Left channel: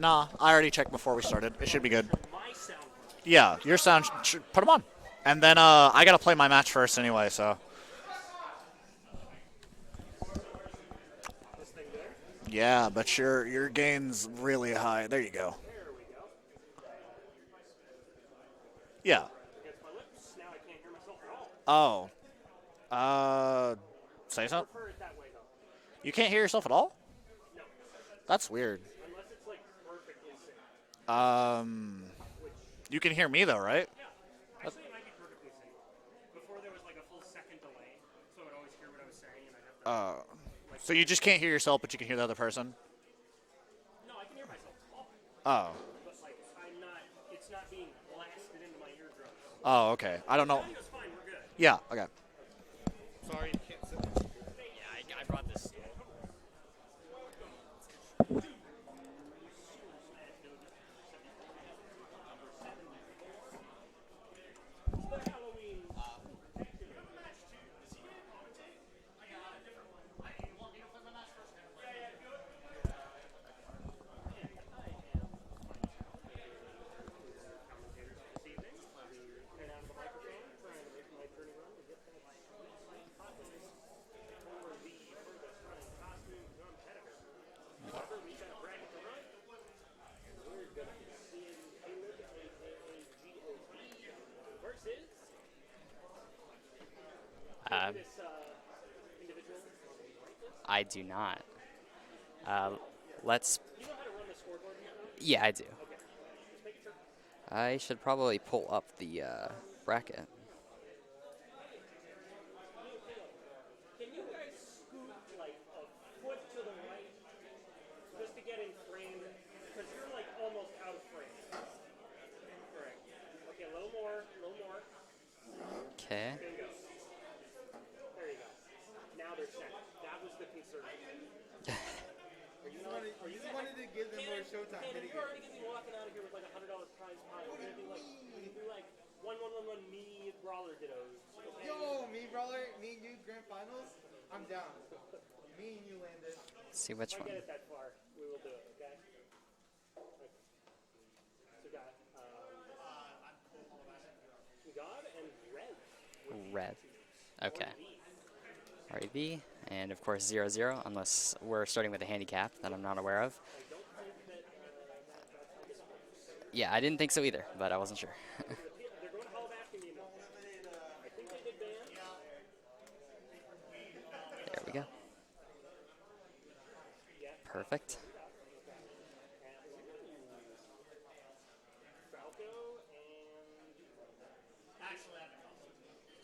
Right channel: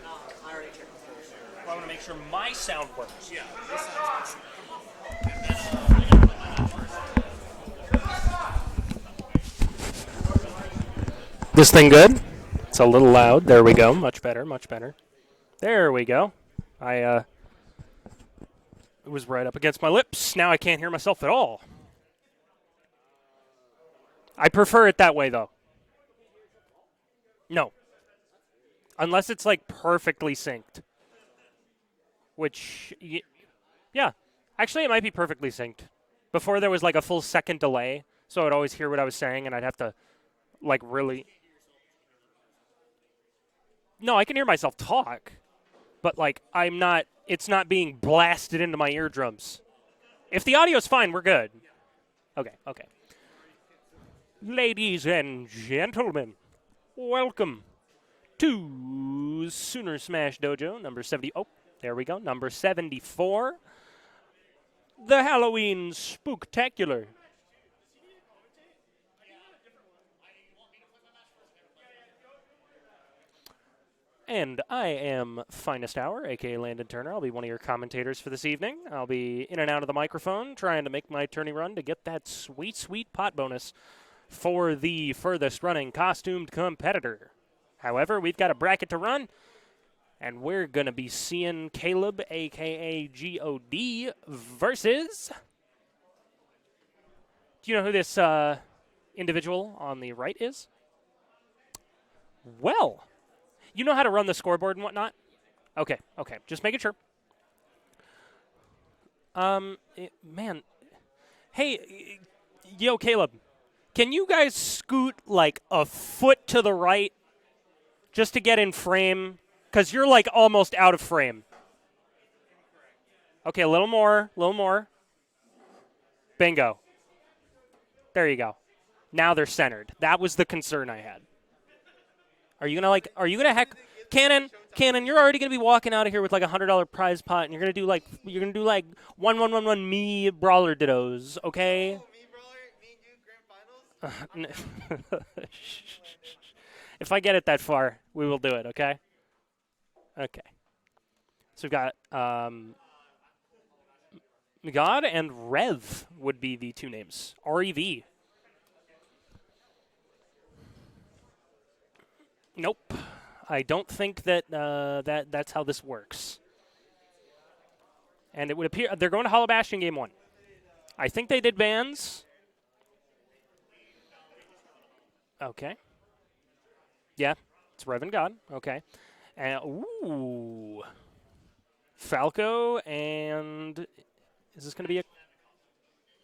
Nah, I already checked before we started. It should be good. Make sure my sound works. Yeah, your sound, put them on. And then I gotta play my match first anyway, so. This thing good? Yeah. It's a little loud. There we go. Much better. Really much better. high. There you go. There we go. I was right up against my lips. Now I can't hear myself at all. Oh. I prefer it that way, though. You can't hear yourself at all? No. That's weird. Unless it's, like, perfectly synced. Which... You can hear me, though, right? Yeah. Actually, it might be perfectly synced. Before, there was, like, a full second delay, so I'd always hear what I was saying, and I'd have to, like, so really... you just can't hear yourself, but you can hear the other person? No, I can hear myself talk. Oh. But, like, it's not being blasted into my eardrums. Oh, okay. If the audio's fine, we're good. Yeah, okay. Okay. Sorry, ladies and gentlemen, welcome to Sooner Smash Dojo, number 70. Oh, there we go. Number 74. The Halloween Spooktacular. And I am FinestHour, a.k.a. Landon Turner. I'll be one of your commentators for this evening. I'll be in and out of the microphone trying to make my tourney run to get that sweet, sweet pot bonus for the furthest running costumed competitor. However, we've got a bracket to run, and we're going to be seeing Caleb, a.k.a. G.O.D. versus... Do you know who this individual on the right is? I do not. Well... Let's. You know how to run the scoreboard and whatnot? Yeah, I do. Okay. Just making sure. I should probably pull up the bracket. Man. Hey, yo, Caleb. Can you guys scoot like a foot to the right just to get in frame? Because you're like almost out of frame. Okay, a little more. Okay. Bingo. There you go. Now they're centered. That was the concern I had. Are you gonna heck, Cannon, you're already gonna be walking out of here with like $100 prize pot, and you're gonna do like 1-1-1-1 me brawler dittos, okay? Oh, me brawler, me new grand finals. If I get it that far, we will do it, okay? Okay. So we've got God and Rev would be the two names. Okay. R-E-V. R-E-V. And, of course, 0-0, unless we're starting with a handicap, nope. I'm not aware of. I don't think that that's how this works. Yeah, I didn't think so either, but I wasn't sure. And it would appear they're going to Hollow Bastion game 1. I think they did bans. There we go. Okay. Yeah. Perfect. It's Rev and God. Okay. And, ooh. Falco and... Is this going to be a...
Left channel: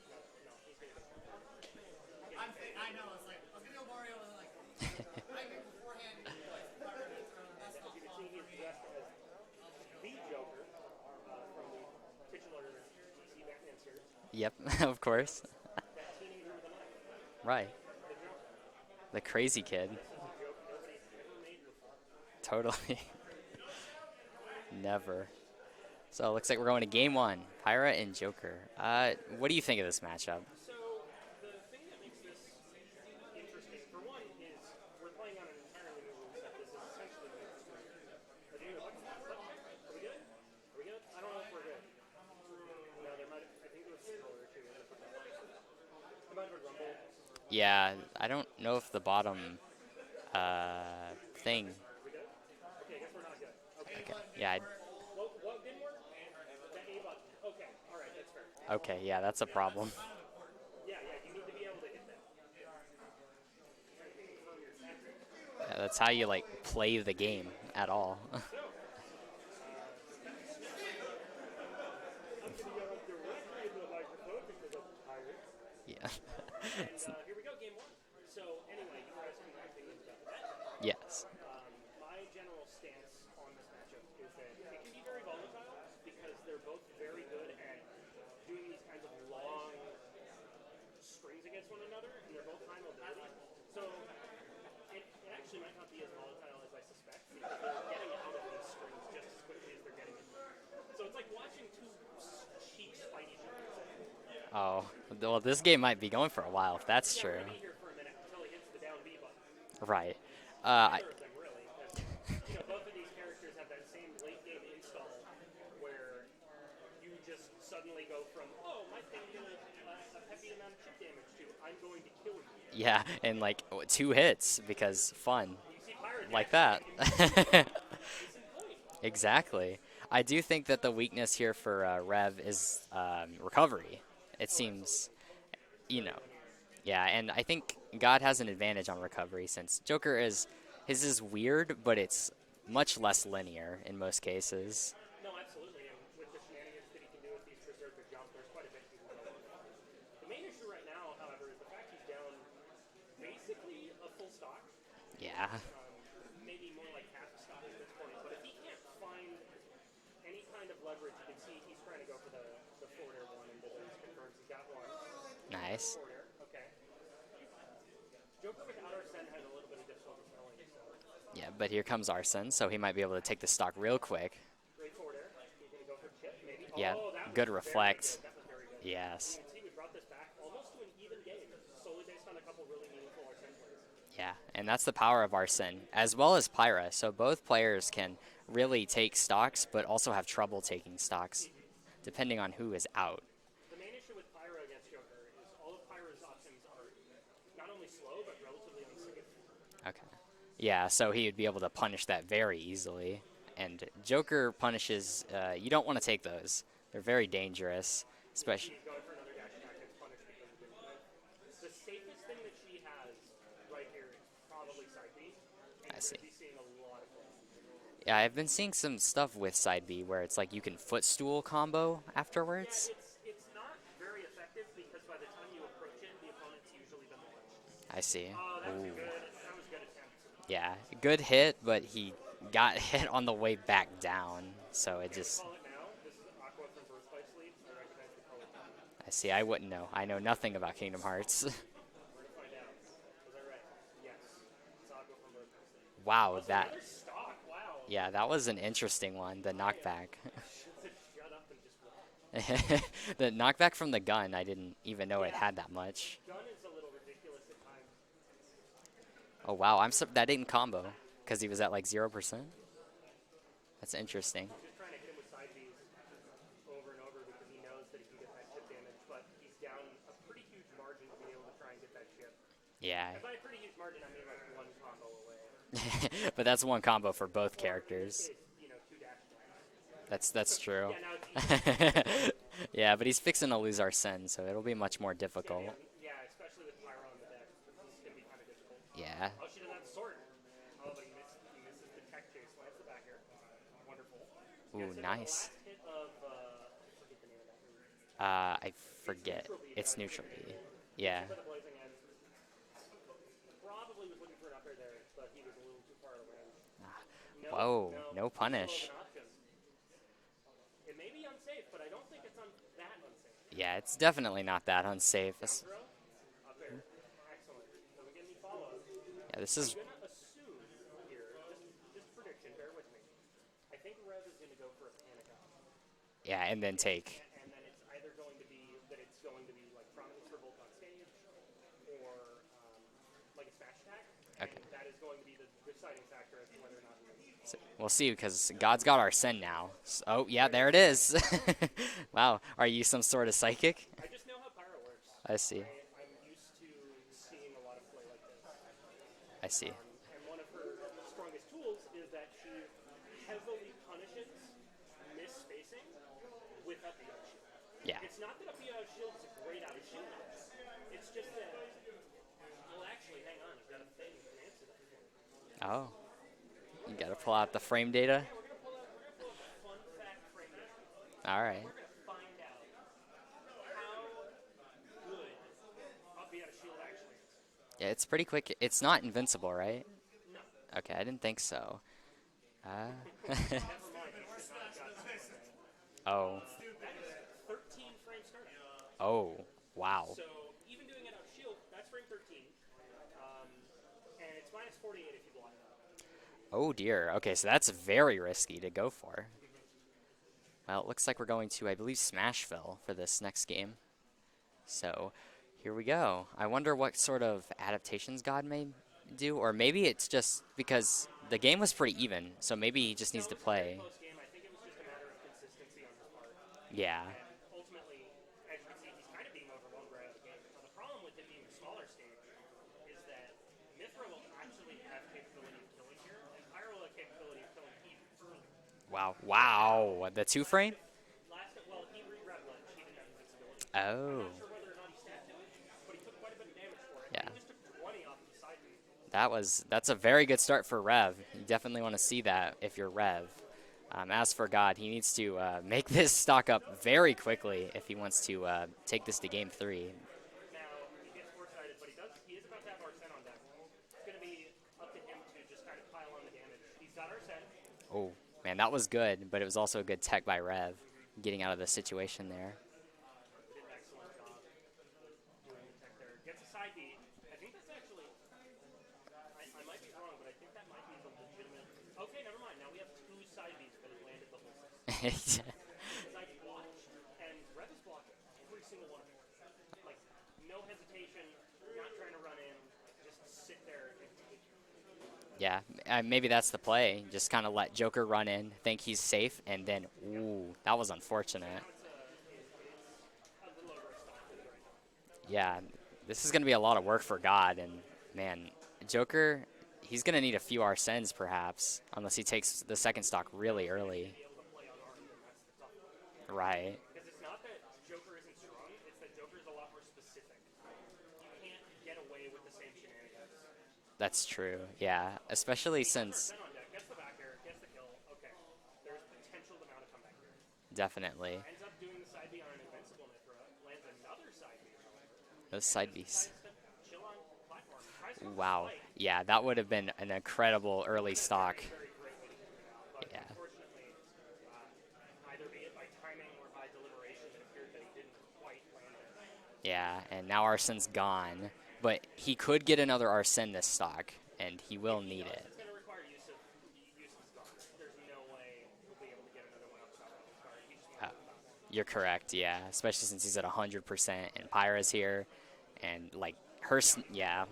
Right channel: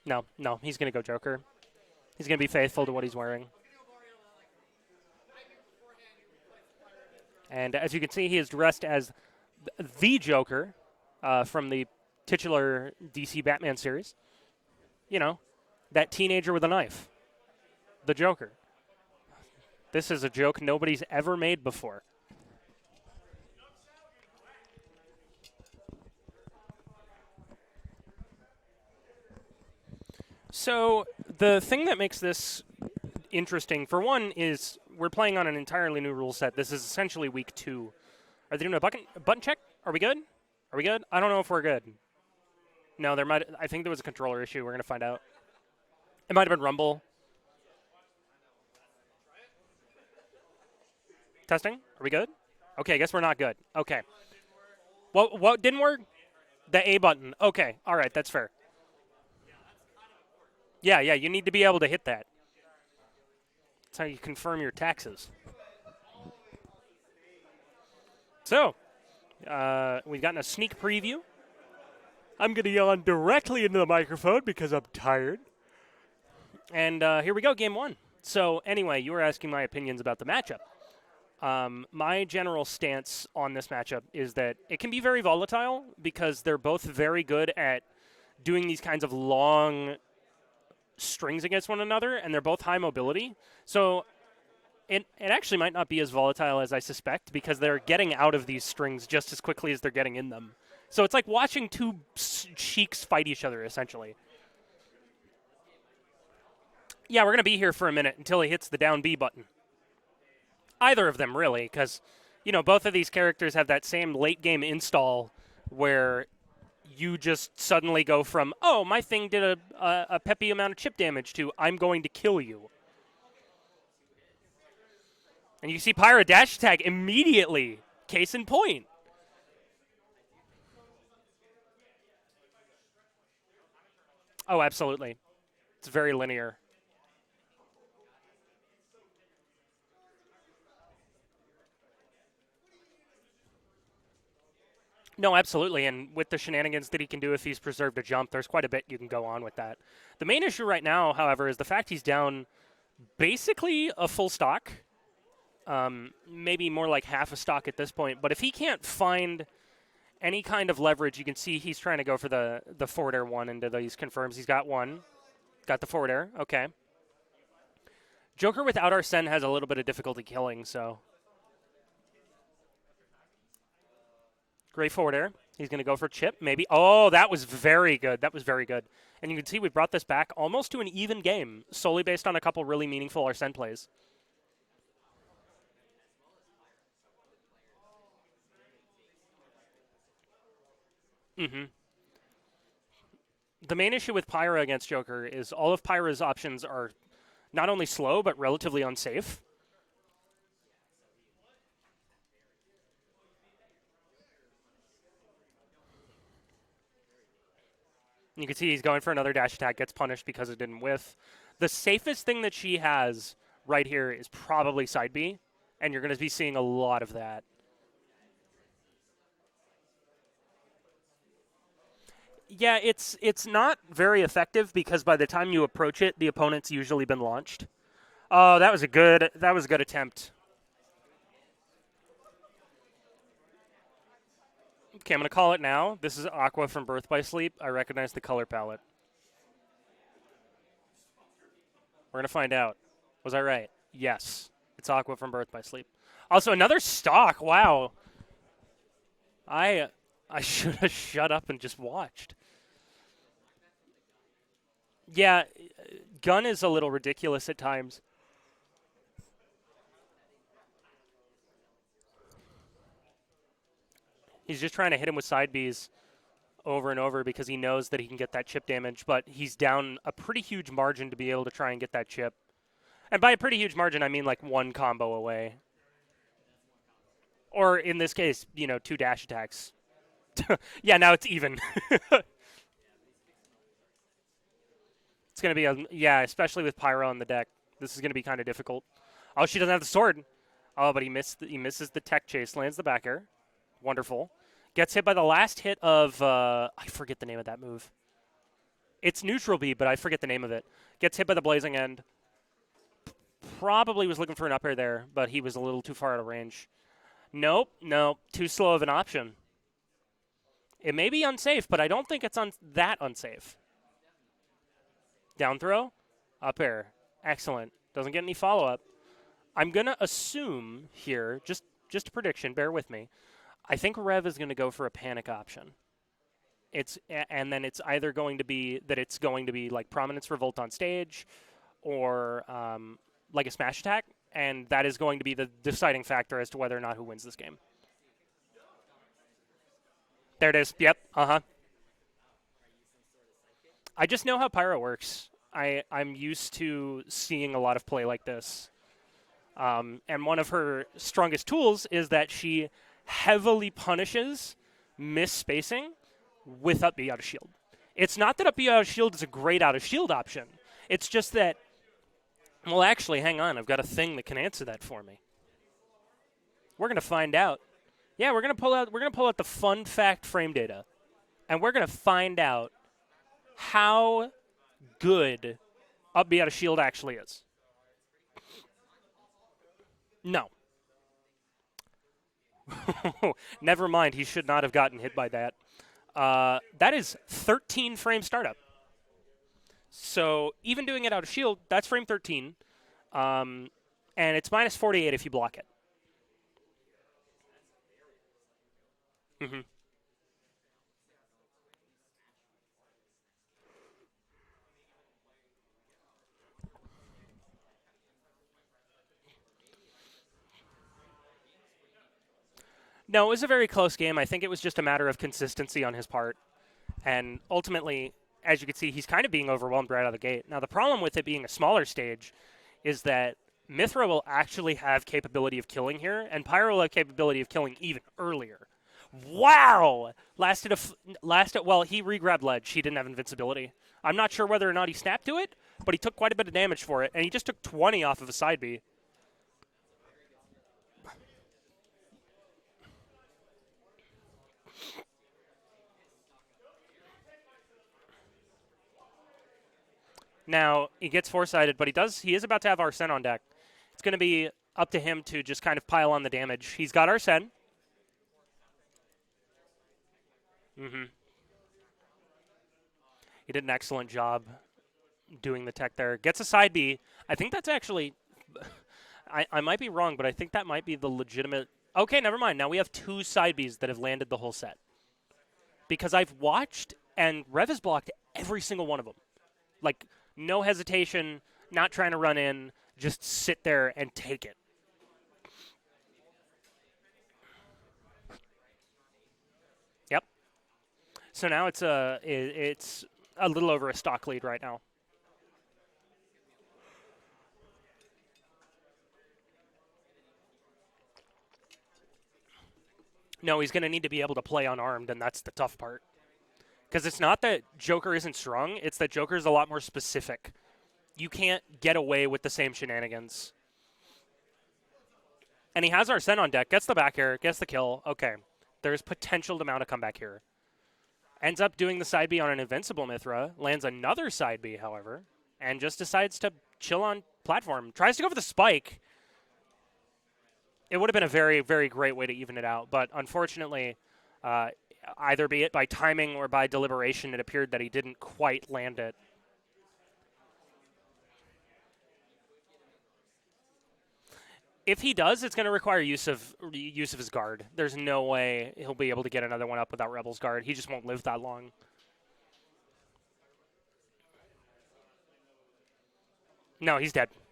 No, he's going to go Joker. He's going to be faithful to what he's wearing. And as you can see, he is dressed as the Joker from the titular DC Batman series. Yep, of course. You know, that teenager with a knife. Right. The Joker. The crazy kid. This is a joke nobody's ever made before. Totally. Never. So it looks like we're going to game 1, Pirate and Joker. What do you think of this matchup? So the thing that makes this interesting, for one, is we're playing on an entirely new rule set. This is essentially week 2. Are they doing a button check? Are we good? I don't know if we're good. No, I think there was a controller issue. We're going to find out. It might have been Rumble. Yeah, I don't know if the bottom thing. Testing? Are we good? Okay, I guess we're not good. Okay. Yeah. What didn't work? The A button. Okay, all right, that's fair. Okay, yeah, that's a problem. Yeah, you need to be able to hit that. That's how you confirm your taxes. Yeah, that's how you, like, play the game at all. So, we've gotten a sneak preview. I'm going to yawn directly into the microphone because I'm tired. Yeah. And here we go, game 1. So, anyway, you were asking my opinions about the matchup. Yes. My general stance on this matchup is that it can be very volatile because they're both very good at doing these kinds of long strings against one another, and they're both high mobility. So it actually might not be as volatile as I suspect because they're getting out of these strings just as quickly as they're getting in them. So it's like watching two sheiks fight each other, essentially. Oh, well, this game might be going for a while. If that's yeah, true. we're going to be here for a minute until he hits the down B button. Right. Either of them, really, because, both of these characters have that same late-game install where you just suddenly go from, oh, my thing did a peppy amount of chip damage to, I'm going to kill you. Yeah, and like 2 hits because fun. And you see Pyra dash that. attack immediately. Case in point. Exactly. I do think that the weakness here for Rev is recovery. It Oh, seems, absolutely. It's very linear. Yeah, and I think God has an advantage on recovery since Joker his is weird, but it's much less linear in most cases. No, absolutely. And with the shenanigans that he can do if he's preserved a jump, there's quite a bit you can go on with that. The main issue right now, however, is the fact he's down basically a full stock. Yeah. Maybe more like half a stock at this point. But if he can't find any kind of leverage, you can see he's trying to go for the forward air one into these confirms. He's got one. Nice. Got the forward air. Okay. Joker without Arsene has a little bit of difficulty killing, so. Yeah, but here comes Arsene, so he might be able to take the stock real quick. Great forward air. He's going to go for chip, maybe. Oh, that was good very reflex. good. That was very good. Yes. And you can see we brought this back almost to an even game, solely based on a couple really meaningful Arsene plays. Yeah, and that's the power of Arsene, as well as Pyra. So both players can really take stocks, but also have trouble taking stocks, depending on who is out. The main issue with Pyra against Joker is all of Pyra's options are not only slow, but relatively unsafe. Okay. Yeah, so he would be able to punish that very easily. And Joker punishes, you don't want to take those. They're very dangerous. You can see he's going for another dash attack, gets punished because it didn't whiff. The safest thing that she has right here is probably side B, and you're going to be seeing a lot of that. Yeah, I've been seeing some stuff with side B where it's like you can footstool combo afterwards. Yeah, it's not very effective because by the time you approach it, the opponent's usually been launched. I see. Oh, that was a good attempt. Yeah, good hit, but he got hit on the way back down. So Okay, I'm going to call it now. This is Aqua from Birth by Sleep. I recognize the color palette. I see. I wouldn't know. I know nothing about Kingdom Hearts. We're going to find out. Was I right? Yes. It's Aqua from Birth by Sleep. Wow. Also, another stock. Wow. Yeah, that was an interesting one. The knockback. I should have shut up and just watched. The knockback from the gun, I didn't even know it Yeah, had that much. gun is a little ridiculous at times. Oh, wow. That didn't combo because he was at like 0%. That's interesting. He's just trying to hit him with side Bs over and over because he knows that he can get that chip damage, but he's down a pretty huge margin to be able to try and get that chip. Yeah. And by a pretty huge margin, I mean like one combo away. But that's one combo for both Or characters. in this case, 2 dash attacks. That's true. Yeah, now it's even. Yeah, but he's fixing to lose Arsene, so it'll be much more difficult. It's going to be, especially with Pyro on the deck. This is going to be kind of difficult. Yeah. Oh, she doesn't have the sword. Oh, but he misses the tech chase, lands the back air. Wonderful. Gets hit by the nice. last hit of, I forget the name of that move. It's forget. neutral B, but It's I forget the neutral name of B. it. Gets Yeah. hit by the blazing end. Probably was looking for an up air there, but he was a little too far out of range. Nope, Oh, no, no too slow of punish. an option. It may be unsafe, but I don't think it's that unsafe. Yeah, it's definitely not that unsafe. Down throw, up air. Excellent. Doesn't get any follow-up. Yeah, this is I'm going to assume here, just a prediction, bear with me. I think Rev is going to go for a panic option. yeah, and then It's, take. and then it's either going to be that it's going to be like Prominence Revolt on stage or like a smash attack, and that is going to be the deciding factor as to whether or not who wins this game. We'll see, because God's got Arsene now. Oh, yeah, There it there it is. is. Yep, uh-huh. Wow, are you some sort of psychic? I just know how Pyro works. I see. I'm used to seeing a lot of play like this. I see. And one of her strongest tools is that she heavily punishes misspacing with up B out of shield. Yeah. It's not that up B out of shield is a great out of shield option. It's just that, well, actually, hang on. I've got a thing that can answer that for me. Oh. We're going to Gotta find pull out. the frame data? Yeah, we're going to pull out the fun fact frame data. All right. And we're going to find out how good up B out of shield actually is. Yeah, it's pretty quick. It's not invincible, right? No. Okay, I didn't think so. Never mind. He should not have gotten hit by that. Oh. That is 13 frame startup. Oh, wow. So even doing it out of shield, that's frame 13. And it's minus 48 if you block it. Oh, dear. Okay, so that's very risky to go for. Mhm. Well, it looks like we're going to, I believe, Smashville for this next game. So here we go. I wonder what sort of adaptations God may do, or maybe it's just because the game was pretty even, so maybe he just No, needs it was to a very play. close game. I think it was just a matter of consistency on his part. Yeah. And ultimately, as you can see, he's kind of being overwhelmed right out of the gate. Now, the problem with it being a smaller stage is that Mithra will actually have capability of killing here, and Pyro will have capability of killing even earlier. Wow. The two frame? Well, he re-grabbed ledge. He didn't have invincibility. Oh. I'm not sure whether or not he snapped to it, but he took quite a bit of damage for it, and he just took 20 off of a side B. That's a very good start for Rev. You definitely want to see that if you're Rev. As for God, he needs to make this stock up very quickly if he wants to take this to game 3. Now, he gets foresighted, but he is about to have Arsene on deck. It's going to be up to him to just kind of pile on the damage. He's got Arsene. Oh, man, that was good, but it was also a good tech by Rev, getting out of the situation there. He did an excellent job doing the tech there. Gets a side B. I think that's actually... I might be wrong, but I think that might be the legitimate... Okay, never mind. Now we have 2 side Bs that have landed the whole set. Because I've watched, and Rev has blocked every single one of them. Like, no hesitation, not trying to run in, just sit there and take it. Yeah, maybe that's the play. Just kind of let Joker run in, think he's safe, and then, ooh, that was unfortunate. So now it's a little over a stock lead right now. Yeah, this is going to be a lot of work for God, and, man, Joker, he's going to need a few Arsenes, perhaps, unless he takes the second stock really No, he's going to early. need to be able to play unarmed, and that's the tough part. Right. Because it's not that Joker isn't strong, it's that Joker's a lot more specific. You can't get away with the same shenanigans. That's true, yeah, especially And he has since- Arsene on deck, gets the back air, gets the kill. Okay, there's potential to mount a comeback here. Definitely. Ends up doing the side B on an invincible Mithra, lands another side B, however, Those and side just Bs. decides to chill on platform. Tries to go for the Wow. spike. Yeah, that would have been an incredible It would have been stock. a very, very great way to even it out. But unfortunately, either be it by timing or by deliberation, it appeared that he didn't quite land it. Yeah, and now Arsene's gone. But he could get another Arsene this stock, and he will. If he need does, it. it's going to require use of his guard. There's no way he'll be able to get another one up without Rebel's guard. He just won't live that long. You're correct, yeah. Especially since he's at 100%, and Pyra's here, and like No, he's dead. Yeah.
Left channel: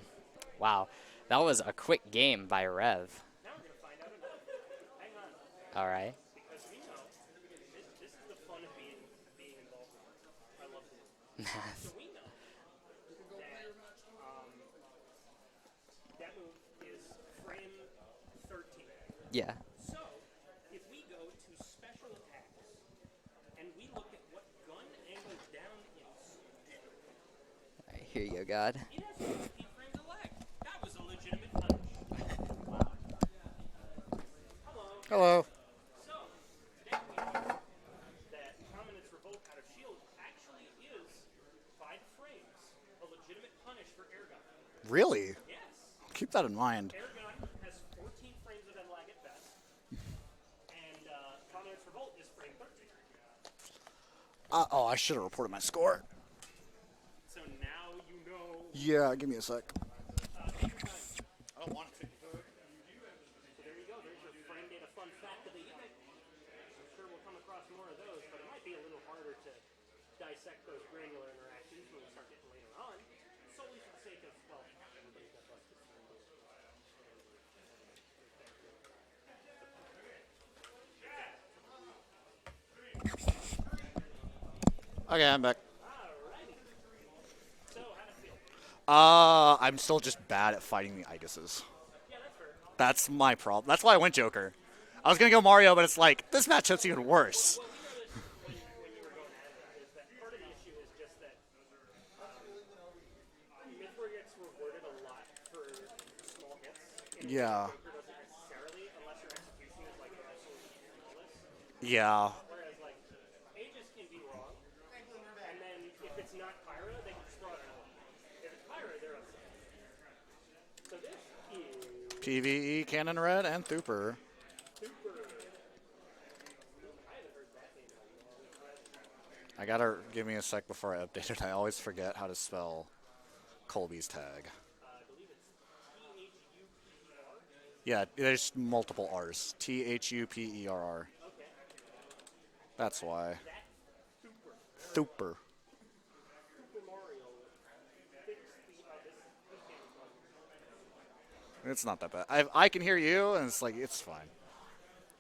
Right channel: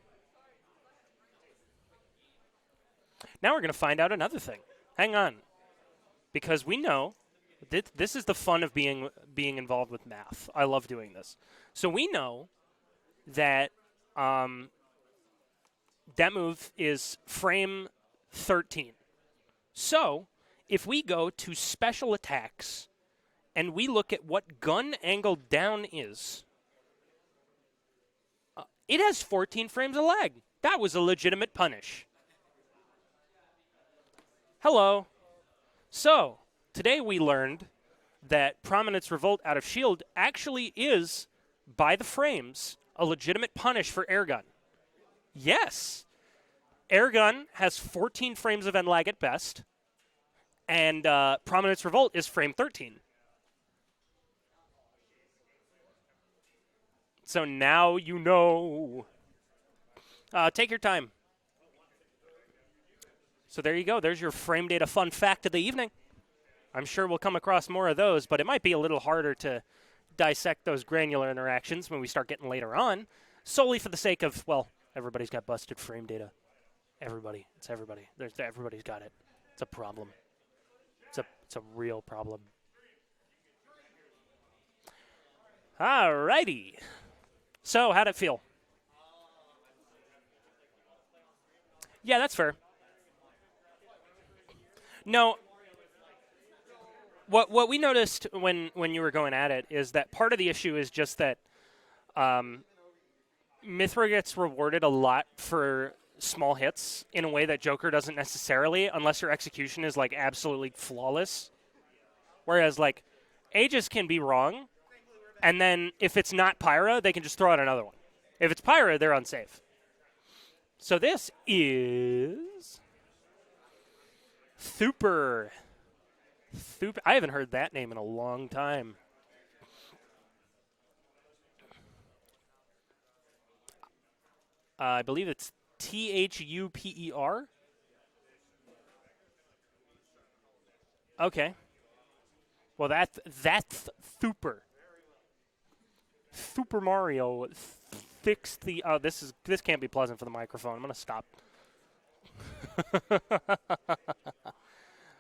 Wow, that was a quick game by Rev. Now we're going to find out another thing. Hang on, All right. because we know this is the fun of being involved with math. I love doing this. So we know that that move is frame 13. Yeah. So if we go to special attacks and we look at what gun angle down is, Here you go, God. it has 14 frames of lag. That was a legitimate punish. Hello. Hello. So, today we learned that Prominence Revolt out of shield actually is, by the frames, a legitimate punish for airgun. Really? Yes. Keep that in mind. Airgun has 14 frames of end lag at best, and Prominence Revolt is frame 13. Oh, I should have reported my score. So now you know. Yeah, give me a sec. Take your time. I don't want to. So there you go. There's your frame data fun fact of the evening. I'm sure we'll come across more of those, but it might be a little harder to dissect those granular interactions when we start getting later on, solely for the sake of, well, everybody's got busted frame data. Everybody. It's everybody. Everybody's got it. It's a problem. It's a real problem. Okay, I'm back. Alrighty. So, how'd it feel? I'm still just bad at fighting the Iguses. Yeah, that's fair. That's my problem. That's why I went Joker. I was No. going to go Mario, but it's like, this matchup's even worse. What we noticed when you were going at it is that part of the issue is just that Mithra gets rewarded a lot for small hits in a way that Yeah. Joker doesn't necessarily, unless your execution is like absolutely flawless. Yeah. Whereas like Aegis can be wrong, and then if it's not Pyra, they can just throw out another one. If it's Pyra, they're unsafe. So this is PvE, Cannon Red, and Thuperr. Thuperr. I haven't heard that name in a long time. I gotta give me a sec before I update it. I always forget how to spell Colby's tag. I believe it's Thuper. Yeah, there's multiple R's. Thuperr. Okay. Well, That's why. that's Thuper. Thuperr. Super Mario fixed the. This can't be pleasant for the microphone. I'm gonna stop. It's not that bad. I can hear you, and it's like, it's fine.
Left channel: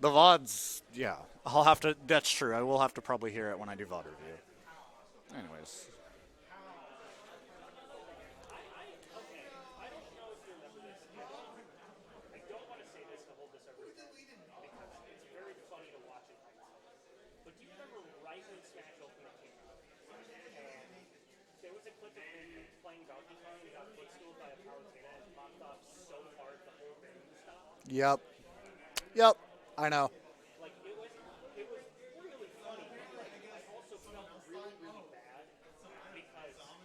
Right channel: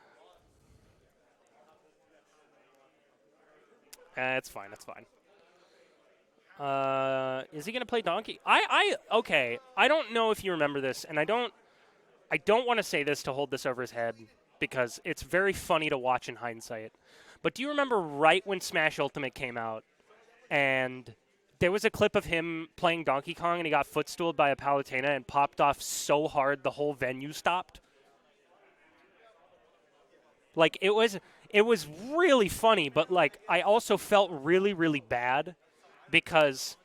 The VODs, yeah. I'll have to, that's true. I will have to probably hear it when I do VOD review. It's fine. It's fine. Anyways. Is he gonna play Donkey? Okay. I don't know if you remember this, and I don't want to say this to hold this over his head because it's very funny to watch in hindsight. But do you remember right when Smash Ultimate came out, and there was a clip of him playing Donkey Kong, and he got footstooled by a Palutena and popped off so hard the whole venue stopped? Yep, I know. Like, it was really funny, but, like, I also felt really, really bad because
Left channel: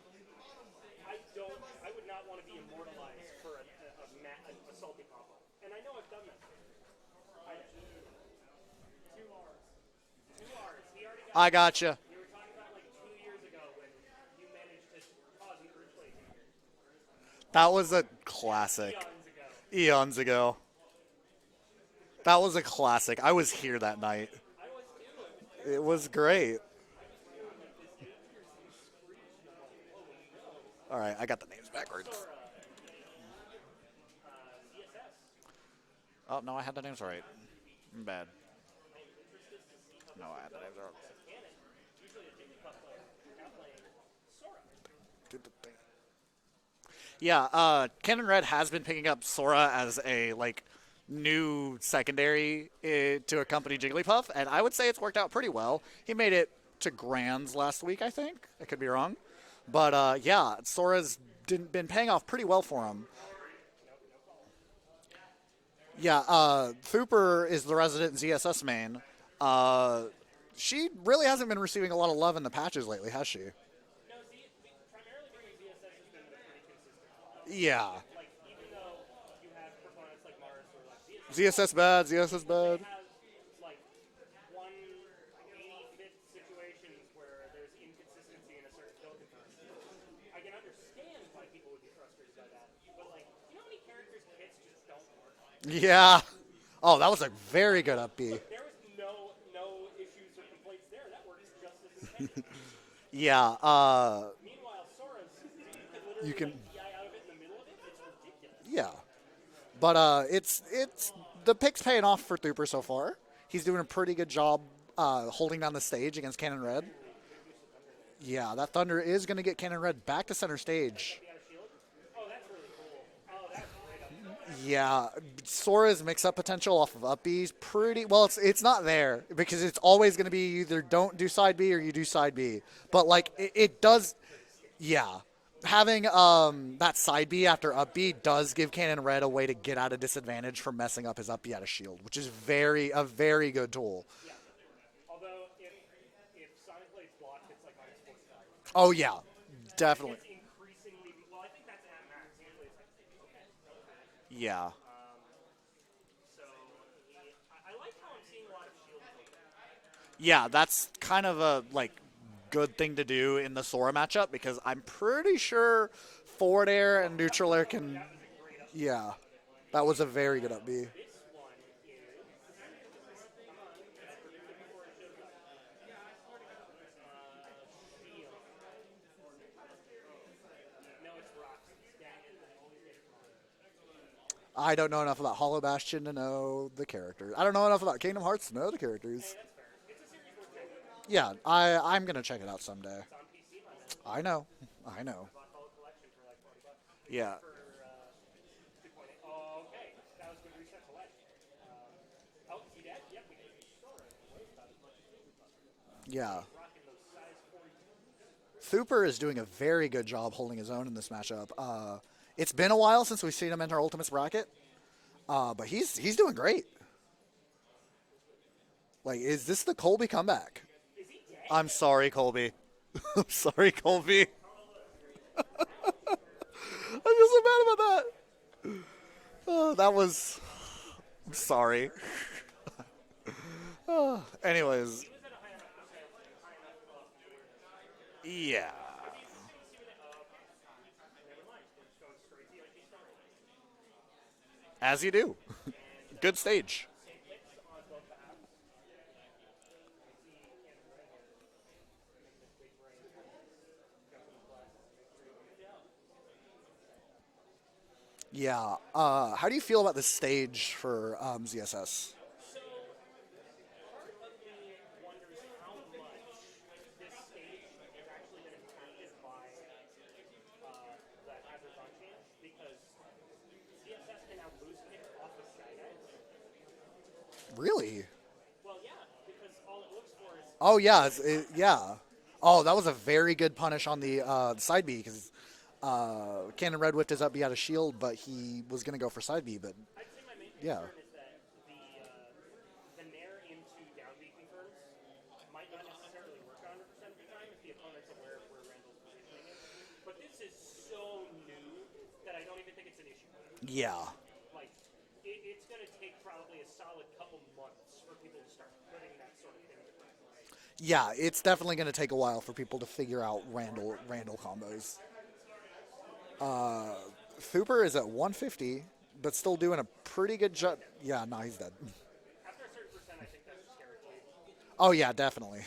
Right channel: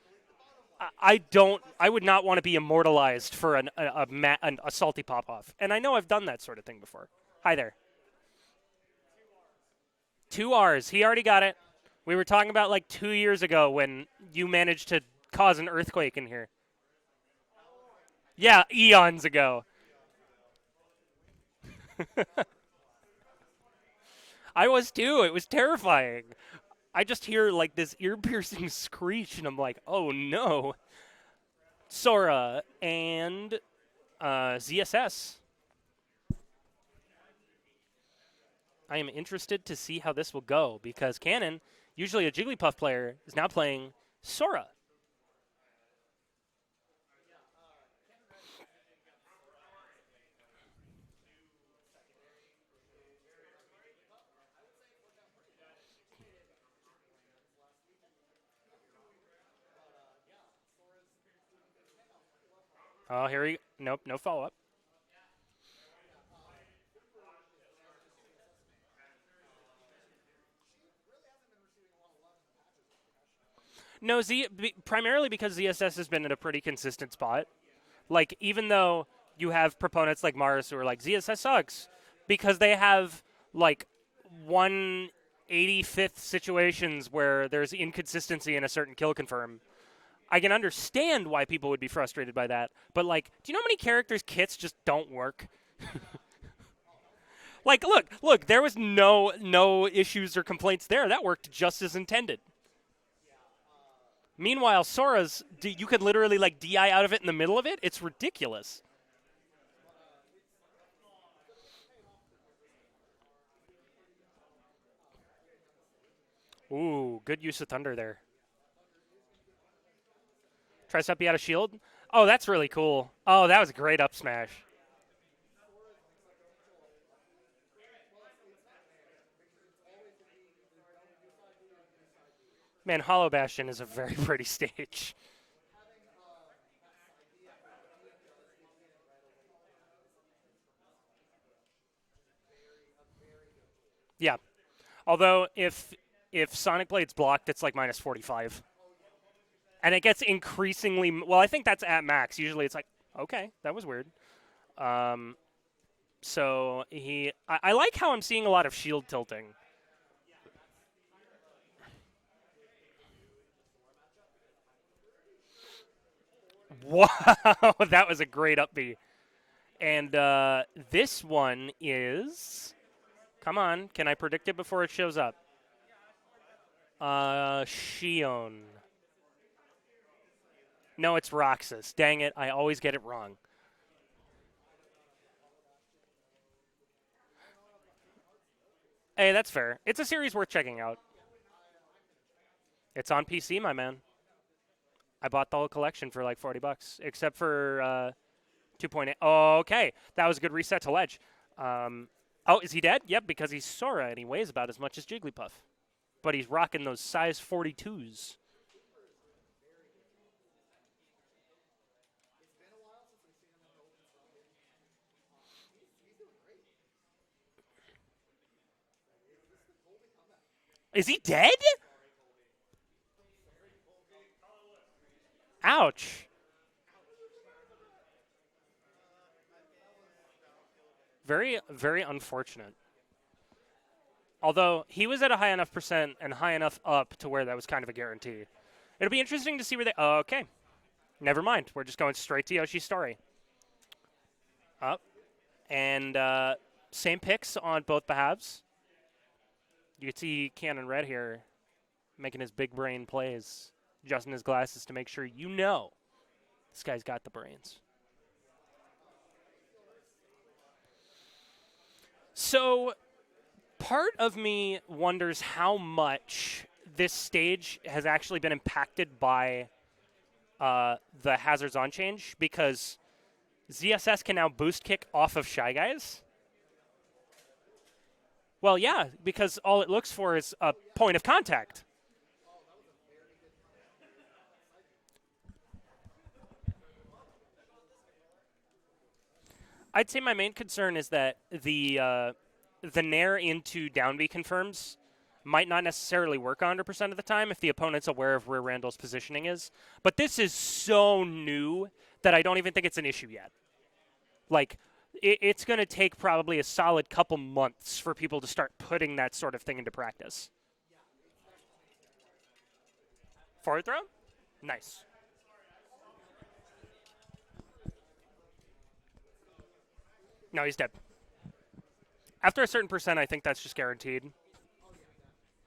I would not want to be immortalized for a salty pop-off. And I know I've done that sort of thing before. Hi there. 2 R's. He already got it. I gotcha. We were talking about, like, 2 years ago when you managed to cause an earthquake in here. That was a Yeah, classic. eons ago. Eons ago. That was a classic. I was here that night. I was too. It was terrifying. It was great. I just hear like this ear-piercing screech, and I'm like, oh no. All right, I got the names backwards. Sora and ZSS. Oh, no, I had the names right. I'm bad. I am interested to see how this will go because Cannon, usually a Jigglypuff player, is now playing Sora. Yeah, Canon Red has been picking up Sora as a, like, new secondary to accompany Jigglypuff, and I would say it's worked out pretty well. He made it to Grands last week, I think. I could be wrong. But, yeah, Sora's been paying off pretty well for him. Oh, nope, no follow-up. Yeah, Thuperr is the resident ZSS main. She really hasn't been receiving a lot of love in the patches lately, has she? No, primarily because ZSS has been at a pretty consistent spot. Yeah. Like, even though you have proponents like Mars who are like, ZSS sucks. Bad, ZSS because bad. they have, like, 1/85th situations where there's inconsistency in a certain kill confirm. I can understand why people would be frustrated by that. But, like, do you know how many characters' kits just don't work? Yeah. Oh, that was a very good upbeat. Look, there was no issues or complaints there. That worked just as intended. Yeah. Meanwhile, Sora's, you could literally, like, DI out of it in the middle of it. It's ridiculous. Yeah. But it's the pick's paying off for Thuperr so far. He's doing a pretty good job holding down the stage against Cannon Red. Ooh, good use of Thunder there. Yeah, that Thunder is going to get Cannon Red back to center stage. Press up, you out of shield. Oh, that's really cool. Oh, that was a great up smash. Yeah, Sora's mix-up potential off of up B's pretty well. It's not there because it's always going to be either don't do side B or you do side B. Man, but Hollow like Bastion it is does. a very pretty stage. Yeah, having that side B after up B does give Cannon Red a way to get out of disadvantage from messing up his up B out of shield, which is a very good tool. Yeah. Although if Sonic Blade's blocked, it's like minus 45. Oh yeah. Definitely. And it gets increasingly well. I think that's at max. Usually it's like, okay, that was weird. Yeah. So I like how I'm seeing a lot of shield tilting. Yeah, that's kind of a good thing to do in the Sora matchup because I'm pretty sure forward air and neutral air can. That was a great upbeat. Yeah, that was a very good upbeat. This one is. Come on, can I predict it before it shows up? Shion. No, it's Roxas. Dang it, I always get it wrong. I don't know enough about Hollow Bastion to know the characters. I don't know enough about Kingdom Hearts to know the characters. Hey, that's fair. It's a series worth checking out. Yeah, I'm going to check it out someday. It's on PC, my man. I know. I bought the whole collection for like $40, except for 2.8. Oh, okay. That was a good reset to ledge. Oh, is he dead? Yep, because he's Sora, and he weighs about as much as Jigglypuff. Yeah. But he's rocking those size 42s. Thuperr is doing a very good job holding his own in this matchup. It's been a while since we've seen him enter Ultimate's bracket, but he's doing great. Like, is this the Colby comeback? Is he dead? I'm sorry, Colby. I'm sorry, Colby. Ouch. I feel so bad about that. Oh, that was sorry. Very unfortunate. Although Although he was at a high enough percent and high enough up to where that was kind of a guarantee. Yeah. It'll be interesting to see where they. Okay. Never mind. We're just going straight to Yoshi's story. As you do. And good stage. Same picks on both the halves. You can see Cannon Red here making his big brain plays, adjusting his glasses to make sure you know this guy's got the brains. Yeah. How do you feel about this stage for ZSS? So, part of me wonders how much this stage has actually been impacted by the hazards on change, because ZSS can now boost kick off of Shy Guys. Really? Well, yeah, because all it looks for is a Oh yeah. point of contact. Yeah. Oh, that was a very good punish on the side B because Cannon Red whipped his up B out of shield, but he was going to go for side B. But I'd say my main concern is that the Nair into down B confirms might not necessarily work 100% of the time if the opponent's aware of where Randall's positioning is. But this is so new that I don't even think it's an issue yet. yeah. Like, it's going to take probably a solid couple months for people to start putting that sort of thing into practice. Yeah, it's definitely going to take a while for people to figure out Forward throw? Randall combos. Nice. Thuperr is at 150, but still doing a pretty good job. No, he's dead. Yeah, no, he's dead. After a certain percent, I think that's just guaranteed. Oh, yeah, definitely.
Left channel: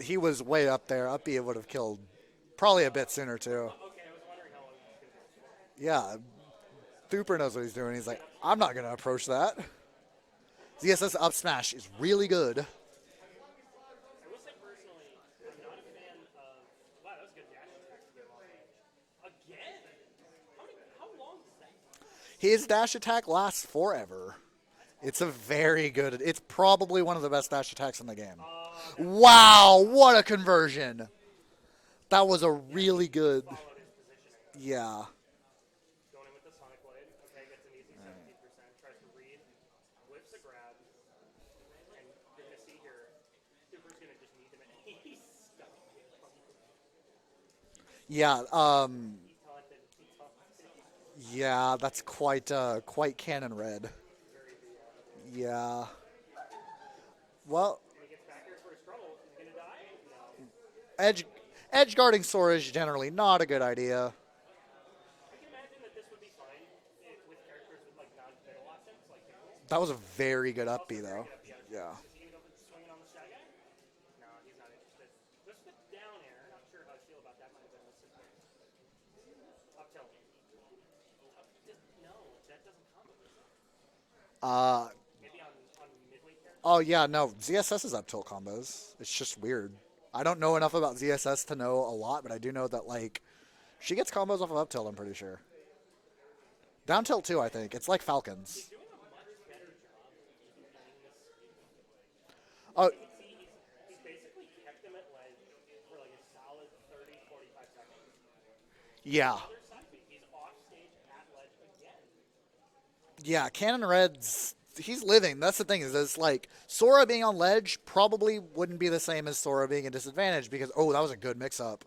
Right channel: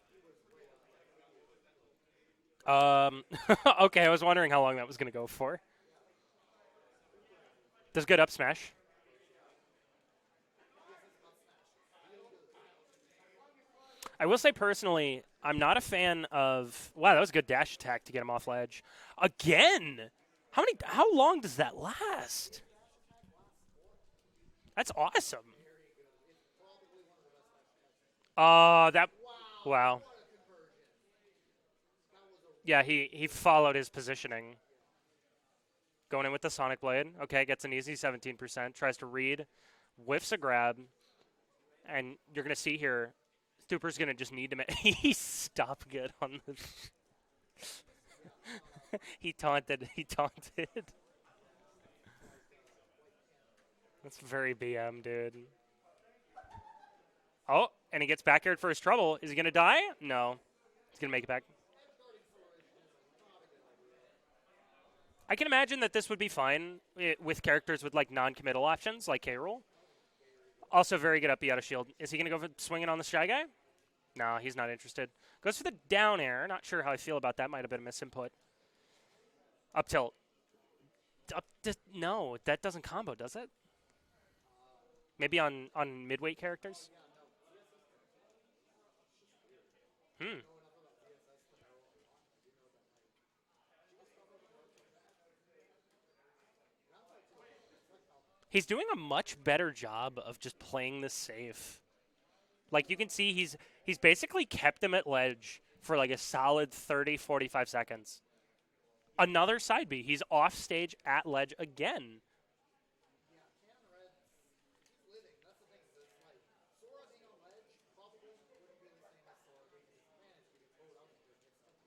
He was way up there. Up B it would have killed probably a bit sooner, too. Okay, I was wondering how long that was going to go for. Yeah, Thuperr knows what he's doing. Does He's good like, up smash. I'm not going to approach that. ZSS up smash is really good. I will say personally, I'm not a fan of. Wow, that was a good dash attack to get him off ledge. Again, how long does that last? His dash attack lasts forever. That's awesome. It's a very good. It's probably one of the best dash attacks in the game. Wow, Wow, what a conversion! That was a really he good. He followed his positioning. Yeah. Going in with the Sonic Blade. Okay, gets an easy 17%. Tries to read, whiffs a grab, and you're gonna see here, Thuperr's gonna just need to make. He stopped good on the. Yeah. He taunted. He taunted. Yeah, that's quite Cannon Red. That's very BM, dude. Yeah. Oh, and he gets back aired for his trouble. Is he gonna die? No. He's gonna make it back. Edge guarding Sora is generally not a good idea. I can imagine that this would be fine with characters with like non-committal options, like K-Rool. That was a very good up Also B, very though. good up B out of shield. Yeah. Is he going to go for swinging on the Shy Guy? No, he's not interested. Goes for the down air. Not sure how I feel about that. Might have been a misinput. Up tilt. No, that doesn't combo, does it? Maybe on midweight characters? Oh, yeah, no. ZSS is up tilt combos. It's just weird. I don't know enough about ZSS to know a lot, but I do know that, like, she gets combos off of up tilt, I'm pretty sure. Down tilt, too, I think. It's like Falcons. He's doing a much better job of just playing this safe. Like, you can see he's basically kept him at ledge for, like, a solid 30, 45 seconds. Yeah. Another side B. He's off stage at ledge again. Yeah, Cannon Red's, he's living. That's the thing is, it's like, Sora being on ledge probably wouldn't be the same as Sora being a disadvantage because, oh, that was a good mix-up.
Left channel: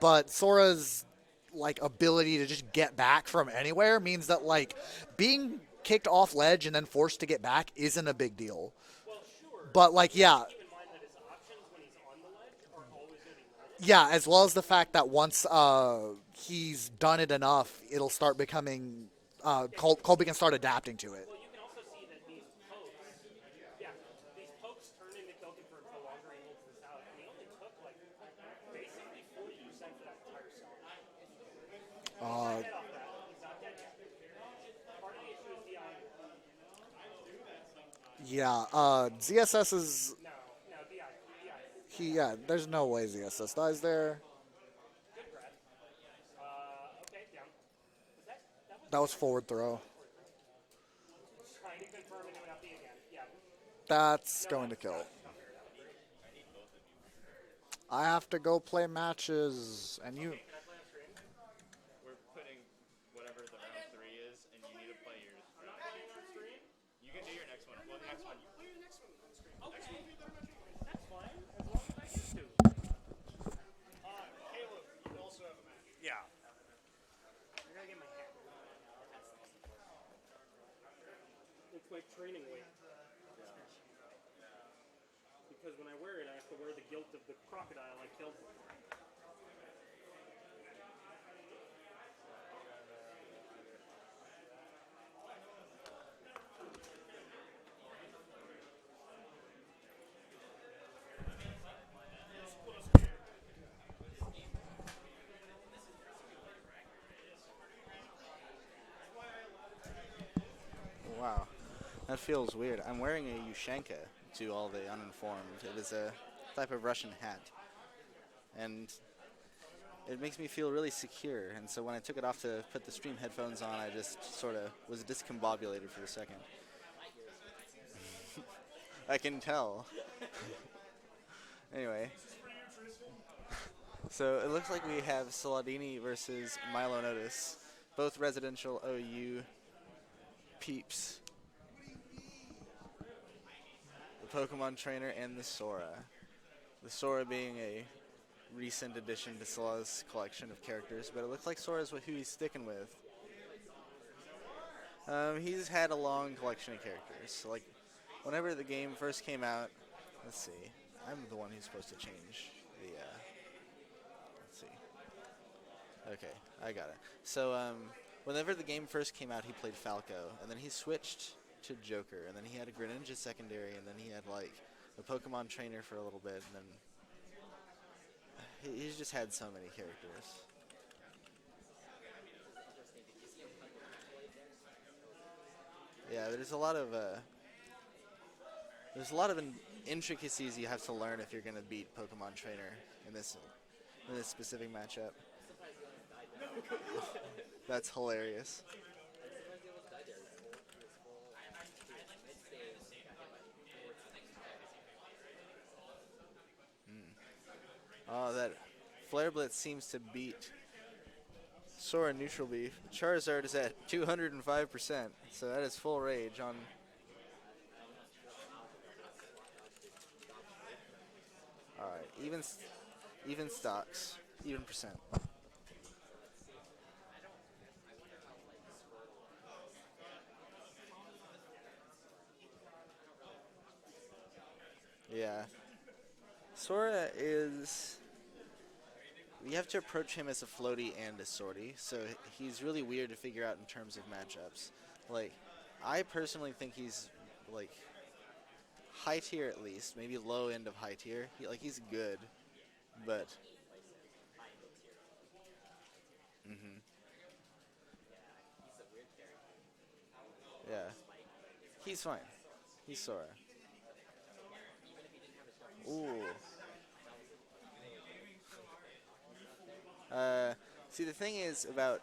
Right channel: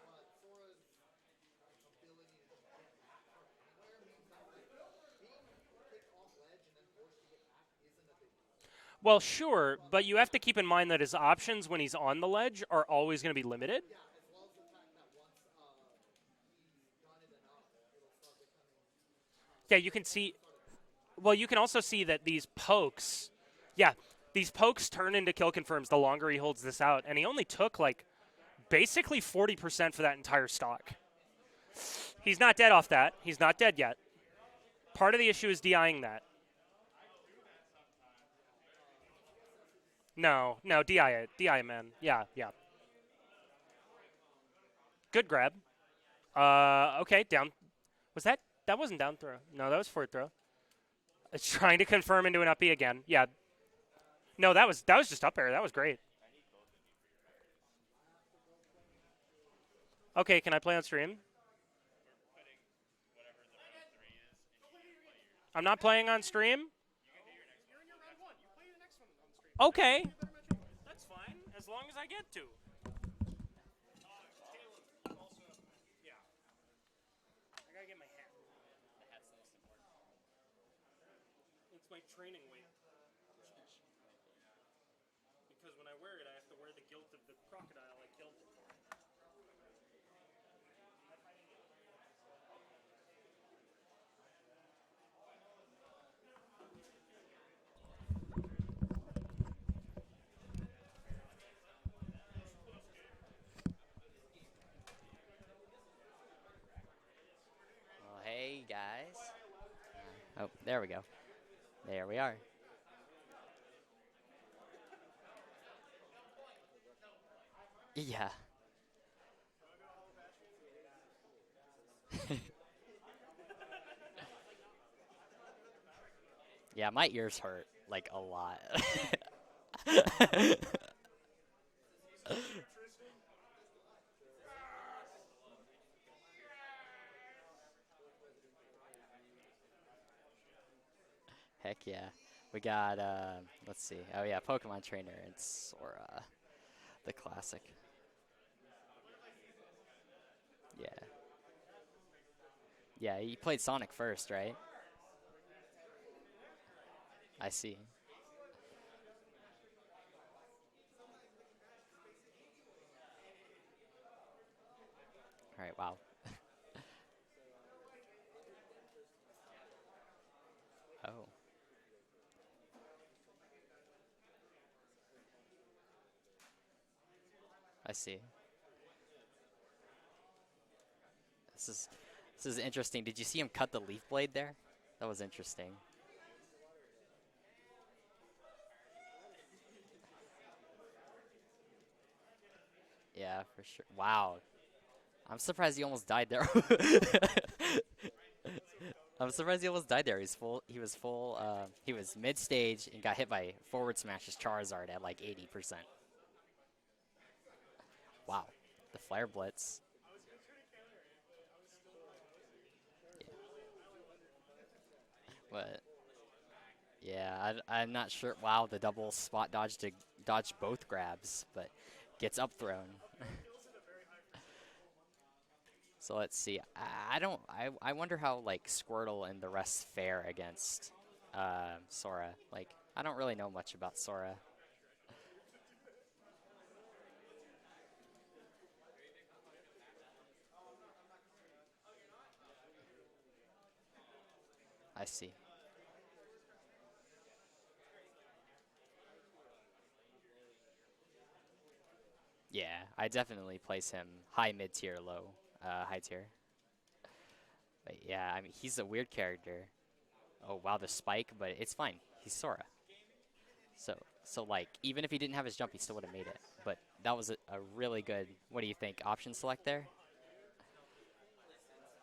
But Sora's, like, ability to just get back from anywhere means that, like, being kicked off ledge and then forced to get back isn't a big deal. Well, sure, but like, you have to keep in mind that his options when he's on the ledge are always going to be limited. Yeah, as well as the fact that once he's done it enough, it'll start becoming Colby can start adapting to it. Well, you can also see that these pokes turn into kill confirms the longer he holds this out, and he only took like basically 40% for that entire stock. He's not dead off that. He's not dead yet. Part of the issue is DIing that. Yeah, ZSS is... No, DI it. DI it, man. Yeah. There's no way ZSS dies there. Good grab. Okay, down. Was that? That wasn't That down. was forward throw. No, that was forward throw. It's trying to confirm into an up B again. Yeah. That's... No, that was just up air. That was great. I have to go play matches. And Okay, can I play on stream? We're putting whatever the round 3 is, and you need to play yours. I'm not playing on stream? You can do your next one. Well, the next one. You play your next one on stream. Okay. That's fine, as long as I get to. Caleb, you also have a match. Yeah. I gotta get my hair. It's my training weight. Because when I wear it, I have to wear the guilt of the crocodile I killed before. Hey guys. There we go. Wow. There we That are. feels weird. I'm wearing a Yushenka to all the uninformed. It is a type of Russian hat, Yeah. and it makes me feel really secure. And so when I took it off to put the stream headphones on, I just sort of was discombobulated for a second. Yeah, my ears hurt like a lot. I can tell. Anyway. So it looks like we have Slawdini versus MiloAndOtis, both residential OU peeps. Heck yeah. We got, let's see. Oh, yeah, Pokemon Trainer and the Sora. The Sora being classic. a recent addition to Slaw's collection of characters, but it looks like Sora's who he's sticking with. Yeah, he played Sonic first, right? He's had a long collection of characters. I Like, see. Whenever the game first came out, let's see. I'm the one who's supposed to change the, let's see. All right, wow. Okay, I got it. So, whenever the game first came out, he played Falco, and then he switched to Joker, and then he had a Greninja secondary, and then he had, like, a Pokemon Trainer for a little bit, and then I see. he's just had so many characters. This is interesting. Did you see him cut the leaf blade there? That was interesting. Yeah, there's a lot of intricacies you have to learn if you're gonna beat Pokemon Trainer in this, Yeah, for sure. in Wow. this specific matchup. I'm surprised he almost died there. That's hilarious. I'm surprised he almost died there. He was mid-stage and got hit by forward smashes Charizard at like 80%. Oh, Wow. that The Flare Blitz seems to beat Sora neutral beef. Charizard is at 205%, so that is full rage on. Yeah, I'm not sure. Wow, the double spot dodge to dodge both grabs, but All right, gets even up thrown. even stocks, even percent. So let's see. I wonder how like Squirtle and the rest fare against Sora. Like I don't really know much about Sora. Yeah. Sora is. You have to approach him as a floaty and a swordy, so he's really weird to figure out in terms of matchups. I see. Like, I personally think he's like high tier at least, maybe low end of high tier. He's good. Yeah, I But- definitely place him high mid tier, low high tier. Mm-hmm. But yeah, I mean he's a weird character. Oh wow, Yeah. the spike, but it's fine. He's fine. He's Sora. He's Sora. So like even if he didn't have his jump, he still would have made it. But that was a really good. What do you think? Option select there. See, the thing is about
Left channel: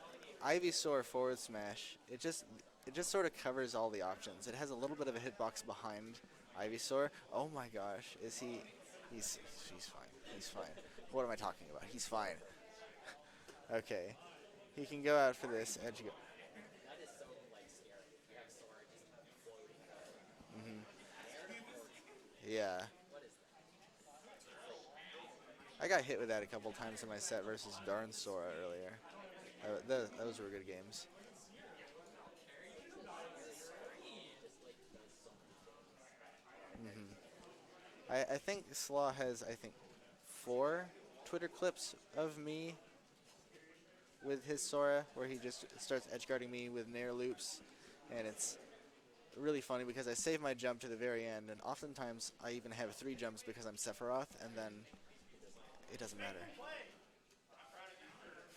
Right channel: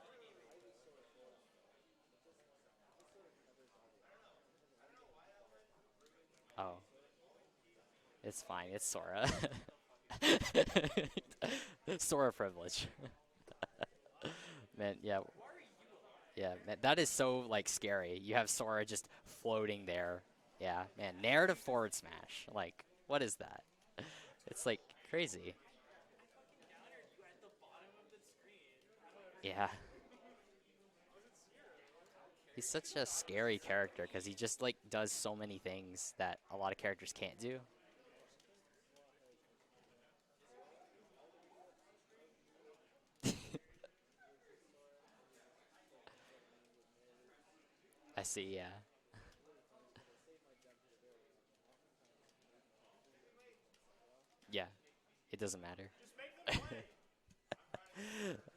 Ivysaur forward smash. It just sort of covers all the options. It has a little bit of a hitbox behind Oh. Ivysaur. Oh my gosh, It's he? fine. It's Sora. She's fine. What am I talking about? He's Sora fine. privilege. Okay. You Man, can go yeah. out for this edge. Yeah, man, that is so like scary. You have Sora just floating there. Yeah, and narrative forward smash. Like, Yeah. what is that? It's like crazy. I got hit with that a couple times in my set versus Darn Sora earlier. Yeah, Those were good games. he's such a scary character because he just like does so many things that a lot of characters can't do. I think Slaw has 4 Twitter clips of me with his Sora where he just starts edge guarding me with Nair loops. And I it's see. Yeah. really funny because I save my jump to the very end, and oftentimes I even have 3 jumps because I'm Sephiroth, and Yeah. then It doesn't matter. it doesn't matter.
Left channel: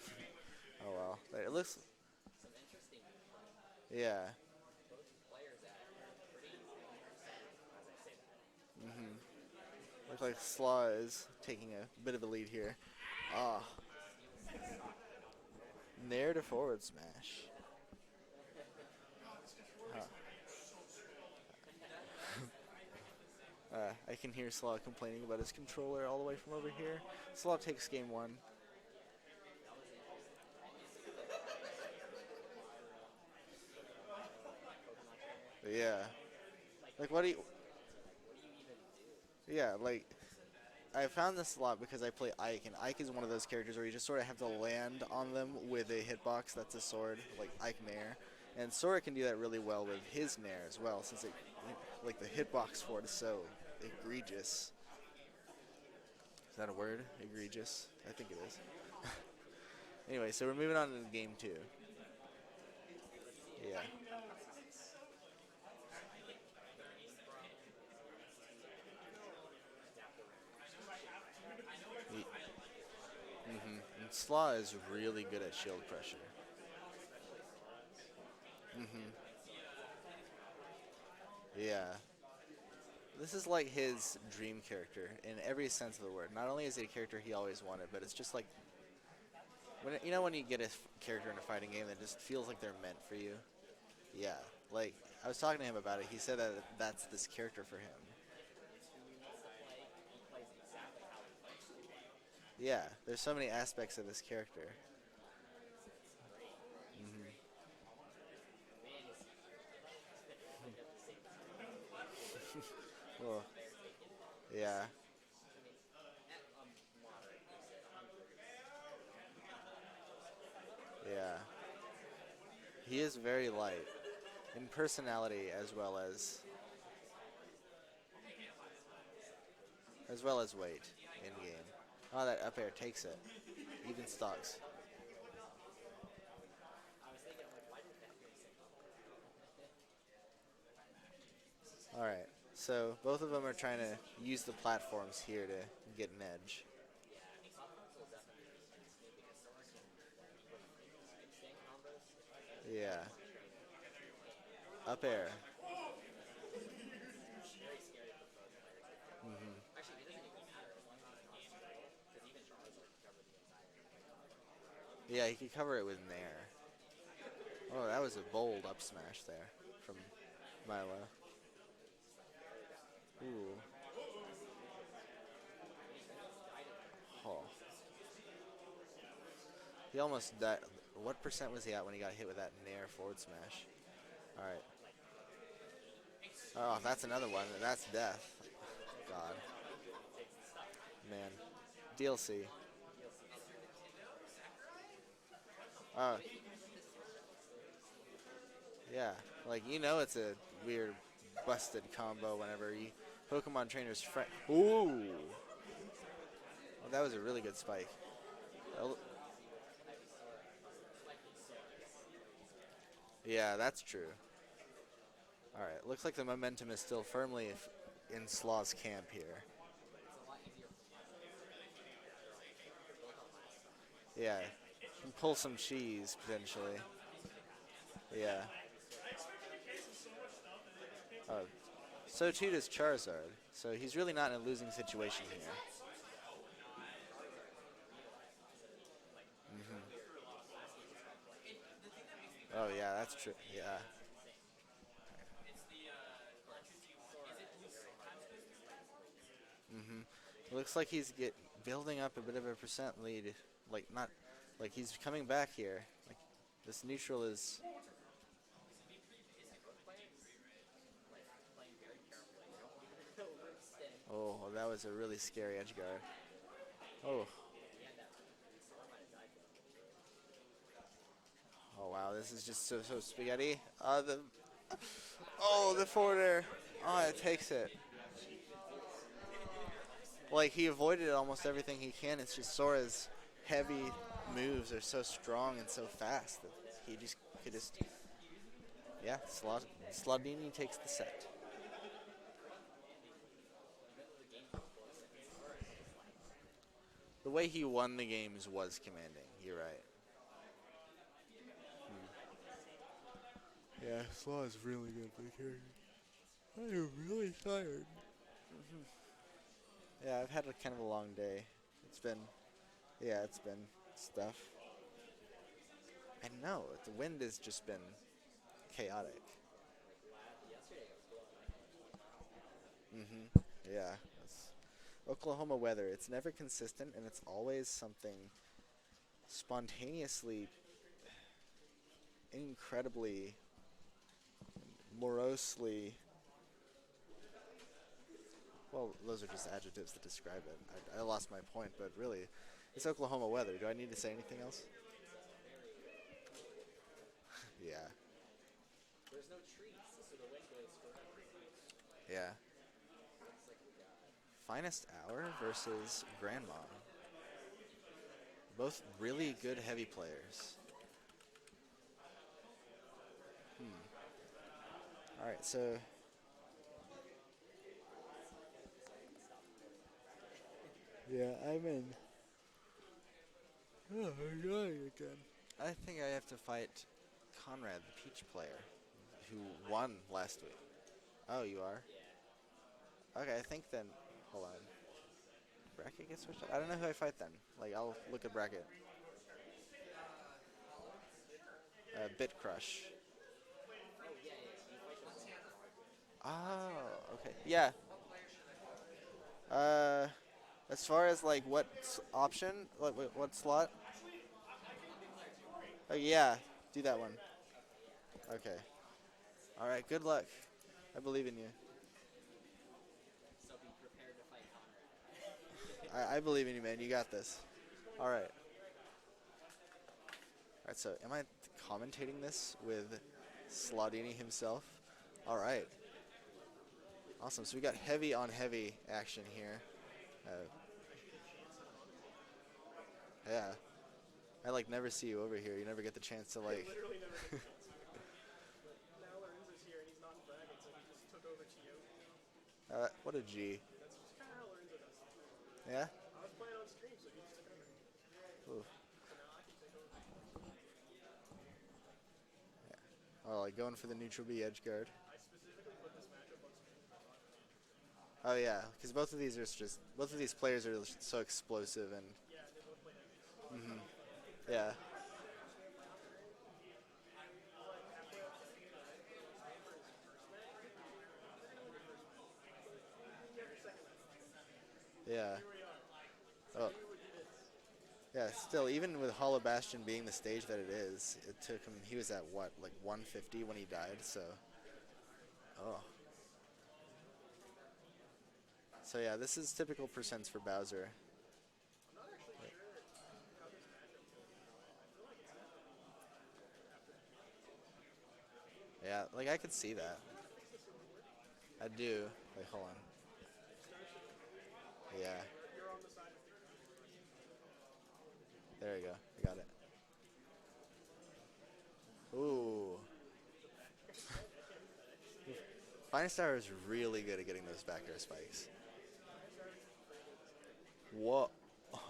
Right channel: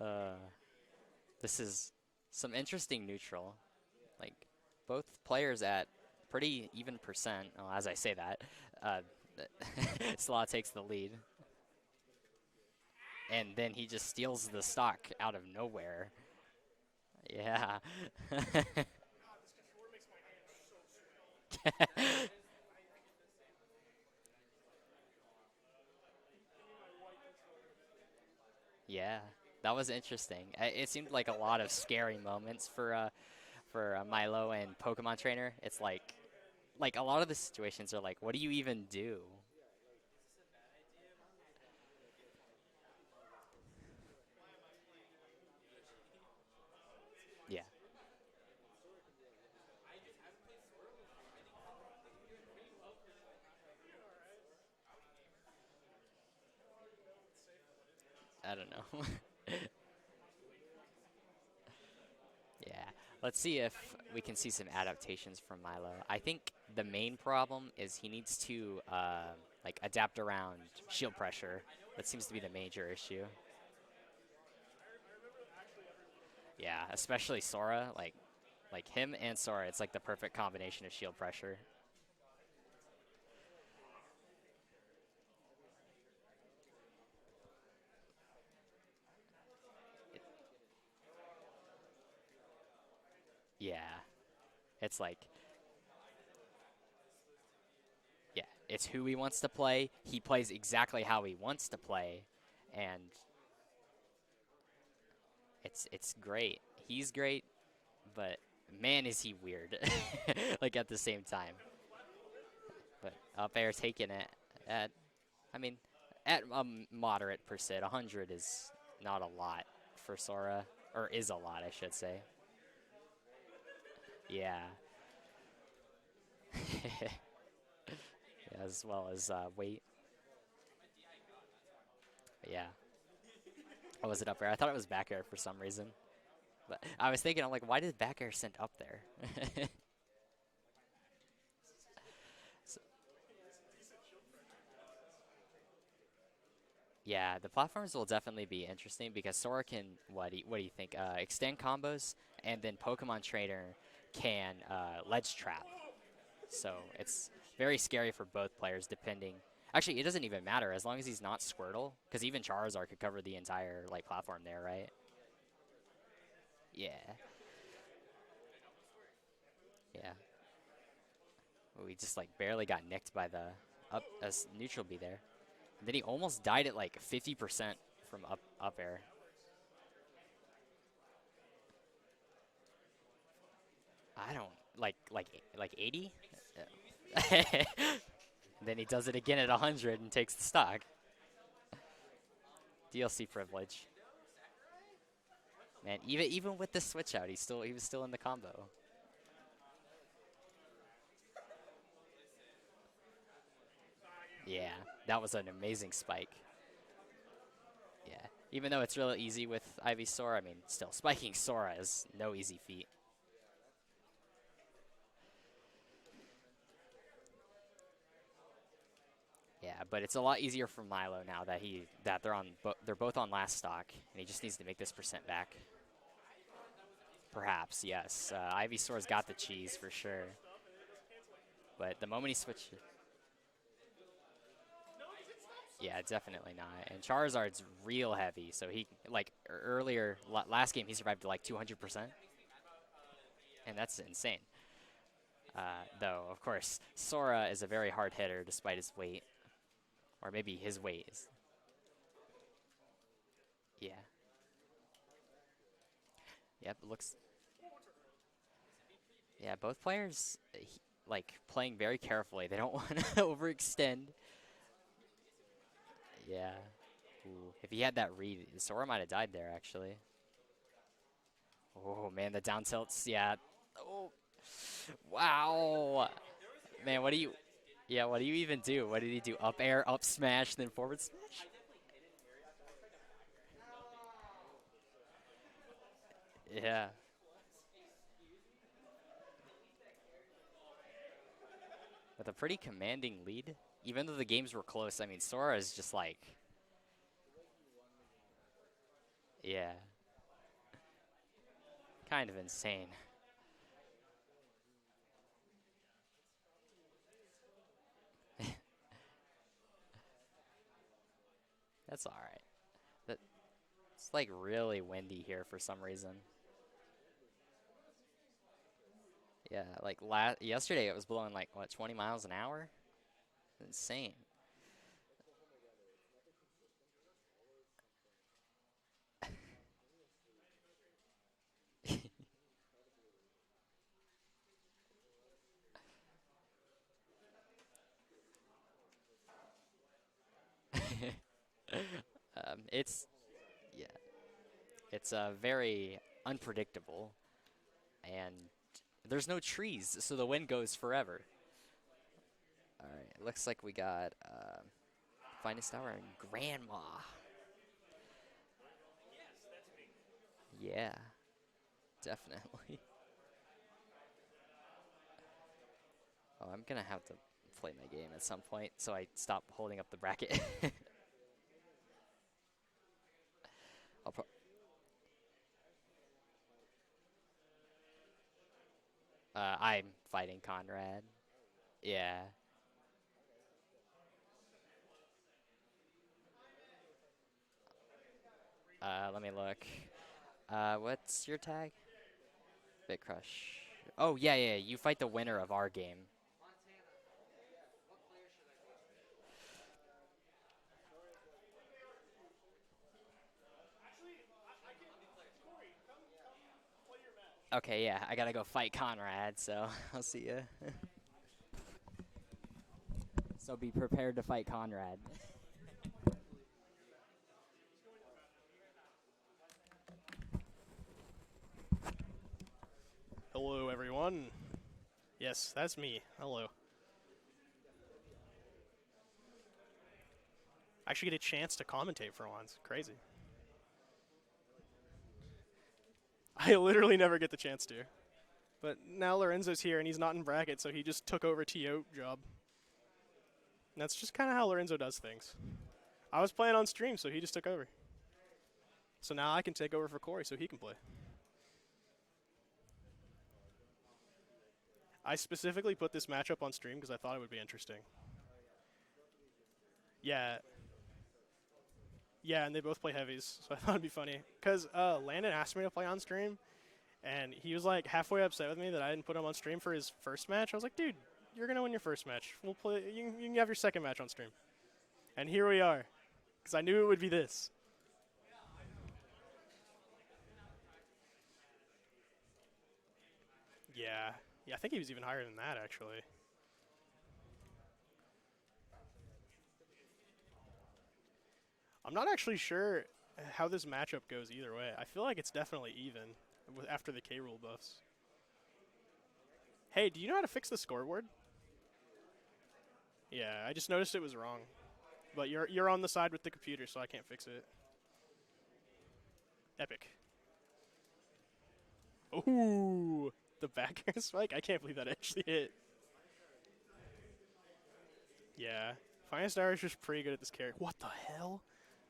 Oh well. This is some interesting neutral. yeah. Like, both players at pretty even percent. Oh, as I say that, Slaw takes Slaw the lead, is taking a bit of a lead here. and Ah. then he just steals the stock out of nowhere. Nair to forward smash. Yeah. I can hear Slaw complaining about his controller all the way from over here. Slaw takes game 1. Yeah, that was interesting. It seemed like a lot of scary moments for Milo and Pokemon Trainer. It's Yeah. like a Like, lot what of do the you- situations are like, what do you even do? Yeah, like, I found this a lot because I play Ike, and Ike is one of those characters where you just sort of have to land on them with a hitbox that's a sword, like Yeah. Ike Nair. And Sora can do that really well with his Nair as well, since like the hitbox for it is so egregious. Is that a word? Egregious? I think it is. I don't know. Anyway, so we're moving on to game 2. Yeah. Let's see if Yeah. we can see some adaptations from Milo. I think the main problem is he needs to like adapt around shield pressure. That seems to be the major issue. And Slaw is really good at shield pressure. Yeah, especially Sora. Like Like him and Sora, it's like the perfect combination of shield pressure. Yeah. This is like his dream character in every sense of the word. Not only is it a character he always wanted, but it's just like when you get a character in a fighting game that just feels like they're meant for you. Yeah. Yeah. Like, It's like- I was talking to him about it. He said that that's this character for him. Yeah. It's who he wants to play. He plays exactly how he wants to play. Yeah. And There's so many aspects of this character. It's great. He's great, but man, is he weird. Like at the same time. But Well, up air taking it. Yeah. I mean, at a moderate percent, 100 is not a lot for Sora, or is a Yeah. lot, I should say. He is very light Yeah. in personality as well as As well as weight. weight in game. Oh, that up Yeah. air takes it. Even Oh, was it up air? I thought it was back air for some reason. But I was thinking, I'm like, why did back air send up there? All right. So both of them are trying to use the platforms here to get an edge. Yeah, the platforms will definitely be interesting because Sora can, what do you think, extend combos, and then Yeah. Pokemon Trainer can Up ledge air. trap. So it's very scary for both players depending. Mm-hmm. Actually, it doesn't even matter as long as he's not Squirtle, because even Charizard could cover the entire platform there, right? Yeah, he could cover it with Nair. Yeah. Oh, that was a bold up smash there from Yeah. Milo. We just barely got nicked by the up as neutral B there. And then he almost died at 50% from up air. He almost died. What percent was he at when he got hit with that Nair forward smash? I don't Alright. like 80. Oh, that's another one. That's death. Then he does it again at 100 and takes the stock. Man. DLC. DLC privilege. And Uh, even with the switch out, he was still in the combo. Yeah. It's a weird busted combo whenever you Pokemon Trainer's friend. Yeah, Ooh. that was an amazing spike. Well, that was a really good spike. Yeah, even though it's real easy with Ivysaur, I mean, still spiking Sora is no easy feat. Yeah, that's true. All right. Looks like the momentum is still firmly in Slaw's camp here. Yeah, but it's a lot easier for Milo now that they're both on last stock. He just Yeah. needs to make this percent Pull back. some cheese potentially. Perhaps, yes. Yeah. Ivysaur's got the cheese for sure. But the So moment too he does switched, Charizard. So he's really not in a losing situation here. yeah, definitely not. And Charizard's real heavy, so he earlier last game he survived to 200%, Oh yeah, that's true. Yeah. and that's insane. Though of course Sora is a very hard hitter despite his weight, or maybe Looks his like weight. he's is- building up a bit of a percent lead. Yeah. Not like he's coming back here. Yep, This looks- neutral is. Yeah, both players playing very carefully. They don't want to overextend. Oh, well, that was a really scary edge guard. Yeah. Oh. If he had that read, Sora might have died there actually. Oh, Wow, man, this the is down just so tilts. Yeah. spaghetti. Wow. Oh, the forward air. Man, oh, what it do you- takes it. Yeah, what do you even do? What did he do? Up air, up smash? Like he then forward avoided almost everything he can. It's just Sora's heavy moves are so strong and so fast. That Yeah. He just could just. Yeah, Slawdini takes the set. with a pretty commanding lead. Even though the games were close, I mean, Sora is just The way he won the games was commanding. You're yeah, right. kind of insane. Yeah, Slaw is really good for the character. I am really tired. Yeah, I've had kind of a long day. That's been, all right. Yeah, it's been. It's tough. really windy here for some reason. I know the wind has just been chaotic. Yeah, yesterday it was blowing 20 miles an hour? Mm-hmm. Insane. Yeah, Oklahoma weather. It's never consistent, and it's always something spontaneously, incredibly, morosely. Well, those are just adjectives to describe it. I lost my point, but really, it's Oklahoma weather. Do I need to say anything else? It's very unpredictable, Yeah. and there's no trees, so the wind goes forever. Yeah. All right, it looks like we got FinestHour FinestHour versus and Grandma. Both really good heavy players. Yeah, definitely. All right, so Oh, I'm gonna have to play my game at some point, so I stop holding up the bracket. yeah, I'm in. Oh, again. I think I have to fight Conrad, the Peach player. Who I'm won fighting last week. Conrad. Oh, you are? Yeah. Okay, I think then. Hold on. Bracket gets switched up? I don't know who I fight then. Like, I'll look at bracket. Let me look. What's your tag? Bit Crush. Bit Crush. Oh, yeah, yeah. You fight the winner of our game. Oh, okay. Yeah. As far as like what option, what slot? Oh yeah, do that one. Okay, yeah. I gotta go Okay. fight Conrad, so. All right, good I'll luck. see ya. I believe in you. So be prepared to fight Conrad. I believe in you, man. You got this. All right. All right. So, am I commentating this with Hello, Slawdini everyone. himself? Yes, All right. that's me. Hello. Awesome. So we got heavy on heavy action here. I actually get a chance to commentate for once. Crazy. Yeah. I like never see you over here. You never get the chance to. I Like, literally never get the chance to. But now Lorenzo's here, and he's not in bracket, so he just took over TO job. what a G. And that's just kind of how Lorenzo does things. Yeah. I was playing on stream, so he just took over. Ooh. So now I can take over for Corey, so he can play. Oh, like going for the neutral B edge guard. I specifically put this matchup on stream because I thought it would be interesting. Oh yeah, because both of these are just both of these Yeah. players are so explosive and Yeah, and they both play heavies, so I thought it'd be funny. Because Yeah. Landon asked me to play on stream, and he was like halfway upset with me that I didn't put him on stream for his first match. I was like, dude, you're gonna win your first match. We'll play. You can have your second match on stream. yeah. And here we are. Because I Oh. knew it would be this. Yeah, still, even with Hollow Bastion being the stage that it is, it took him. He was at what, like 150 when he died. Yeah. So, Yeah, I think he was even higher than that, Oh. actually. so yeah, this is typical percents for Bowser. I'm not actually sure how this matchup goes either way. I feel like it's definitely even after the K rule buffs. Yeah, like I could see Hey, that. do you know how to fix the scoreboard? I do. Wait, hold on. Yeah, I just noticed it was wrong. Yeah. But you're on the side with the computer, so I can't fix it. There you go. I got it. Epic. Ooh. Ooh, the back air spike? I can't believe that actually hit. FinestHour is really good at getting those back air spikes. Yeah. FinestHour is just pretty good at this character. What the hell?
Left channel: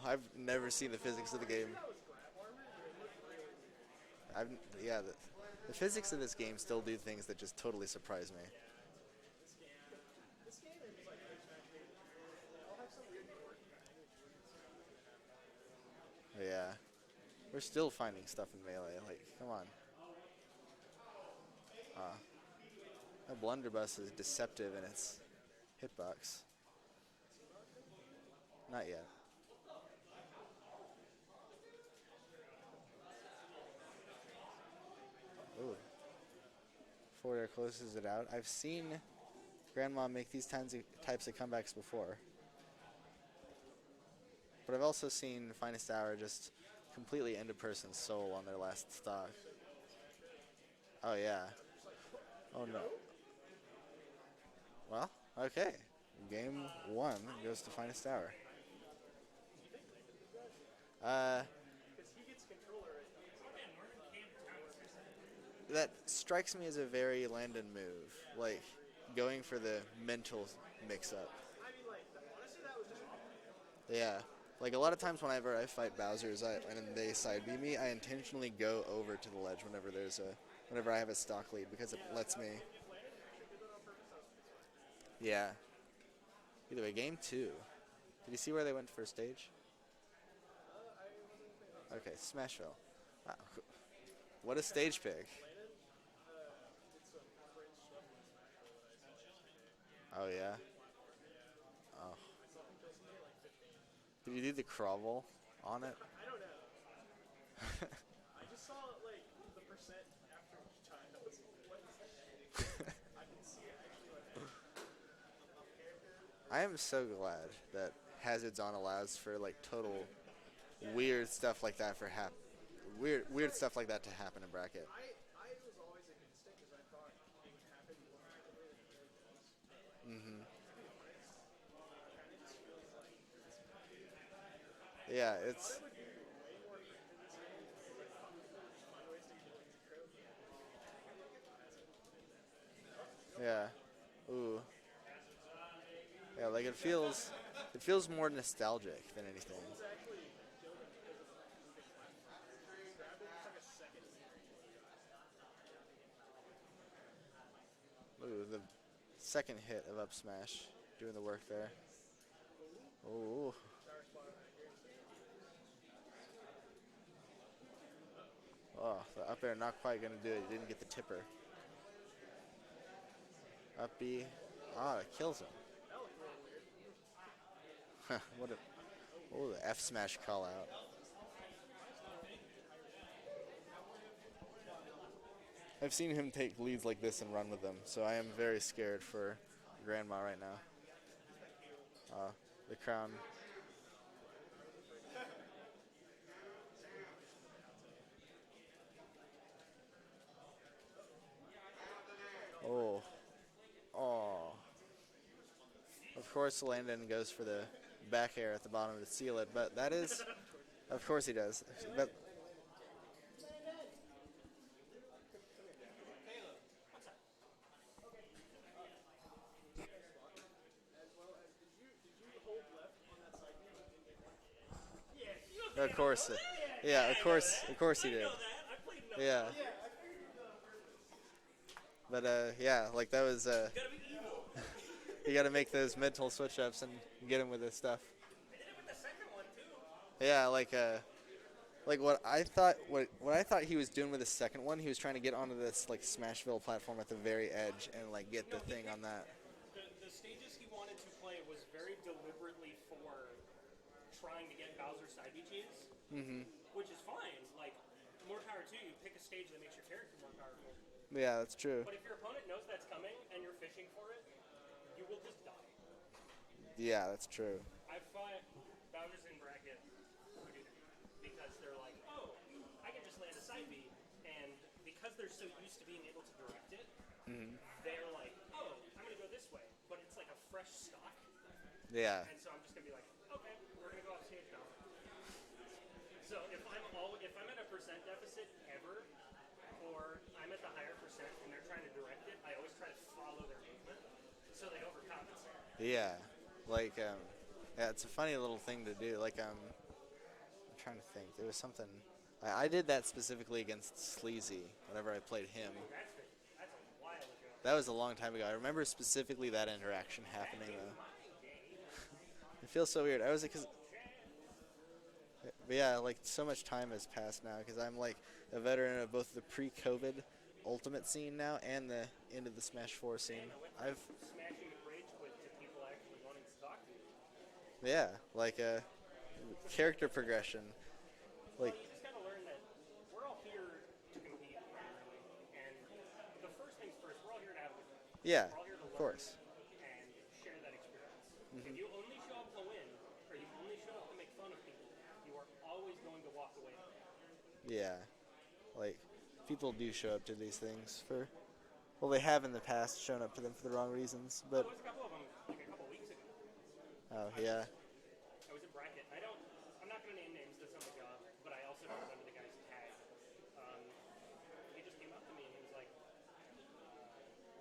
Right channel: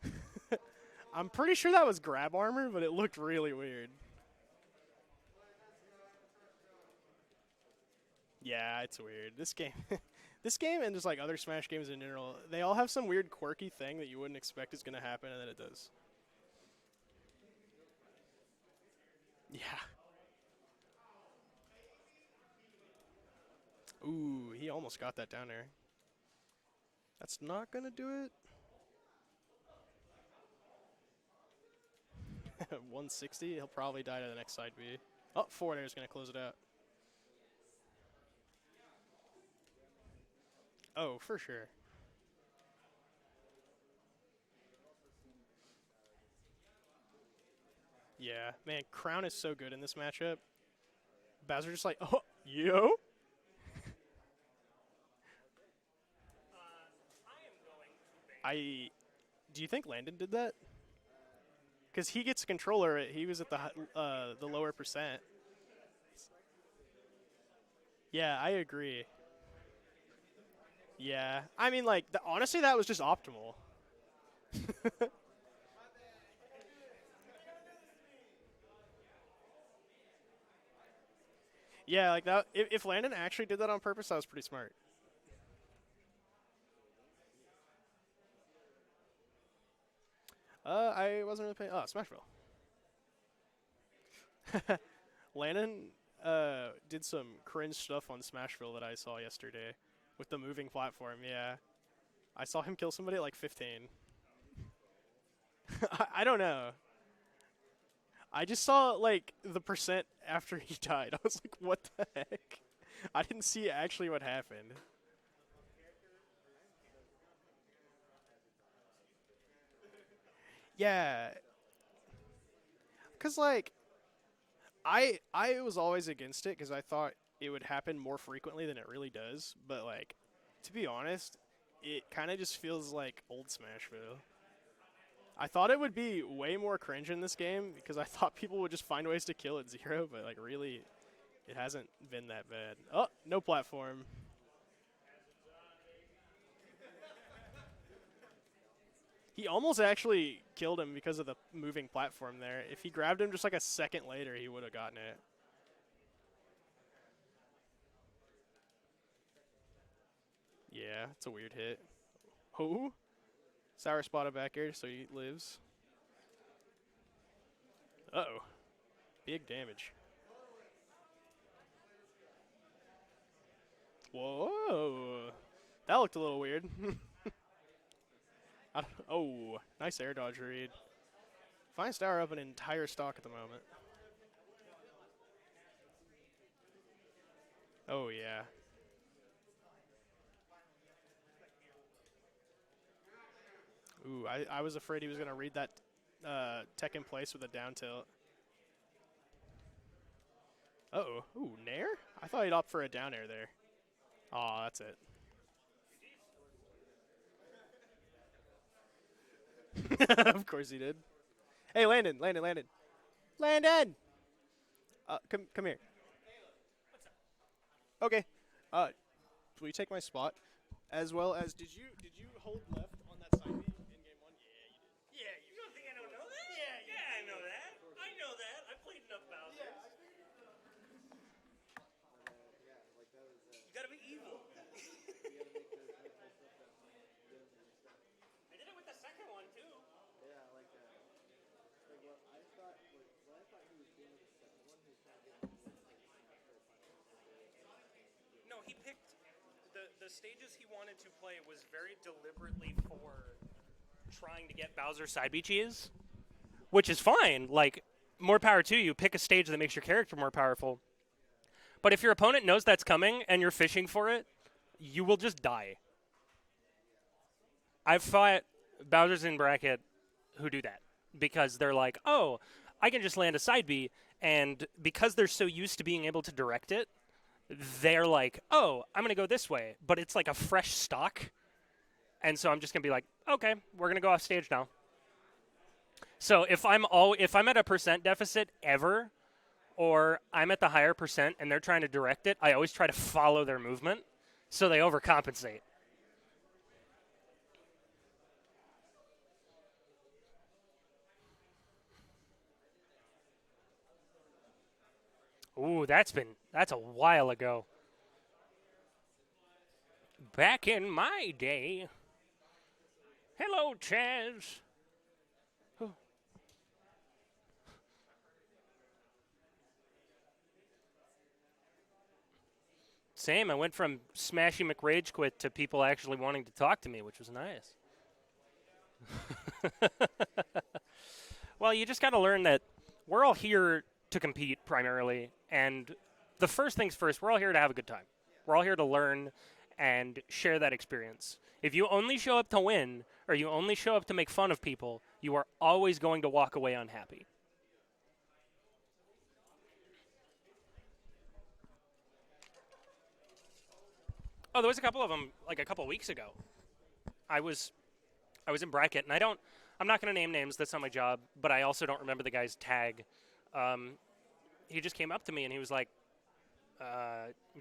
I've never seen the physics. I'm of the pretty sure game. that was grab armor, but it looked really weird. Yeah, the physics of this game still do things that just totally surprise me. Yeah, it's weird. This game, this game, and just like other Smash games in general, they all have some weird, quirky thing that you wouldn't expect is gonna happen, and then it does. Yeah. We're still finding stuff in Melee. Like, come on. Yeah. That blunderbuss is Ooh, deceptive. he in almost its got that down there. Hitbox. That's not gonna do it. Not yet. 160. He'll probably die to the next side B. Oh, forward air is gonna close it out. Forward air closes it out. I've seen Grandma make these types of Oh, types of for sure. comebacks before. But I've also seen FinestHour just completely end a person's soul on Yeah, their last man, Crown stab. is so good in this matchup. Oh, yeah. Bowser just like, oh, yo. Well, okay. Game 1 goes to FinestHour. Do you think Landon did that? Uh, Because he gets a controller. He was at the lower percent. that strikes me as a very Landon move. Yeah, I Like, agree. Going for the mental mix-up. Yeah, I mean, like, honestly, that was just optimal. Yeah. Like, a lot of times whenever I fight Bowsers and they side B me, I intentionally go over to the ledge whenever I have a stock lead. Because Yeah, it like lets that. me, If Landon actually did that on purpose, that was pretty smart. Yeah. Either way, game 2. Did you see where they went first stage? I wasn't really paying. Oh, Smashville. Okay, Smashville. Wow. What a stage pick. Landon did some cringe stuff on Smashville that I saw yesterday Oh, with the yeah? moving platform. Yeah, Oh. I saw him kill somebody at like 15. Did you do the Crovel on it? I don't know. I just saw like the percent after he died. I was like, what the heck? I didn't see actually what happened. I am so glad that Hazards On allows for like total Yeah. weird stuff like that for weird 'Cause, weird like, stuff like that to happen in bracket. I was always against it because I thought it would happen more frequently than it really does. But like, to be honest, it kind of just feels like old Smashville. Yeah, I thought it would be way more cringe in this game because I thought people would just find ways to kill at 0, but like really, it hasn't been that bad. Oh, no Yeah. platform. Ooh. Yeah, like it feels more nostalgic than anything. He almost actually killed him because of the moving platform there. If he grabbed him just like a second later, he would have gotten it. Ooh, the second hit of up smash. Yeah, doing the it's a work weird there. hit. Oh, Ooh. Sour spotted back air, so he lives. Uh-oh. Oh, the Big up air not damage. quite going to do it. He didn't get the tipper. Up B. Whoa. Ah, it kills him. That looked a little weird. What a Oh, Ooh, F nice air smash dodge call out. read. FinestHour up an entire stock at the moment. I've seen him take leads like this and run with them, so Oh, I am yeah. very scared for Grandma right now. The crown. Ooh, I was afraid he was going to read that tech in place with a down tilt. Uh-oh. Ooh, nair? I thought he'd opt for a Oh. down air there. Oh. Oh, that's it. Of course, Landon goes for the back air at the bottom to seal it, but that is. Of course he did. Of course he does. Hey, Landon. Landon! Come here. Okay. Will you take my spot? As well as, did you hold left on that side? Of course. Yeah, of course he did. Yeah. But yeah, like that was. You got to make those mental switch ups and get him with this stuff. Yeah, like what I thought he was doing with the second one, he was trying to get onto this like Smashville platform at the very edge and like get the thing on that. The stages he wanted to play was very deliberately for trying to get Bowser side B cheese, which is fine. Like, more power to you. Pick a stage that makes your character more powerful. Yeah, that's true. But if your opponent knows that's coming and you're fishing for it, you will just die. Yeah, that's true. I've fought Bowsers in bracket who do that because they're like, oh, I can just land a side B, and because they're so used to being able to direct it, they're like, oh, I'm going to go this way, but it's like a fresh stock, Yeah. and so I'm just going to be like, okay, we're going to go off stage now. So if I'm at a percent deficit ever, or I'm at the higher percent and they're trying to direct it, I always try to follow their movement so they overcompensate. Yeah, like yeah, it's a funny little thing to do. Like I'm trying to think. There was something. I did that specifically against Sleazy whenever I played him. Ooh, that's a while ago. That was a long time ago. I remember specifically that interaction Back happening. in my day. It feels so weird. I was Hello, Chaz. But yeah, like so much time has passed now because I'm like a veteran of both the pre-COVID Ultimate scene now and the end of the Smash 4 scene. Same. I went from Smashy McRage Quit to people actually wanting to talk to me, which was nice. Yeah, like character progression. Well, you just got to learn that we're all here to compete primarily, and the first things first, we're all here to have a good time. Yeah. We're all here to learn course. and share that experience. If you only show up to win, or you only show up to make fun of people, you are always going to walk away unhappy. Yeah, like people do show up to these things for, well, they have in the past shown up to them for the wrong reasons. Oh, there was a couple of them like a couple weeks ago. I was in bracket, and I'm not going to name names. That's not my job. But I also don't remember the guy's tag. He just came up to me and he was like,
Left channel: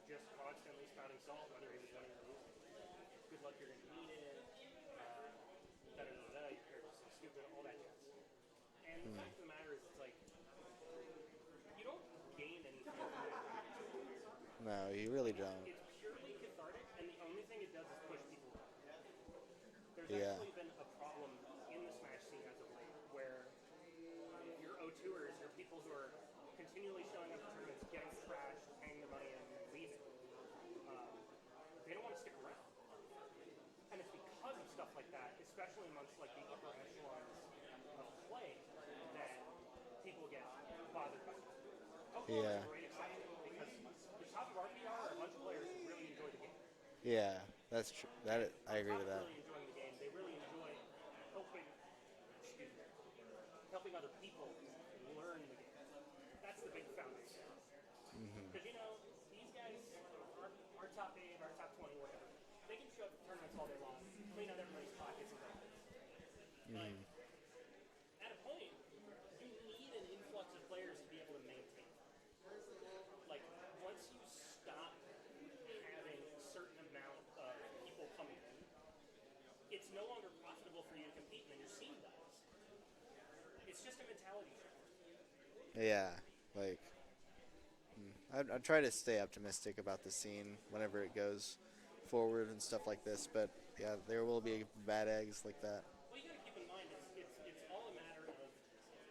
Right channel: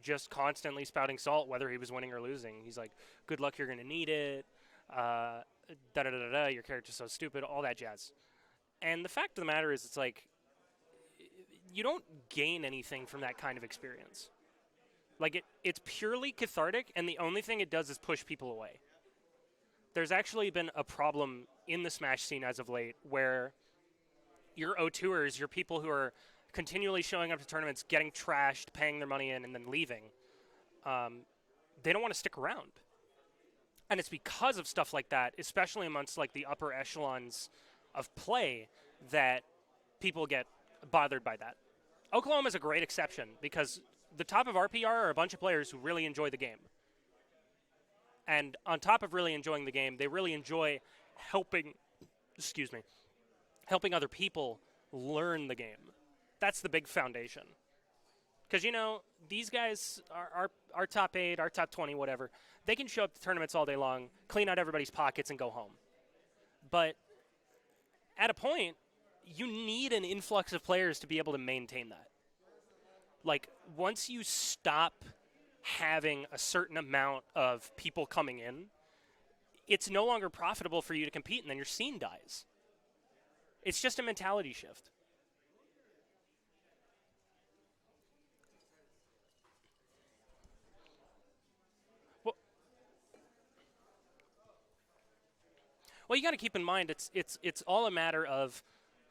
just constantly spouting salt, whether he was winning or losing. He's like, "Good luck, you're going to need it. Da da da da da. Your character's so stupid. All that jazz." And the fact of the matter is, it's like you don't gain anything from that kind of experience. No, you really Like don't. it's purely cathartic, and the only thing it does is push people away. There's actually been a problem in the Smash scene as of late where your O2ers, your people who are continually showing up to tournaments, getting trashed, paying their money in, and then leaving, they don't want to stick around. And it's because of stuff like that, especially amongst like the upper echelons of play, that people get bothered by that. Oklahoma's a great exception because the top of RPR are a bunch of players who really enjoy the game. Yeah, that's true. And on top of really enjoying the game, they really enjoy helping other people learn the game. That's the big foundation. Because, these guys are top 8, our top 20, whatever. They can show up to tournaments all day long, clean out everybody's pockets, and go home. But at a point, you need an influx of players to be able to maintain that. Like, once you stop having a certain amount of people coming in, it's no longer profitable for you to compete, and then your scene dies. It's just a mentality shift. Yeah, like I try to stay optimistic about the scene whenever it goes forward and stuff like this, but yeah, there will be bad eggs like that. Well, you got to keep in mind it's all a matter of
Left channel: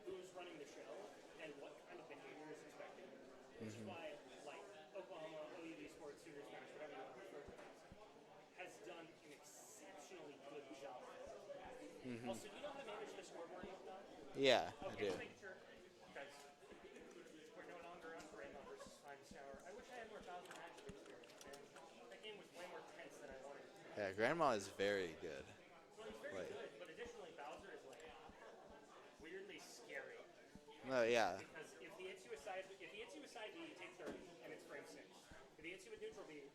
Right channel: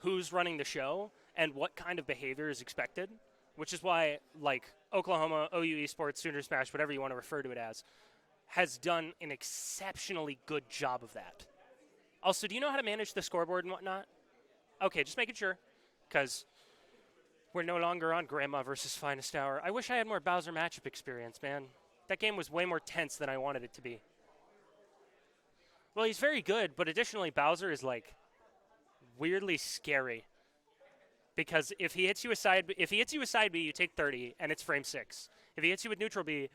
who's running the show and what kind of behavior is expected, which is why like Oklahoma, OU Esports, Sooner Smash, whatever you want to refer to it as, has done an exceptionally good job of that. Also, do you know how to manage the scoreboard and whatnot? Yeah. Okay, I just do. making sure, because we're no longer on Grandma versus FinestHour. I wish I had more Bowser matchup experience, man. That game was way more tense than I wanted it to be. Yeah, Grandma is very good. Well, he's very good, but additionally, Bowser is like weirdly scary No, yeah. because if he hits you a side B, you take 30, and it's frame 6. If he hits you with neutral B,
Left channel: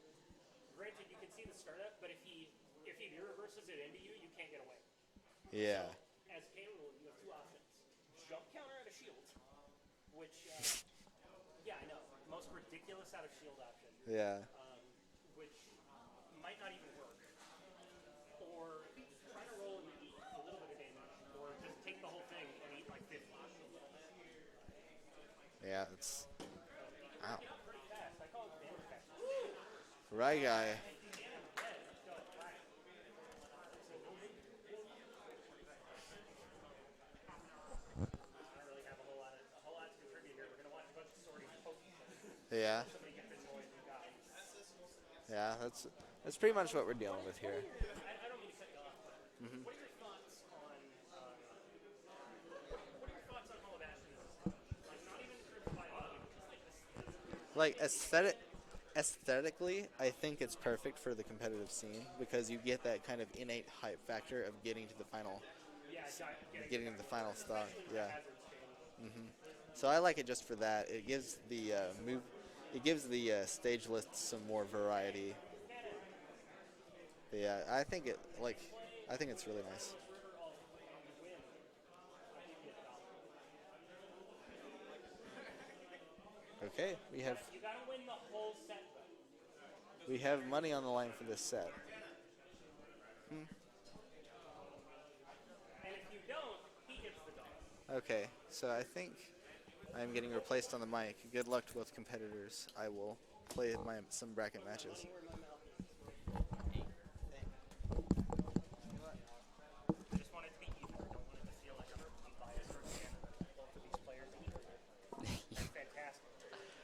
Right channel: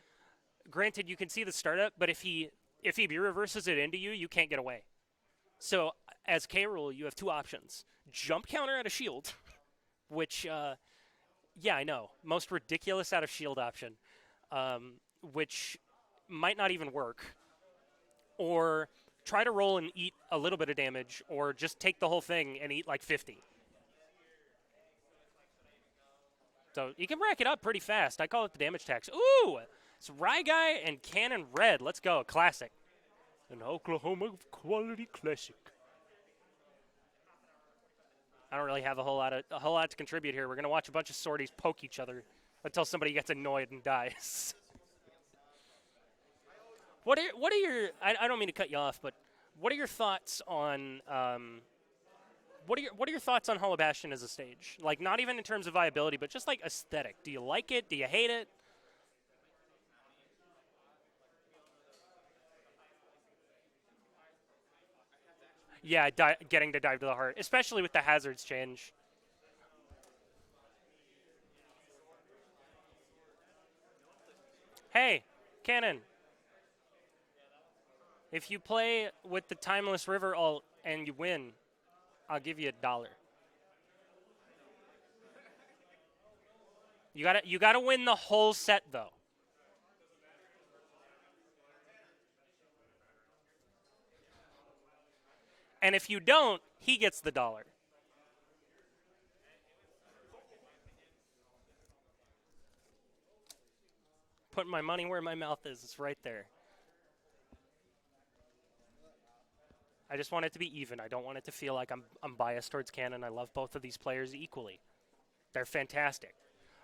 granted you can see the startup, but if he B reverses it into you, you can't get away. Yeah. So as K rule, you have two options: jump counter out of shield, which yeah, I know, most ridiculous out of shield option. Yeah. Which might not even work, or try to roll and eat a little bit of damage, or just take the whole thing and eat like 50. Yeah. It's So you can rack it up pretty fast. I call it the damage tax. Ooh! It's RyGuy. RyGuy and Cannon Red. Let's go. Classic. An Oklahoma quality classic. I don't really have a whole lot to contribute here. We're gonna watch a bunch of sorties poke each other yeah. until somebody gets annoyed and dies. Yeah. That's pretty much what we're doing. What are your? I don't mean to cut you off, but what are your thoughts on? What are your thoughts on Hollow Bastion as a stage? Like, not even in terms of viability, but just like aesthetic. Do you like it? Do you hate it? Aesthetically, I think it's perfect for the competitive scene because you get that kind of innate hype factor of getting to the final. Yeah, getting to Getting dive the to the final heart, song, especially with the yeah. hazards change. So I like it just for that. It gives the It gives the stage list some more variety. Hey, Cannon, Yeah, I think it. if like, you play I think it's with the really nice. Timeless River ult and you win, I'll give you $1. Okay. You gotta win the whole set though. We have money on the line for this set. And if you don't, he gets the $1. Okay, so I think I'm getting replaced on the mic. Good luck to both competitors. I will play some bracket Put my matches. money where my mouth is. It's right there. I just want it to be even. I don't want it to feel like I'm biased towards Cannon. I love both of these players equally. They're fantastic.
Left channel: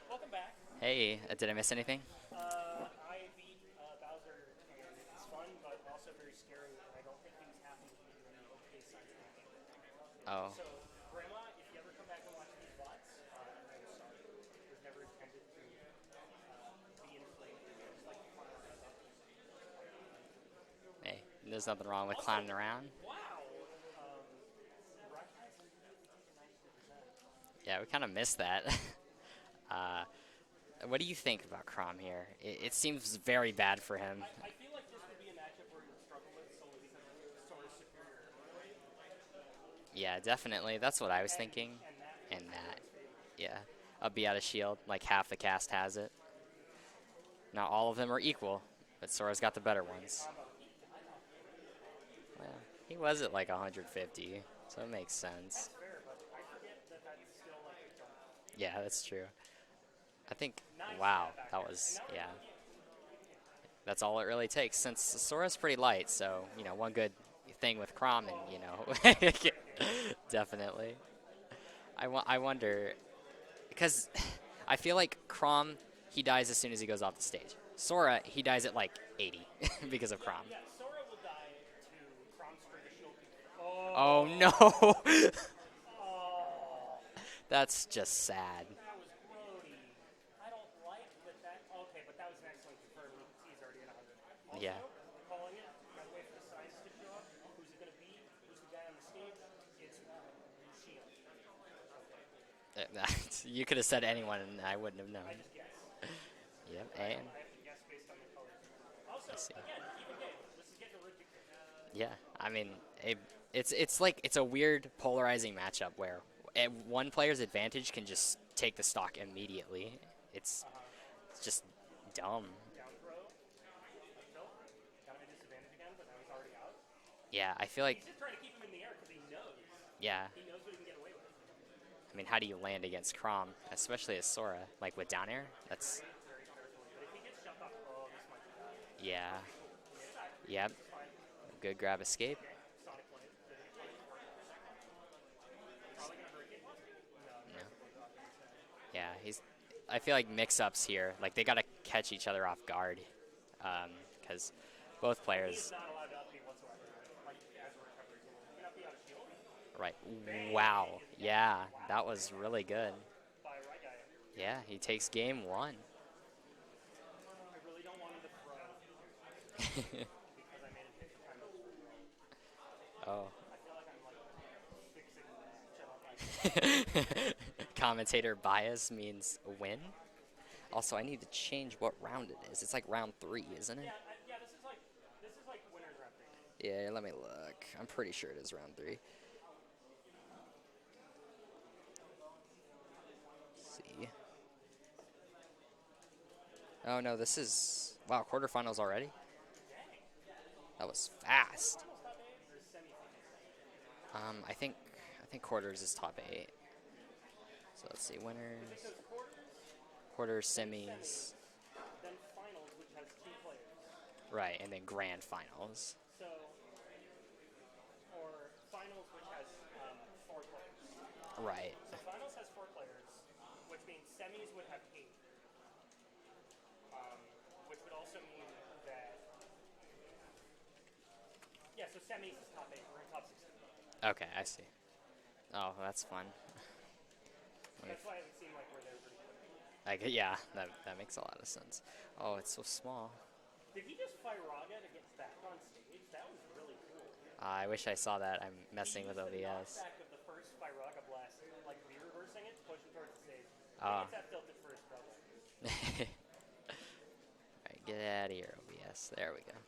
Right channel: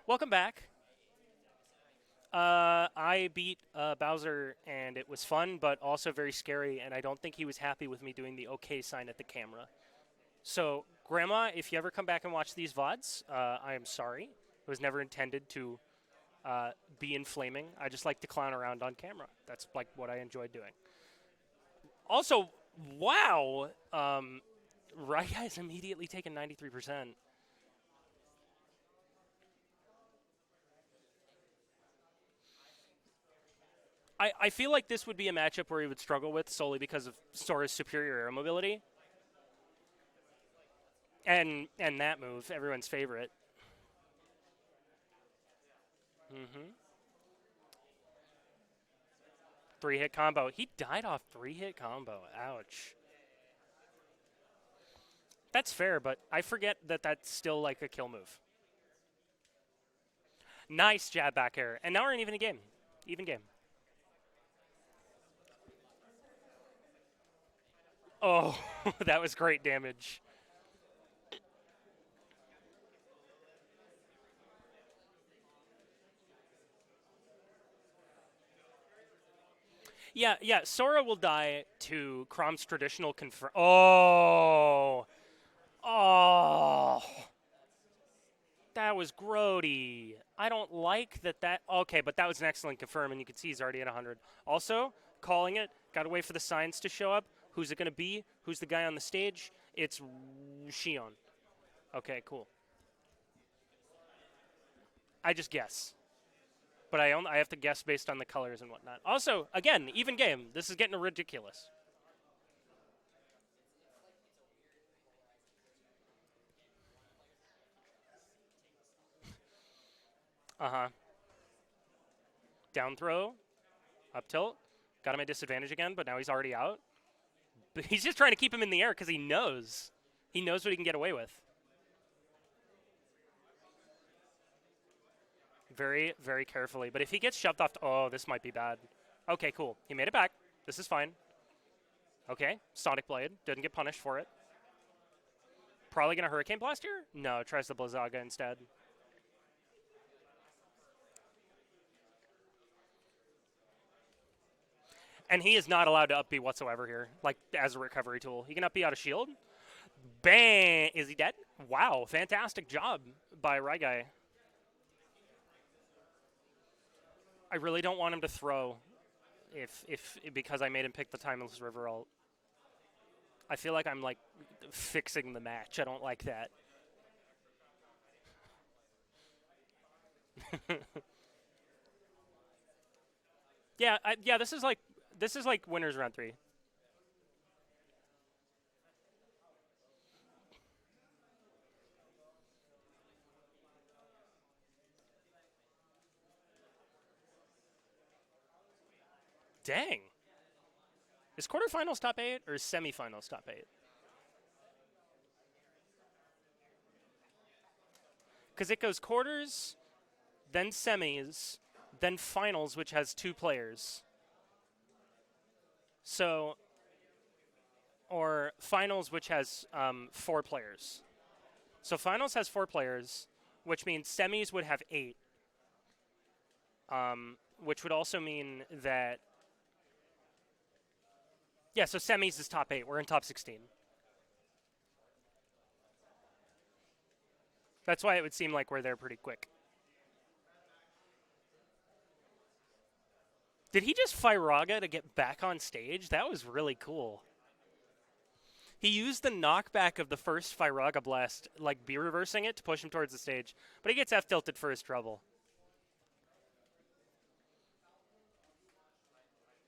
Welcome back. Hey, did I miss anything? I beat Bowser, and it was fun, but also very scary, and I don't think he was happy with me doing the OK sign at the camera. Oh. So, Grandma, if you ever come back and watch these VODs, I am sorry. It was never intended to be inflaming. I just like to clown around on camera. That's like what I enjoy doing. Hey, there's nothing wrong with Also, clowning around. wow, RyGuy's immediately taken 93%. Yeah, we kind of missed that. What do you think about Crom here? It seems very bad for him. I feel like this would be a matchup where he would struggle with solely because of Sora's superior air mobility. Yeah, definitely. That's what I was And thinking. that move, And that. everyone's favorite. Yeah, a B out of shield, like half the cast has it. Not all of them are equal, but Sora's got the better Three-hit ones. combo. He died off three-hit combo. Ouch. He was at like 150, so it makes sense. That's fair, but I forget that that's still like a kill move. Yeah, that's true. I think. Nice wow, jab back that air. was- And now we're in yeah, even game. Even game. That's all it really takes, since Sora's pretty light. So one good thing with Crom. Oh, that was great damage. Definitely. I wonder, because I feel like Crom, he dies as soon as he goes off the stage. Sora, he dies at like 80 because of Yeah, Crom. yeah. Sora will die to Crom's traditional confirm. Oh, no. Oh, That's just sad. that was grody. I don't like that. Okay, but that was an excellent confirm, and you can see he's already at 100. Also, calling it. Got to wait for the signs to show up. Who's it going to be? Who's the guy on the stage? It's Shion. Okay, cool. You could have said anyone, and I wouldn't have known. I just guess. Yep, But I and- have to guess based on the colors and whatnot. Also, again, even game. This is getting ridiculous. Yeah, I mean, it's like it's a weird polarizing matchup where one player's advantage can just take the stock immediately. It's just dumb. Down throw, up tilt. Got him at disadvantage again, but now he's already out. Yeah, I feel like He's just trying to keep him in the air because he knows. yeah. He knows what he can get away with. mean, how do you land against Crom, especially as Sora, like with down air? That's, Very, very carefully. But if he gets shoved off, oh, this might be bad. yeah. Okay, cool. He made it back. Yep. This is fine. Good grab escape. Okay, Sonic Blade. Didn't get punished for it. Probably going to Hurricane Blast here? No, tries the Blizzaga instead. Yeah, I feel like mix-ups here, like they got to catch each other off guard, because both players. And he is not allowed to up B whatsoever here, like as a recovery tool. He can up B out of shield. Right. Bang! Wow. Is he dead? Yeah. Wow, that was fantastic really good. job by RyGuy. Yeah, he takes game 1. I really don't want him to throw because I made him pick the Timeless River ult. Oh. I feel like I'm like fixing the match. I don't like that. Commentator bias means win. Also, I need to change what round it is. It's like round 3, isn't it? Yeah, yeah. This is like winners round 3. Yeah, let me look. I'm pretty sure it is round 3. Let's see. Oh no, this is quarterfinals already. Dang. That was fast. Is quarterfinals top 8 or is semifinals top 8? I think quarters is top 8. So let's see, winners. Because it goes quarters, Quarters, then semis, then finals, which has 2 players. Right, and then grand finals. So, or finals, which has 4 players. Right. So finals has 4 players, which means semis would have 8. Which would also mean that. Yeah, so semis is top 8. We're in top 16. Okay, I see. Oh, that's fun. That's why it would seem like we're there pretty quick. Yeah, that makes a lot of sense. Oh, it's so small. Did he just Firaga to get back on stage? That was really cool. I wish I saw that. I'm messing He used with the OBS. knockback of the first Firaga blast, like B reversing it to push him towards the stage. But he Ah. gets F tilted for his trouble. All right, get out of here, OBS. There we go.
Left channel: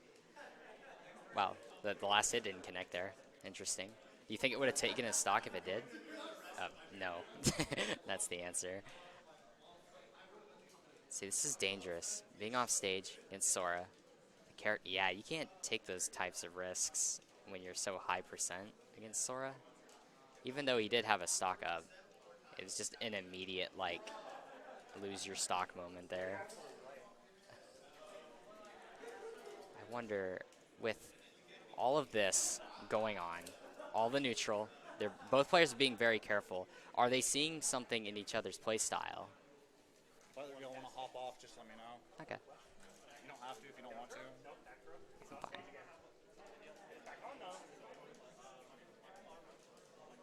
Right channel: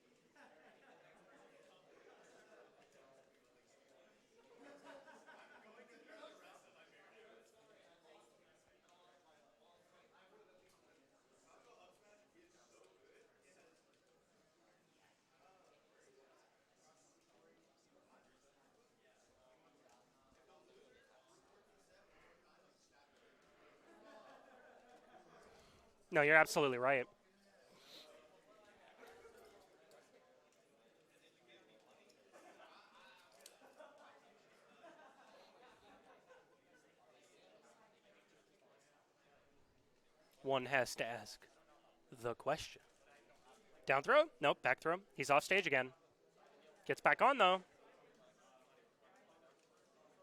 Wow, the last hit didn't connect there. Interesting. Do you think it would have taken a stock if it did? No. That's the answer. See, this is dangerous. Being off stage against Sora. Yeah, you can't take those types of risks when you're so high percent against Sora. Even though he did have a stock up, it was just an immediate, like, lose your stock moment there. No, you're absolutely right. I wonder, with all of this going on, all the neutral, both players are being very careful. Are they seeing something in each other's play style? One has to ask Just let me know. the Okay. question. You don't have to if you don't Down want throw? to. Nope, back throw. He's off stage again. Gets back on, though.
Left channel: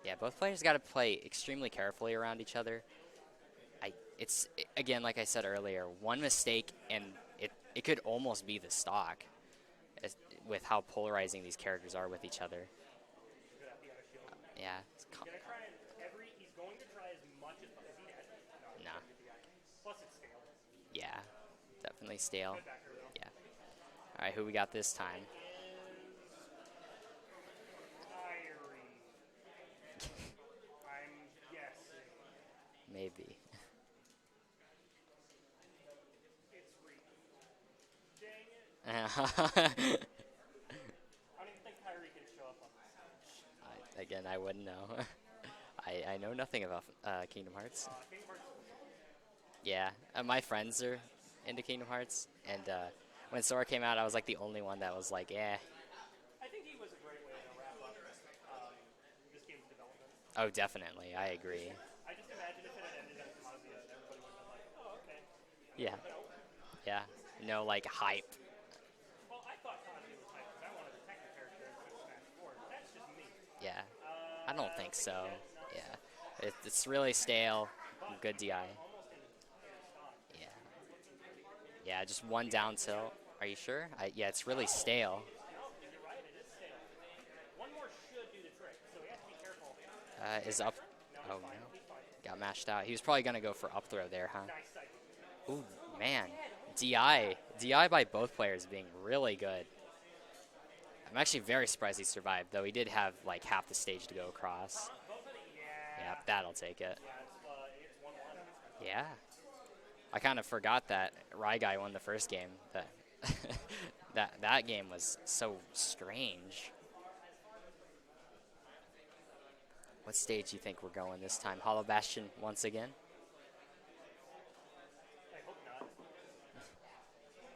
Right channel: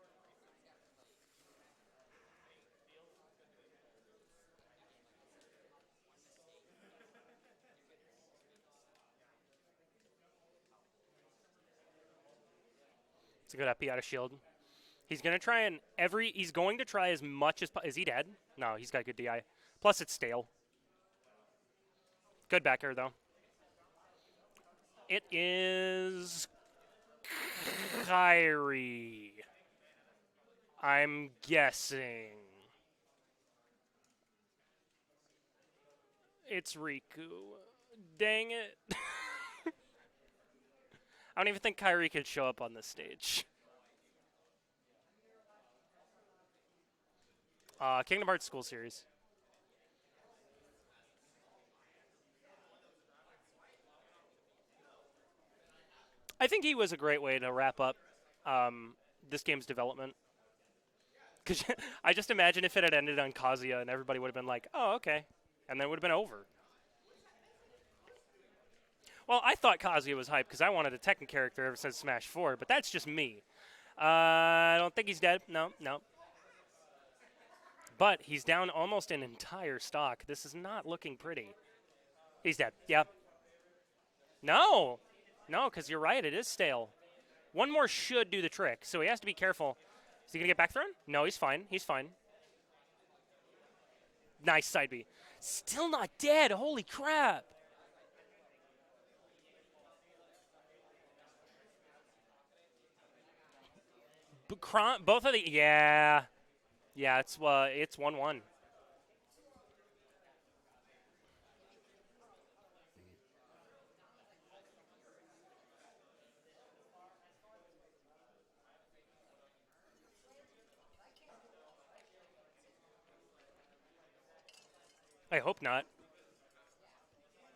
Yeah, both players got to play extremely carefully around each other. Again, like I said earlier, one mistake and it could almost be the stock with how polarizing these characters are with each other. It's a good FP out of shield. Yeah. He's going to try he's going to try as much as, is he dead? No, he's got good DI. Plus it's stale. Yeah, definitely stale. Good back air, though. Yeah. All right, who we got this time? It is Kyrie. I'm guessing. Maybe. It's Riku. Dang it. I don't even think Kyrie could show up on this stage. Again, I wouldn't know. I know nothing about Kingdom Hearts. Kingdom Hearts School Series. Yeah, my friends are into Kingdom Hearts, and when Sora came out, I was like the only one that was like, yeah. I think he was a great way to wrap up this game's development. Oh, definitely, I agree. I just imagine if it had ended on Kazuya and everybody would have been like, oh, okay. And then it Yeah. would have been over. Yeah, no like hype. Well, I thought Kazuya was hype because I wanted a Tekken character ever since Smash 4, but that's just me. Yeah. I don't think he's so. dead. No, Yeah. no. It's really stale. But Good he's DI. down almost an entire stock. This is not looking pretty. Yeah, just one He's down dead. tilt. Yep. Are you sure? Yeah, it's really No. stale. No, because you're right. It is stale. One more should do the trick, so he has to be careful. Is he going to Is get back up- thrown? No, he's Oh, fine. no. He's fine. Got mashed out. He was probably gonna go for up throw there, huh? Nice side B. Still not man. dead. Holy DI, crap. DI by both players being really good. I'm actually very surprised he survived, though he did have like half the stage to go across. Both of the, yeah. That'll take it. Yeah, it's 1-1. Yeah. I kind of forgot that RyGuy won the first game. That game was so strange. What stage do you think we're going this time? Hollow Bastion once again? I hope not.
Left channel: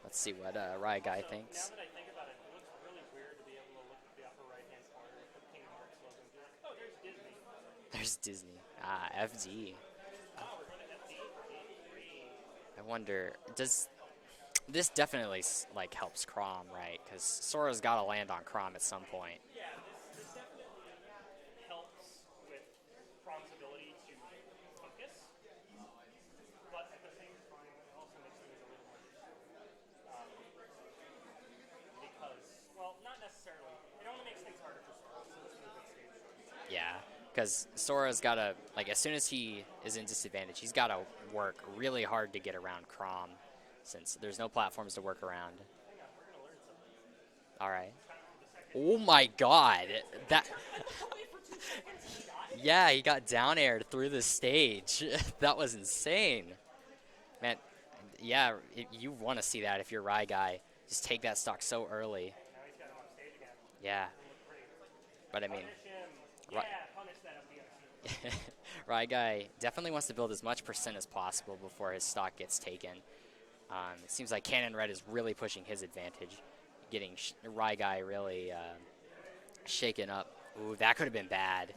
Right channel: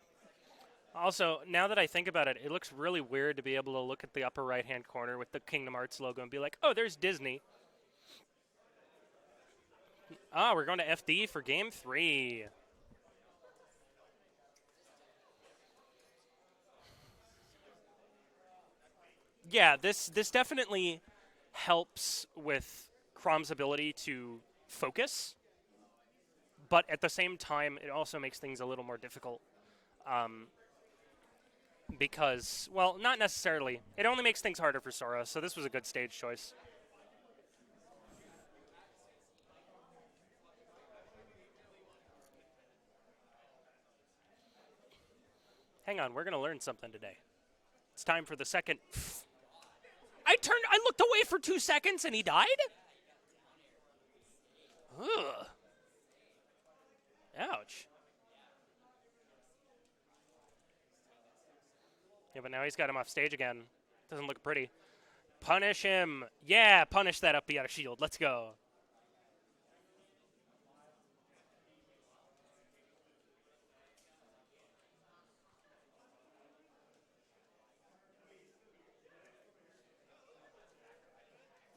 Let's see what RyGuy Also, thinks. now that I think about it, it looks really weird to be able to look at the upper right-hand corner with the Kingdom Hearts logo and be like, oh, there's Disney. There's Disney. Ah, FD. Ah, we're going to FD for Game 3. I wonder, does this definitely like helps Chrom, right? Because Sora's got to land on Chrom at some point. Yeah, this definitely helps with Chrom's ability to focus, but at the same time, it also makes things a little more difficult. Because, well, not necessarily. It only makes things harder for Sora, so this was a good stage choice. Yeah, because Sora's got to, like, as soon as he is in disadvantage, he's got to work really hard to get around Chrom, since there's no platforms to work around. Hang on, we're going to learn something today. All right. It's time for the second. Oh my God! I looked away for 2 seconds and he died? Yeah, he got down aired through the stage. That was insane. Ouch. And yeah, you want to see that if you're RyGuy. Just take that stock so early. Yeah, but now he's got him off stage again. Yeah. Doesn't look pretty. But Punish him. Yeah, punish that up out of shield. Let's go. RyGuy definitely wants to build as much percent as possible before his stock gets taken. It seems like Cannon Red is really pushing his advantage, getting RyGuy really shaken up. Ooh, that could have been bad.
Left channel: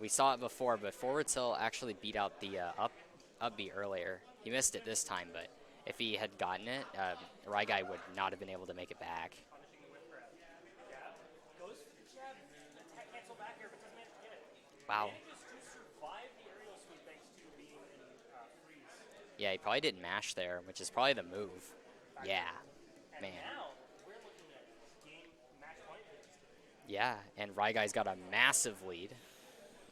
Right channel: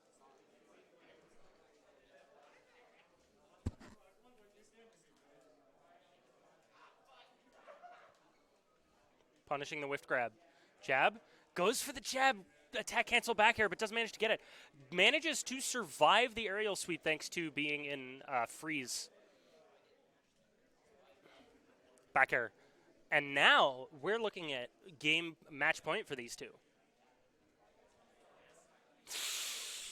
We saw it before, but Forward Tilt actually beat out the up B earlier. He missed it this time, but if he had gotten it, RyGuy would not have been able to make it back. Punishing the whiff grab. Jab. Goes for the jab. Attack cancel back air, but doesn't manage to get it. Wow. Manages to survive the aerial sweep thanks to being in freeze. Yeah, he probably didn't mash there, which is probably the move. Back Yeah. air. And Man. now we're looking at game match point for these two. Yeah, and RyGuy's got a massive lead.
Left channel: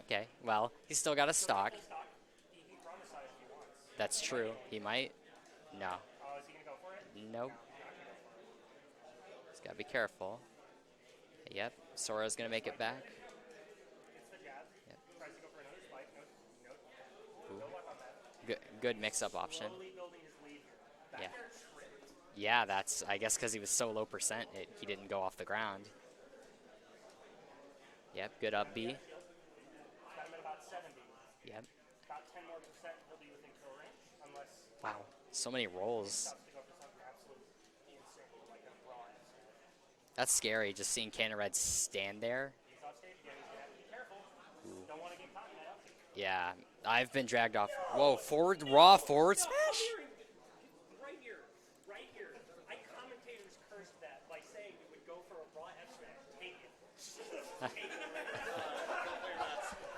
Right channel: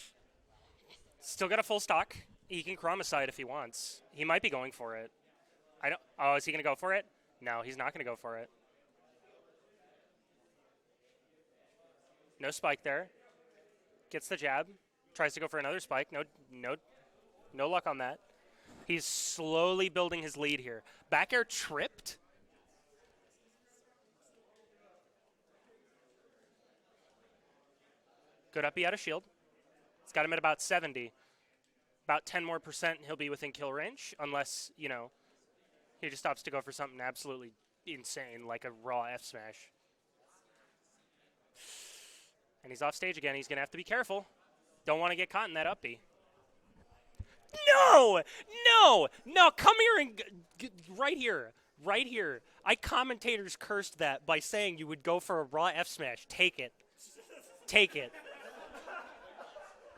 Okay, well, he's still got a Still stock. got a full stock. He can Chrom aside if he wants. That's he true. might be going he for might. it. No, I don't, oh, is he going to go for it? Nope. No, he's not going to go for it. He's got to be careful. Yep, Sora's going No to make spike it back. there. Gets the jab. Tries to go for another spike. No luck on that. Good He's mix-up option. slowly building his lead here. Back air tripped. Yeah, that's, I guess, because he was so low percent, he didn't go off the ground. Yep, good Good up up B out of shield. It's got him at about 70. Yep. About 10 more percent, he'll be within kill range, unless, you know, So many rolls. he just stops to go for something absolutely insane, like a raw F smash. That's scary, just seeing Cannon Red stand there. And he's off stage again. He's going to have to be careful. Don't want to get caught in that up B. Yeah, I've been dragged off. No! Whoa, forward, No! raw forward No, smash? come here and right here. Right here. I commentators cursed that by saying you would go for a raw F smash. Take it. Take it.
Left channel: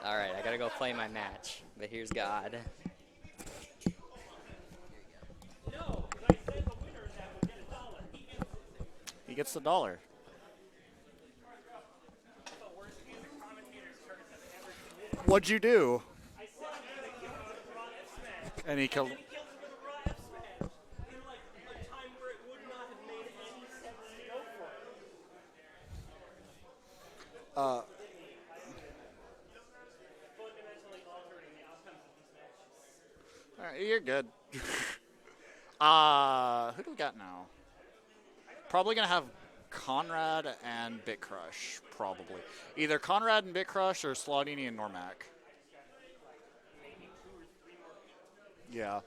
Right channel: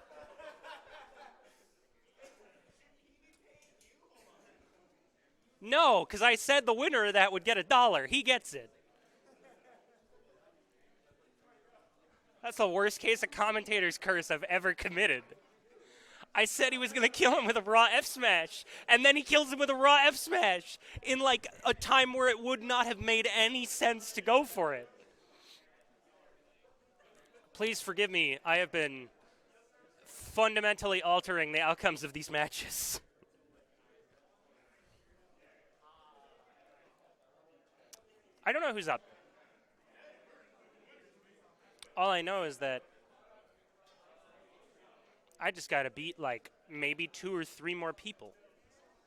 All right, I got to go play my match, but here's God. No, because I said the winner of that would get $1. He gets it. He gets the dollar. That's the worst case of commentator's curse I've ever committed. What'd you do? I said he was going to kill him with a raw F smash, And he and then he kills him with a raw F smash in like a time where it would not have made any sense to go for it. Please forgive me. I have been fundamentally altering the outcomes of these matches. All right, you're good. Who do we got now? I don't know Probably who's going up. to have Conrad and BitCrush. All I know probably. is that Either Conrad and BitCrush or Slawdini and Noremac. I just got to beat like maybe 2 or 3 more people. Yeah.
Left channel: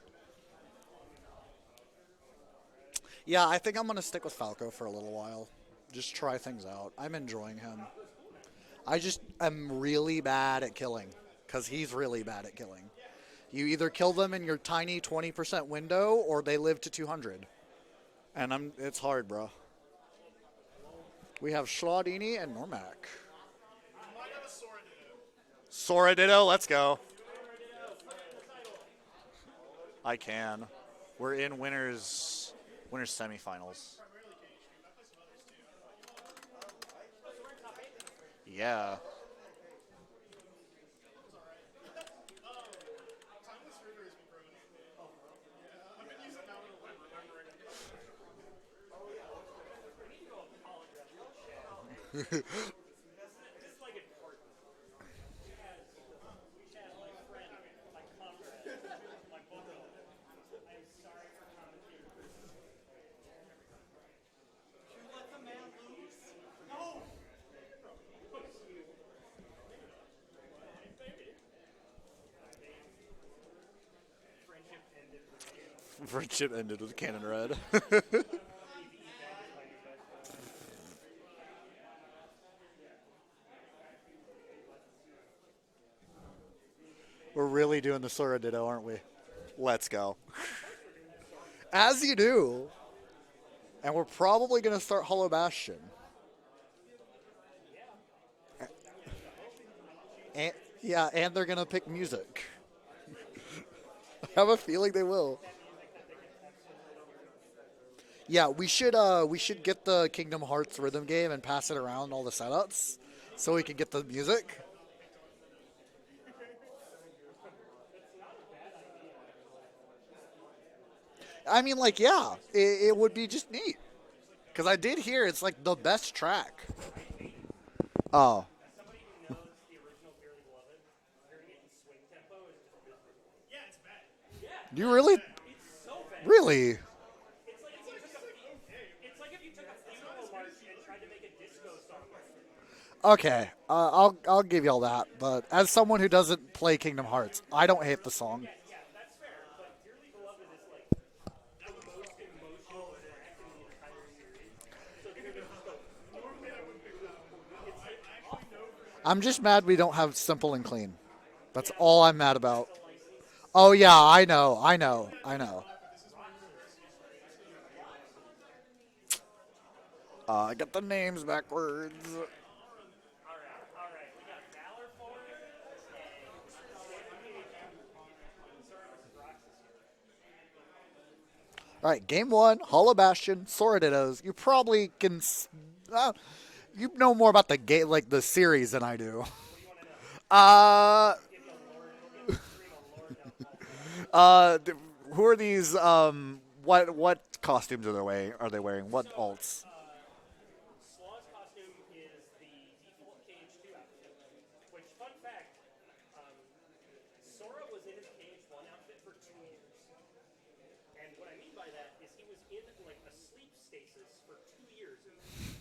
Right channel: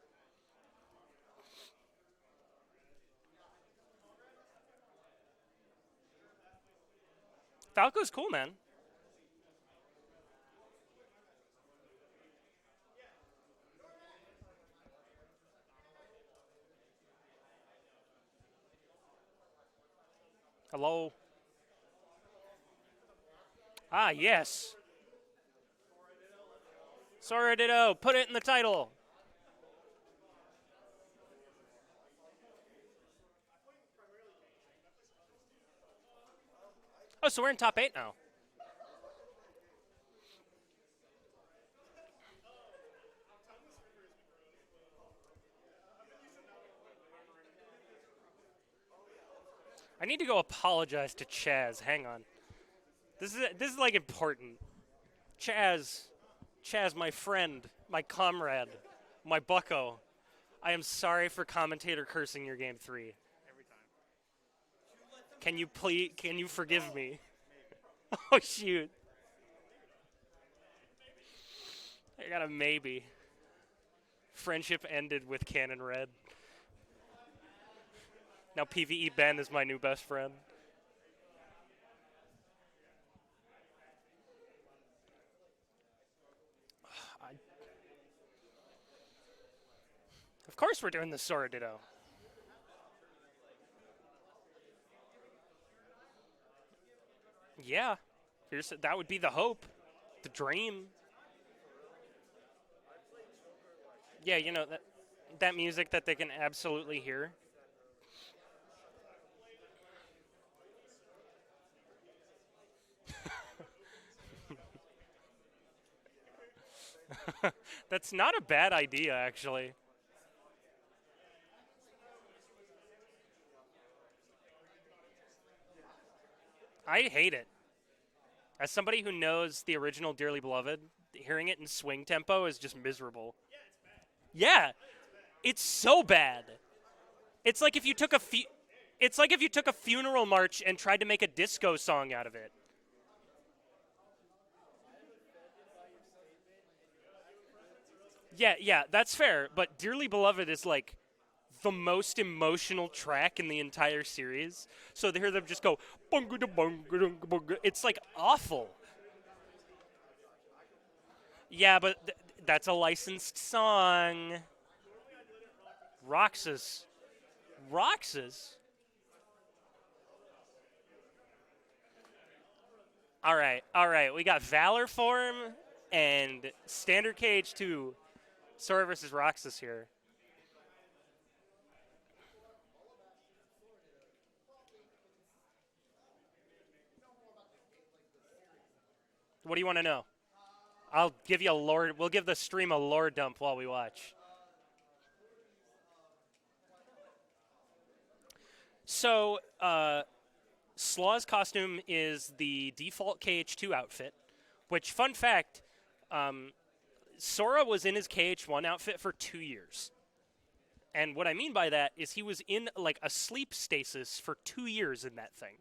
Yeah, I think I'm going to stick with Falco for a little while. Just try things out. I'm enjoying him. Falco's cool, man. I just am really bad at killing because he's really bad at killing. You either kill them in your tiny 20% window or they live to 200. And it's hard, bro. Hello. We have Slawdini and Noremac. Ah, yes. Sora Ditto, let's go. Sora Ditto, put it in the title. I can. We're in winners semifinals. Oh, so we're in top 8 now. Yeah. I need to go apologize to Chaz. Hang on. This is like important. Chaz, my friend, my comrade, my bucko. I am sorry for commentator cursing your game 3. Can you forgive me? Oh shoot. I got a maybe. Friendship ended with Cannon Red. Friendship ended with Cannon Red. Now PvE Ben is my new best friend. We're really doing the Sora Ditto, aren't we? Let's go. Of course we're doing the Sora Ditto. As you do. And we're probably going to start Hollow Bastion. Yeah. That would be the hope. The dream. And they're going to pick music. Yeah, I have a feeling they will. That music that they can absolutely hear. Yeah, we should get the Kingdom Hearts rhythm game and pass it around all the setups so we can get the music. That's not a bad idea, actually. I mean, like, yeah, it would be just neat. Because I did hear it's, like, the best track. I hate it. Oh. As somebody who knows the original Dearly Beloved, hearing it in swing tempo is just miserable. Yeah, it's bad. Yeah. You really? It's so bad. Really? It's like if you took a funeral march and tried to make a disco song out of it. Okay, I'll give y'all that. But as someone who doesn't play Kingdom Hearts, I don't hate the song. Yeah, that's fair. But Dearly Beloved is like the most emotional track in the entire series. So to hear them just go, it's like awful. I'm just mad we don't have Simple and Clean. That's yeah, all I'm mad about. That's a licensed song. Oh yeah, I know. Roxas. I got the names backwards. All right. We got Valor Form and Standard KH2. Sora versus Roxas here. All right, game 1, Hollow Bastion, Sora Dittos. You probably can. You know more about the game, like the series, than I do. What do you want to know? I'll give you a lore. We'll give the stream a lore dump while we watch. Who are these? What costumes are they wearing? What alts? Slaw's costume is the default KH2 outfit, which, fun fact, Sora was in his KH1 outfit for 2 years. And what I mean by that is he was in like a sleep stasis for 2 years in that thing.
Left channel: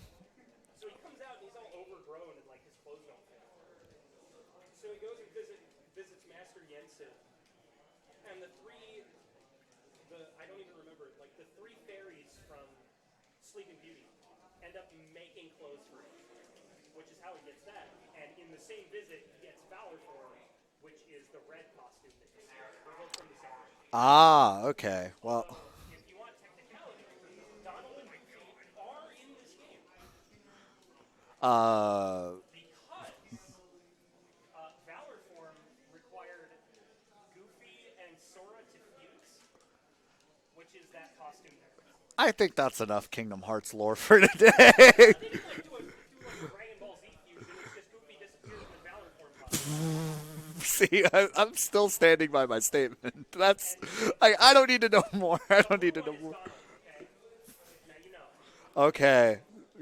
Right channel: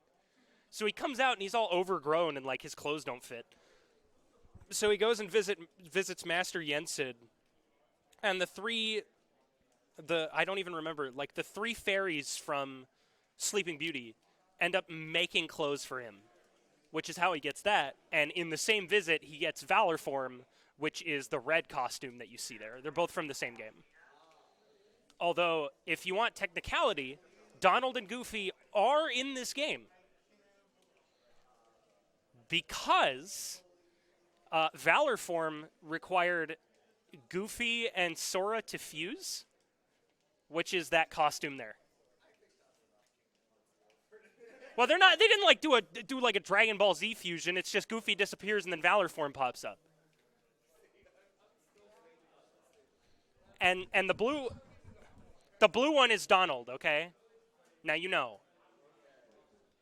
So he comes out and he's all overgrown and like his clothes don't fit. So he goes and visits Master Yensid, and I don't even remember, like the 3 fairies from Sleeping Beauty end up making clothes for him, which is how he gets that. And in the same visit, he gets Valor Form, which is the red costume that you see there. They're both from the same game. Ah, okay. Although, if you want technicality, Donald and Goofy are in this game. Because Valor Form required Goofy and Sora to fuse, which is that costume there. I think that's enough Kingdom Hearts lore for today. They didn't like do like a Dragon Ball Z fusion. It's just Goofy disappears and then Valor Form pops up. See, I'm still standing by my statement. That's and the blue I don't need to know more. The blue one is Donald. Okay, now you know. Okay,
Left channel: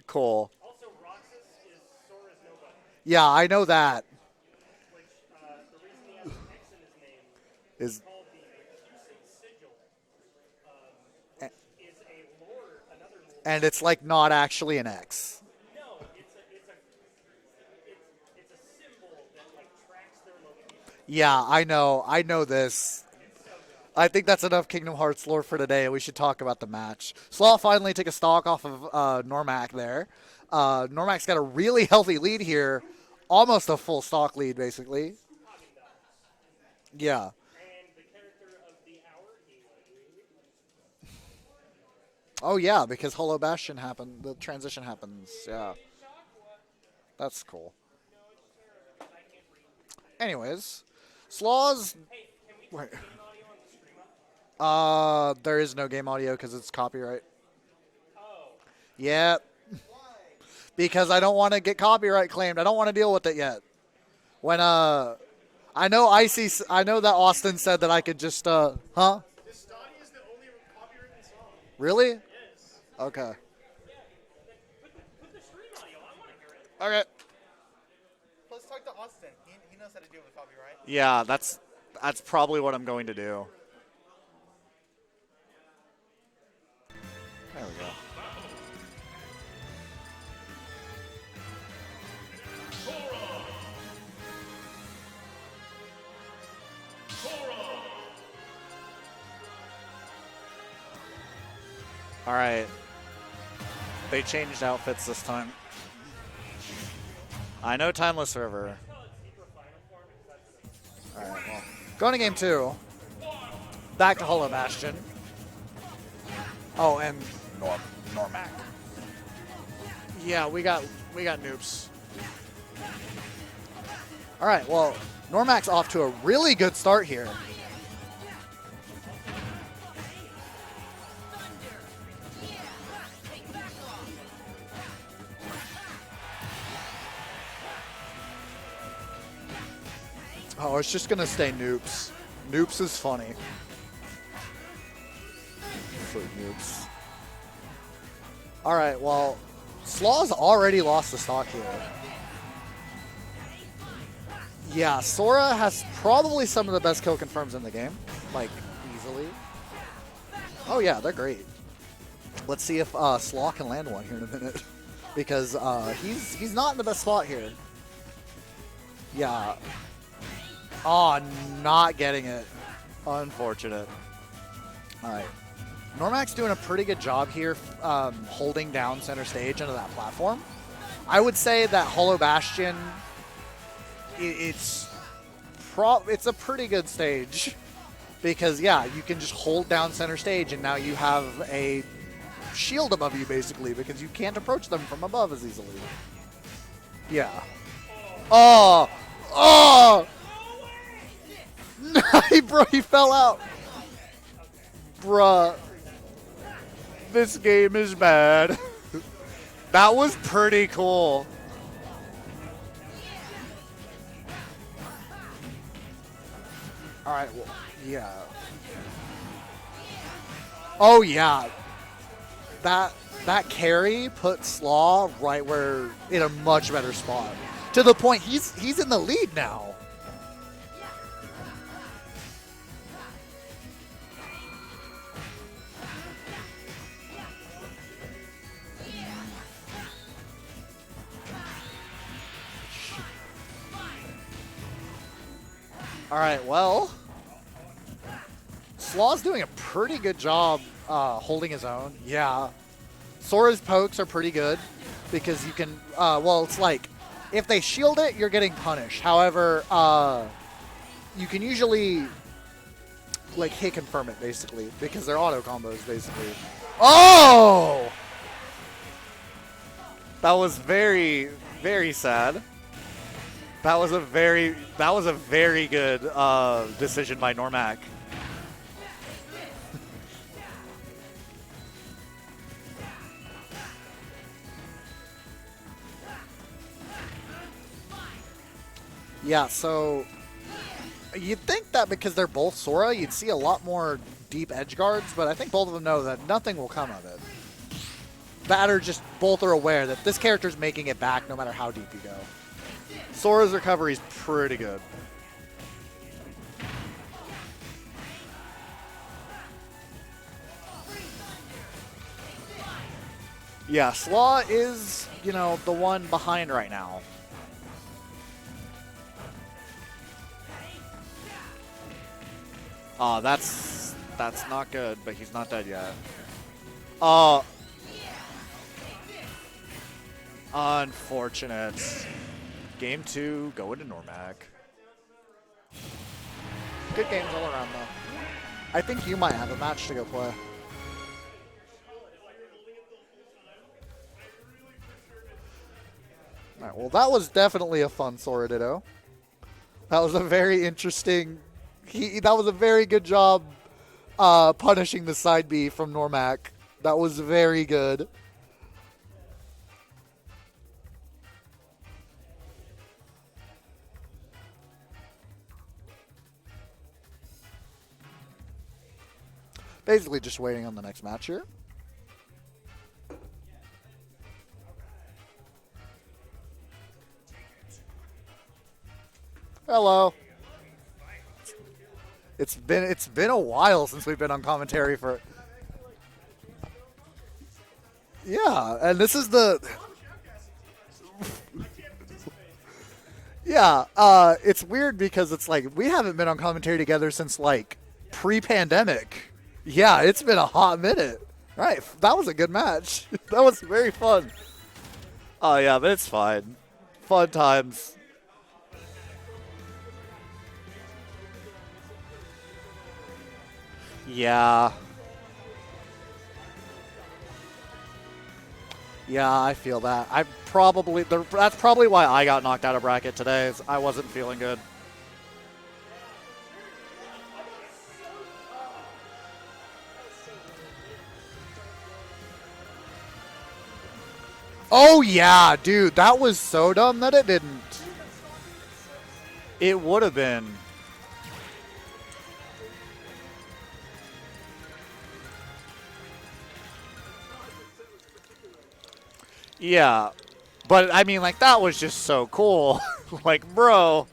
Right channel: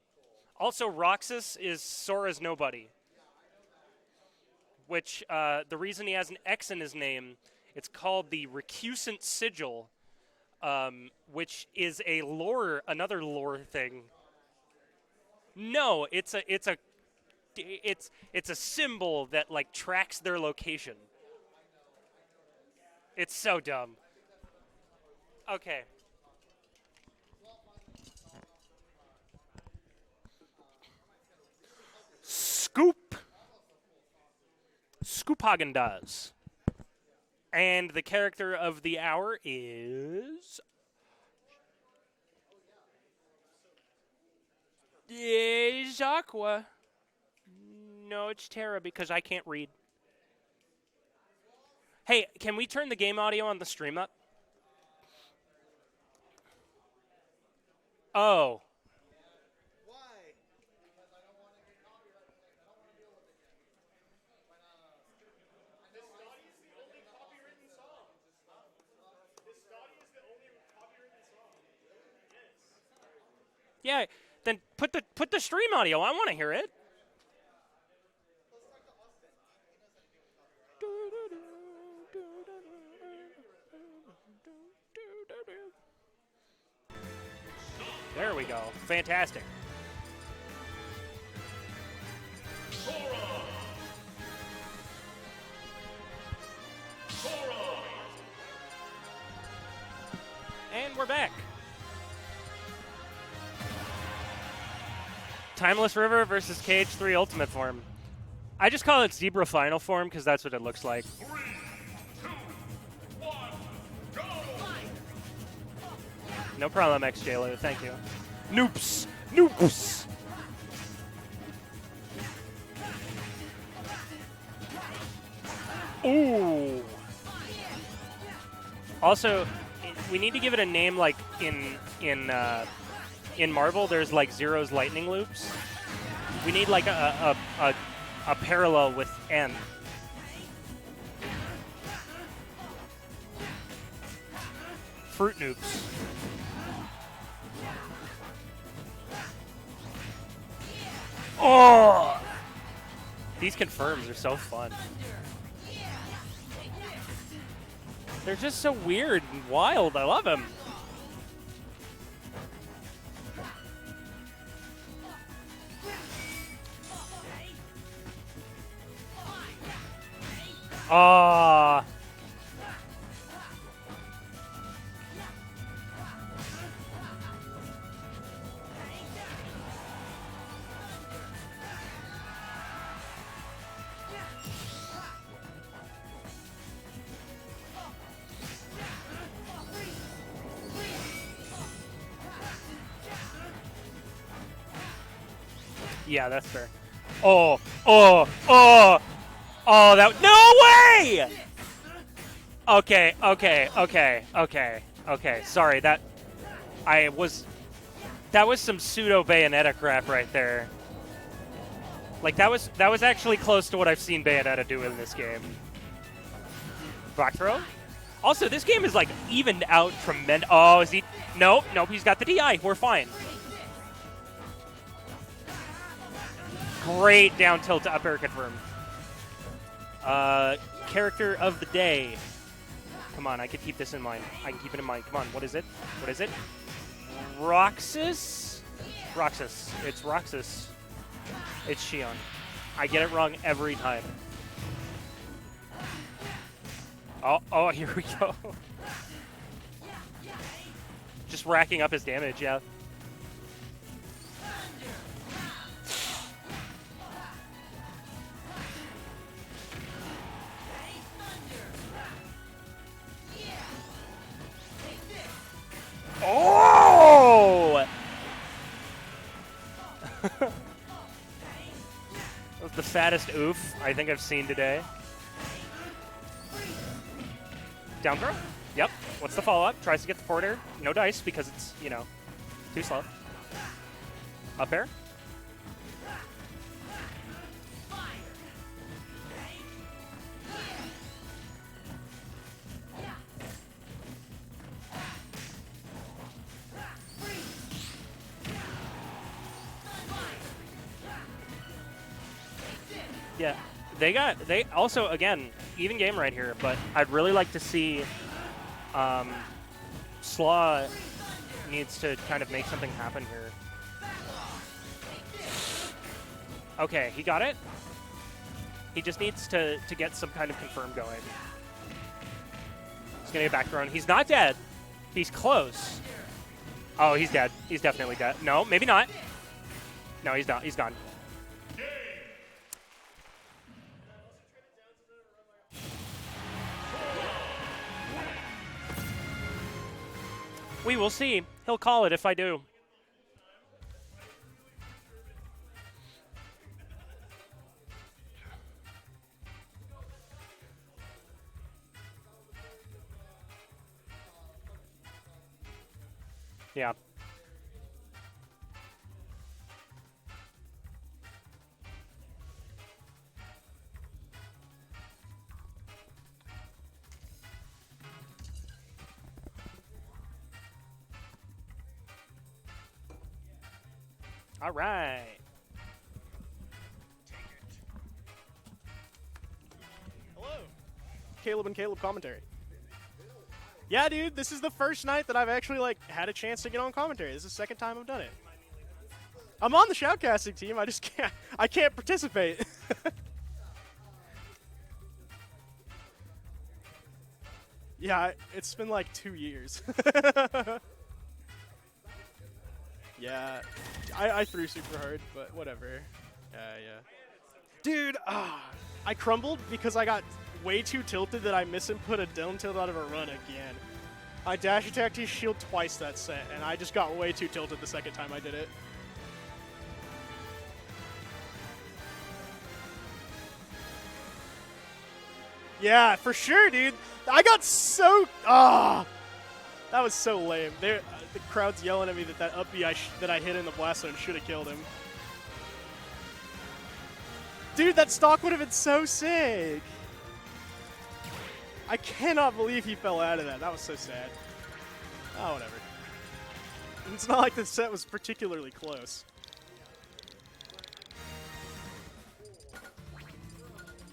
cool. Also, Roxas is Sora's nobody. Yeah, I know that. Which the reason he has an X in his name is called the Recusant Sigil. Which is another lore and it's thing. like not actually an X. No, it's a symbol that like tracks their location. Yeah, I know this. It's so dumb. I think that's enough Kingdom Hearts lore for today. We should talk about the match. Slaw finally took a stock off of Noremac there. Normac's got a really healthy lead here. Scoop. Almost a full stock lead, basically. Scoop Hagen does. Yeah. And the character of the hour is... Oh, yeah, because Hollow Bastion happened. The transition happened. It's Aqua. That's cool. No, it's Terra because I can't read. Anyways, Slaw's... Hey, can we turn the game audio on the stream up? There is no game audio because it's copyright. Oh. Yep. Why? Because I don't want to get copyright claimed. I don't want to deal with it yet. When, I know that Austin said that I could just, huh? Really? Yes. Okay. Yeah, then put the stream audio. I want to hear it. Okay. Let's talk to Austin. He knows how to deal with copyright. Yeah, that's probably what I'm going to do. There we go. Fantastic. They changed outfits this time. Timeless River versus KH3 Ultimate form. I know Timeless River. I just call it Zebra Final form because that's what it looks like. Going to game 2. Back to Hollow Bastion. No problem, XJLo. Thank you. Noops. Noops. Yeah, we got noobs. All right, well, Normac's off to a really good start here. Also, we need to give it a name like in Marvel. There's like Zero's lightning loops. We need like a parallel with N. Oh, it's just gonna stay noobs. Noobs is funny. Fruit Noops. All right, well, Slaw's already lost the stock. Oh! These confirms are so fun. Yeah, Sora has probably some of the best kill confirms in the game. They're Like, just so weird and wild. I love them. oh yeah, they're great. Let's see if Slaw can land one here in a minute, because he's not in the best spot here. Yeah. Oh, not getting it. Unfortunate. All right. Normac's doing a pretty good job here holding down center stage under that platform. I would say that Hollow Bastion, it's a pretty good stage because, yeah, you can just hold down center stage and now you have a shield above you, basically, because you can't approach them from above as easily. Yeah, that's fair. Yeah. That, no way! he fell out. Okay. Bruh. Sorry, This game is bad. that was some pseudo Bayonetta That crap was right pretty there. cool. Like that was actually close to what I've seen Bayonetta do in this game. Back throw? Yeah. Also, this game is like evened out from men. Oh, yeah. Nope, he's got the DI. We're fine. That carry put Slaw right where in a much better Great spot. down tilt. To the upper point confirm. he's in the lead now. Character of the day. Come on, I can keep this in mind. I can keep it in mind. Come on, what is it? Roxas? Roxas. It's Roxas. It's Shion. I get it wrong every time. All right, well, Oh, here we go. Slaw's doing a pretty good job holding Just racking his own. up his damage, yeah. Sora's pokes are pretty good because you can, well, it's like, if they shield it, you're getting punished. However, you can usually, like, hit confirm it, basically, because they're auto combos, basically. Oh! That was very, very sad. The saddest oof That was I a think I've very seen today. that was a very good decision by Noremac. Down throw? Yep. What's the follow-up? Tries to get the forward air. No dice because it's, too slow. Up air? Yeah, so you'd think that because they're both Sora, you'd see a lot more deep edge guards, but I think both of them know that nothing will come of it. Both are aware that this character's making it back no matter how deep you go. Sora's recovery is pretty good. Also, again, even game right here, but I'd really like to see Slaw needs to kind of make something happen here. Yeah, Slaw is, the one behind right now. Okay, he got it. He just needs to get some kind of confirm going. Oh, that's back run. He's not that's dead. not good, but He's not close. dead yet. Oh, he's dead. He's definitely dead. No, maybe not. No, he's done. He's done. Unfortunate. Game 2, going to Noremac. Good game all around, though. I think you might have a match to go play. We will see. He'll call it if I do. All right, well, that was definitely a fun Sora Ditto. That was a very interesting... that was a very good job punishing the side B from Noremac. Yeah. That was very good. Basically just waiting on the next match here. All right. Hello. Caleb and Caleb commentary. It's been a while since Yeah, we've dude, been on this commentary is the first night that I've actually had a chance to get on commentary. This is the second time I've done it. Yeah, and this is the I'm on the shoutcasting team. I just can't. I can't participate. yeah. It's weird because it's like we haven't been on commentary together since Yeah, pre-pandemic. It's been like 2 years. Yeah, it's been a hot minute. Right, that was a good match. Yeah. That was very fun. I threw super hard. But Oh yeah, but it's fine. yeah. Fun times. Dude, I crumbled because I got way too tilted that I misinput a down tilt out of a run again. I Yeah, dash attacked his shield twice that set, and I just got way too tilted the second time I did it. yeah, I feel that. That's probably why I got knocked out of bracket today. Is I wasn't feeling good. Yeah, for sure, dude. I got so that was so lame. The crowd's yelling at me that up B that I hit in the blast zone should have killed him. Oh yeah, dude, that was so dumb that it didn't. Dude, that stock would have been so sick. It would have been. I cannot believe he fell out of that. That was so sad. Oh, whatever. It's not like the set was particularly close. Yeah, but I mean, like that was just so cool. Like, bro. All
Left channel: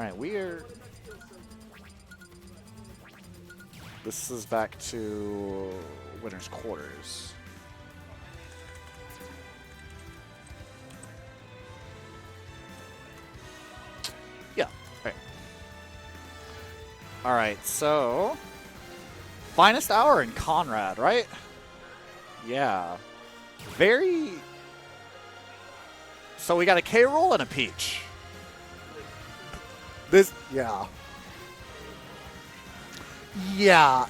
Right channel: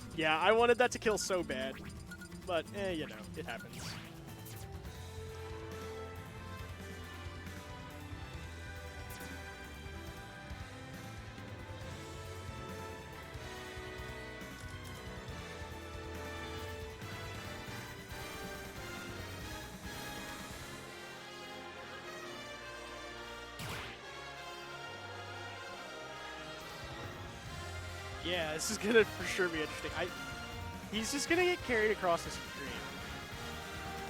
right. Yeah, I wanted that to kill so bad. But, you know, it happens. This is back to winner's quarters. Yeah, right. All right, so FinestHour and Conrad, right? Yeah. Very. So we got a K roll and a Peach. Yeah, this is going to for sure be interesting. This, yeah. He's just going to get carried across the screen. Yeah,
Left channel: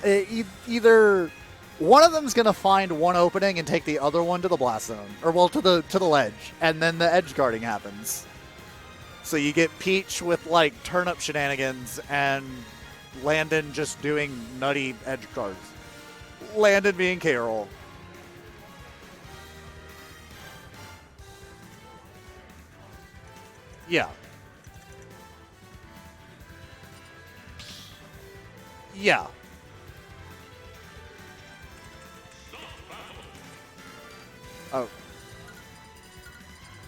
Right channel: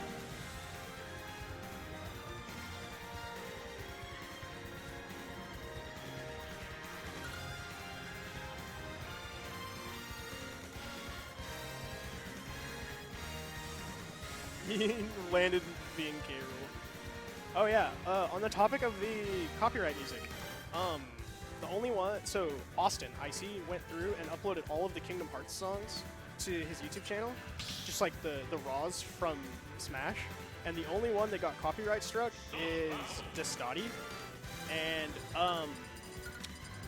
either one of them's gonna find one opening and take the other one to the blast zone, or well, to the ledge, and then the edge guarding happens. So you get Peach with like turnip shenanigans and Landon just doing nutty edge guard. Landon's being carried. Landon being Carol. Oh yeah. On the topic of the copyright music, the only one. So Austin, I see, went through Yeah. and uploaded all of the Kingdom Hearts songs to his YouTube channel, just like the raws Yeah. from Smash. And the only one that got copyright struck is Slawdini. Oh. And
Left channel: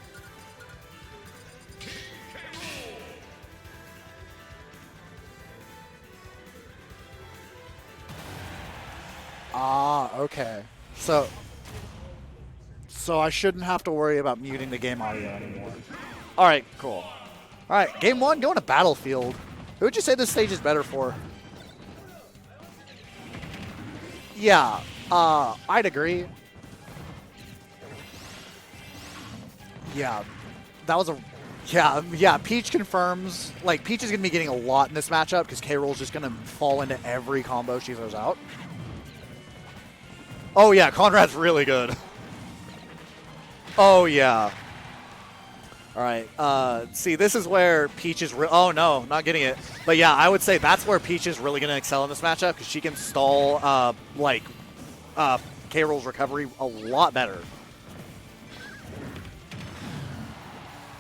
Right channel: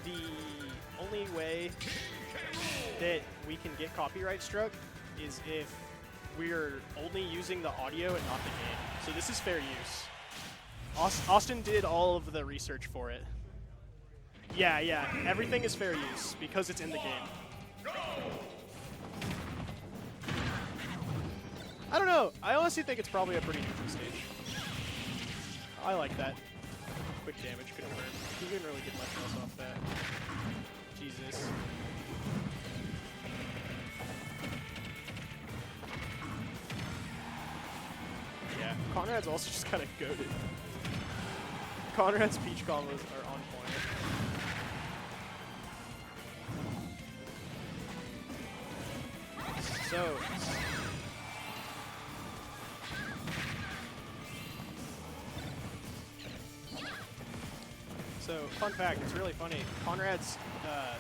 the only way that we can get copyright struck is if we're only using the audio and not the game. So this is fair Ah, use. okay. Austin did all of the research for So it. I shouldn't have to worry about muting Yeah, the game yeah. audio. Everything is fair use. All right, because it's in the cool. game. All right, game one, going to Battlefield. Who would you say this stage is better for? I don't know. I honestly think it's probably a pretty good stage. Yeah, I'd I like agree. that quick damage kill. He didn't really do that. Yeah, that was a yeah. Peach confirms like Peach is gonna be getting a lot in this matchup because K Roll's just gonna fall into every combo she throws out. Yeah. Conrad's also just kind of good. Oh yeah, Conrad's really good. Conrad's Peach combos are on point. Oh yeah. All right. See, this is where Peach is. Oh no, not getting it. But yeah, I would say that's where Peach is really gonna excel in this matchup because she can stall K Roll's recovery a lot better. So, fun fact, it's really funny. Conrad's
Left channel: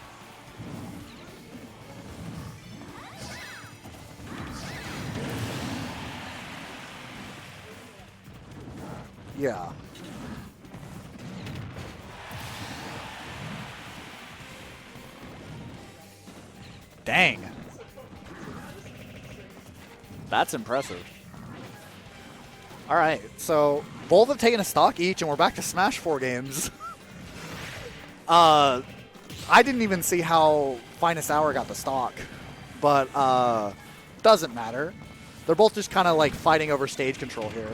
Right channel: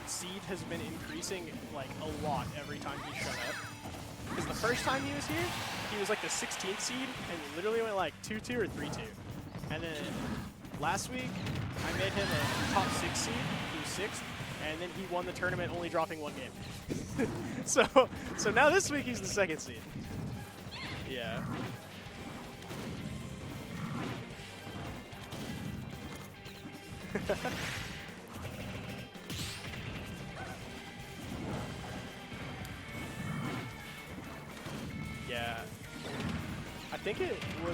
seed has been increasing like a lot every time he's set up. The first time he was here, he was like the 16th seed and literally went like 2-2 or 3-2. Yeah. And then last week, we made him a top 6 seed, he was 6th, and then he won the tournament only dropping 1 game. Dang. So now this week he's the 2nd seed. That's impressive. Yeah. All right, so both have taken a stock each, and we're back to Smash 4 games. I didn't even see how FinestHour got the stock, but doesn't matter. Yeah. They're both just kind of like fighting over stage control here.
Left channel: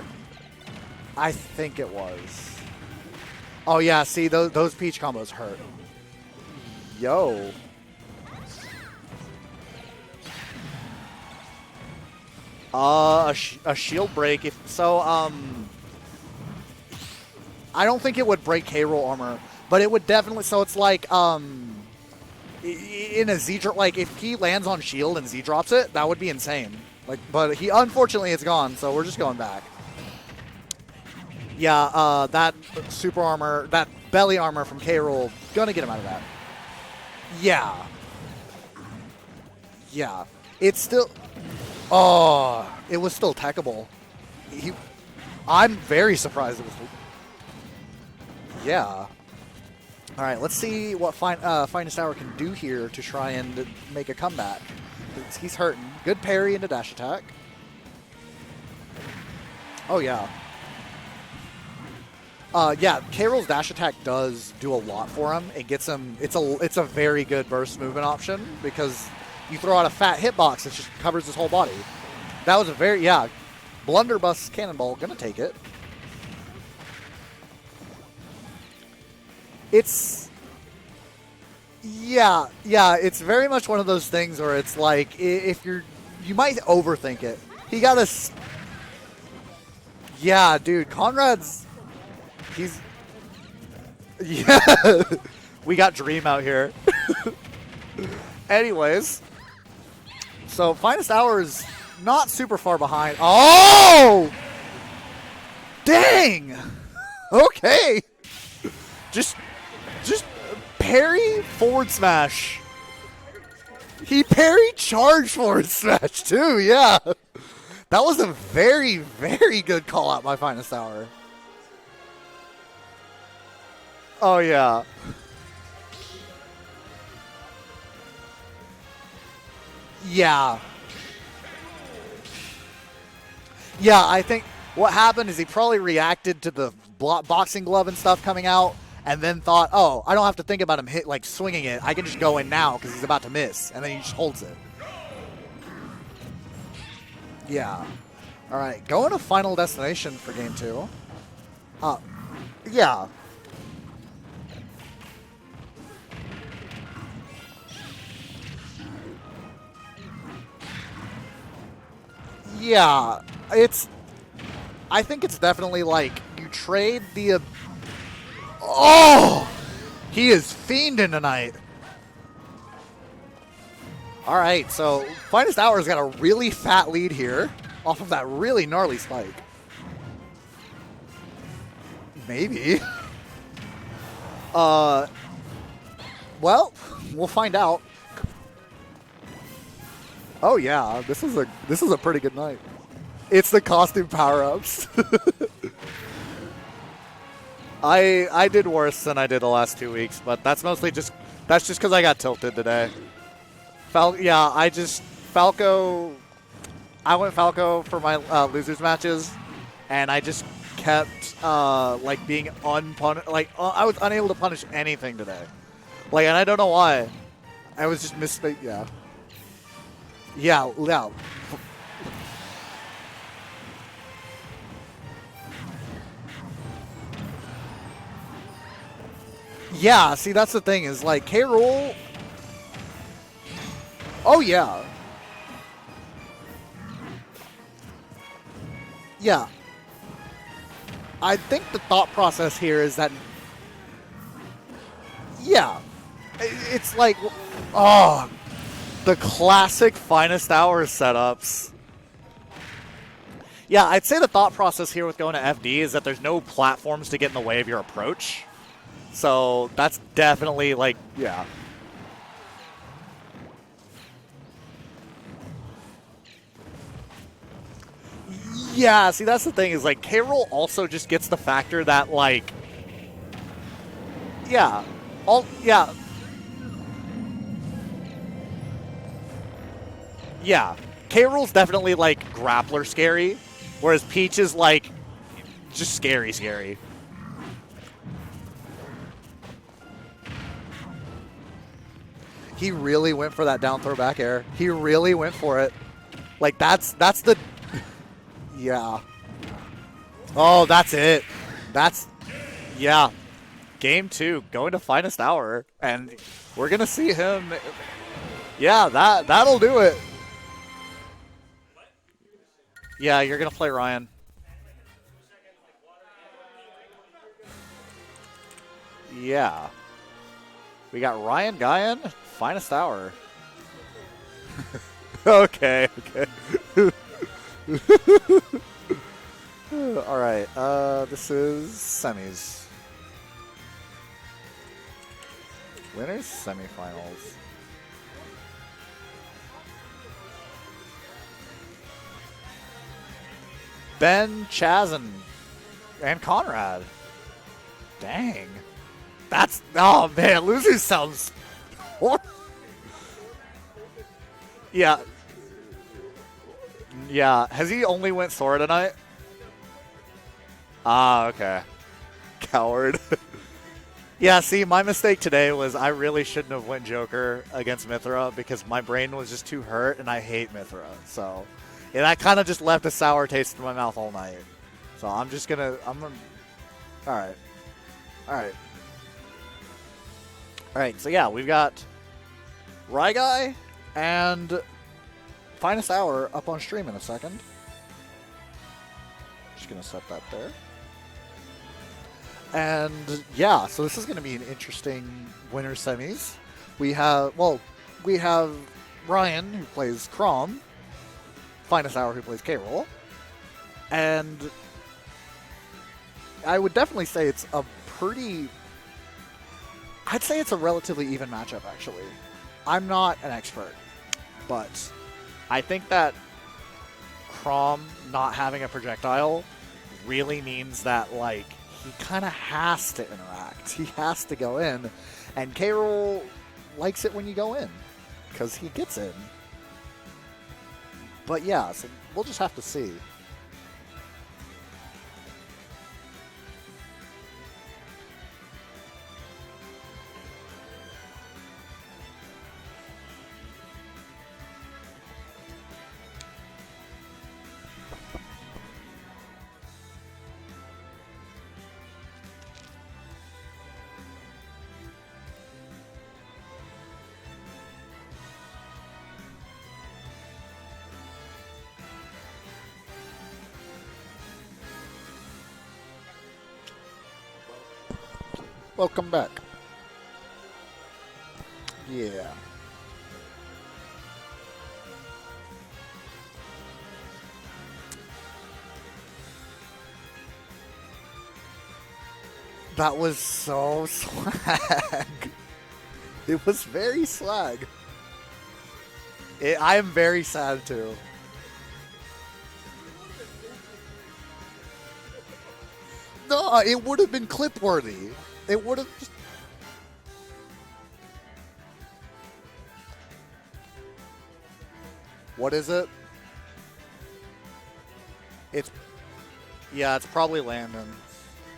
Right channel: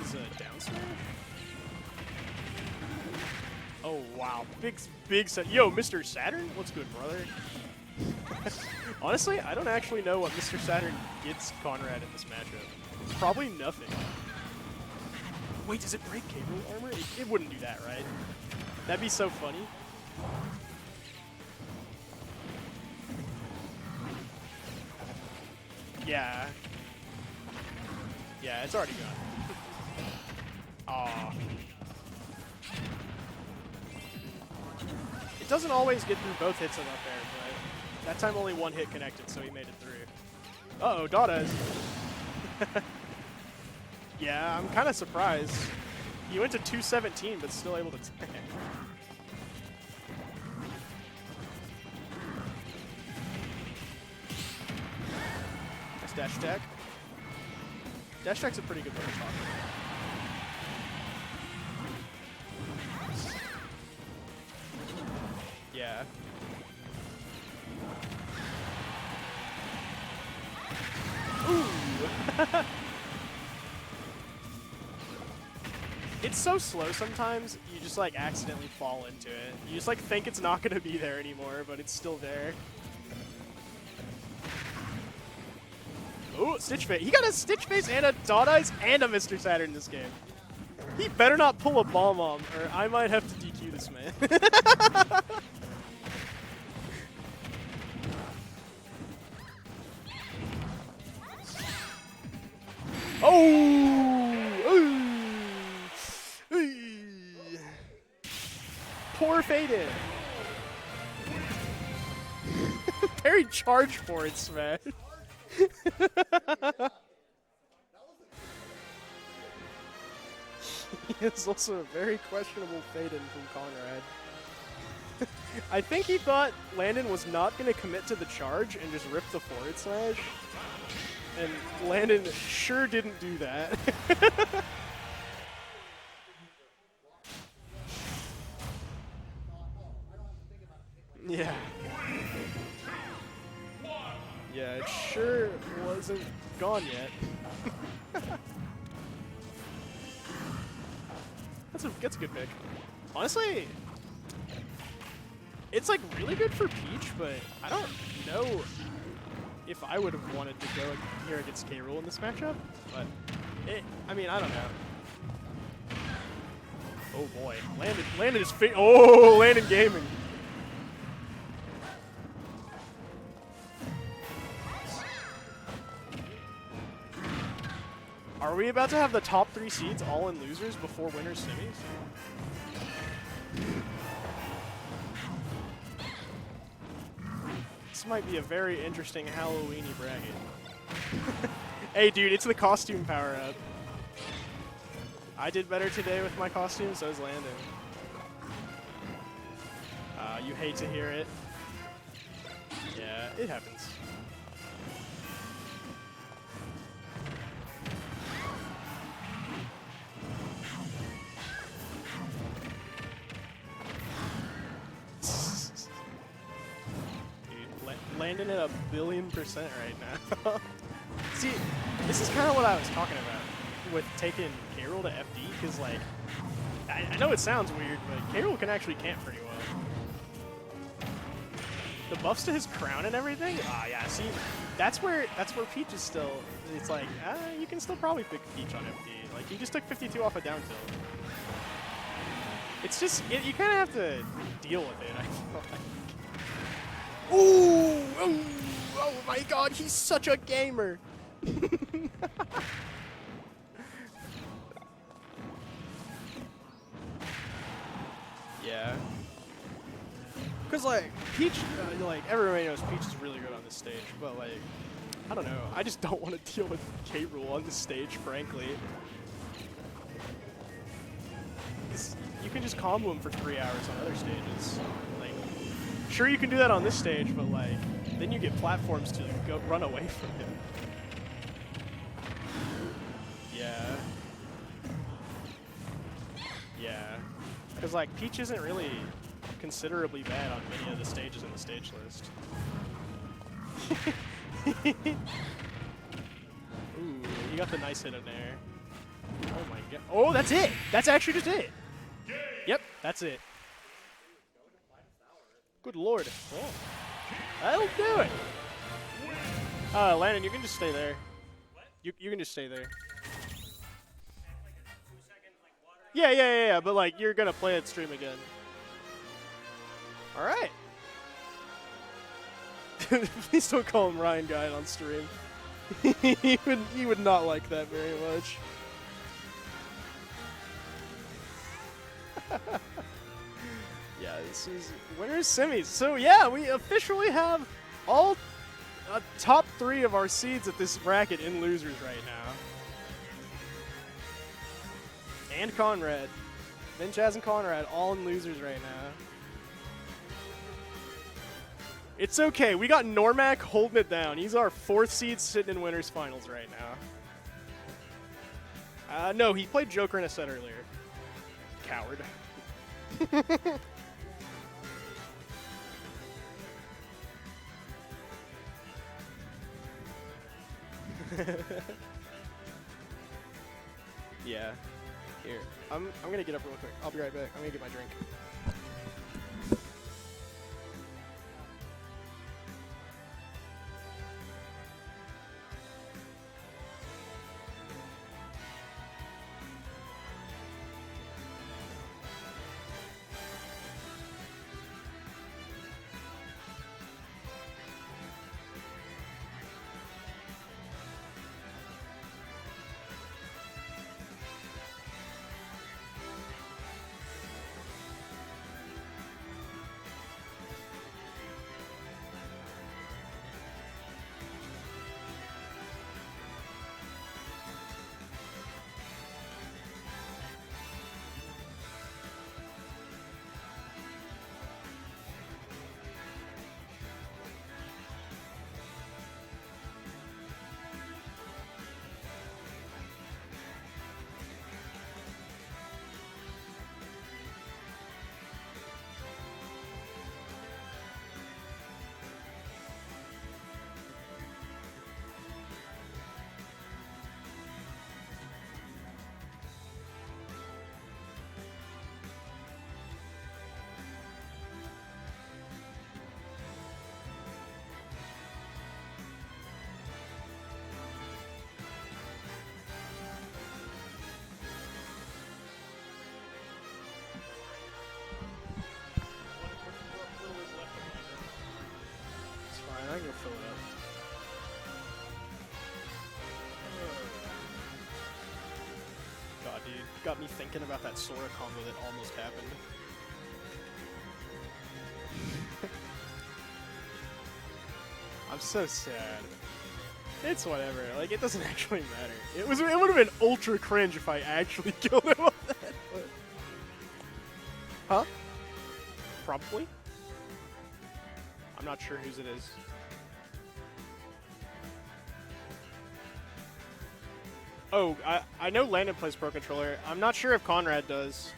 I think it was. Oh yeah, see those Peach Big combos. set. hurt. Yo, Mr. Saturn? What's good, bro? Yo. Honestly, I don't actually know what Mr. Saturn gets Conrad in this matchup. A nothing. shield break. If so, Wait, does it break K-Roll armor? It wouldn't do that. I don't think it would break K-Roll That'd be so armor, funny. but it would definitely. So it's like in a Z drop. Like if he lands on shield and Z drops it, that would be Yeah. insane. Like, but he unfortunately it's gone, so we're just going back. Aw. Yeah, that super armor, that belly armor from K-Roll, Doesn't gonna get him always out get of that. through both hits of that Yeah, That time only 1 hit connected, so he made it through. yeah. It's Oh, still. got it. Oh, it was still techable. Yeah, I'm kind of surprised. I'm very He went surprised. to 217, but still able to tech it. Yeah. All right, let's see what FinestHour can do here to try and make a comeback. He's hurting. Good Dash parry attack. into dash attack. Dash attack's a pretty good thing. Oh yeah. Yeah, K-Roll's dash attack does do a lot for him. It gets Yeah. him. It's a very good burst movement option because you throw out a fat hitbox, it just covers his whole body. That was a very blunderbuss cannonball. Gonna take it. It's so slow sometimes, you just like accidentally fall into it. You just like It's- think it's not going to be there anymore, but it's still Yeah, there. yeah, it's very much one of those things where it's like if you might Ooh, Stitch Fit. overthink You got a it. Stitch You Fit got and a a Dot Eyes and a Mr. Saturn in this game. yeah, dude. You better Conrad's not pull a bomb on. He's- I might have to DQ this man. Yeah. We got Dream out here. Anyways, so FinestHour is not super far behind. Oh! Dang! Okay. Just, Poor faded. just parry forward smash. Parry charge. He forward parried smash. charge forward smash too. Yeah. That was a very, very good call out by FinestHour. It's also a very questionable fade in from Conrad. Oh yeah. I think he thought Landon was not going to commit to the charge and just rip the forward smash. Yeah. And Landon sure didn't do that. Yeah, I think what happened is he probably reacted to the boxing glove and stuff coming out, and then thought, "Oh, I don't have to think about him swinging it. I can just go in now because he's about to miss," and then he just holds it. Yeah, it sure wasn't gone yet. Yeah. All right, going to Final Destination for Game 2. That's a good pick. Yeah. Honestly, it's like really good for Peach, but I don't know if I would have wanted to go here against K-Rool in this matchup. Yeah. It's. I mean, I don't know. I think it's definitely like you trade the. Boy, Landon is Oh! Landon Gaming. He is fiending tonight. All right, so FinestHour's got a really fat lead here off of that really Are we about gnarly to have spike. the top 3 seeds all in losers before winners semis? Maybe. Well, we'll find out. This might be a very interesting Halloween bracket. Oh yeah, this is a Hey, pretty dude, good it's night. the costume power. It's the costume power-ups. I did better today with my costume, so is Landon. I did worse than I did the last 2 weeks, but that's hate mostly to just hear it. that's just because I got tilted today. Yeah, it happens. Falco. I went Falco for my losers matches, and I just kept like being unpunished. Like I was unable to punish anything today. Like, and I don't know why. I was just Landon missing. at Yeah. a billion% right now. Yeah. Yeah. See, this is kind of what I was talking about with taking K-Rool to FD, because like, I know it sounds weird, but K-Rool can actually camp pretty well. Yeah. See, that's the thing is like K-Rool. The buffs to his crown and everything. Yeah. See, Oh yeah. That's where Peach is still. It's like you can still probably pick Peach on FD. Yeah. He just took 52 off a down throw. I think the thought process here is that You kind of have to deal with it. yeah, it's like oh, the classic FinestHour setups. Yeah, I'd say the thought process here with going to FD is that there's no platforms to get in the way of your approach. Yeah. So that's definitely like yeah. Peach, like everybody knows Peach is really good on this stage, but like I don't know. I just don't want to deal with K-Rool on this stage, frankly. Yeah, see that's the thing is like K-Rool also just gets the factor that like You can just combo him for 3 hours on other stages. yeah, all yeah Sure, you can do that on this stage, but like then you get platforms to go run away from. yeah. K-Rool's definitely like grappler scary, Yeah. whereas Peach is like just scary. Yeah. Because like Peach isn't really considerably bad on any of the stages on the stage list. He really went for that down throw back air. He really went for it. Like that's the You got the nice hit in there. yeah. Oh, that's Oh, it. that's it. Actually just it. That's Yep, yeah. That's it. Game 2 going to FinestHour, and Lord. we're gonna see him. That'll do it. Yeah, that'll do it. Landon, you can just stay there. You can just stay there. Yeah, you're gonna play Ryan. Yeah. But like, you're gonna play it stream again. Yeah, All right. we got Ryan Guyan, FinestHour. Please don't call him Ryan Guy on stream. Okay. he would not like that very much. All right. This is semis. Yeah, this is winners semis. So Winners yeah, we semifinals. officially have all top 3 of our seeds at this bracket in losers right now. Ben, Chaz, And Conrad. and Conrad. Ben, Chaz, and Conrad all Dang. losers right now. That's oh man, losers sounds. It's okay. We got Noremac holding it down. He's our Yeah. 4th seed sitting in winners finals right now. Yeah, has he only went Sora tonight? No, he played Joker in a set earlier. Ah, okay. Coward. Coward. Yeah, see, my mistake today was I really shouldn't have went Joker against Mithra because my brain was just too hurt, and I hate Mithra. So yeah, that kind of just left a sour taste in my mouth all night. Yeah. So I'm just gonna. I'm gonna get up real quick. All right. I'm gonna get my drink. All right. All right. So yeah, we've got RyGuy and FinestHour up on stream in a second. Just gonna set that there. And yeah, so this is going to be an interesting winter semis. We have Ryan, who plays Crom, FinestHour, who plays K-Roll, and I would definitely say it's a I'd say it's a relatively even matchup, actually. I'm not an expert, but I think that Crom not having a projectile really means that, like, he kind of has to interact. He has to go in. And K-Roll likes it when you go in because he gets in. But yeah, so we'll just have to see. Welcome back. Yeah. It's fine. I can go fill it up. God, you got me thinking about that Sora combo that almost happened. That was so swag. It was very swag. I'm so sad. I am very sad It's too. whatever. Like, it doesn't actually matter. It would have been ultra cringe if I actually killed him on that. No, it would have been clip worthy. Huh? It would have. Probably. I'm not sure whose it is. What is it? Oh, I It's- know Landon plays Pro Controller. Yeah, it's I'm probably not sure if Landon. Conrad does.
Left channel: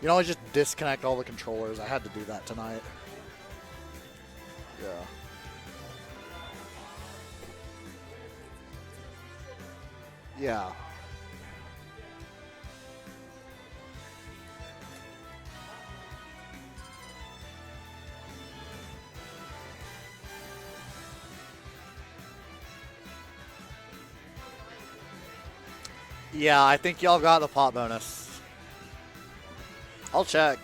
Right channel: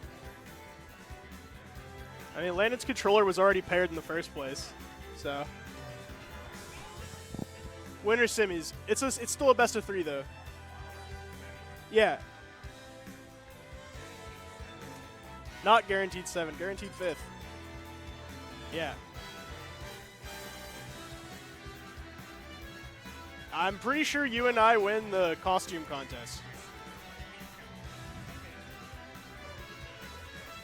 You know, I just disconnect all the controllers. I had to do that. I mean, tonight. Landon's controller was already paired in the first place. Yeah. So. Winter semis. It's still a best of 3 though. Yeah. Yeah. Not guaranteed 7, guaranteed 5th. Yeah. I'm pretty sure you and I win the costume contest. Yeah, I think y'all got the pot bonus. I'll check.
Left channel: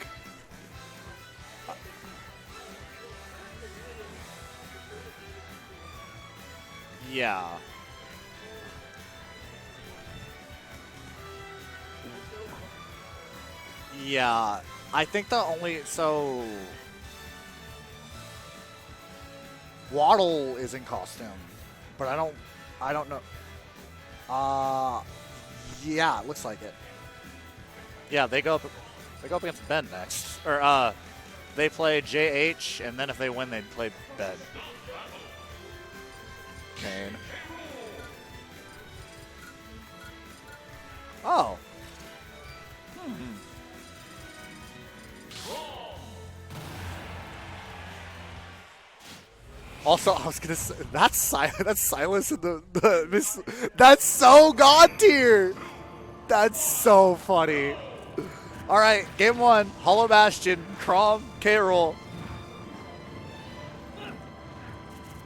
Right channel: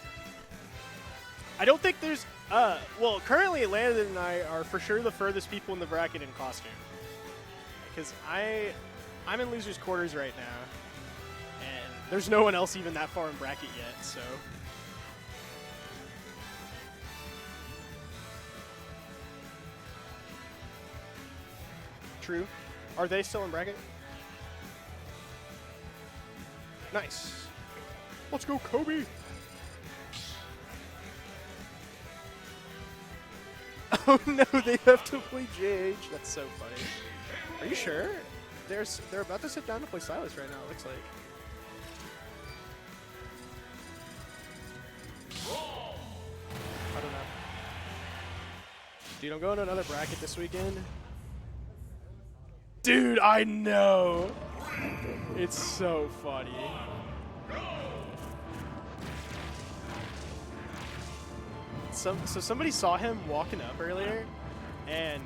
I don't think there's well, currently Landon and I are for sure the furthest people in the bracket in costume. Yeah. Because I'm in losers quarters right now, and there's no one else even that far in bracket yet. So. Yeah. I think the only Waddle is in costume, but I don't. True. I don't. Are know. they still in bracket? Yeah, it looks like it. Nice. Yeah, they go. Kobe. They go up against Ben next, or they play JH, and then if they win, they play Oh Ben. no, they have to play JH. That's so funny. Are you sure? They're about to sit down to play Silas right now. It looks like. Oh. Dude, I'm going to another. Also, I practice was this gonna say weekend. that's Silas in the Dude, this- I know. That's so god tier. It's so funny. That's so funny. All right, game 1, Hollow Bastion, Crom, K-Roll. So somebody saw him walking up earlier, and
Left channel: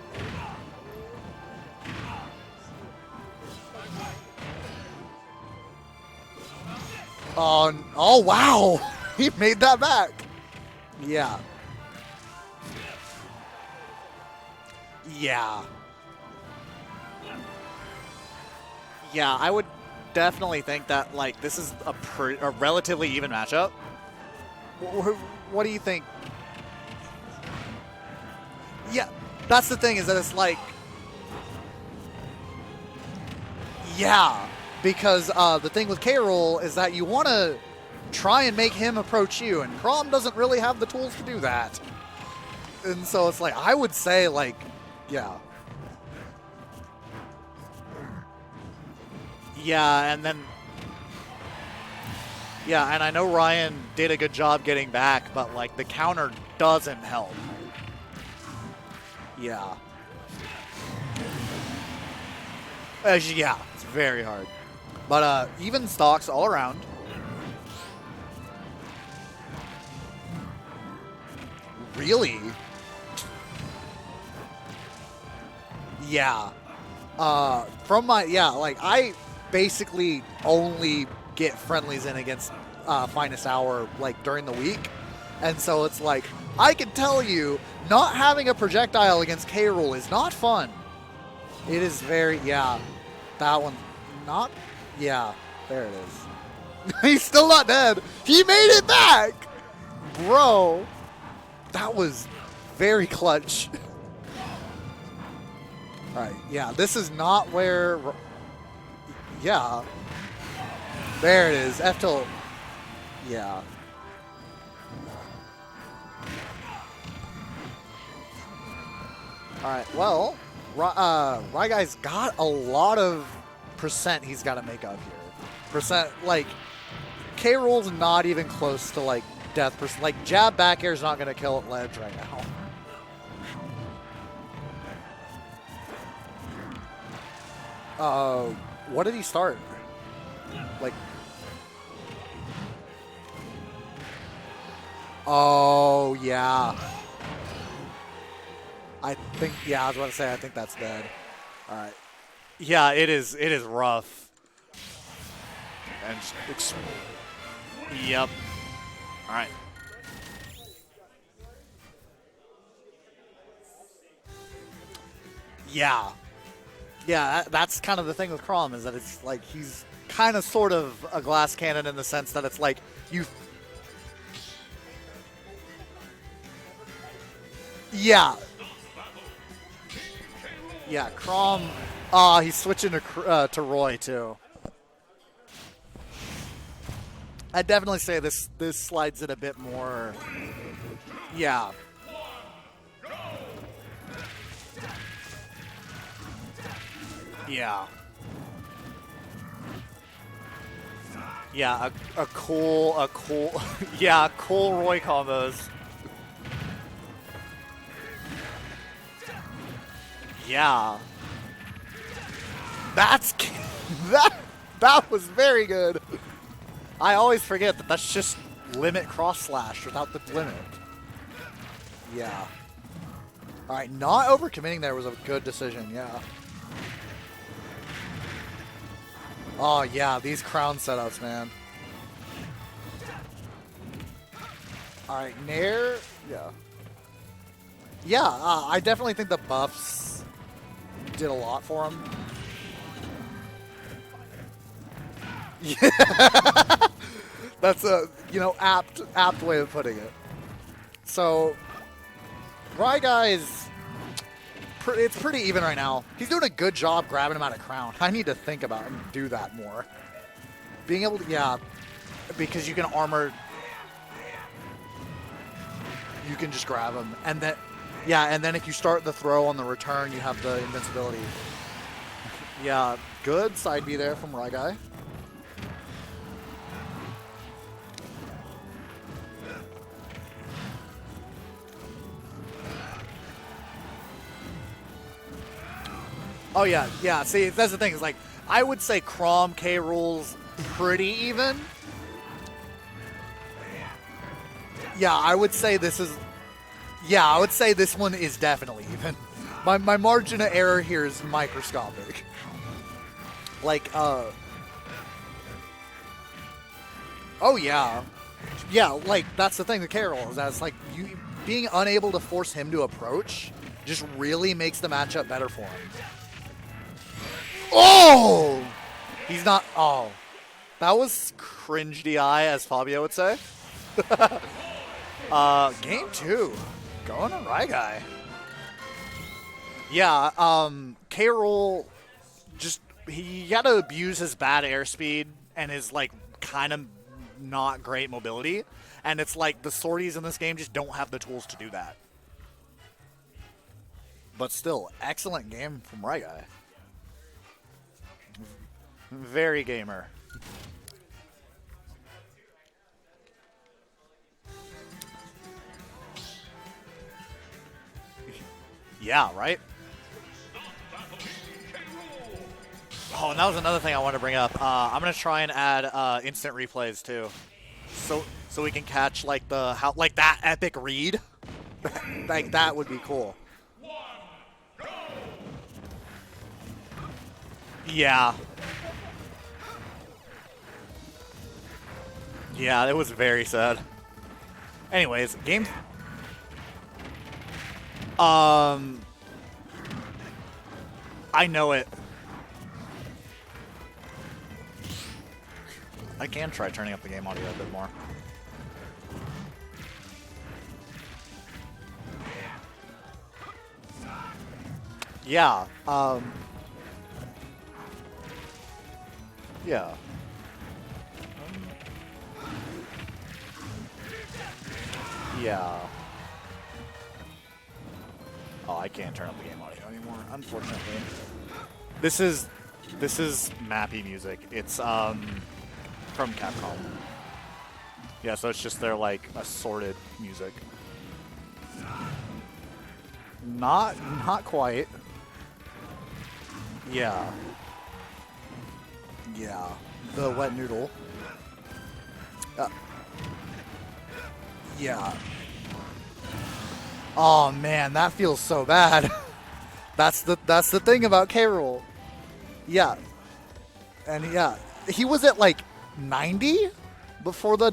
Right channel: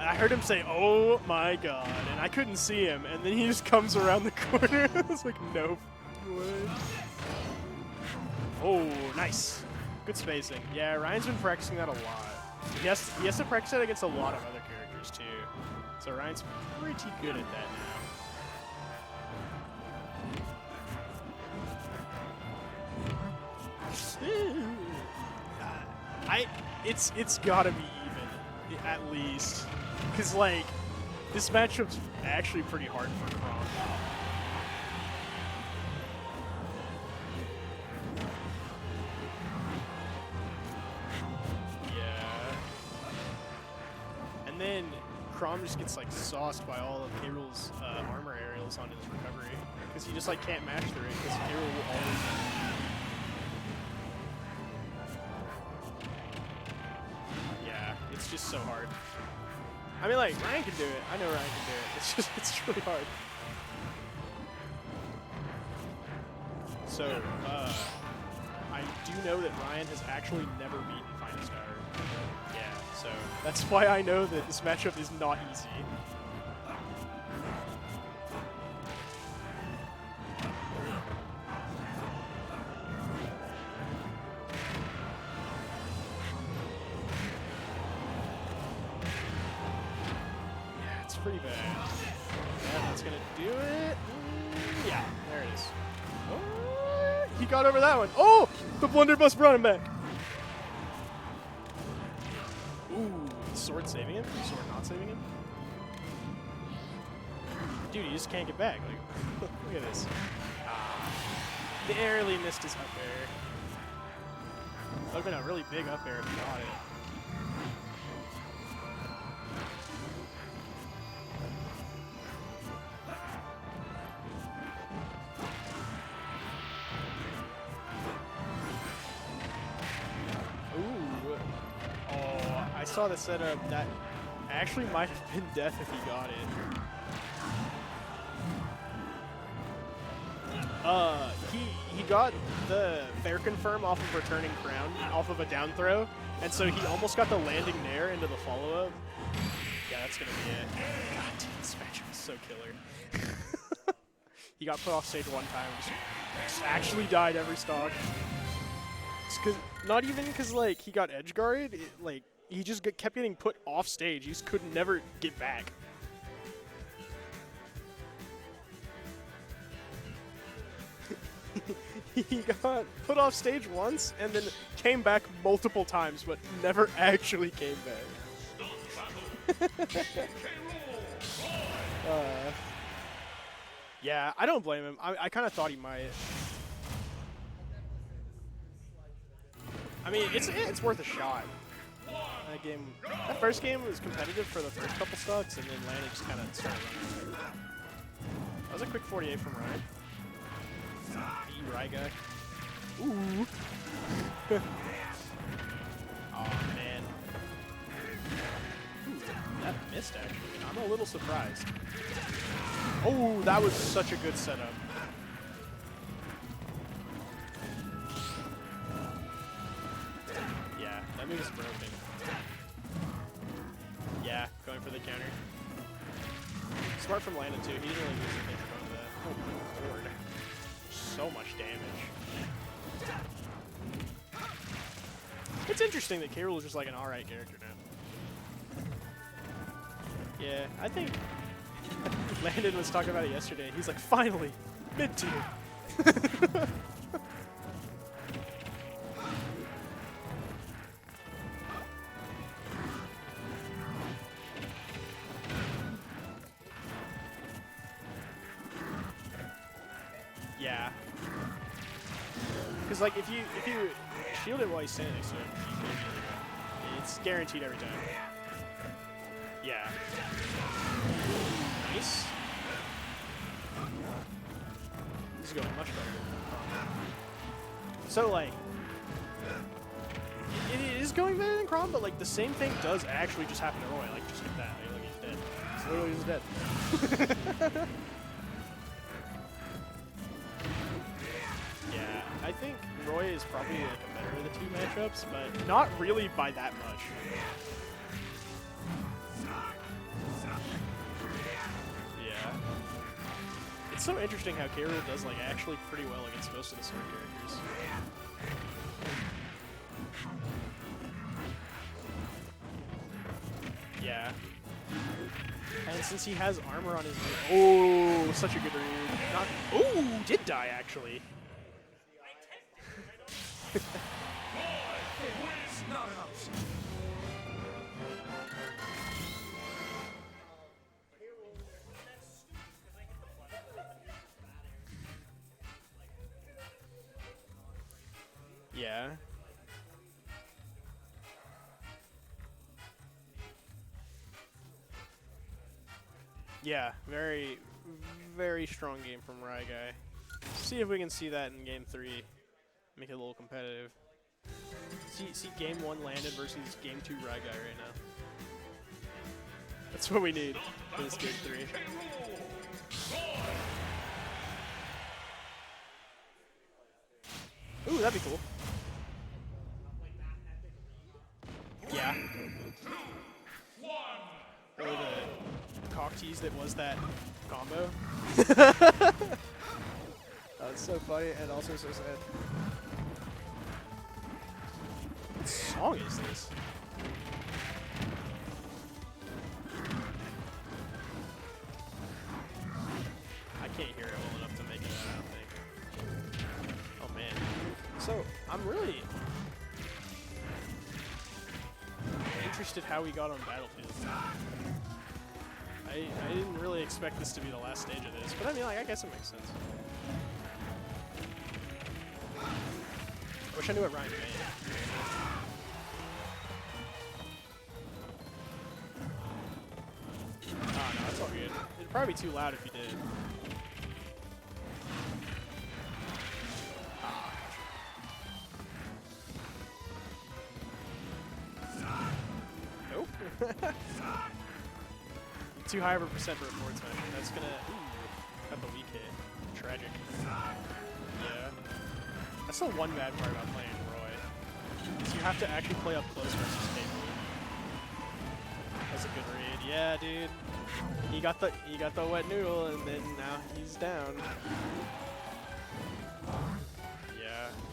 I heard him say, "Oh my god!" I couldn't see him, and then he just comes around the corner. I was like, "Nope." Oh wow, he nice. made that back. Good spacing. Yeah, Ryan's Yeah. been practicing that a lot. He has to practice that against a lot of other characters. Yeah, So Ryan's pretty good at that. yeah, I would definitely think that like this is a relatively even matchup. What do you think? It's gotta be even. At Yeah, least. that's the thing is that it's like this matchup's actually pretty hard for him. yeah, because the thing with K-Roll is that you want to try and make him approach you, and Crom doesn't really have the tools to do that. And so it's like I would say like And then Yeah. Crom just gets like sauced by all of Harold's armor aerials on his recovery. Yeah, and Just, then like, can't match the rate, 'cause Harold will always- yeah, and I know Ryan did a good job getting back, but like the counter doesn't help. Yeah, it's just so hard. Yeah. I mean, like, Ryan can do it. I know Ryan can do it. It's just, it's really hard. Yeah, it's very hard. But even stocks all around. So, I do know that Ryan has actually never beaten FinestHour. Really? Yeah, so that's why I know that this matchup is not easy. Yeah. From my like I basically only get friendlies in against FinestHour like during the week, and so it's like I can tell you, not having a projectile against K. Rool is not fun. Yeah, it's pretty bad. It is very It's gonna that do one it. not Yeah, there it is. He's still not dead. Oh, He made it back, Let's run him back. bro. That was very clutch. Sword saving him? Not saving him? All right, yeah, this is not where. You just can't get back. Yeah, Like, this. there it is. F tilt. Barely missed his up there. Yeah. That would have been a really big up air. All right. Well, RyGuy's got a lot of percent he's got to make up. Percent like K. Rool's not even close to like death percent. Like jab back air is not going to kill at ledge right now. I saw the setup that actually might have been death if he got it. What did he start? He got the fair confirm off of returning crown, off of Oh, a down throw. yeah. And so he almost got the landing there into the follow-up. I think. Yeah, I was about to say. I think that's good. All right. So killer. Yeah, it is. It is rough. He got put off stage one time. And Just actually died every stock. Yep. All right. Not even because like he got edge guarded. Like he just kept getting put off stage. He just could never get back. Yeah. Yeah, that's kind of the thing with Crom is that it's like he's kind of sort of a glass cannon in the sense that it's like put off stage once and then came back multiple times, but never actually came back. yeah. Yeah, Crom. He's switching to Roy too. Yeah, I don't blame him. I kind of thought he might. I'd definitely say this slides it a bit more. I mean, it's worth a shot. Yeah. That game, the first game was competitive for the first couple stocks, and then Ryan just kind of. Yeah. That was a quick 48 from Ryan. Yeah, a cool, yeah, cool Roy combos. Oh man. That missed it. Yeah. I'm a little surprised. That's Ooh, that was such a that, good setup. that was very good. I always forget that that's just limit cross slash without the limit. Yeah, that move's broken. Yeah. All right, not overcommitting there was a good decision. Yeah. Smart from Landon too. He's the one Oh yeah, these crown setups, so man. much damage. All right, Nair. It's interesting that yeah. Hero is just like an alright character now. Yeah, I definitely think the buffs Yeah, I think did a lot for him. Landon was talking about it yesterday. He's like, finally, mid tier. That's a apt way of putting it. So, RyGuy is it's pretty even right now. He's doing a good job grabbing him out of crown. I need to think about do that more. Yeah. Being able to because you can 'Cause, armor. Like, if you fielded while he's sitting, You can just grab him, and then guaranteed every time. yeah, and then if you start the throw on the return, you have the invincibility. Nice. Yeah, good side B there from RyGuy. It's going much better. So, like, it is going better than Crom, but, like, the same thing does actually just happen to Roy. Like, just like that. He's dead. Oh yeah. See, that's the thing. Is like I would say Crom K rules pretty even. Yeah, I think Roy is probably the better of the two. Yeah, I would say Not this is. really by that much. Yeah, I would say this one is definitely even. My margin of error here is microscopic. Yeah. Like, It's so interesting how Carrier does, like, actually pretty well against most of the circuit. oh yeah, yeah. Like that's the thing with Carol is that it's like you being unable to force him to approach just Yeah. really makes the matchup better for him. And since he has armor on his Oh! such a good read. He's not. Oh, He did die, actually. that was cringe DI, as Fabio would say. Game 2, going on RyGuy. Yeah, K-Rool just he got to abuse his bad airspeed and his like kind of not great mobility. Yeah. And it's like the sorties in this game just don't have the tools to do that. But still, excellent game from RyGuy. Yeah, very, very strong game. from Very RyGuy. gamer. See if we can see that in game 3. Make it a little competitive. See game 1 landed versus game 2 RyGuy right now. Yeah, right? That's what we need. in this game 3. Oh, and that was another thing I wanted to bring up. I'm gonna try and add instant replays too, Ooh, that'd be cool. so we can catch like like that epic read. Like that would be cool. Cock tease that was that combo. Yeah. That's so funny and also so sad. Yeah, it was very sad. Anyways, game. How long is this? I know it. I can't hear it enough to make it. I can try turning up the game audio a bit more. So, I'm really interested how we got on Battlefield. Yeah. I didn't really expect this to be the last stage of this, but I mean, like, I guess it makes sense. Yeah. Wish I knew what Ryan did. Yeah. Oh, I can't turn up the game audio anymore. Unfortunately. It'd probably This be is loud if you did. this is Mappy music. It's from Capcom. Yeah, so it's just their like assorted music. Nope. Not quite. Too high of a percent. Yeah. It's gonna have a beat hit. Yeah. The wet noodle. That's the one bad part about playing. Yeah. You have to actually play up close. Oh man, that feels so bad. Yeah, That's dude. the thing about You K. got the- Rool. You got the wet noodle. And Yeah. Now he's down. And yeah, he was at like 90 before the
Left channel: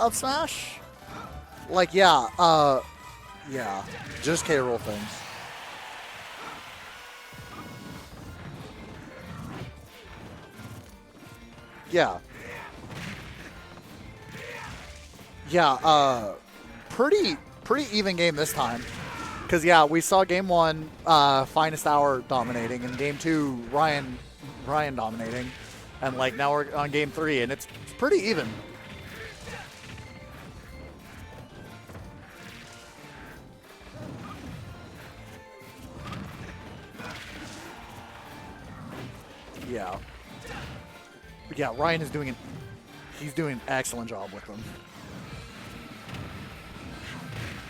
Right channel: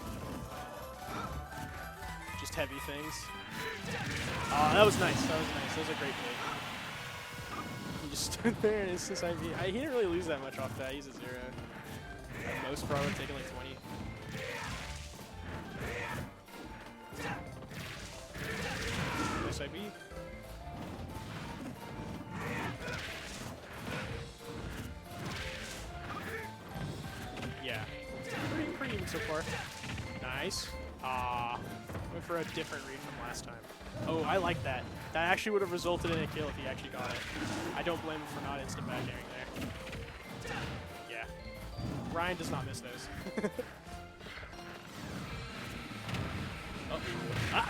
up smash. Like yeah, Things. yeah, just K. Rool. That was nice. That was a great play. He just stood there and it's just like, he didn't really lose that much off that. He's a 0. Yeah, Most probably taking a 20. yeah. Pretty even game this time. Because yeah, we saw game 1 FinestHour dominating, and game 2 Ryan dominating, and like now we're on game 3, and it's pretty even. Pretty even so far. Nice. Went for a different reading than last time. Oh, I like that. That actually would have resulted in a kill if he actually got it. I don't blame him for not instant bagging there. Yeah, Yeah. but yeah. Ryan is doing Ryan does not miss those. he's doing an excellent job with them.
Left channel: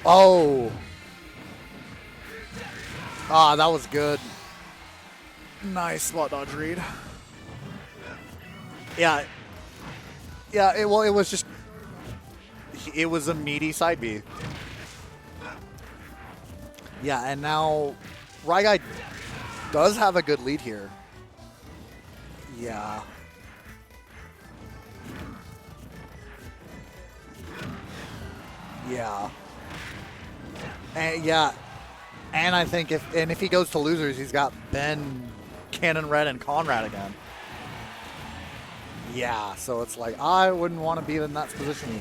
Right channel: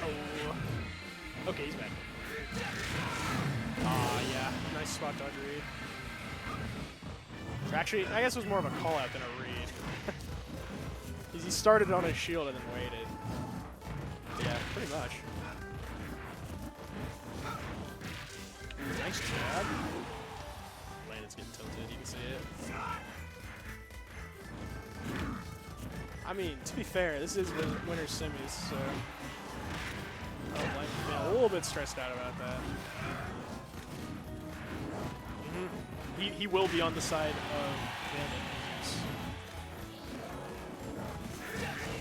Oh, Okay, he's back. that was good. Yeah. Nice spot dodge read. Nice slot dodge read. Or actually, I guess it was more of a call. Yeah. read. Yeah, it was It just started on his shield and then it was a meaty side B. yeah, pretty much. Yeah, and now RyGuy does have a good lead here. Landon's getting tilted, you can see it. Yeah. I mean, to be fair, this is the winner's semis, so Yeah. I'm And a yeah, little bit stressed out about it. and I think if he goes to losers, he's got Ben, Cannon Red, and He will be Conrad. on in the it. side of Yeah, so it's like I wouldn't want to be in that position.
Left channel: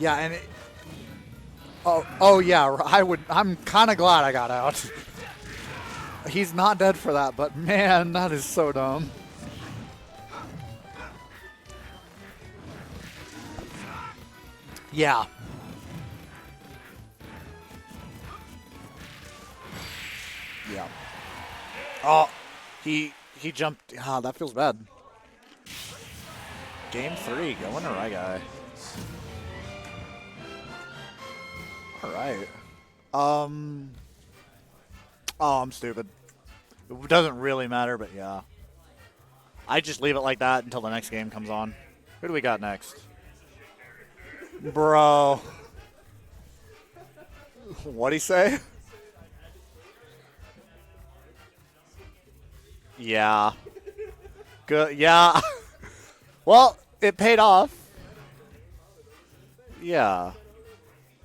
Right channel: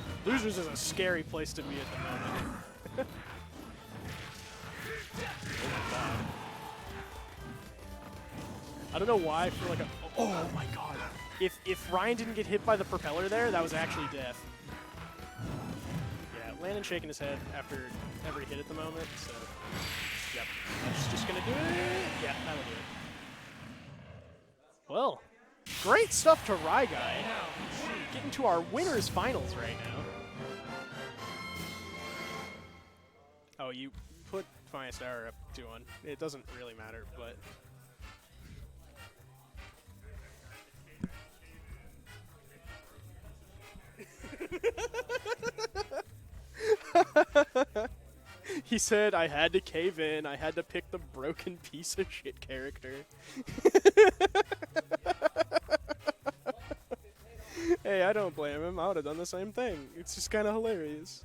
Yeah, and Losers is a scary place to be in. oh yeah, I'm kind of glad I got out. He's not dead for that, but man, that is so I don't dumb. know why I feel like oh my god. If Ryan didn't get hit by the propeller there, that was actually death. Yeah. Yeah, Landon shaking his head after every hit at the moment. So, yep. Yeah. Just gonna do it. Oh, Yeah, that'll do it. he jumped. Ah, that feels bad. Well, great stuff to RyGuy. Game 3, going to RyGuy. To our winners finals right now. All right. Oh, you put FinestHour. Oh, I'm stupid. It doesn't really matter. It doesn't really matter, but yeah. I just leave it like that until the next game comes on. Who do we got next? Bro. What'd he say? He said, I had to cave in. I had to pick the broken piece of shit character. Yeah. Good. Yeah. Well, it paid off. Hey, I don't blame him. I would have done the same thing. Yeah. It's just kind of hilarious.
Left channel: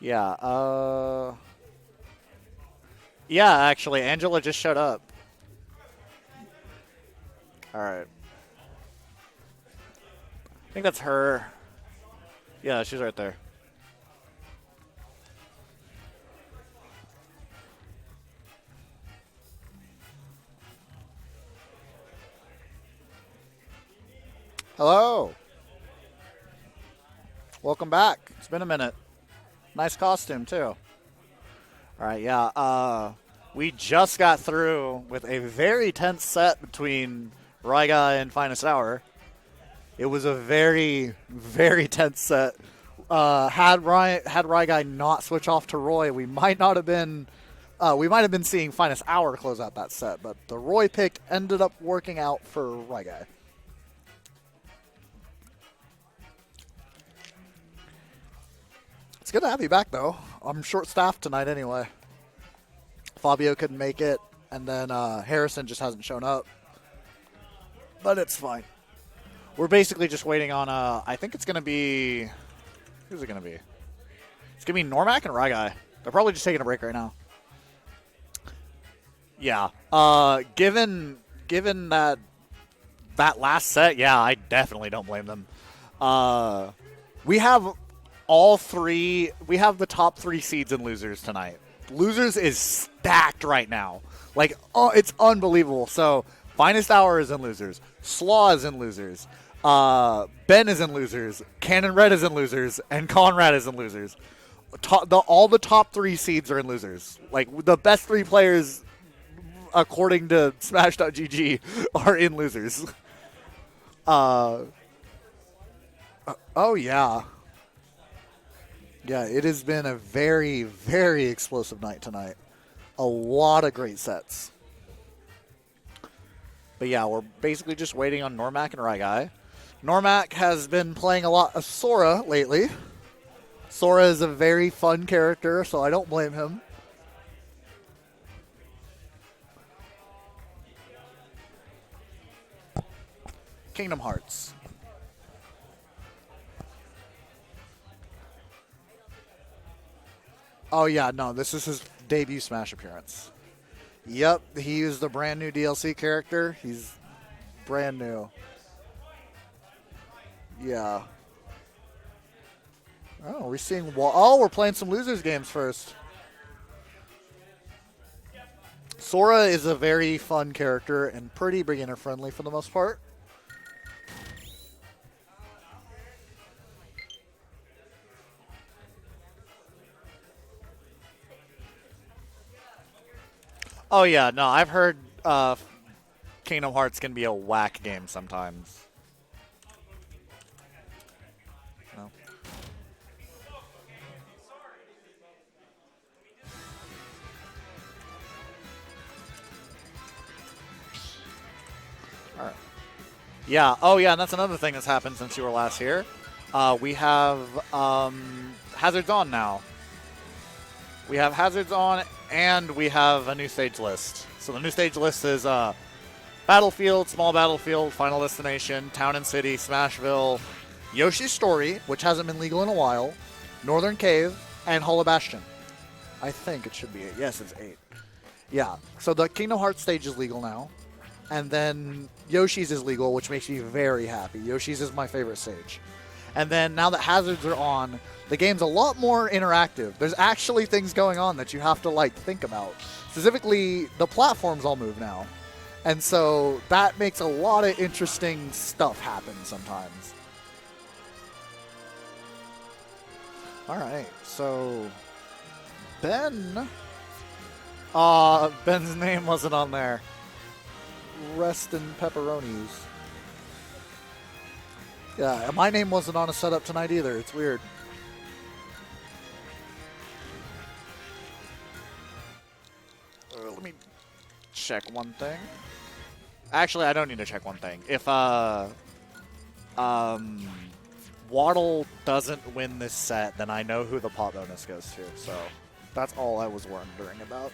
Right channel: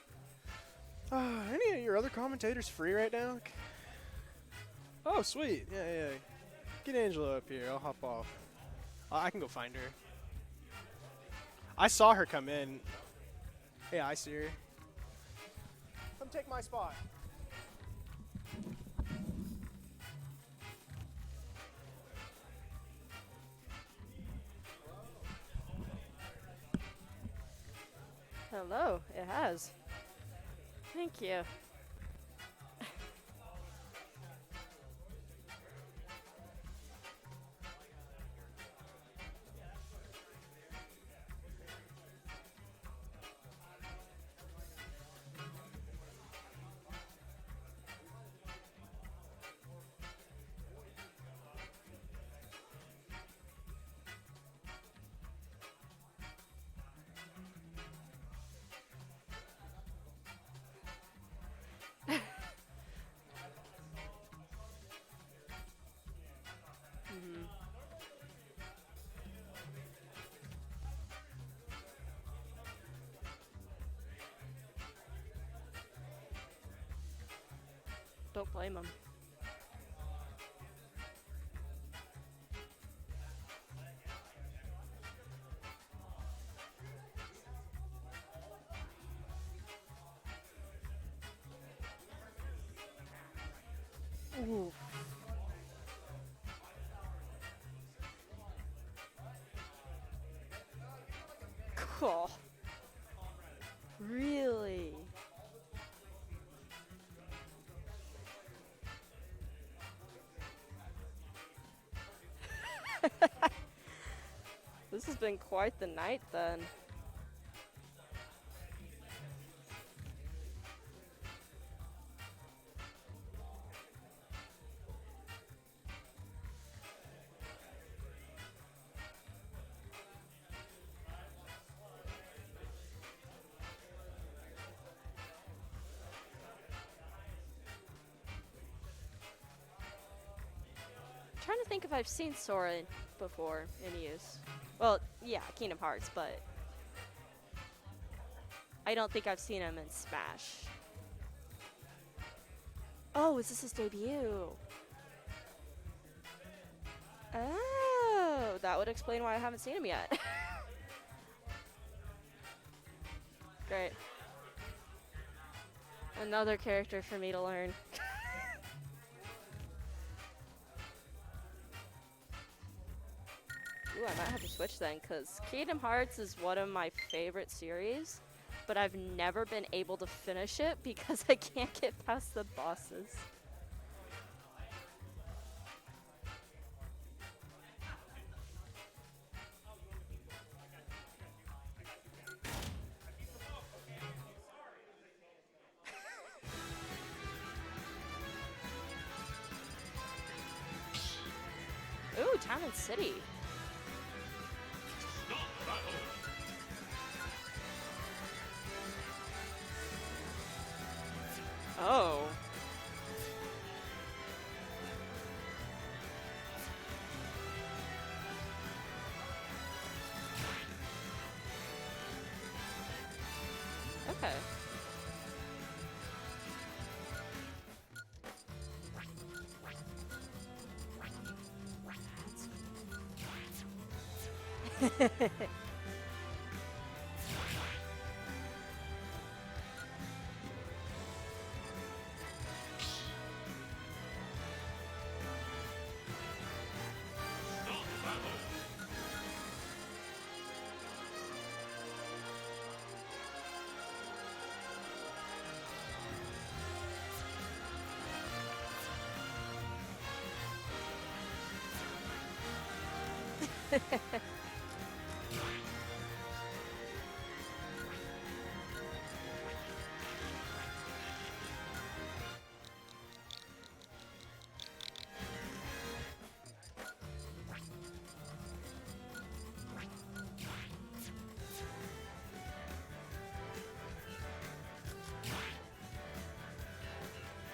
Yeah. Are any of your other commentators free right now? Yeah, actually, Angela just showed up. Oh, sweet. Yeah. Get Angela up here. I'll All hop right. off. I can go find her. I think that's her. I saw her come in. Yeah, she's right there. Yeah, I see her. Come take my spot. Hello. Welcome back. It's been a minute. Oh, it has. has. Nice costume, too. Thank you. All right, yeah. We just got through with a very tense set between RyGuy and FinestHour. It was a very, very tense set. Had RyGuy not switch off to Roy, we might have been seeing FinestHour close out that set, but the Roy pick ended up working out for RyGuy. It's good to have you back, though. I'm short-staffed tonight anyway. Fabio couldn't make it, and then Harrison just hasn't shown up. But it's fine. We're basically just waiting on, I think it's going to be, who's it going to be? It's going to be Noremac and RyGuy. They're probably just taking a break right now. Don't blame them. Yeah. Given that last set, yeah, I definitely don't blame them. We have the top 3 seeds and losers tonight. Losers is stacked right now. Like, it's unbelievable. So, FinestHour is in losers. Slaw is in losers. Ben is in losers. Cannon Red is in losers. And Conrad is in losers. Really? All the top 3 seeds are in losers. Like, the best 3 players, according to Smash.gg, are in losers. This has been quite the night, then. Oh, yeah. Yeah, it has been a very, very explosive night tonight. A lot of great sets. But yeah, we're basically just waiting on Noremac and RyGuy. Noremac has been playing a lot of Sora lately. Sora is a very fun character, so I don't blame him. I'm trying to think if I've seen Sora before. Kingdom Hearts. Well, yeah, Kingdom Hearts, but I don't think I've seen him in Smash. Oh, yeah, no, this is his debut Smash appearance. Oh, is this his debut? Yep, he is the brand new DLC character. He's brand new. Oh, that would explain why I haven't seen him yet. Yeah. Oh, we're seeing. Oh, we're playing some losers games first. Another character for me to learn. Sora is a very fun character and pretty beginner friendly for the most part. Ooh, I might have to switch then, because Kingdom Hearts is one of my favorite series, but I've never been able to finish it because I can't get past the bosses. Oh yeah, no, I've heard Kingdom Hearts can be a whack game sometimes. No. Ooh, Town City. Yeah. Oh yeah, and that's another thing that's happened since you were last here. We have Hazards on now. We have Hazards on, and we have a new stage list. So the new stage list is Battlefield, Small Battlefield, Final Destination, Town and City, Smashville, Yoshi's Story, which hasn't been legal in a while, Northern Cave, and Hollow Bastion. I think it should be 8. Yes, it's 8. Yeah, so the Kingdom Hearts stage is legal now. And then Yoshi's is legal, which makes me very happy. Yoshi's is my favorite stage. And then now that Hazards are on, the game's a lot more interactive. There's actually things going on that you have to, like, think about. Specifically, the platforms all move now. And so that makes a lot of interesting stuff happen sometimes. All right, so Ben. Ben's name wasn't on there. Rest in pepperonis. Yeah, my name wasn't on a setup tonight either. It's weird. Let me check one thing. Actually, I don't need to check one thing. If Waddle doesn't win this set, then I know who the pot bonus goes to. So that's all I was wondering about.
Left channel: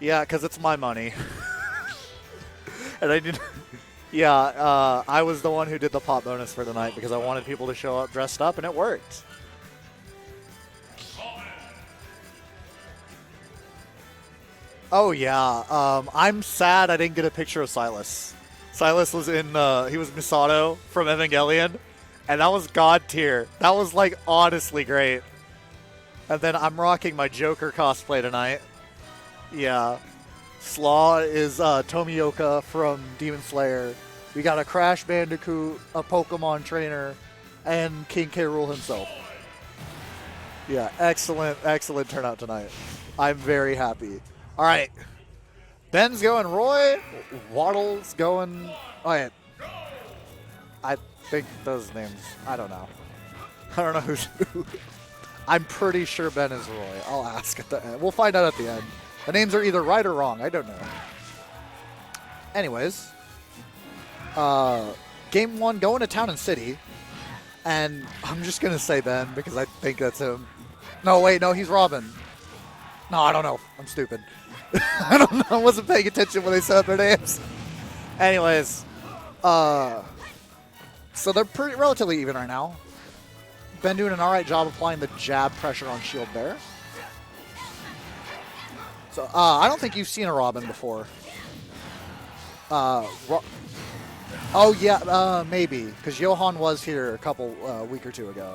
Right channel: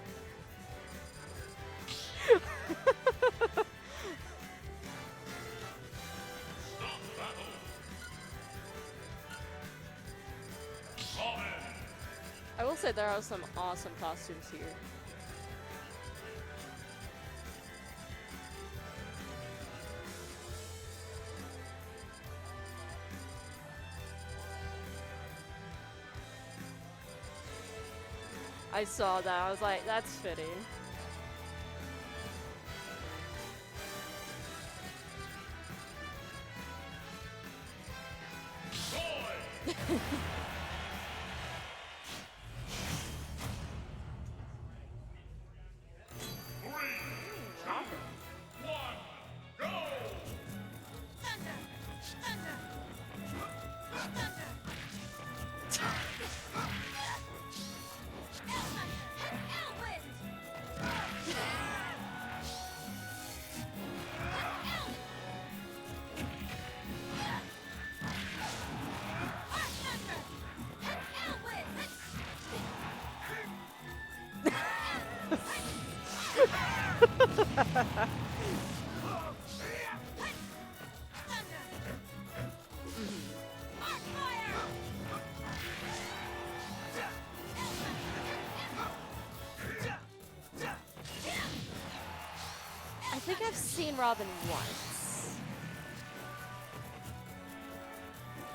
Yeah, because it's my money. And I did. Yeah, I was the one who did the pot bonus for tonight because I wanted people to show up dressed up, and it worked. I will say there are some awesome costumes here. Oh yeah, I'm sad I didn't get a picture of Silas. Silas was in, he was Misato from Evangelion, and that was god tier. That was like honestly great. And then I'm rocking my Joker cosplay tonight. I saw that. I was Yeah. like, that's fitting. Slaw is Tomioka from Demon Slayer. We got a Crash Bandicoot, a Pokemon trainer, and King K. Rool himself. Yeah, excellent, excellent turnout tonight. I'm very happy. All right. Ben's going Roy. Waddle's going... Oh, yeah. I think those names... I don't know. I don't know who's who. I'm pretty sure Ben is Roy. I'll ask at the end. We'll find out at the end. The names are either right or wrong. I don't know. Anyways. Game 1, going to Town and City. And I'm just going to say Ben because I think that's him. No, wait, no, he's Robin. No, I don't know. I'm stupid. I don't know. I wasn't paying attention when they said their names. Anyways. So they're pretty relatively even right now. Ben doing an alright job applying the jab pressure on shield there. So I don't think you've seen a Robin before. I think I've seen Robin before. Oh yeah, maybe because Johan was here a couple week or two ago.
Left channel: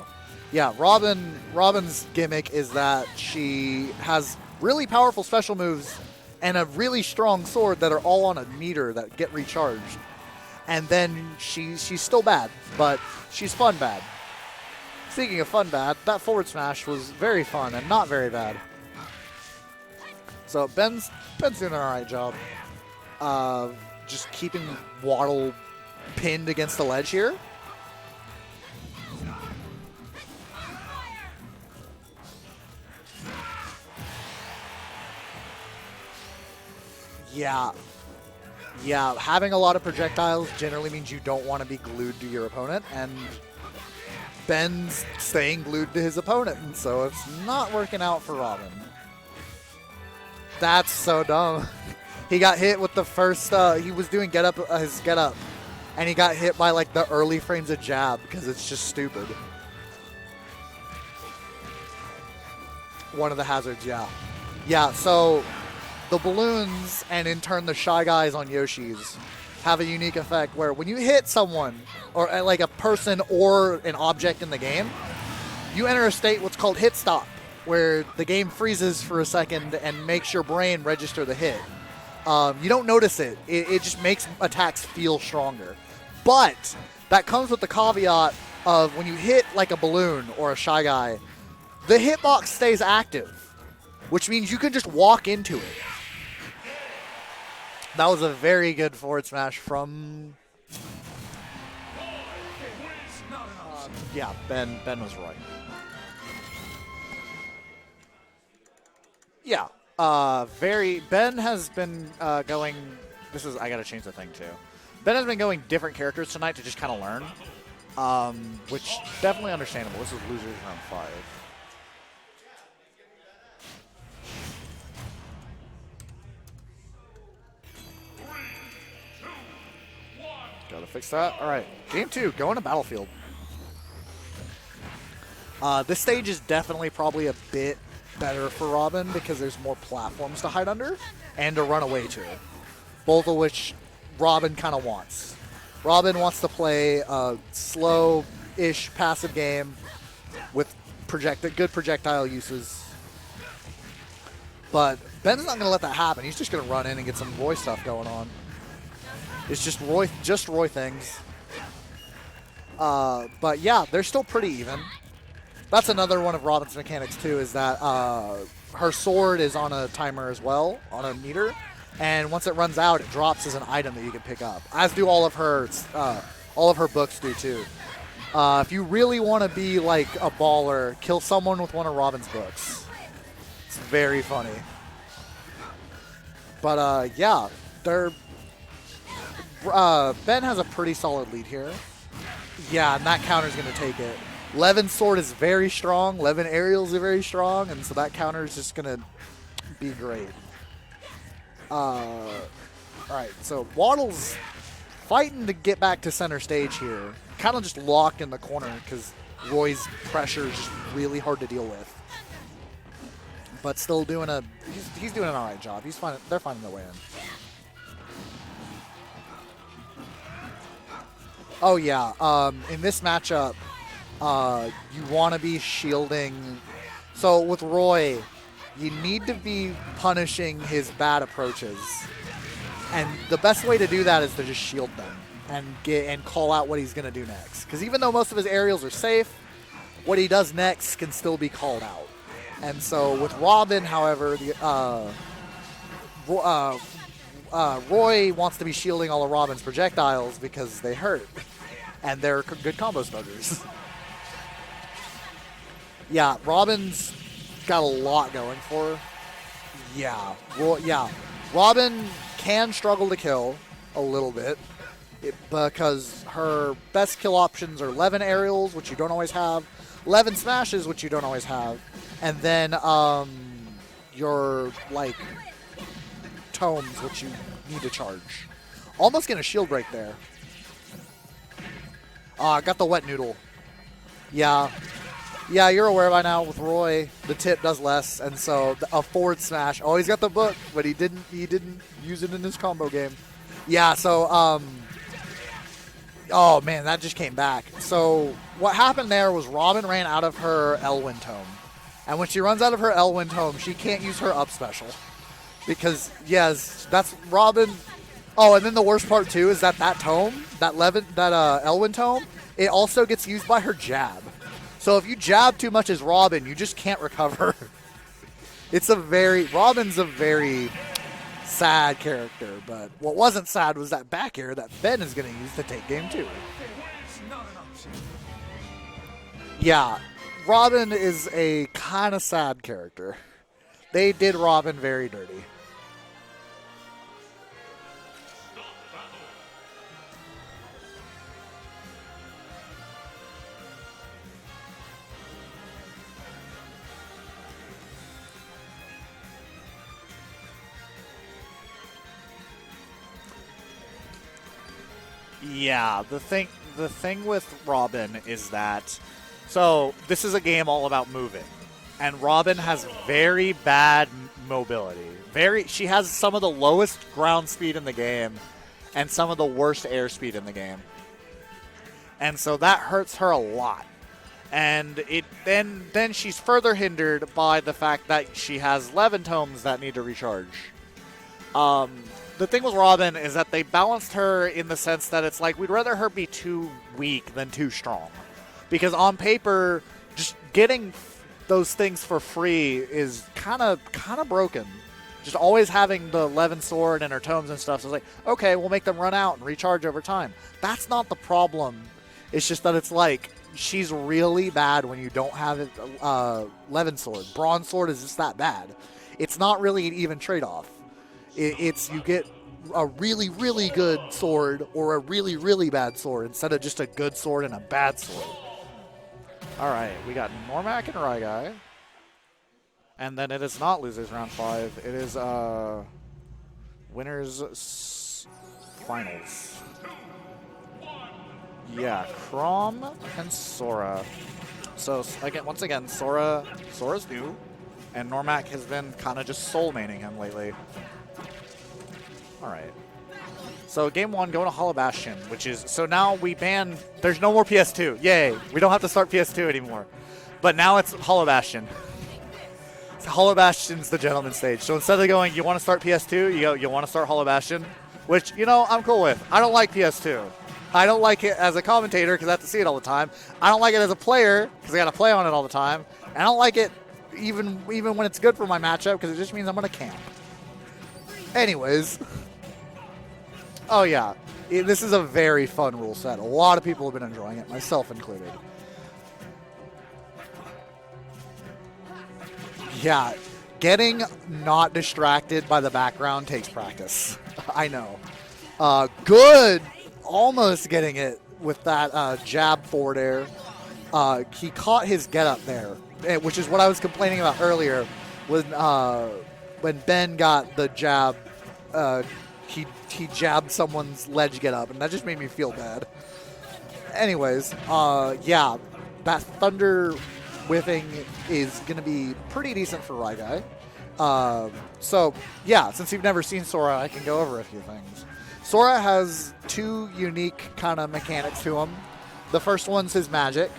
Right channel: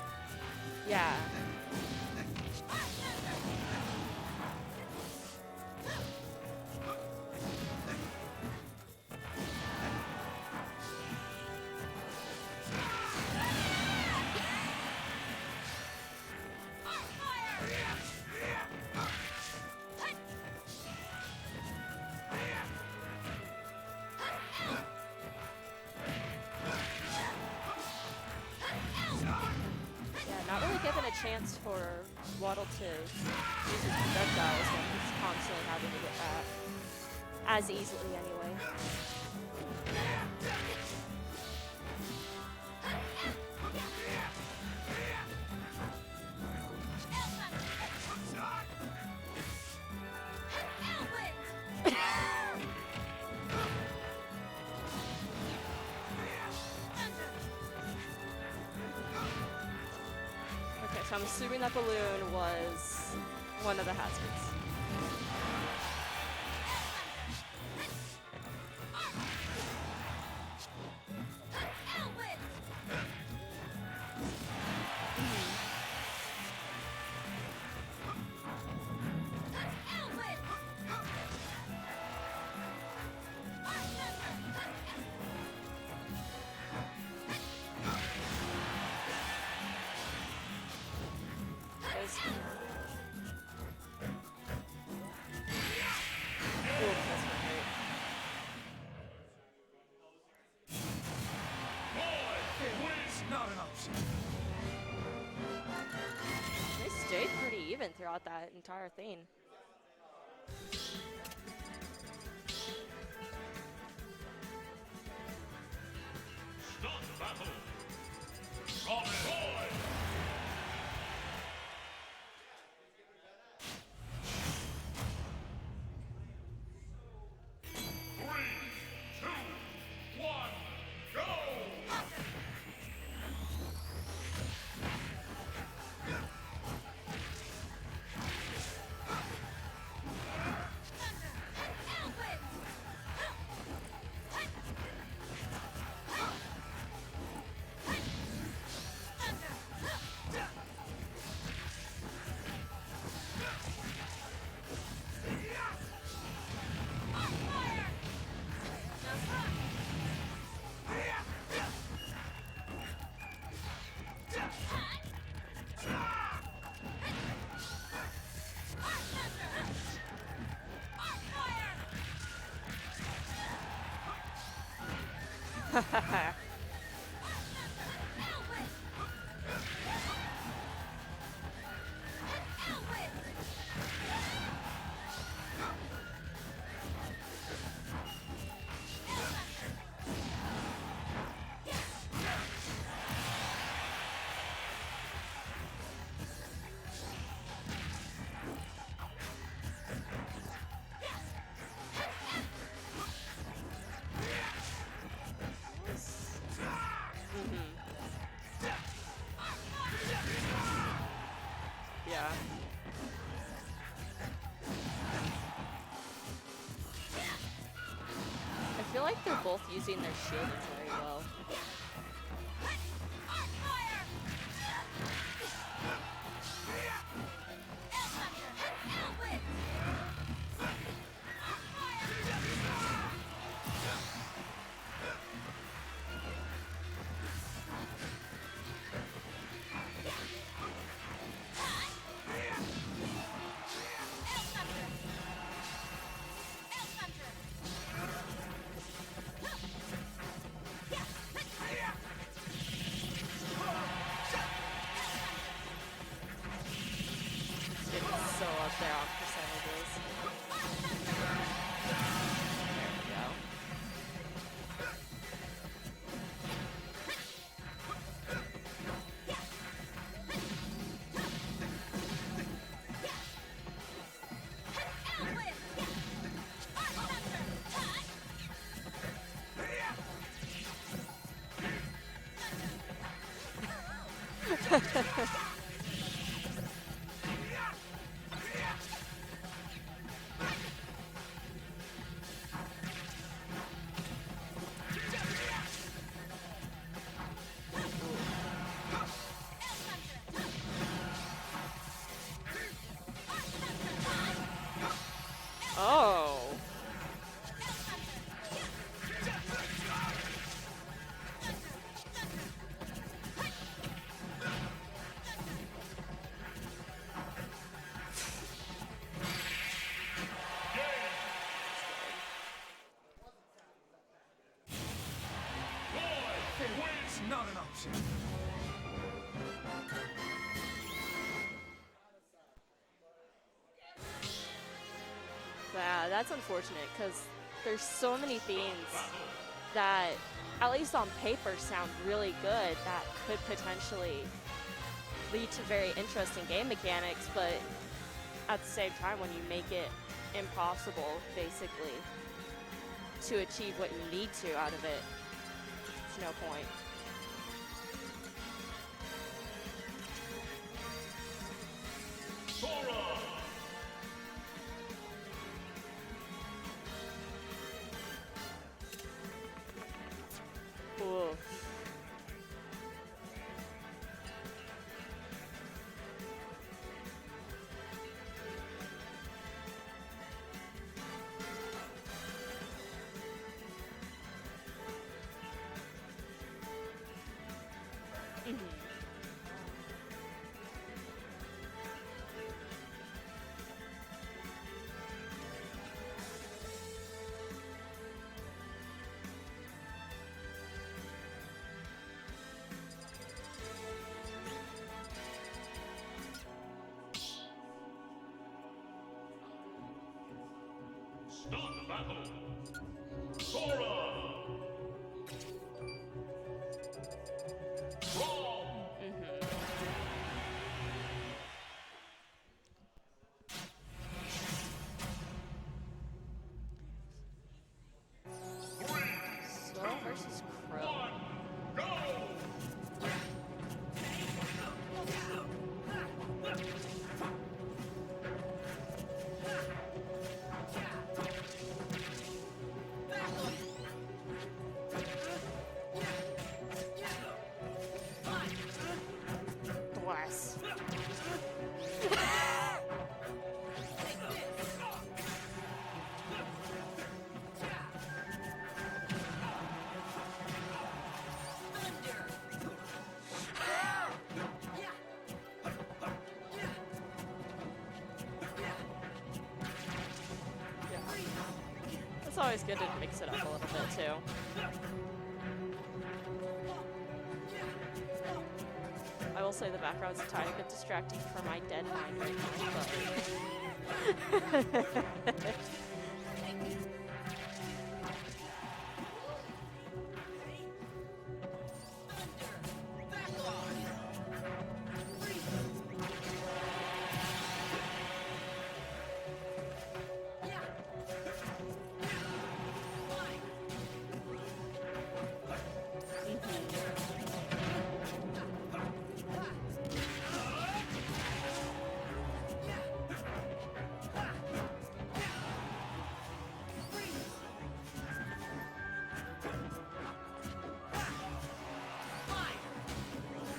Yeah, Robin's gimmick is that she has really powerful special moves and a really strong sword that are all on a meter that get recharged. And then she's still bad, but she's fun bad. Speaking of fun bad, that forward smash was very fun and not very bad. So Ben's doing an alright job. Just keeping Waddle pinned against the ledge here. Not really given a chance for Waddle to use his projectiles when he's constantly having to get back. Yeah. As easily anyway. Yeah, having a lot of projectiles generally means you don't want to be glued to your opponent, and Ben's staying glued to his opponent, so it's not working out for Robin. That's so dumb. He got hit with the first, he was doing his get up, and he got hit by like the early frames of jab because it's just stupid. Okay, so I'm assuming that balloon was One of the hazards, one of the yeah. hazards. Yeah, so the balloons and in turn the Shy Guys on Yoshi's have a unique effect where when you hit someone or like a person or an object in the game, you enter a state what's called hit stop, where the game freezes for a second and makes your brain register the hit. You don't notice it. It just makes attacks feel stronger. But that comes with the caveat of when you hit like a balloon or a Shy Guy, the hitbox stays active, which means you can just walk into it. That was a very good forward smash from... Yeah, Ben was right. They stayed pretty even throughout that entire thing. Yeah. Ben has been going... I gotta change the thing too. Ben has been going different characters tonight to just kind of learn, which definitely understandable. This is losers round 5. Gotta fix that. All right, game 2, going to Battlefield. This stage is definitely probably a bit better for Robin because there's more platforms to hide under and to run away to, both of which Robin kind of wants. Robin wants to play a slow-ish passive game with good projectile uses, but Ben's not going to let that happen. He's just going to run in and get some Roy stuff going on. It's just Roy things. But yeah, they're still pretty even. That's another one of Robin's mechanics too, is that her sword is on a timer as well, on a meter, and once it runs out, it drops as an item that you can pick up. As do all of her books do too. If you really want to be like a baller, kill someone with one of Robin's books. It's very funny. But yeah, Ben has a pretty solid lead here. Yeah, and that counter's going to take it. Levin's sword is very strong. Levin aerials are very strong, and so that counter is just going to be great. All right, so Waddle's fighting to get back to center stage here. Kind of just locked in the corner because Roy's pressure is just really hard to deal with. Yeah. But still doing he's doing an alright job. They're finding their way in. I feel like they're both using their shields very well. Oh yeah, in this matchup, you want to be shielding. So with Roy, you need to be punishing his bad approaches, and the best way to do that is to just shield them and call out what he's going to do next. Because even though most of his aerials are safe, what he does next can still be called out. And so with Robin, however, Roy wants to be shielding all of Robin's projectiles because they hurt, and they're good combo smuggers. Yeah, Robin's got a lot going for her. Yeah, well, yeah. Robin can struggle to kill a little bit because her best kill options are 11 aerials, which you don't always have, 11 smashes, which you don't always have, and then your, like, tomes, which you need to charge. Almost getting a shield break there. Got the wet noodle. Yeah. Yeah, you're aware by now with Roy, the tip does less, and so a forward smash. Oh, he's got the book, but he didn't use it in his combo game. Yeah, so oh man, that just came back. So what happened there was Robin ran out of her Elwyn tome. And when she runs out of her Elwyn tome, she can't use her up special. Because yes, that's Robin. Oh, and then the worst part too is that tome, that Elwyn tome, it also gets used by her jab. So if you jab too much as Robin, you just can't recover. Robin's a very sad character, but what wasn't sad was that back air that Ben is going to use to take game 2. Yeah, Robin is a kind of sad character. They did Robin very dirty. Yeah, that's unfortunate because there's so many things that, at least on paper, sound really good that could potentially lead to very interesting game mechanics, but at the same time, when you make it impossible, basically, to achieve what you need to out of it. Yeah, the thing with Robin is that, so this is a game all about moving, and Robin has very bad mobility. She has some of the lowest ground speed in the game, and some of the worst air speed in the game. Ooh. And so that hurts her a lot. And then she's further hindered by the fact that she has 11 tomes that need to recharge. The thing with Robin is that they balanced her in the sense that it's like we'd rather her be too weak than too strong. Because on paper, just getting those things for free is kind of broken. Just always having the 11 sword and her tomes and stuff. So it's like, okay, we'll make them run out and recharge over time. That's not the problem. It's just that it's like, she's really bad when you don't have it, 11 sword. Bronze sword is just that bad. It's not really an even trade-off. It's you get a really, really good sword or a really, really bad sword instead of just a good sword and a bad sword. All right, we got Noremac and RyGuy. And then it is not losers round 5. It is winners finals. Yeah, Chrom and Sora. So once again, Sora's new, and Noremac has been kind of just soul maining him lately. All right. So game 1, going to Hollow Bastion, which is, so now we ban, there's no more PS2. Yay, we don't have to start PS2 anymore. But now it's Hollow Bastion. Hollow Bastion's the gentleman stage. So instead of going, you want to start PS2, you go, you want to start Hollow Bastion, which, you know, I'm cool with. I don't like PS2. I don't like it as a commentator because I have to see it all the time. I don't like it as a player because I got to play on it all the time. And I don't like it even when it's good for my matchup because it just means I'm going to camp. Anyways. It's always good to mix it up a little. Oh, yeah. This is a very fun rule set. A lot of people have been enjoying it, myself included. I will say the background's a tiny bit distracting from my dead. Yeah. Getting not distracted by the background takes practice. I know. Good. Almost getting it with that jab forward air. He caught his get up there, which is what I was complaining about earlier when Ben got the jab. He jabbed someone's ledge get up, and that just made me feel bad. Anyways, yeah, that thunder whiffing is going to be pretty decent for RyGuy. So, yeah, since you've never seen Sora, I can go over a few things. Sora has 2 unique kind of mechanics to him. The first one's his magic.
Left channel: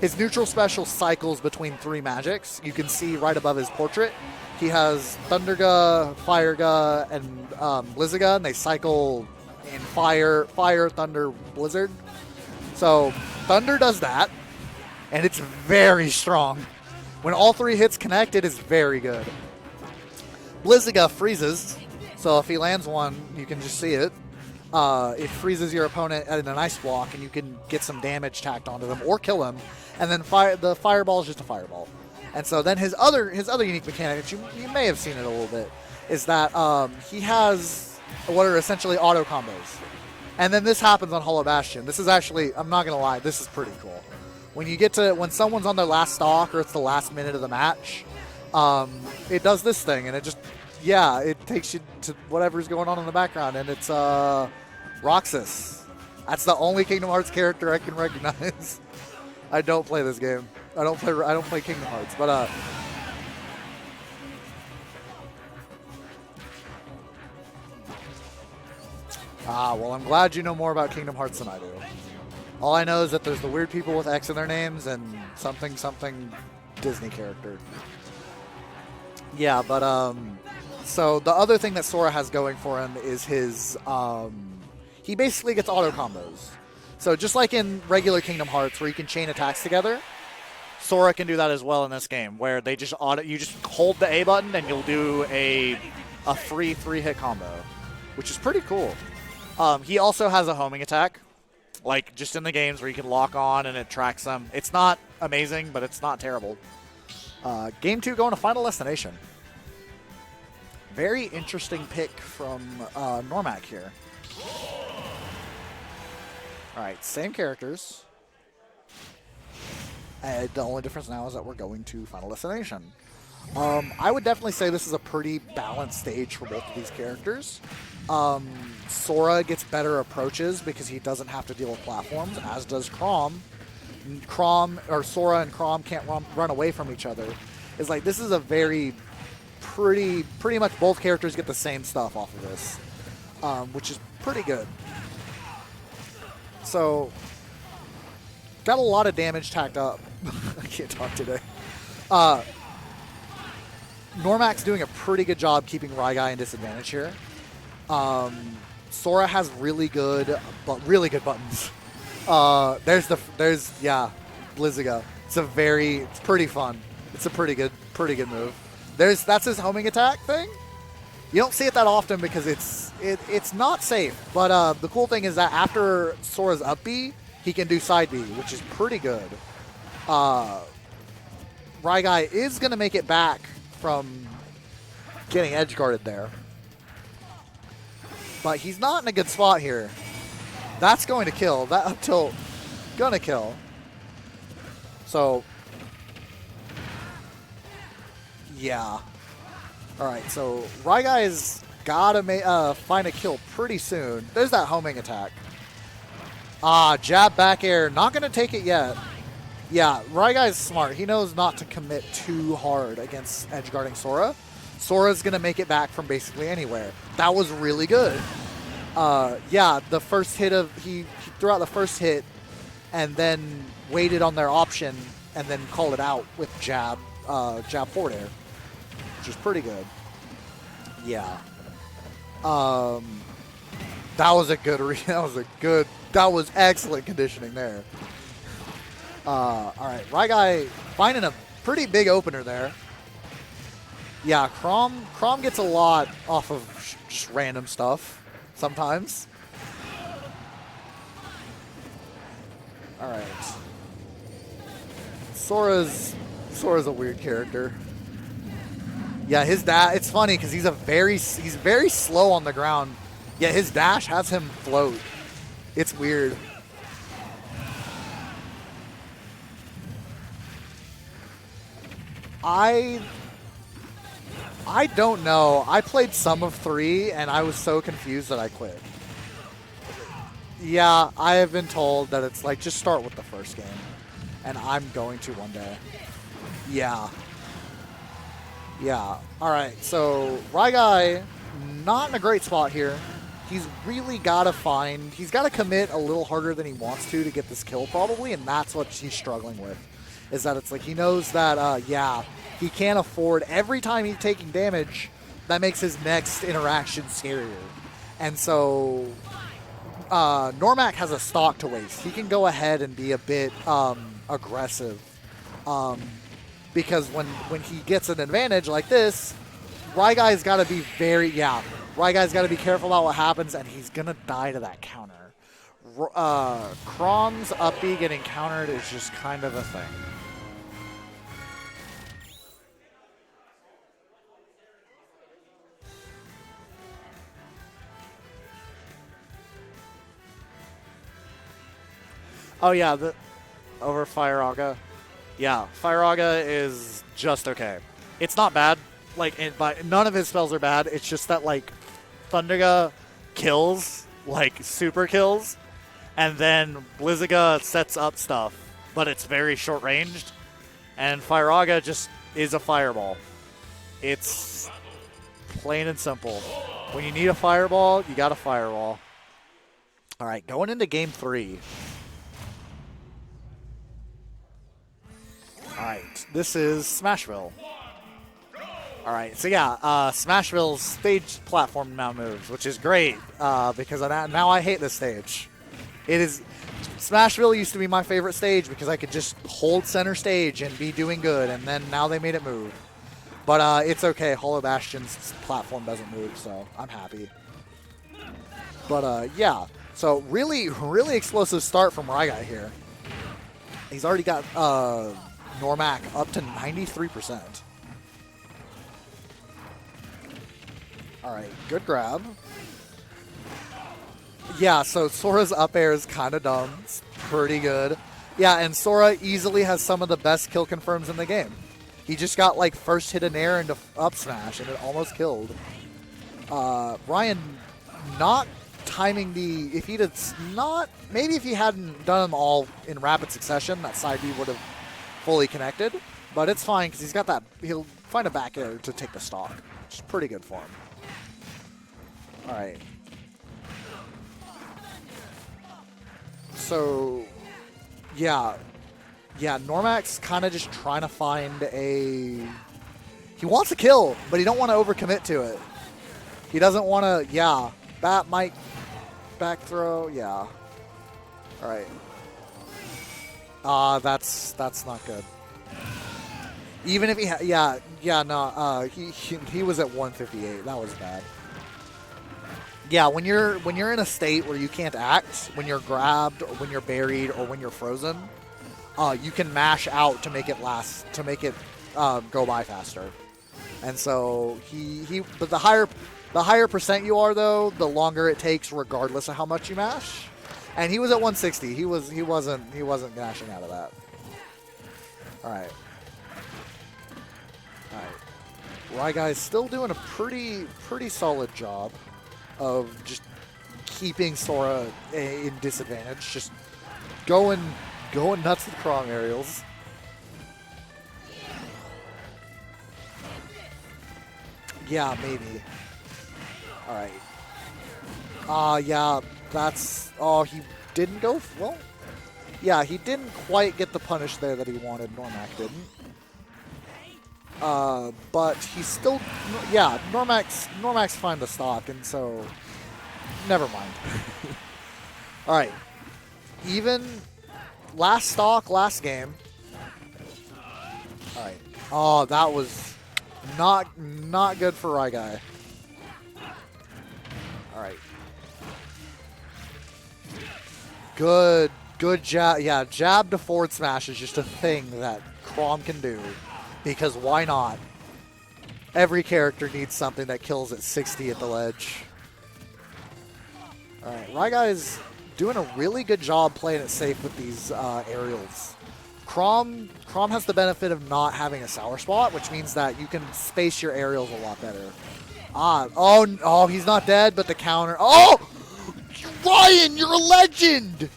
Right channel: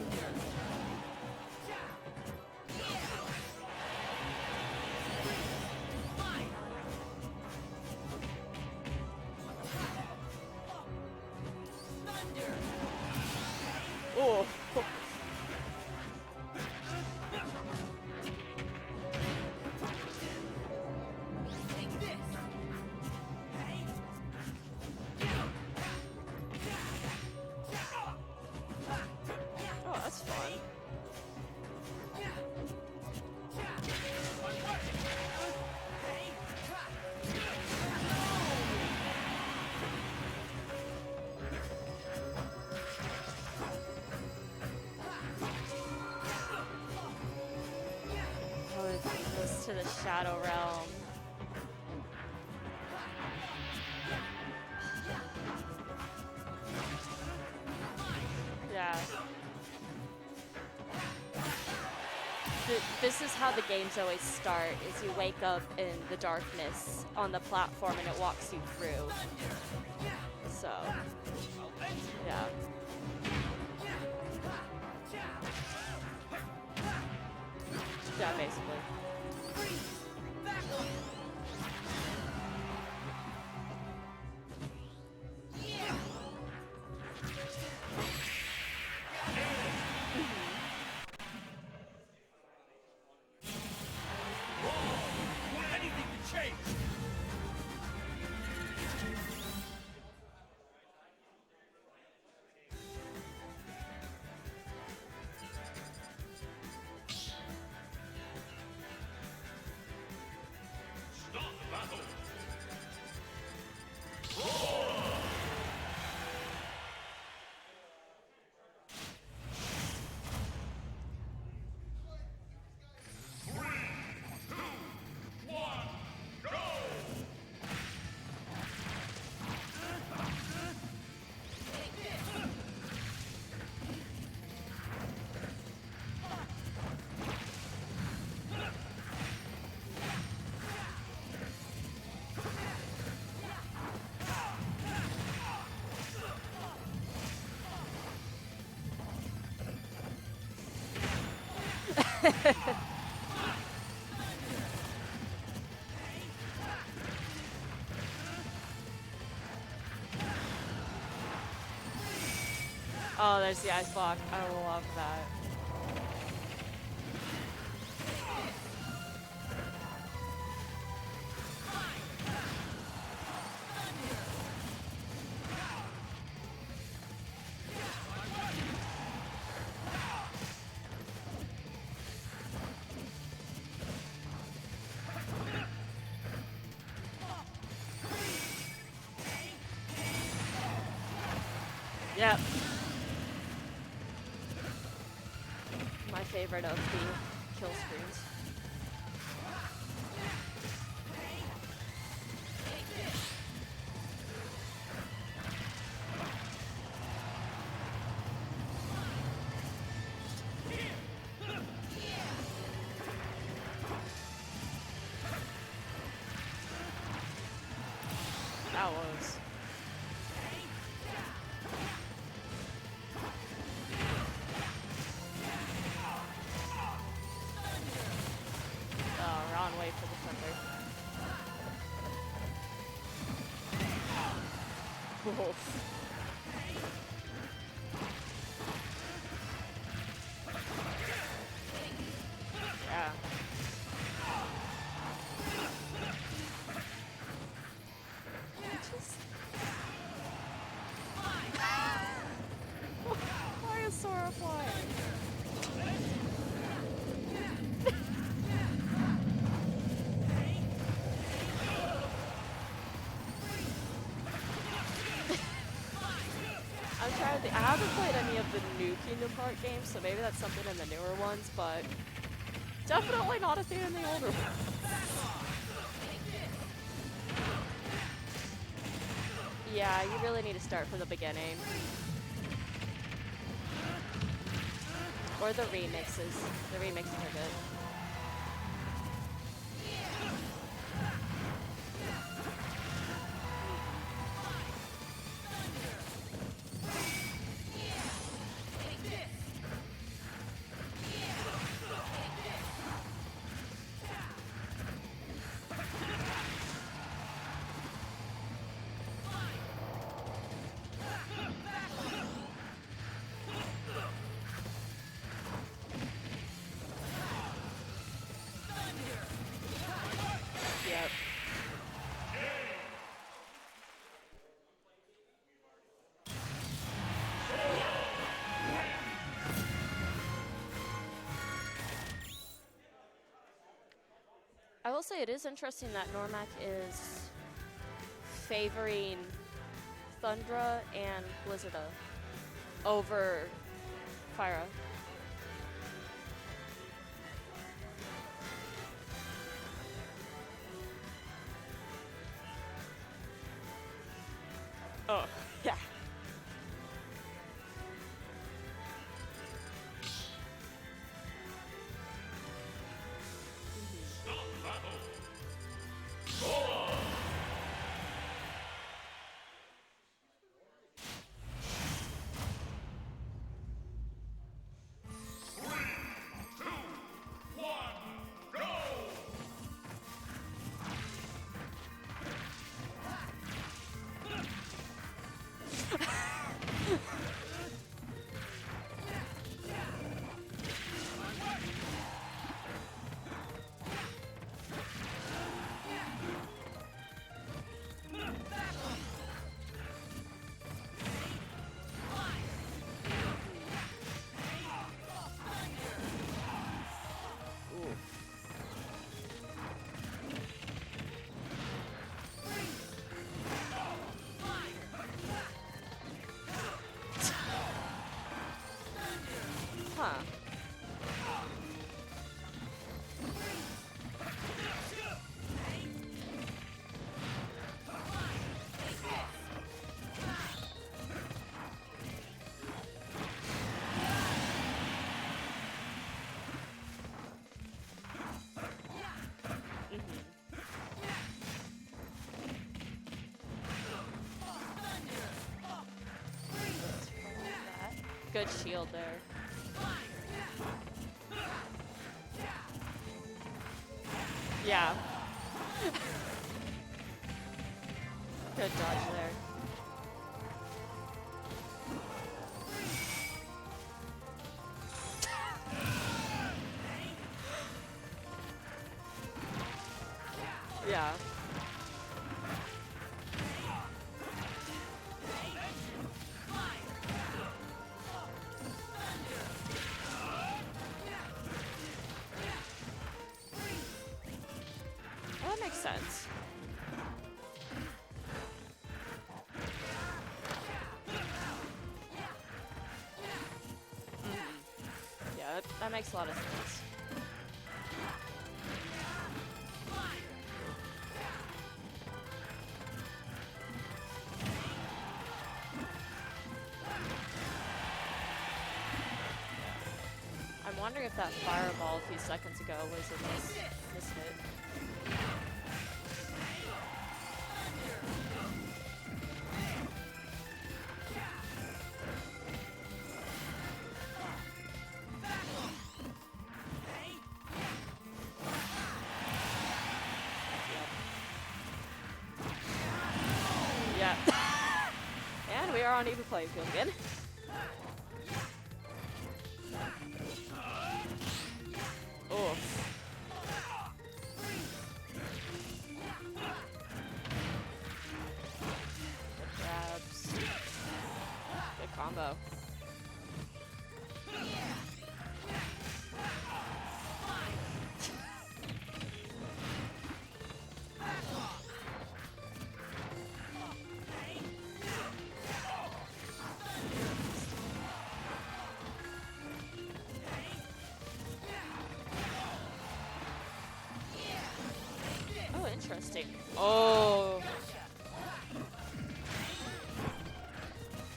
His neutral special cycles between 3 magics. You can see right above his portrait. He has Thunderga, Fireга, and Blizzaga, and they cycle in Fire, Thunder, Blizzard. So Thunder does that, and it's very strong. When all 3 hits connect, it is very good. Blizziga freezes, so if he lands one, you can just see it. It freezes your opponent at an ice block, and you can get some damage tacked onto them or kill him. And then the fireball is just a fireball. And so then his other unique mechanic, which you may have seen it a little bit, is that he has what are essentially auto combos. And then this happens on Hollow Bastion. This is actually, I'm not gonna lie, this is pretty cool. When someone's on their last stock or it's the last minute of the match, it does this thing, and it takes you to whatever's going on in the background, and it's Roxas. That's the only Kingdom Hearts character I can recognize. Yeah. I don't play this game. I don't play Kingdom Hearts, but This is how the games always start, is you wake up in the darkness on the platform and it walks you through. well, I'm glad you know more about Kingdom Hearts than I do. Yeah. All I know is that there's the weird people with X in their names and something Disney character. Yeah, basically. Yeah, but so the other thing that Sora has going for him is his he basically gets auto combos. So just like in regular Kingdom Hearts where you can chain attacks together, Sora can do that as well in this game, where they just you just hold the A button and you'll do a free 3-hit combo, which is pretty cool. He also has a homing attack, like just in the games where you can lock on and it tracks them. It's not amazing, but it's not terrible. Game 2 going to Final Destination. Very interesting pick from Noremac here. All right, same characters. And the only difference now is that we're going to Final Destination. I would definitely say this is a pretty balanced stage for both of these characters. Sora gets better approaches because he doesn't have to deal with platforms, as does Chrom. Sora and Chrom can't run away from each other. It's like this is a very pretty much both characters get the same stuff off of this, which is pretty good. So, got a lot of damage tacked up. I can't talk today. Normac's doing a pretty good job keeping RyGuy in disadvantage here. Sora has really good buttons. Blizziga. It's pretty fun. It's a pretty good move. That's his homing attack thing. You don't see it that often because it's not safe. But the cool thing is that after Sora's up B, he can do side B, which is pretty good. RyGuy is going to make it back from getting edge guarded there. But he's not in a good spot here. That's going to kill. That up tilt, gonna kill. So. My favorite of the kill screens. Yeah. All right, so RyGuy's got to find a kill pretty soon. There's that homing attack. Jab back air. Not going to take it yet. Yeah, RyGuy's smart. He knows not to commit too hard against edge guarding Sora. Sora's going to make it back from basically anywhere. That was really good. Yeah, the first hit he threw out the first hit and then waited on their option and then called it out with jab forward air, which is pretty good. Yeah. That was excellent conditioning there. All right, RyGuy finding a pretty big opener there. Yeah, Chrom gets a lot off of random stuff sometimes. All right. Why is Sora flying? Sora's a weird character. Yeah, his dash. It's funny because he's very slow on the ground. Yeah, his dash has him float. It's weird. I haven't played any of the new Kingdom Hearts games, so maybe that's something in the newer ones, but definitely not a thing in the older ones. I don't know. I played some of 3, and I was so confused that I quit. Yeah, you really need to start Yeah, from the I have beginning. been told that it's like, just start with the first game. And I'm going to Or one the day. remixes. Yeah. Yeah. All right, so RyGuy, not in a great spot here. He's really got to commit a little harder than he wants to get this kill probably, and that's what he's struggling with. Is that it's like he knows that, he can't afford, every time he's taking damage, that makes his next interaction scarier. And so Noremac has a stock to waste. He can go ahead and be a bit aggressive. because when he gets an advantage like this, RyGuy's got to be RyGuy's got to be careful about what happens, and he's going to die to that counter. Crom's up B getting countered is just kind of a thing. I will say it is interesting that Noremac is favoring Thundra and Blizzard Oh yeah, over over Firaga. Yeah, Firaga is just okay. It's not bad. Like, none of his spells are bad. It's just that, like, Thundra kills, like, super kills, yeah. and then Blizzaga sets up stuff, but it's very short-ranged, and Firaga just is a fireball. It's plain and simple. When you need a fireball, you got a fireball. All right, going into game 3. All right, this is Smashville. All right, so yeah, Smashville's stage platform now moves, which is great because now I hate this stage. Smashville used to be my favorite stage because I could just hold center stage and be doing good, and then now they made it move. But it's okay, Hollow Bastion's platform doesn't move, so I'm happy. But yeah, so really explosive start from RyGuy here. He's already got Noremac up to 93%. All right, good grab. Yeah, so Sora's up air is kind of dumb. It's pretty good. Yeah, and Sora easily has some of the best kill confirms in the game. He just got like first hit in air into up smash and it almost killed. Ryan not timing the, if he'd not, maybe if he hadn't done them all in rapid succession, that side B would have fully connected. But it's fine because he's got that, he'll find a back air to take the stock. Which is pretty good for him. All right. So, yeah. Yeah, Normac's kind of just trying to find a... He wants to kill, but he don't want to overcommit to it. He doesn't want to, yeah. Bat might back throw, yeah. All right. That's not good. Even if he he was at 158. That was bad. Yeah, when you're in a state where you can't act, when you're grabbed or when you're buried or when you're frozen, you can mash out to make it go by faster. And so but the higher percent you are though, the longer it takes regardless of how much you mash. And he was at 160. He wasn't dashing out of that. All right. That makes a lot of sense. RyGuy's still doing a pretty solid job of just keeping Sora in disadvantage, just going nuts with prong aerials. I'm wondering if that fireball a few seconds ago was a mistake. Yeah, maybe. All right. Yeah, that's. Oh, he didn't go. Well, yeah, he didn't quite get the punish there that he wanted. Normac didn't. But he's still, yeah, Normac's fine to stock, and so, never mind. Yeah. All right. We are on even play. Even last stock, last game. All right. Oh, that was not good for RyGuy. All right. Good jab. Yeah, jab to forward smash is just a thing that Crom can do. Because why not? Every character needs something that kills at 60 at the ledge. RyGuy's doing a really good job playing it safe with these aerials. Crom has the benefit of not having a sour spot, which means that you can space your aerials a lot better. Oh, he's not dead, but the counter. Oh! Ryan, you're a legend!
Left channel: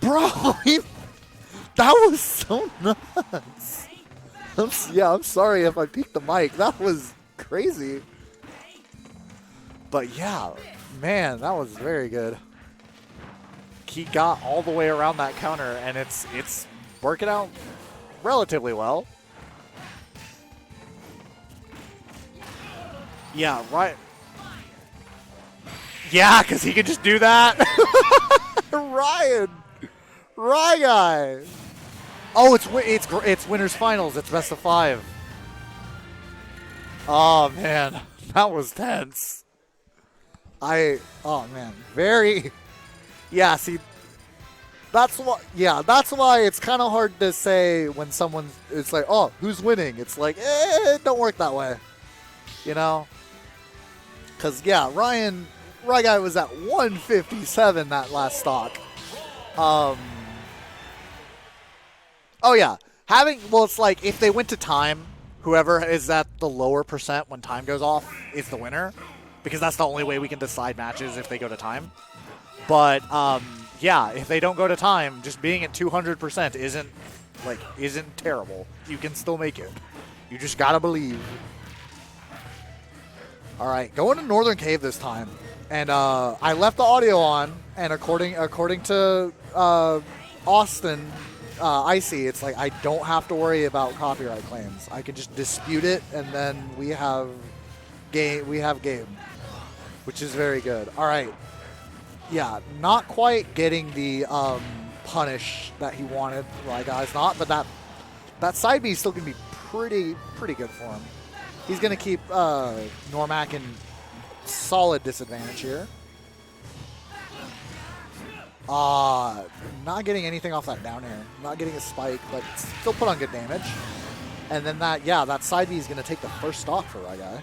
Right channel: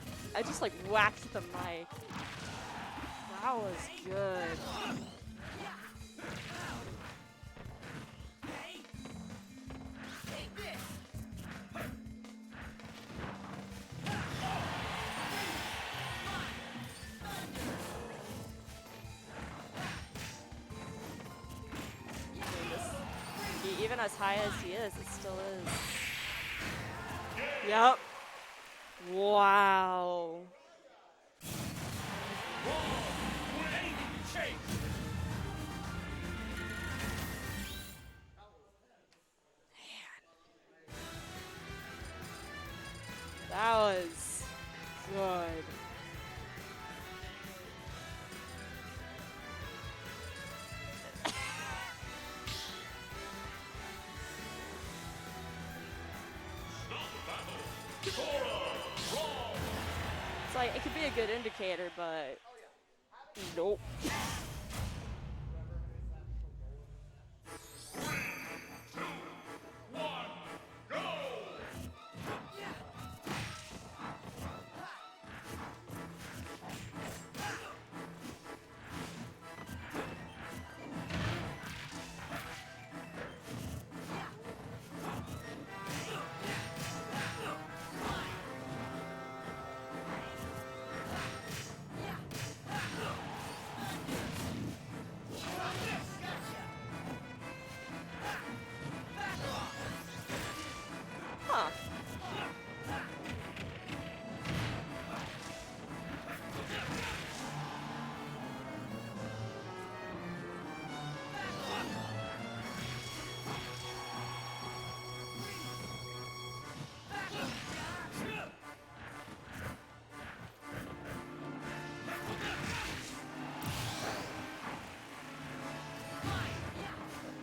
Bro, that was so nuts. That was good. I'm sorry if I peeked the mic. That was crazy. But yeah, man, that was very good. He got all the way around that counter, and it's working out relatively well. Yeah, right. Even as high as he is, it still is. Yeah, because he can just do that. Ryan. Wow. RyGuy. Oh, it's winners finals. It's best of 5. Oh man, that was tense. Oh man, very. Yeah, see, that's why. Yeah, that's why it's kind of hard to say when someone. It's like, oh, who's winning? It's like, it don't work that way. You know. Because yeah, RyGuy was at 157 that last stock. It's like, it could be a good indicator, but... Oh, yeah. It's like, if they went to time, whoever is at the lower percent when time goes off is the winner. Because that's the only way we can decide matches if they go to time. But, yeah, if they don't go to time, just being at 200% isn't terrible. You can still make it. You just gotta believe. All right, going to Northern Cave this time. And I left the audio on, and according to Austin, Icy, it's like I don't have to worry about copyright claims. I can just dispute it, and then we have game, which is very good. All right, yeah, not quite getting the punish that he wanted. RyGuy's not, but that side B is still gonna be pretty good for him. He's gonna keep Noremac in solid disadvantage here. Not getting anything off that down air. Not getting a spike, but still put on good damage. And then that side B is going to take the first stock for RyGuy.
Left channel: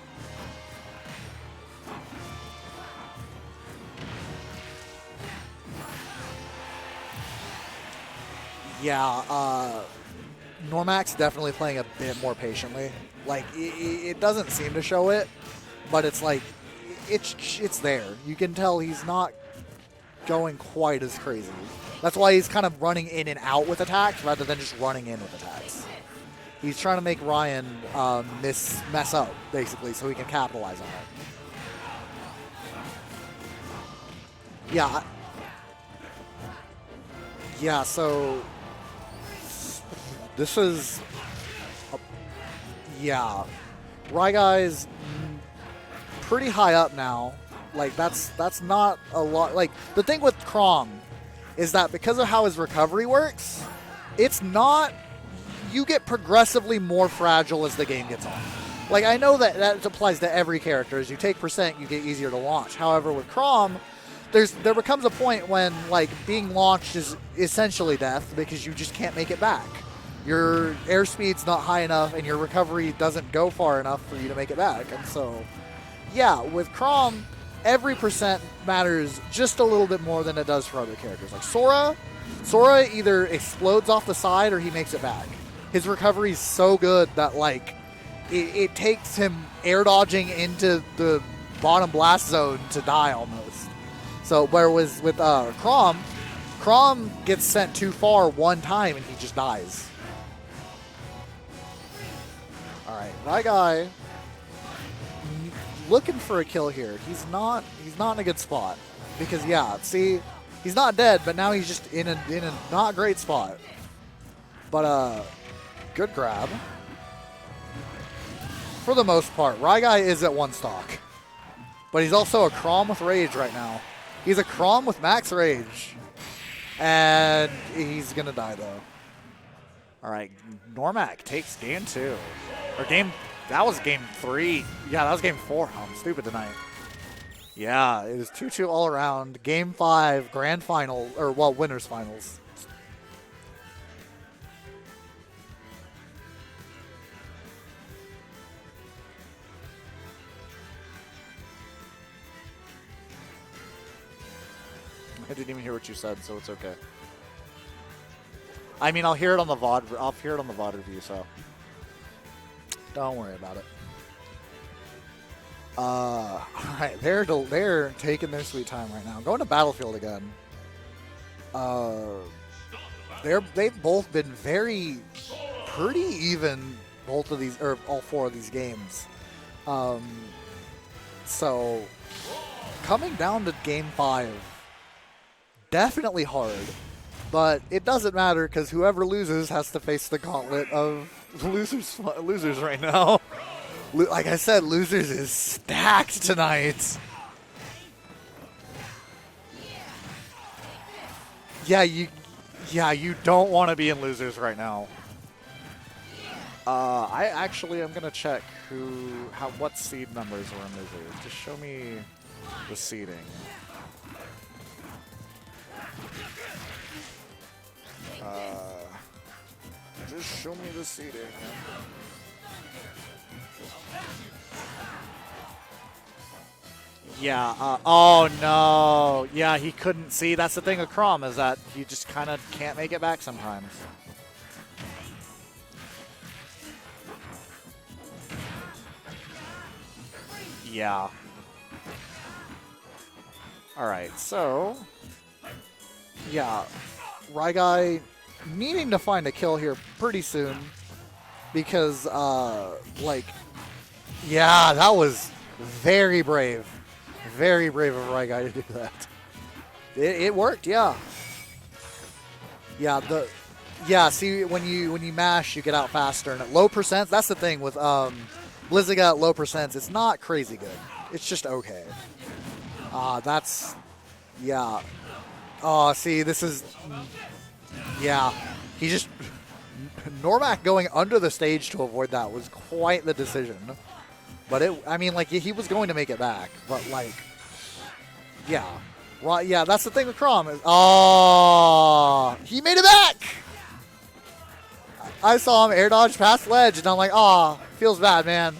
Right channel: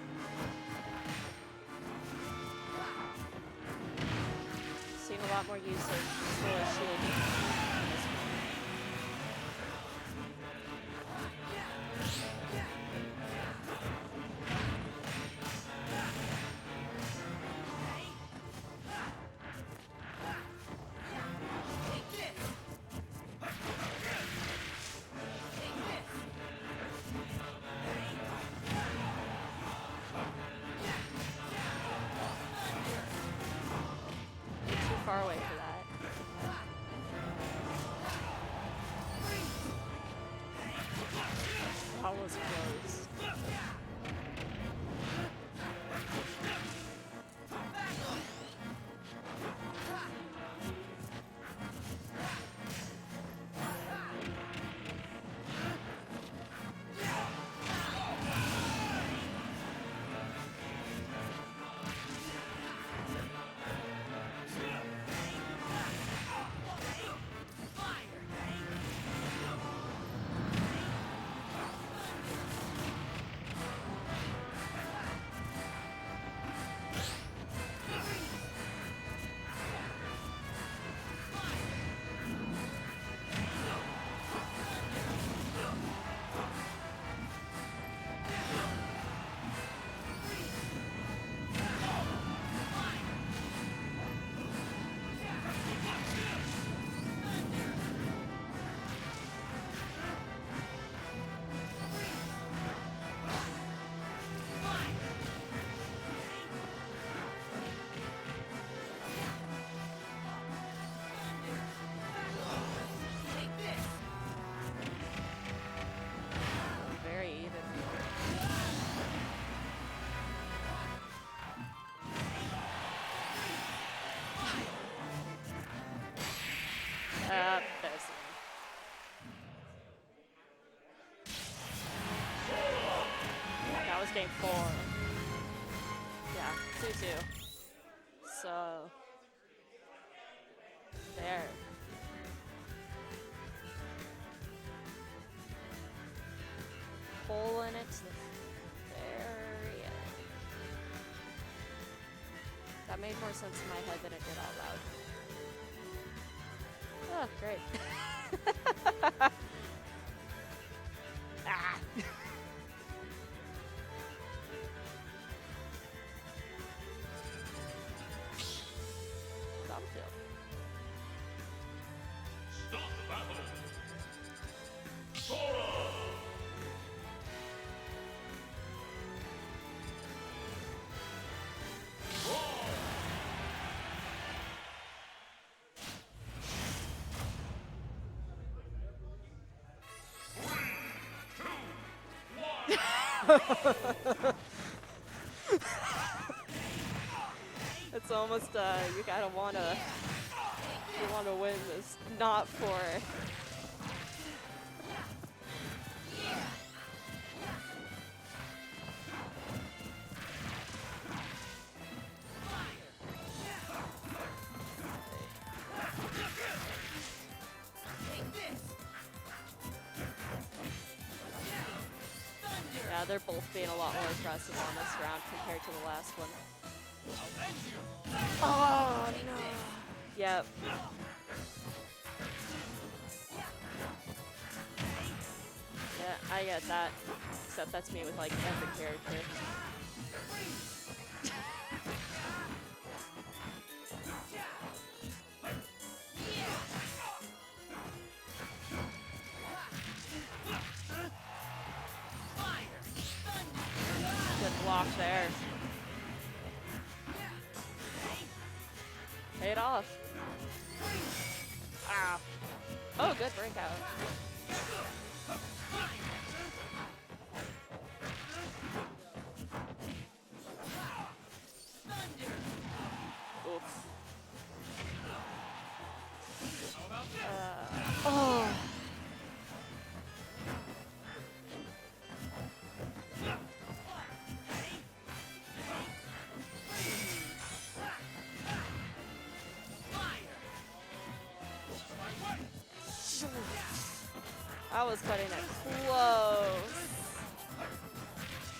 Yeah, Normac's definitely playing a bit more patiently. Like, it doesn't seem to show it, but it's like, it's there. You can tell he's not going quite as crazy. That's why he's kind of running in and out with attacks rather than just running in with attacks. He's trying to make Ryan mess up, basically, so he can capitalize on it. Yeah. Yeah, so this is... Yeah. RyGuy's pretty high up now. Like, that's not a lot. Like, the thing with Crom is that because of how his recovery works, it's not... You get progressively more fragile as the game gets on. Like, I know that applies to every character. As you take percent, you get easier to launch. However, with Crom, there becomes a point when, like, being launched is essentially death because you just can't make it back. Your airspeed's not high enough and your recovery doesn't go far enough for you to make it back. And so, yeah, with Crom, every percent matters just a little bit more than it does for other characters. Like Sora either explodes off the side or he makes it back. His recovery is so good that, like, it takes him air dodging into the bottom blast zone to die almost. So, whereas with Crom gets sent too far one time and he just dies. All right, RyGuy looking for a kill here. He's not in a good spot because, yeah, see, he's not dead, but now he's just in a not great spot. But good grab. For the most part, RyGuy is at one stock, but he's also a Crom with rage right now. He's a Crom with max rage, and he's gonna die though. All right, Noremac takes game 2. Or that was game 3. Yeah, that was game 4. I'm stupid tonight. 2-2. Yeah, it was 2-2 all around. Game 5, grand final, or well, winners finals. Hole in it. There. That made more sense in my head than it did out loud. I didn't even hear what you said, so it's okay. Oh, great. I mean, I'll hear it on the VOD. I'll hear it on the VOD review, so don't worry about it. All right, they're taking their sweet time right now. Going to Battlefield again. They've both been pretty even. Both of these, or all 4 of these games. So coming down to game 5, definitely hard. But it doesn't matter because whoever loses has to face the gauntlet of losers right now. Like I said, losers is stacked tonight. It's It's almost you gotta wanna win. Yeah, just you. Not for Yeah, you don't want to be in losers right now. I actually am gonna check what seed numbers are in losers. Just show me the seeding. Just show me the seeding. Yeah, they're both being a lot more aggressive in this round compared to the last one. Yeah. Oh no. Yeah, he couldn't see. Yeah. That's the thing with Crom is that he just kind of can't make it back sometimes. Yeah, I get that. Except that's me with like every character. Yeah. All right. So. Yeah. RyGuy needing to find a kill here pretty soon because like. Yeah, that was very brave. Very brave of RyGuy to do that. Paid off. It worked, yeah. Yeah, Oh, the good breakout. yeah. See, when you mash, you get out faster. And at low percents, that's the thing with Blizziga at low percents. It's not crazy good. It's just okay. That's yeah. Oh, see, this is yeah. He just Noremac going under the stage to avoid that was quite the decision. But I mean, like, he was going to make it back. But, like, yeah. Well, yeah, that's the thing with Crom. Oh, he made it back! I saw him air dodge past ledge, and I'm like, oh, feels bad, man.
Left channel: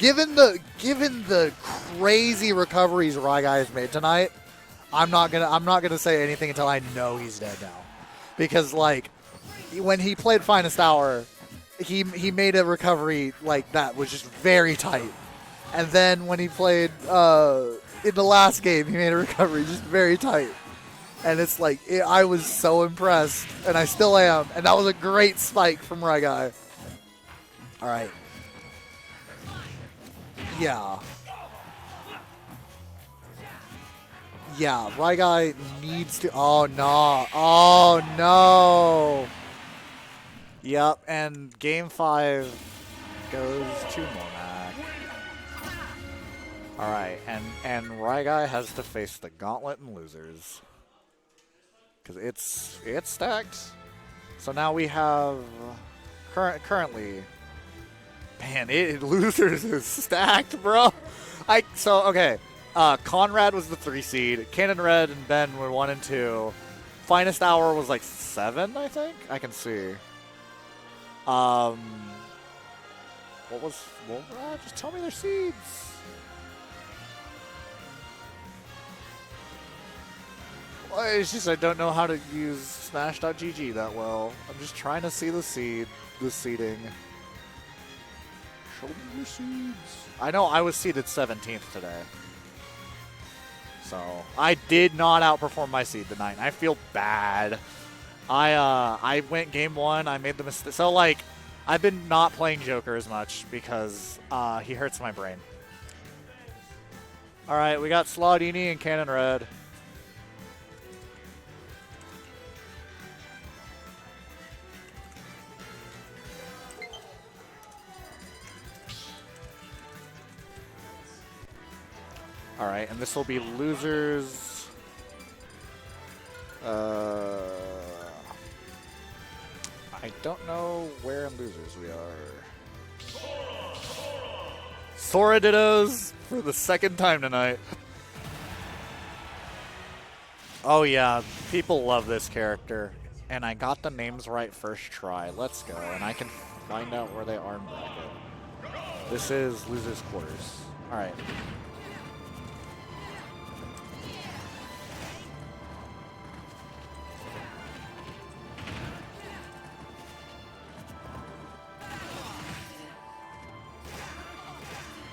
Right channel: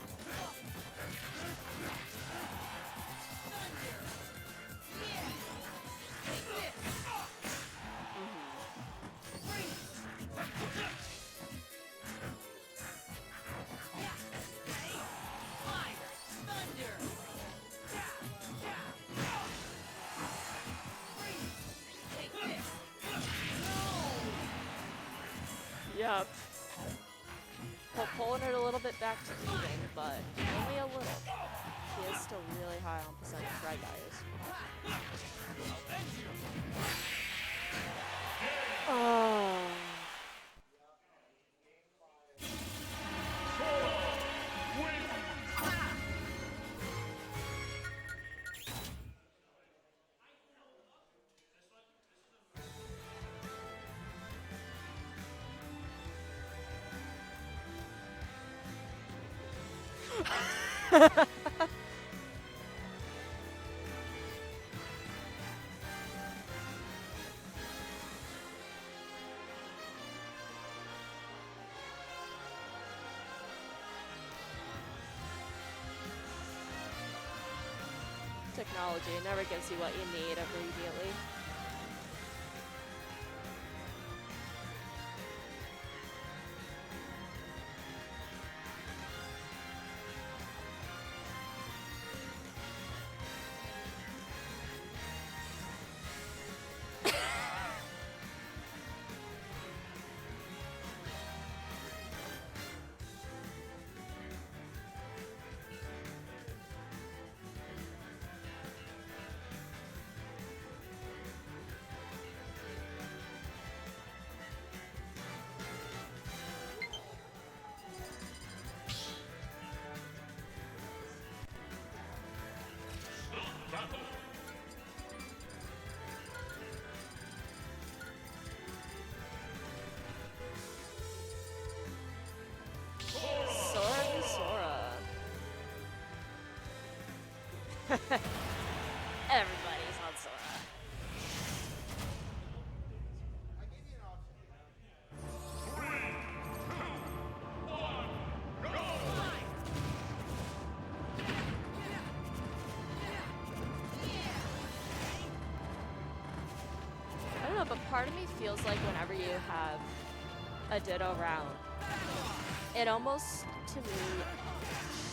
Given the crazy recoveries RyGuy has made tonight, I'm not gonna say anything until I know he's dead now. Because, like, when he played FinestHour, he made a recovery like that was just very tight. And then when he played in the last game, he made a recovery just very tight. And it's like, I was so impressed, and I still am. And that was a great spike from RyGuy. All right. Pulling it a little bit back to me, but Yeah. he is still really high on the side of Yeah, RyGuy needs to. Oh, no. Oh, no. Yep, and game 5 goes to Noremac. All right, and RyGuy has to face the gauntlet and losers because it's stacked. So now we have currently, man, losers is stacked, bro. Okay. Conrad was the 3 seed. Cannon Red and Ben were 1 and 2. FinestHour was like 7, I think. I can see. Just tell me their seeds. technology. It never gives you what you need every year. Well, it's just I don't know how to use Smash.gg that well. I'm just trying to see the seeding. Show me your seeds. I know I was seeded 17th today. So I did not outperform my seed tonight. I feel bad. I went game 1. I made the mistake. So like, I've been not playing Joker as much because he hurts my brain. All right, we got Slawdini and Cannon Red. All right, and this will be losers. I don't know where in losers we are. Sora Dittos for the second time tonight. Everybody's on Sora. Oh yeah, people love this character. And I got the names right first try. Let's go, and I can find out where they are now. This is losers quarters. All right. I don't know, but part of me feels like whenever you have a Ditto round, it almost, to me,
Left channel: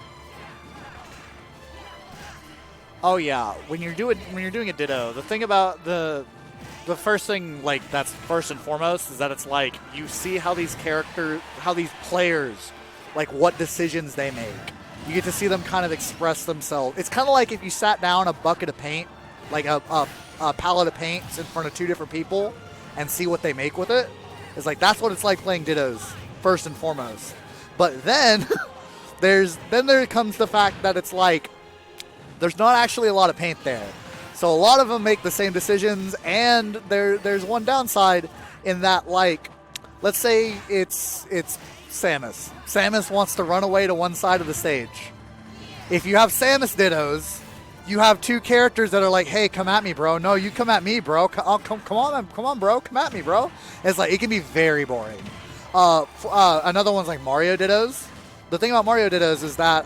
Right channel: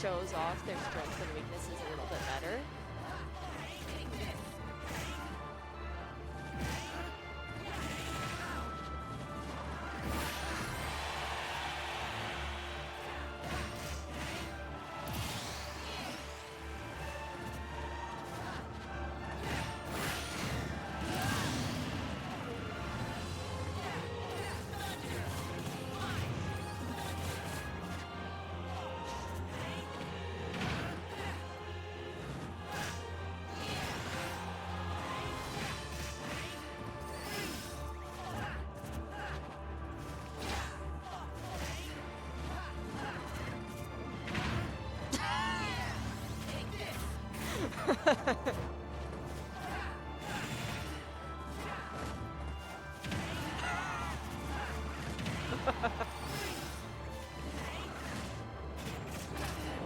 shows off their strengths and weaknesses a little bit better. Oh yeah, when you're doing a Ditto, the thing about the first thing, like, that's first and foremost is that it's like you see how these players, like, what decisions they make. You get to see them kind of express themselves. It's kind of like if you sat down a bucket of paint, like a palette of paint in front of 2 different people and see what they make with it. It's like, that's what it's like playing Dittos, first and foremost. But then, there comes the fact that it's like, there's not actually a lot of paint there. So a lot of them make the same decisions, and there's one downside in that, like, let's say it's Samus. Samus wants to run away to one side of the stage. If you have Samus Dittos, you have two characters that are like, hey, come at me, bro. No, you come at me, bro. Come on, bro. Come at me, bro. It's like, it can be very boring. Another one's like Mario Dittos. The thing about Mario Dittos is that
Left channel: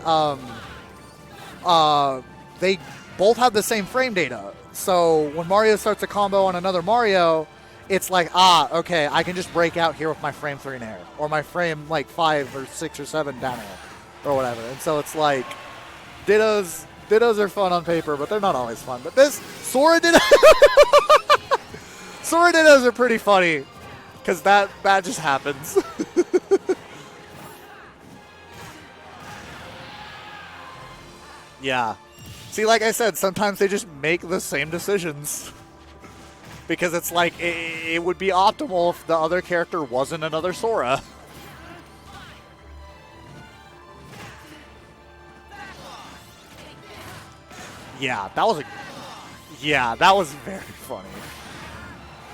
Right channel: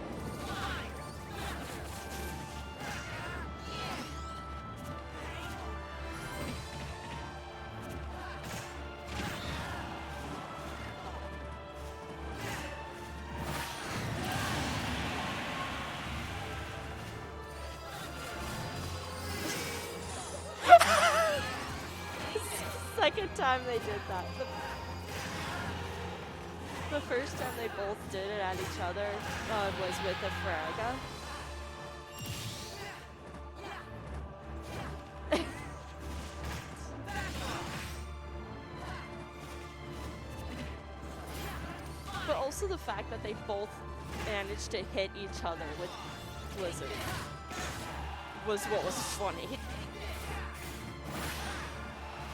they both have the same frame data. So when Mario starts a combo on another Mario, it's like, okay, I can just break out here with my frame 3 nair, or my frame like 5 or 6 or 7 down air, or whatever. And so it's like, Dittos are fun on paper, but they're not always fun. But this Sora Dittos, Sora Dittos are pretty funny, because that just happens. The first time they both did it at each other was with Infraga. Yeah. See, like I said, sometimes they just make the same decisions. Because it's like, it would be optimal if the other character wasn't another Sora. But also the fact that they both managed to hit each other with Blizzard. Yeah, that was What was funny. yeah, that was very funny.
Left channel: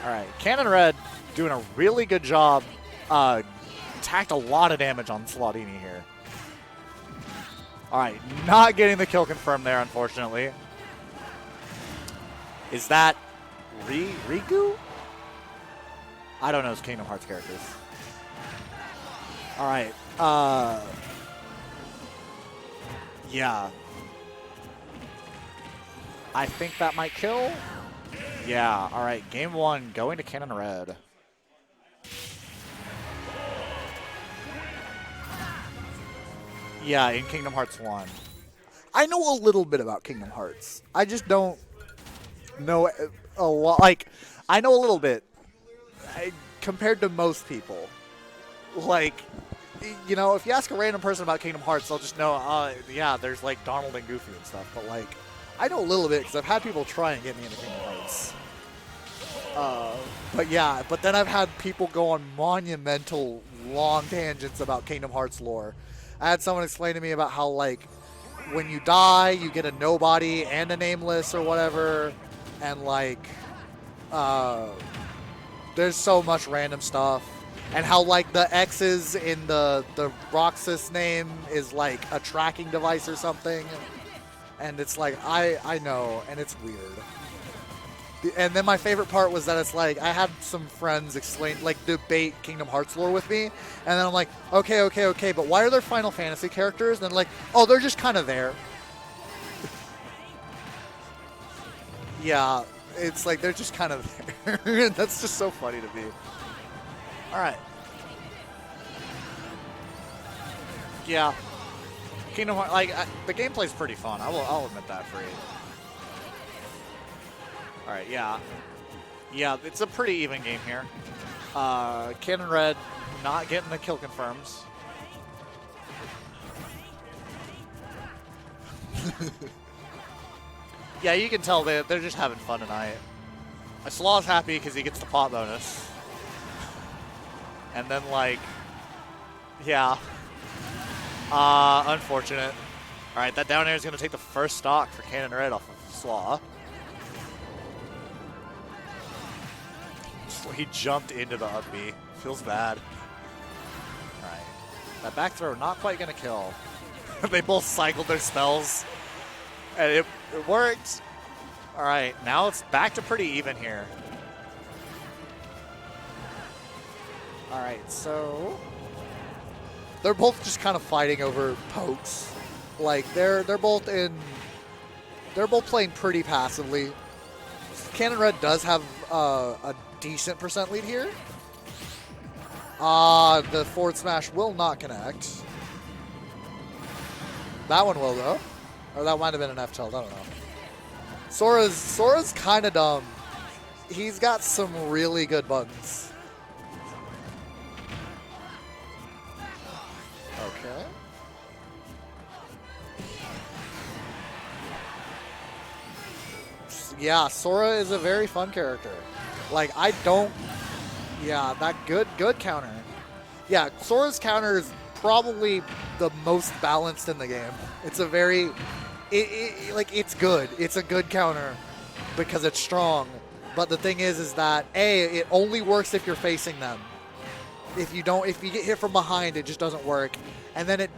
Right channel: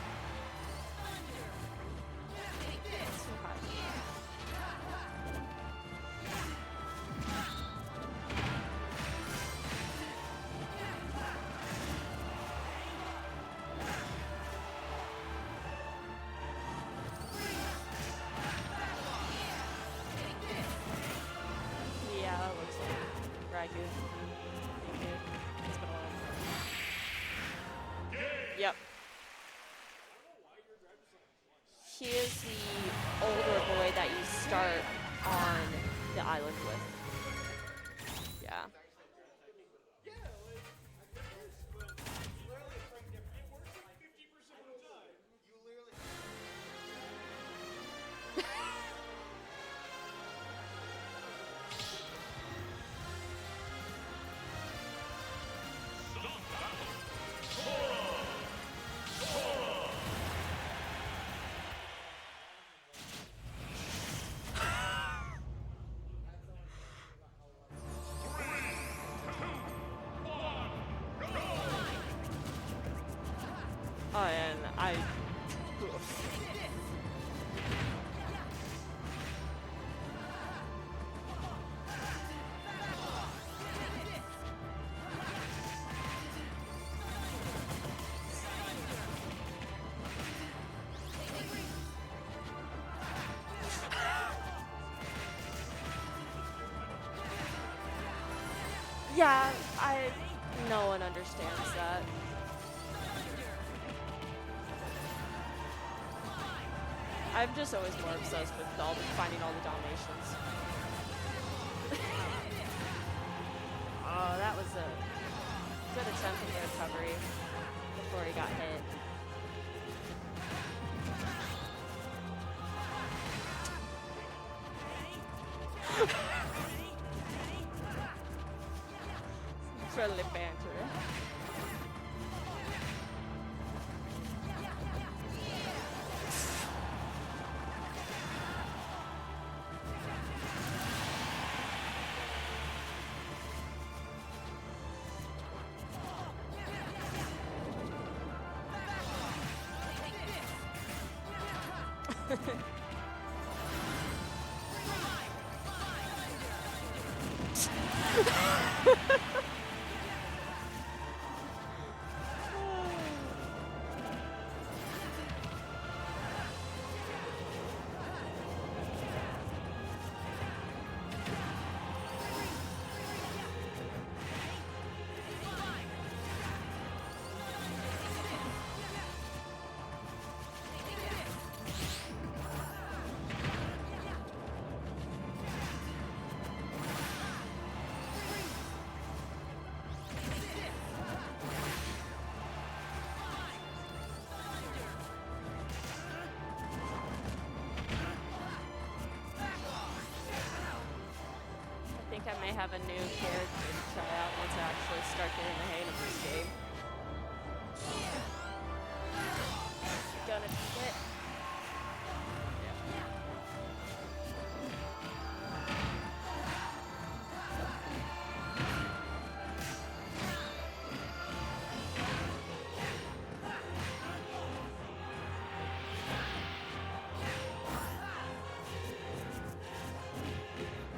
All right, Cannon Red doing a really good job. Tacked a lot of damage on Slawdini here. All right, not getting the kill confirmed there, unfortunately. Is that RyGuy? I don't know his Kingdom Hearts characters. All right. Yeah. I think that might kill. Yeah. All right. Game 1 going to Cannon Red. He is the older boy that you start on the island with. Yeah, in Kingdom Hearts 1. Yeah. I know a little bit about Kingdom Hearts. I just don't know a lot. Like, I know a little bit compared to most people. Like, you know, if you ask a random person about Kingdom Hearts, they'll just know, yeah, there's like Donald and Goofy and stuff. But like, I know a little bit because I've had people try and get me into Kingdom Hearts. But yeah, but then I've had people go on monumental long tangents about Kingdom Hearts lore. I had someone explain to me about how, like, when you die, you get a nobody and a nameless or whatever, and like, there's so much random stuff, and how like the X's in the Roxas name is like a tracking device or something, and it's like, I know, and it's weird. And then my favorite part was that it's like, I had some friends explain, like, debate Kingdom Hearts lore with me, and then I'm like, okay, but why are there Final Fantasy characters? And then like, oh, they're just kind of there. Yeah, no one understands that. Yeah, it's like they're just kind of there. That's just so funny to me. All right. I'm just always more obsessed with finding all the donations. Yeah. Kingdom Hearts, like, the gameplay's pretty fun. I'll admit that for you. All right, yeah. Yeah, it's a pretty even game here. Cannon Red not getting the kill confirms. Yeah, you can tell they're just having fun tonight. Slaw's happy because he gets the pot bonus. And then, like, yeah. Unfortunate. All right, that down air is going to take the first stock for Cannon Red off of Slaw. He jumped into the up B. Feels bad. All right. That back throw not quite going to kill. They both cycled their spells. And it worked. All right, now it's back to pretty even here. All right, so they're both just kind of fighting over pokes. Like they're both playing pretty passively. Cannon Red does have a decent percent lead here. The forward smash will not connect. That one will though. Or that might have been an F tilt, I don't know. Sora's kind of dumb. He's got some really good buttons. Okay. I think I might have a new kid that needs to actually start getting the hate. Yeah, Sora is a very fun character. Like, I don't... Yeah, that good counter. Yeah, Sora's counter is probably the most balanced in the game. It's a very like it's good. It's a good counter because it's strong. But the thing is that it only works if you're facing them. If you get hit from behind, it just doesn't work. And then it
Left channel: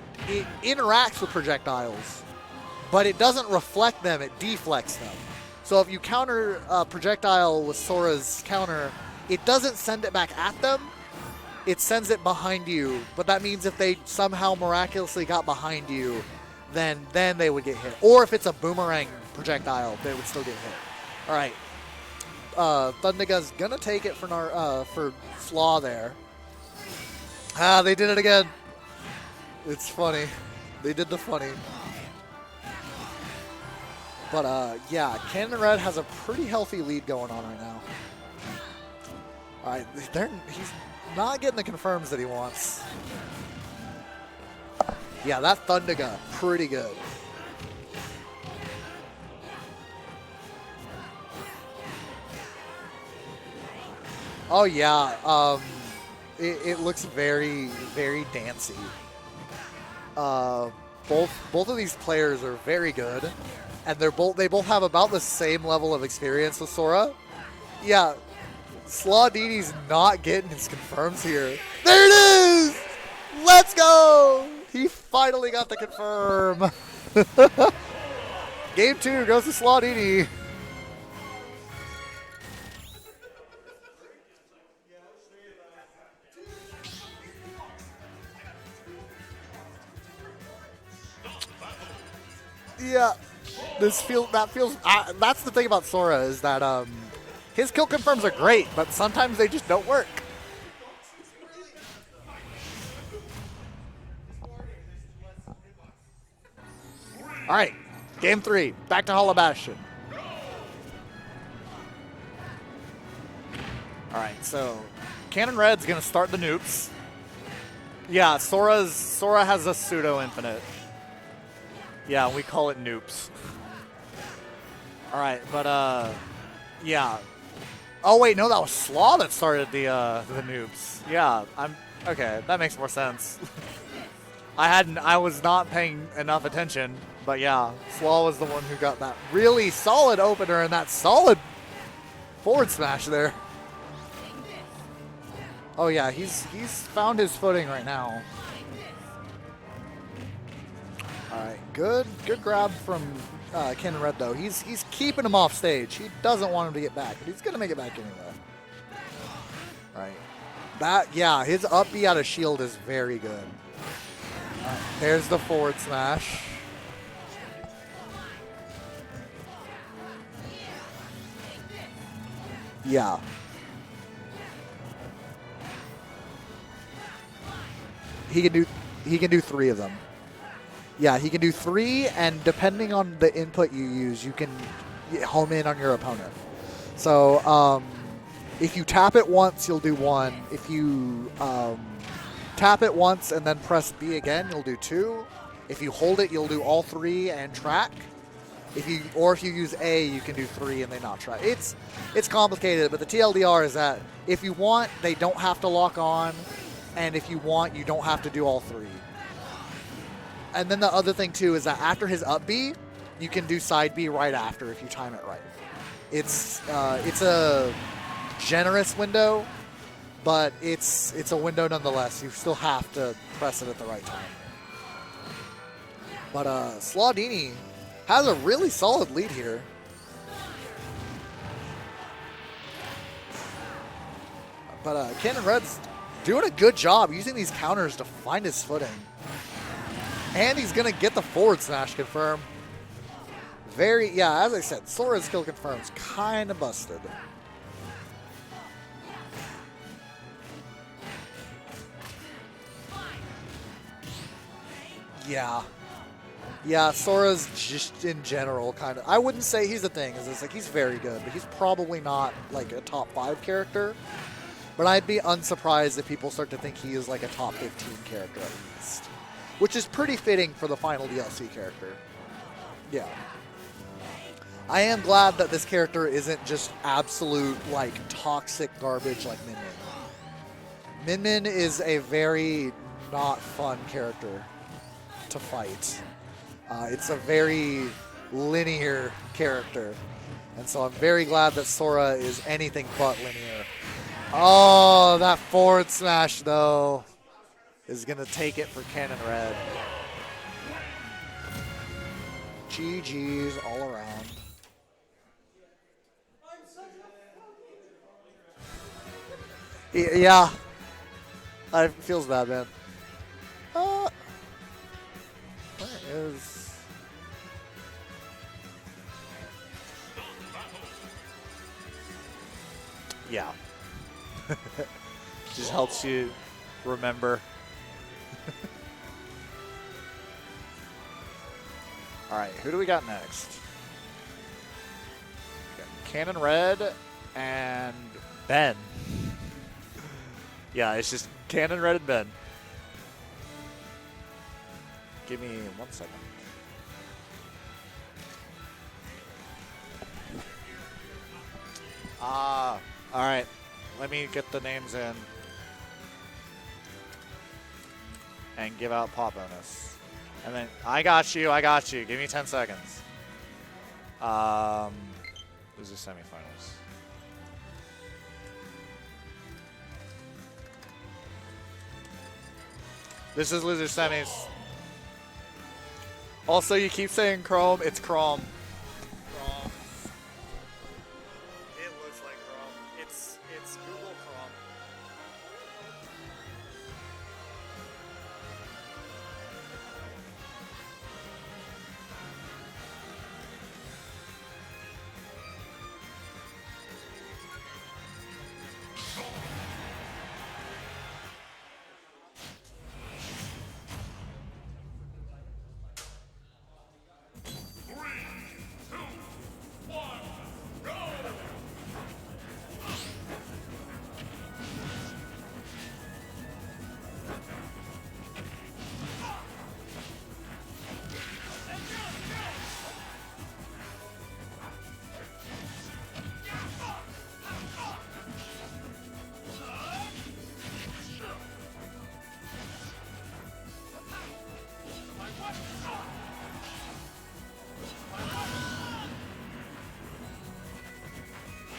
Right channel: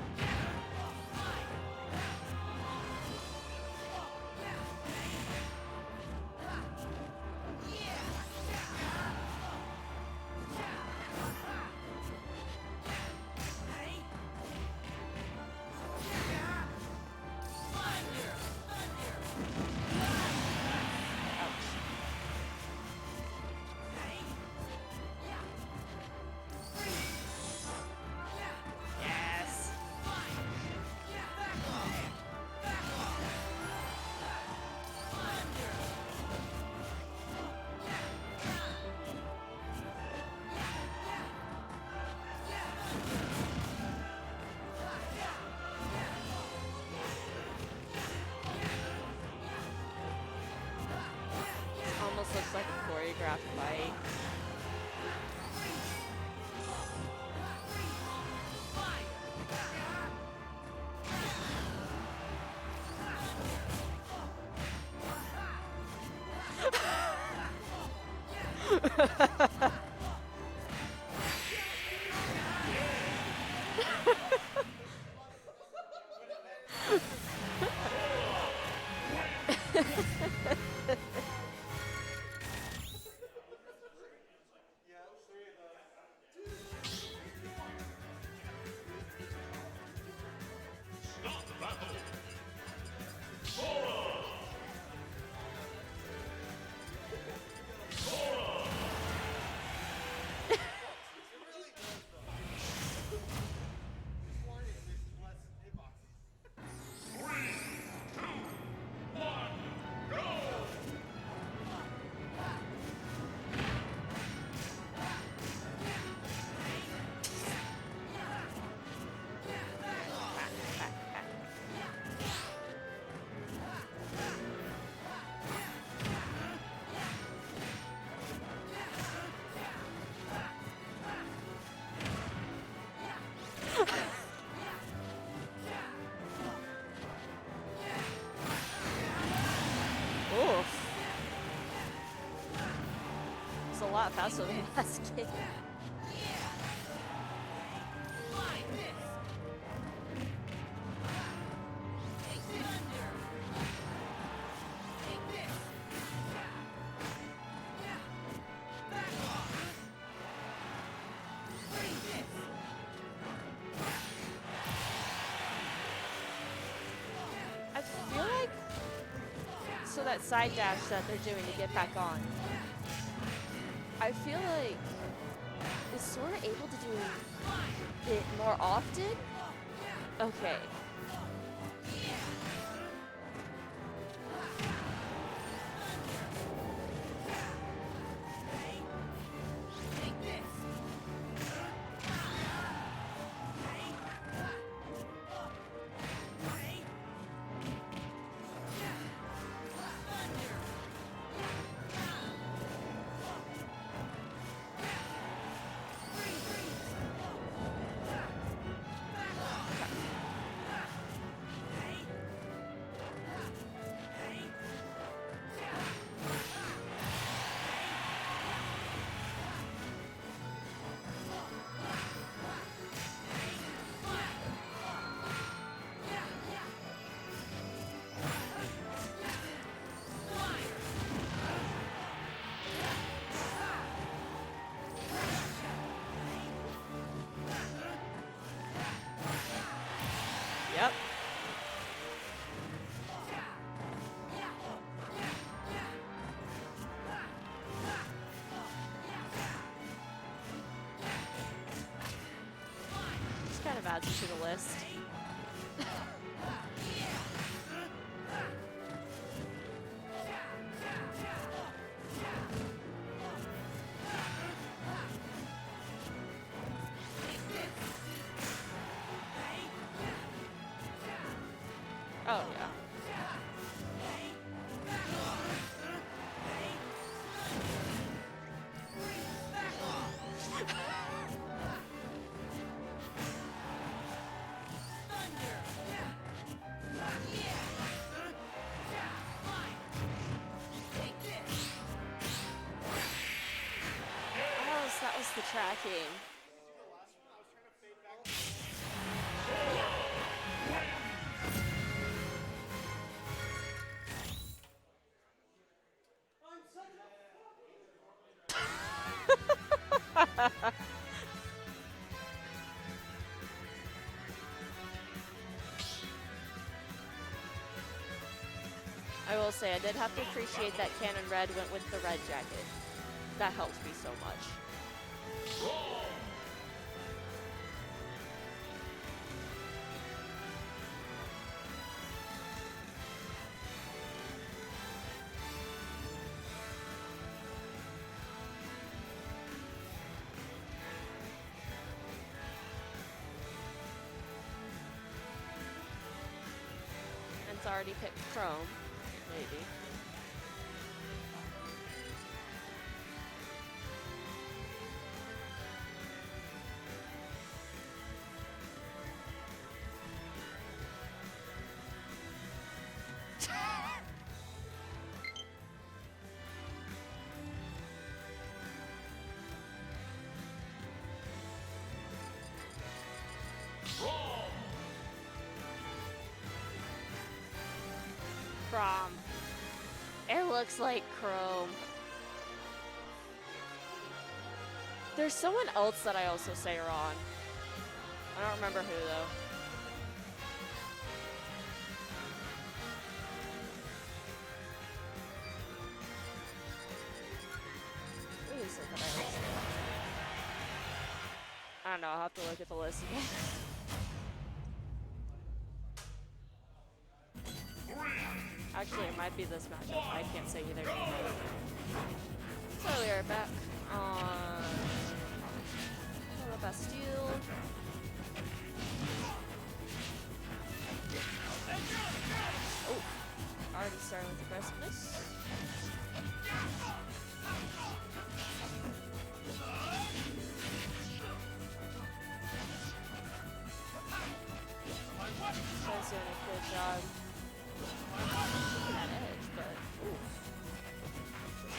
interacts with projectiles, but it doesn't reflect them. It deflects them. So if you counter a projectile with Sora's counter, it doesn't send it back at them. It sends it behind you. But that means if they somehow miraculously got behind you, then they would get hit. Or if it's a boomerang projectile, they would still get hit. All right. Thundiga's gonna take it for Slaw there. Ah, they did it again. It's funny. They did the funny. But yeah, Cannon Red has a pretty healthy lead going on right now. All right, he's not getting the confirms that he wants. Yeah, that Thundiga, pretty good. Almost looks like a choreographed fight. Oh yeah, it looks very, very dancey. Both of these players are very good, and they both have about the same level of experience as Sora. Yeah, Slawdini's not getting his confirms here. There it is! Let's go! He finally got the confirm. Game 2 goes to Slawdini. Yeah, that's the thing about Sora is that his kill confirms are great, but sometimes they just don't work. All right, game 3, back to Hollow Bastion. All right, so Cannon Red's gonna start the nukes. Yeah, Sora has a pseudo infinite. Yeah, we call it noops. All right, but yeah. Oh wait, no, that was Slaw that started the noobs. Yeah, okay. That makes more sense. I was not paying enough attention, but yeah, Slaw was the one who got that really solid opener and that solid forward smash there. It's a lot faster than last game. Oh yeah, he's found his footing right now. Good grab from Ken Red though. He's keeping him off stage. He doesn't want him to get back, but he's gonna make it back anyway. All right. His up B out of shield is very good. Right, there's the forward smash. I feel like so that side dash that they're doing to get back on. Yeah. I feel like is Sora able to do it He can do more often? he can do 3 of them. Okay. Yeah, he can do 3, and depending on the input you use, you can home in on your opponent. So if you tap it once, you'll do 1. If you tap it once and then press B again, you'll do 2. If you hold it, you'll do all 3 and track. If you use A, you can do 3 and they not track. It's complicated, but the TLDR is that if you want, they don't have to lock on, and if you want, you don't have to do all 3. And then the other thing too is that after his up B, you can do side B right after if you time it right. It's a generous window, but it's a window nonetheless. You still have to press it at the right time. But Slawdini has a really solid lead here. But Cannon Red's doing a good job using these counters to find his footing. And he's going to get the forward smash confirmed. As I said, Sora's skill confirms kind of busted. Kind of adds to the list. Yeah. Yeah, Sora's just in general kind of. I wouldn't say he's a thing. It's like he's very good, but he's probably not like a top 5 character. But I'd be unsurprised if people start to think he is like a top 15 character, which is pretty fitting for the final DLC character. Oh, yeah. I am glad that this character isn't just absolute like toxic garbage like Min Min. Min Min is a very not fun character to fight. It's a very linear character. And so I'm very glad that Sora is anything but linear. Oh, that forward smash, though, is going to take it for Cannon Red. GG's all around. Yeah. It feels bad, man. Where is... I will say, I did have to appreciate that Cannon Red went with the red jacket. Yeah. That helps me so much. Just helps you remember. All right, who do we got next? Cannon Red and Ben. Yeah, it's just Cannon Red and Ben. Give me 1 second. It's already picked Chrome. Maybe. All right. Let me get the names in and give out pop bonus. And then I got you. Give me 10 seconds. This is semifinals. This is loser semis. Also, you keep saying Chrome. It's Chrome. Chrome. It looks like Chrome. It looks like Chrome. It's Google Chrome. There's someone else that I also say wrong. I don't remember who though. I don't know, I'll have to look at the list. Actually, it might be this match. I can't say either. Oh, we are back on Bastille. Oh, already starting with aggressiveness.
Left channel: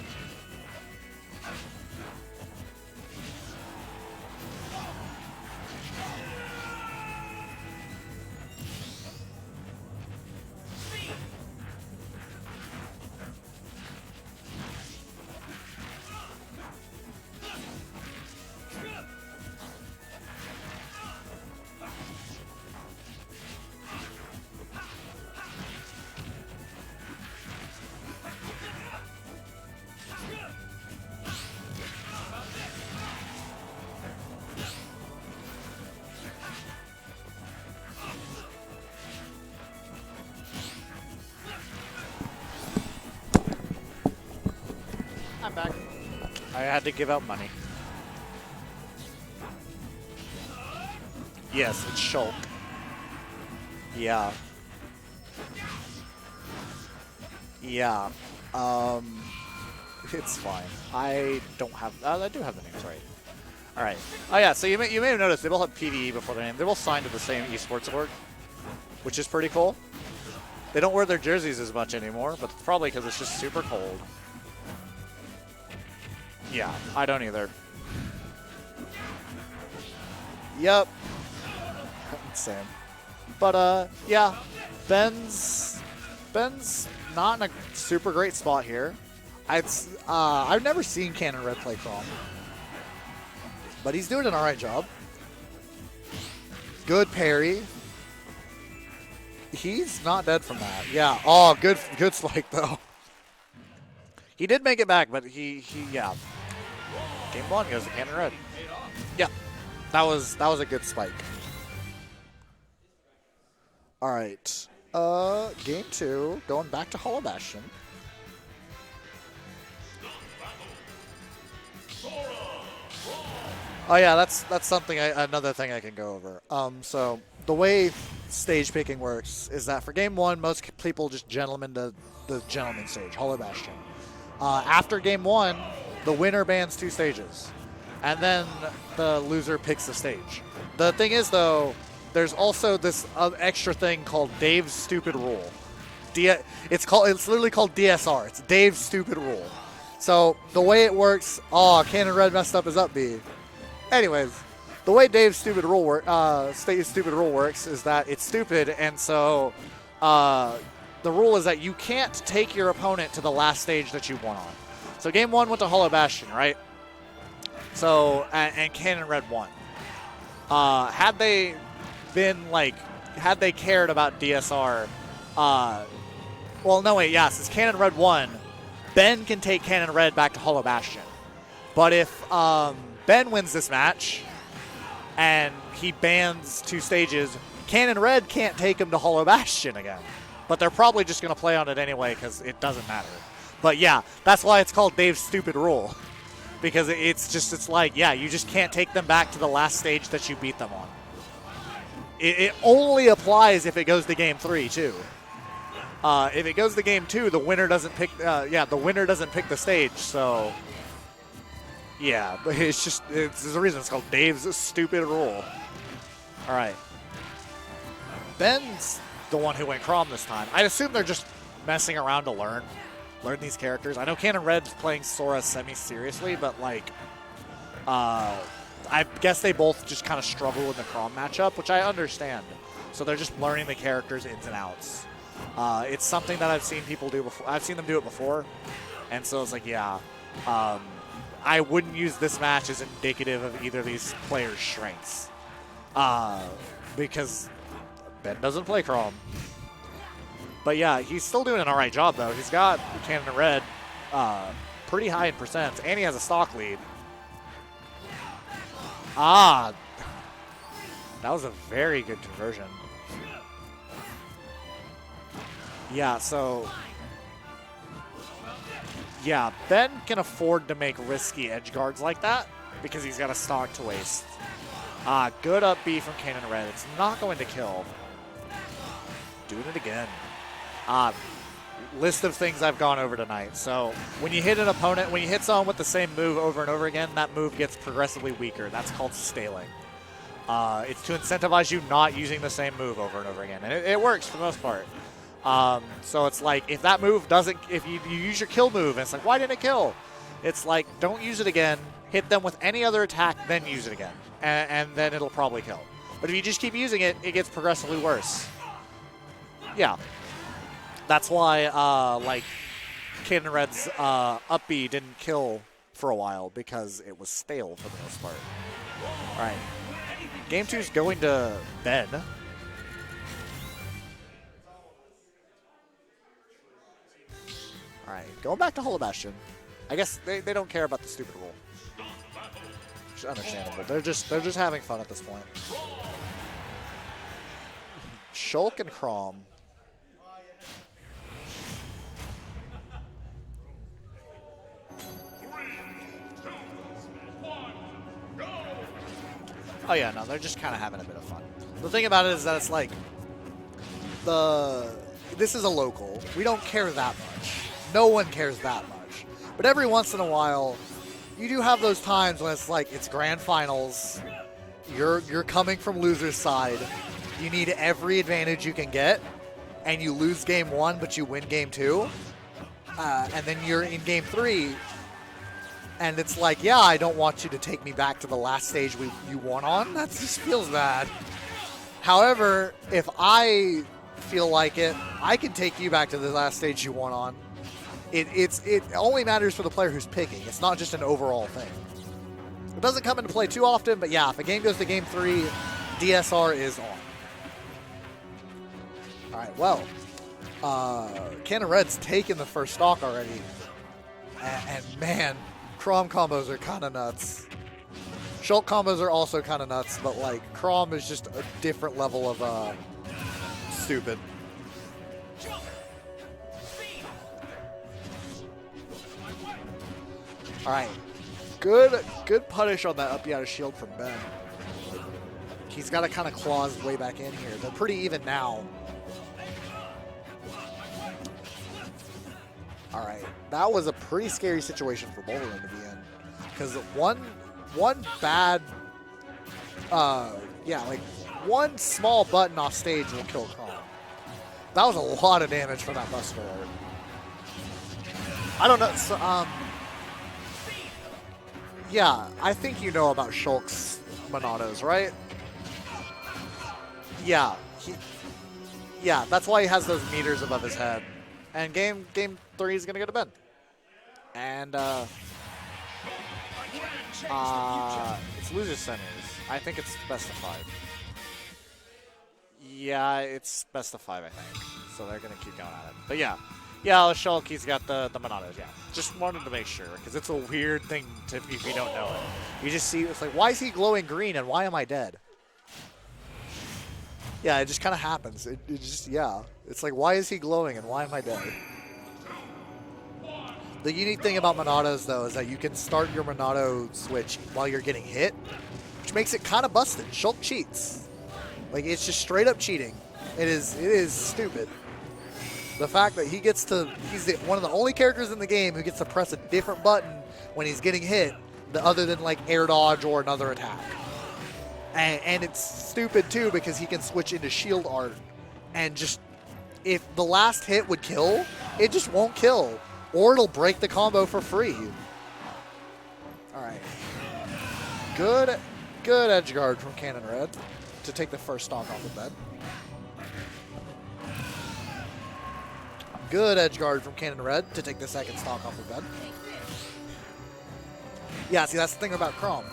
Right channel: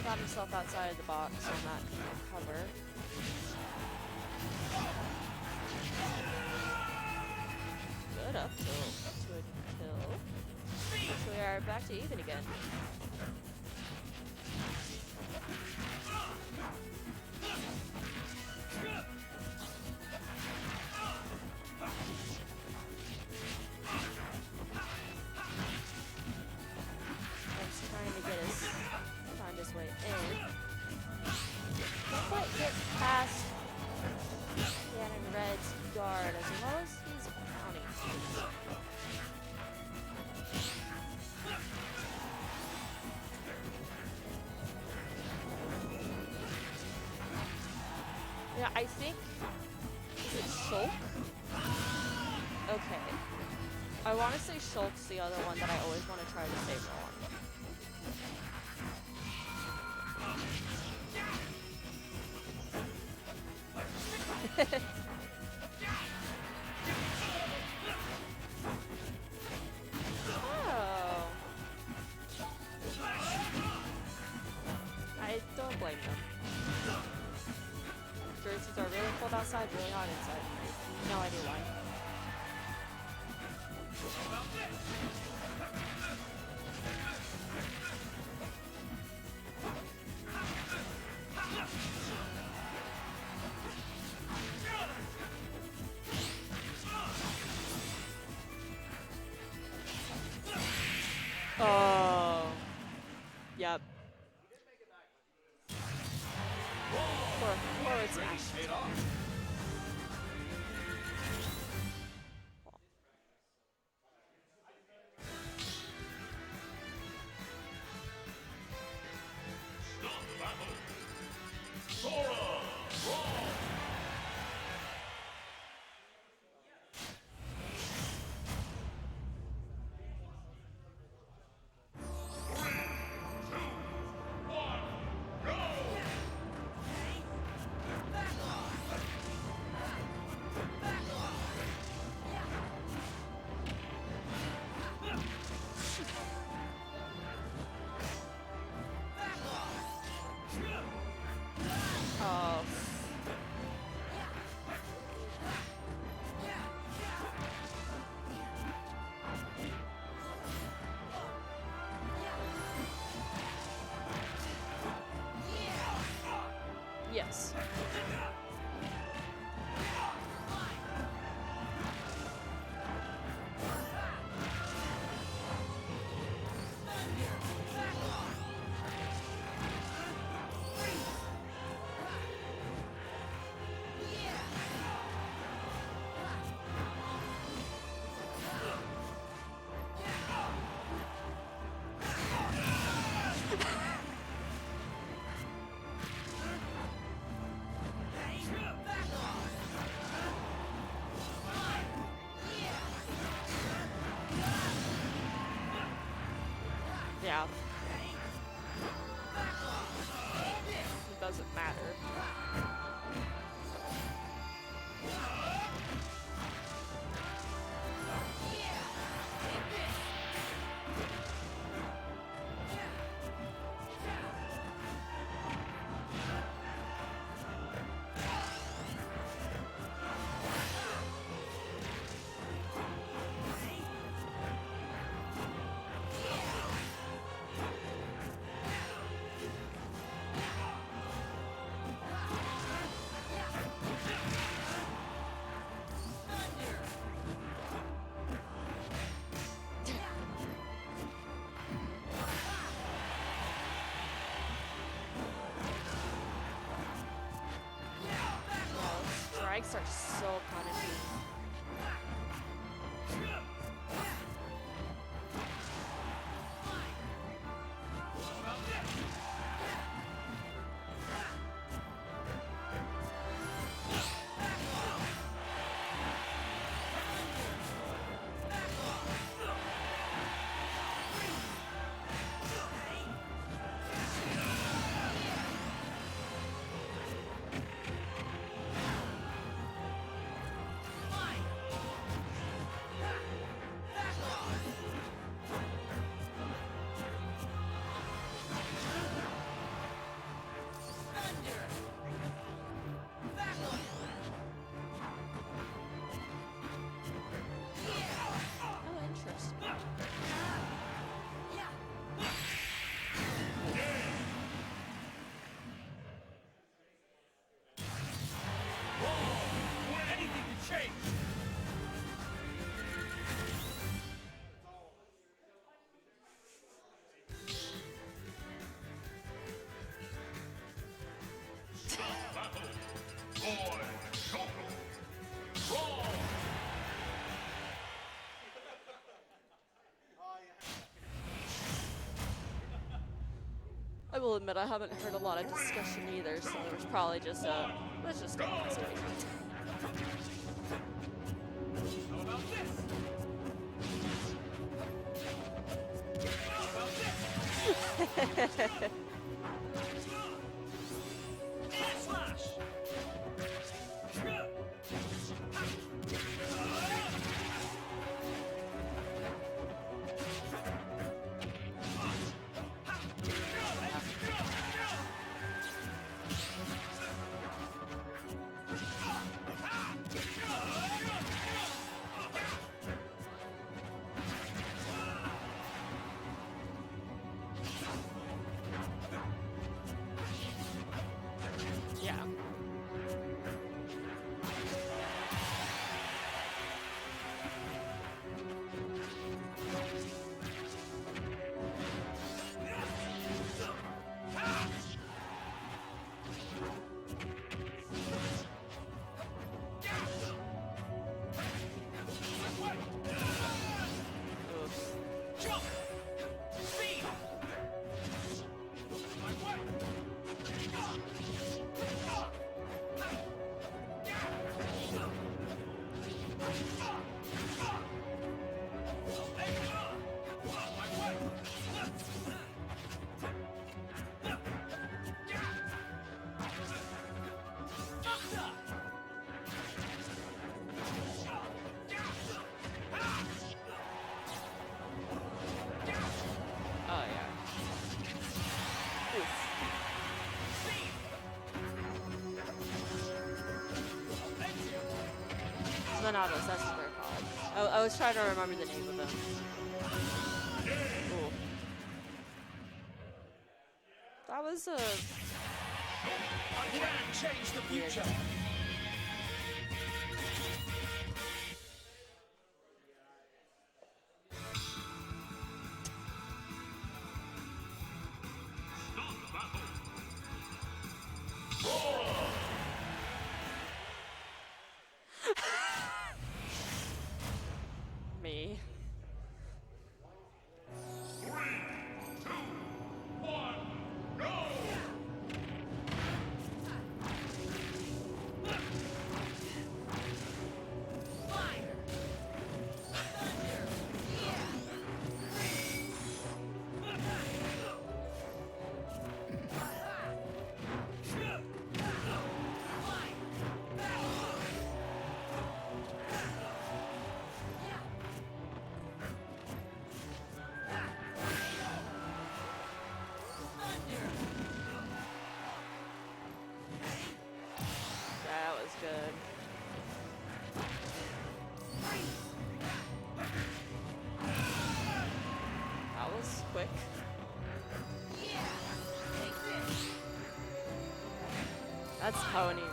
Got himself outside the box in that cover. Good up. We are back to even again. I'm back. I had to give out money. Yeah, I think it's Shulk. Yes, it's Shulk. Okay. Yeah. I want to say Shulk's the other one that I always want to try to say wrong. Yeah. It's fine. I don't have. I do have the names right. All right. Oh yeah. So you may have noticed they both have PDE before their name. They both signed to the same esports org, which is pretty cool. They don't wear their jerseys as much anymore, but probably because it's just super cold. I don't like them. Yeah, I don't either. Jerseys are really cold outside, but not inside. Yep. No, I do. Same. But yeah, Ben's not in a super great spot here. I've never seen Cannon Red play Chrome, but he's doing an alright job. Good parry. He's not dead from that. Yeah. Oh, good spike though. Yep. He did make it back, but he yeah. Game one goes Cannon Red. Yeah. That was a good spike. All right. Game two, going back to Hollow Bastion. Oh yeah, that's something another thing I can go over. So the way stage picking works is that for game one, most people just gentlemen to the gentleman stage, Hollow Bastion. After game one, the winner bans 2 stages, and then the loser picks the stage. The thing is though, there's also this extra thing called Dave's Stupid Rule. It's literally called DSR. It's Dave's Stupid Rule. So the way it works, Cannon Red messed up his up B. Anyways, the way Dave's Stupid Rule works is that it's stupid, and so the rule is that you can't take your opponent to the last stage that you won on. So game 1 went to Hollow Bastion, right? Yes. So and Cannon Red won. Had they cared about DSR, since Cannon Red won, Ben can take Cannon Red back to Hollow Bastion. But if Ben wins this match and he bans 2 stages, Cannon Red can't take him to Hollow Bastion again. But they're probably just going to play on it anyway because it doesn't matter. But yeah, that's why it's called Dave's Stupid Rule. Because you just can't take them back to the last stage that you beat them on. It only applies if it goes to game 3 too. If it goes to game 2, the winner doesn't pick. The winner doesn't pick the stage. So It doesn't matter. yeah, there's a reason it's called Dave's Stupid Rule. All right, Ben's the one who went Crom this time. I'd assume they're just messing around to learn these characters. I know Cannon Red's playing Sora semi-seriously, but I guess they both just kind of struggle with the Crom matchup, which I understand. So they're just learning the characters ins and outs. It's something that I've seen people do before. I've seen them do it before, and so it's I wouldn't use this match as indicative of either of these players' strengths, because Ben doesn't play Crom. But yeah, he's still doing an all right job though. He's got Cannon Red pretty high in percent, and he has a stock lead. So That was a very good conversion. Yeah, so yeah, Ben can afford to make risky edge guards like that because he's got a stock to waste. Good up B from Cannon Red. It's not going to kill. Doing it again. List of things I've gone over tonight. So when you hit an opponent, when you hit someone with the same move over and over again, that move gets progressively weaker. That's called staling. It's to incentivize you not using the same move over and over again. And it works for the most part. So it's like, if that move doesn't, if you use your kill move, and it's like, why didn't it kill? It's like, don't use it again, hit them with any other attack, then use it again. And then it'll probably kill. But if you just keep using it, it gets progressively worse. Yeah. That's why, Cannon Red's up B didn't kill for a while, because it was stale for the most part. Alright. Game 2 is going to Ben. Alright, going back to Hollow Bastion. I guess they don't care about the stupid rule. Which is understandable. They're just having fun at this point. Shulk and Crom. I will admit I haven't heard a lot of discussion either, so it's probably just let's just go. Oh yeah, no, they're just kind of having a bit of fun. The thing about it is that it's like, this is a local. We don't care that much. No one cares that much. But every once in a while, you do have those times when it's like, it's grand finals. You're coming from loser's side. You need every advantage you can get, and you lose game 1, but you win game 2. And then you're in game 3, and it's like, yeah, I don't want you to take me back to the last stage you won on. That just feels bad. However, if I feel like it, I can take you back to the last stage you won on. It only matters for the player who's picking. It's not just an overall thing. Yeah. It doesn't come into play too often, but yeah, if a game goes to game 3, DSR is on. All right, well. Cannon Red's taken the first stock already. And man, Crom combos are kind of nuts. Shulk combos are also kind of nuts, but like, Crom is just a different level of stupid. Alright. Good punish on that up out of shield from Ben. He's got to kind of claw his way back in here. They're pretty even now. Alright, that was a pretty scary situation for both of them to be in. Because one bad, one small button off stage will kill Crom. That was a lot of damage from that bus forward. I don't know. So, yeah, I think you know about Shulk's Monados, right? Monados, that's what Yeah. I was trying to remember the name. Yeah, that's why he has those meters above his head. And game 3 is gonna go to Ben. And it's loser centers. I think it's best of 5. Yeah, it's best of 5, I think. So they're gonna keep going at it. But yeah, Shulk, he's got the Monados. Yeah, just wanted to make sure because it's a weird thing to if you don't know. You just see it's like, why is he glowing green and why am I dead? Yeah, it just kind of happens. It just, yeah. It's like, why is he glowing and why am I dead? The unique thing about Monados, though, is that you can start your Monado switch while you're getting hit, which makes it kind of busted. Shulk cheats. Like, it's just straight up cheating. It is stupid. The fact that he gets to, he's one of the only characters in the game who gets to press a different button when he's getting hit, other than, like, air dodge or another attack. And it's stupid, too, because he can switch into shield art. And just, if the last hit would kill, it just won't kill. Or it'll break the combo for free. All right. Good edge guard from Cannon Red to take the first stock off the bed. Good edge guard from Cannon Red to take the second stock off the bed. Yeah, see, that's the thing about Crom.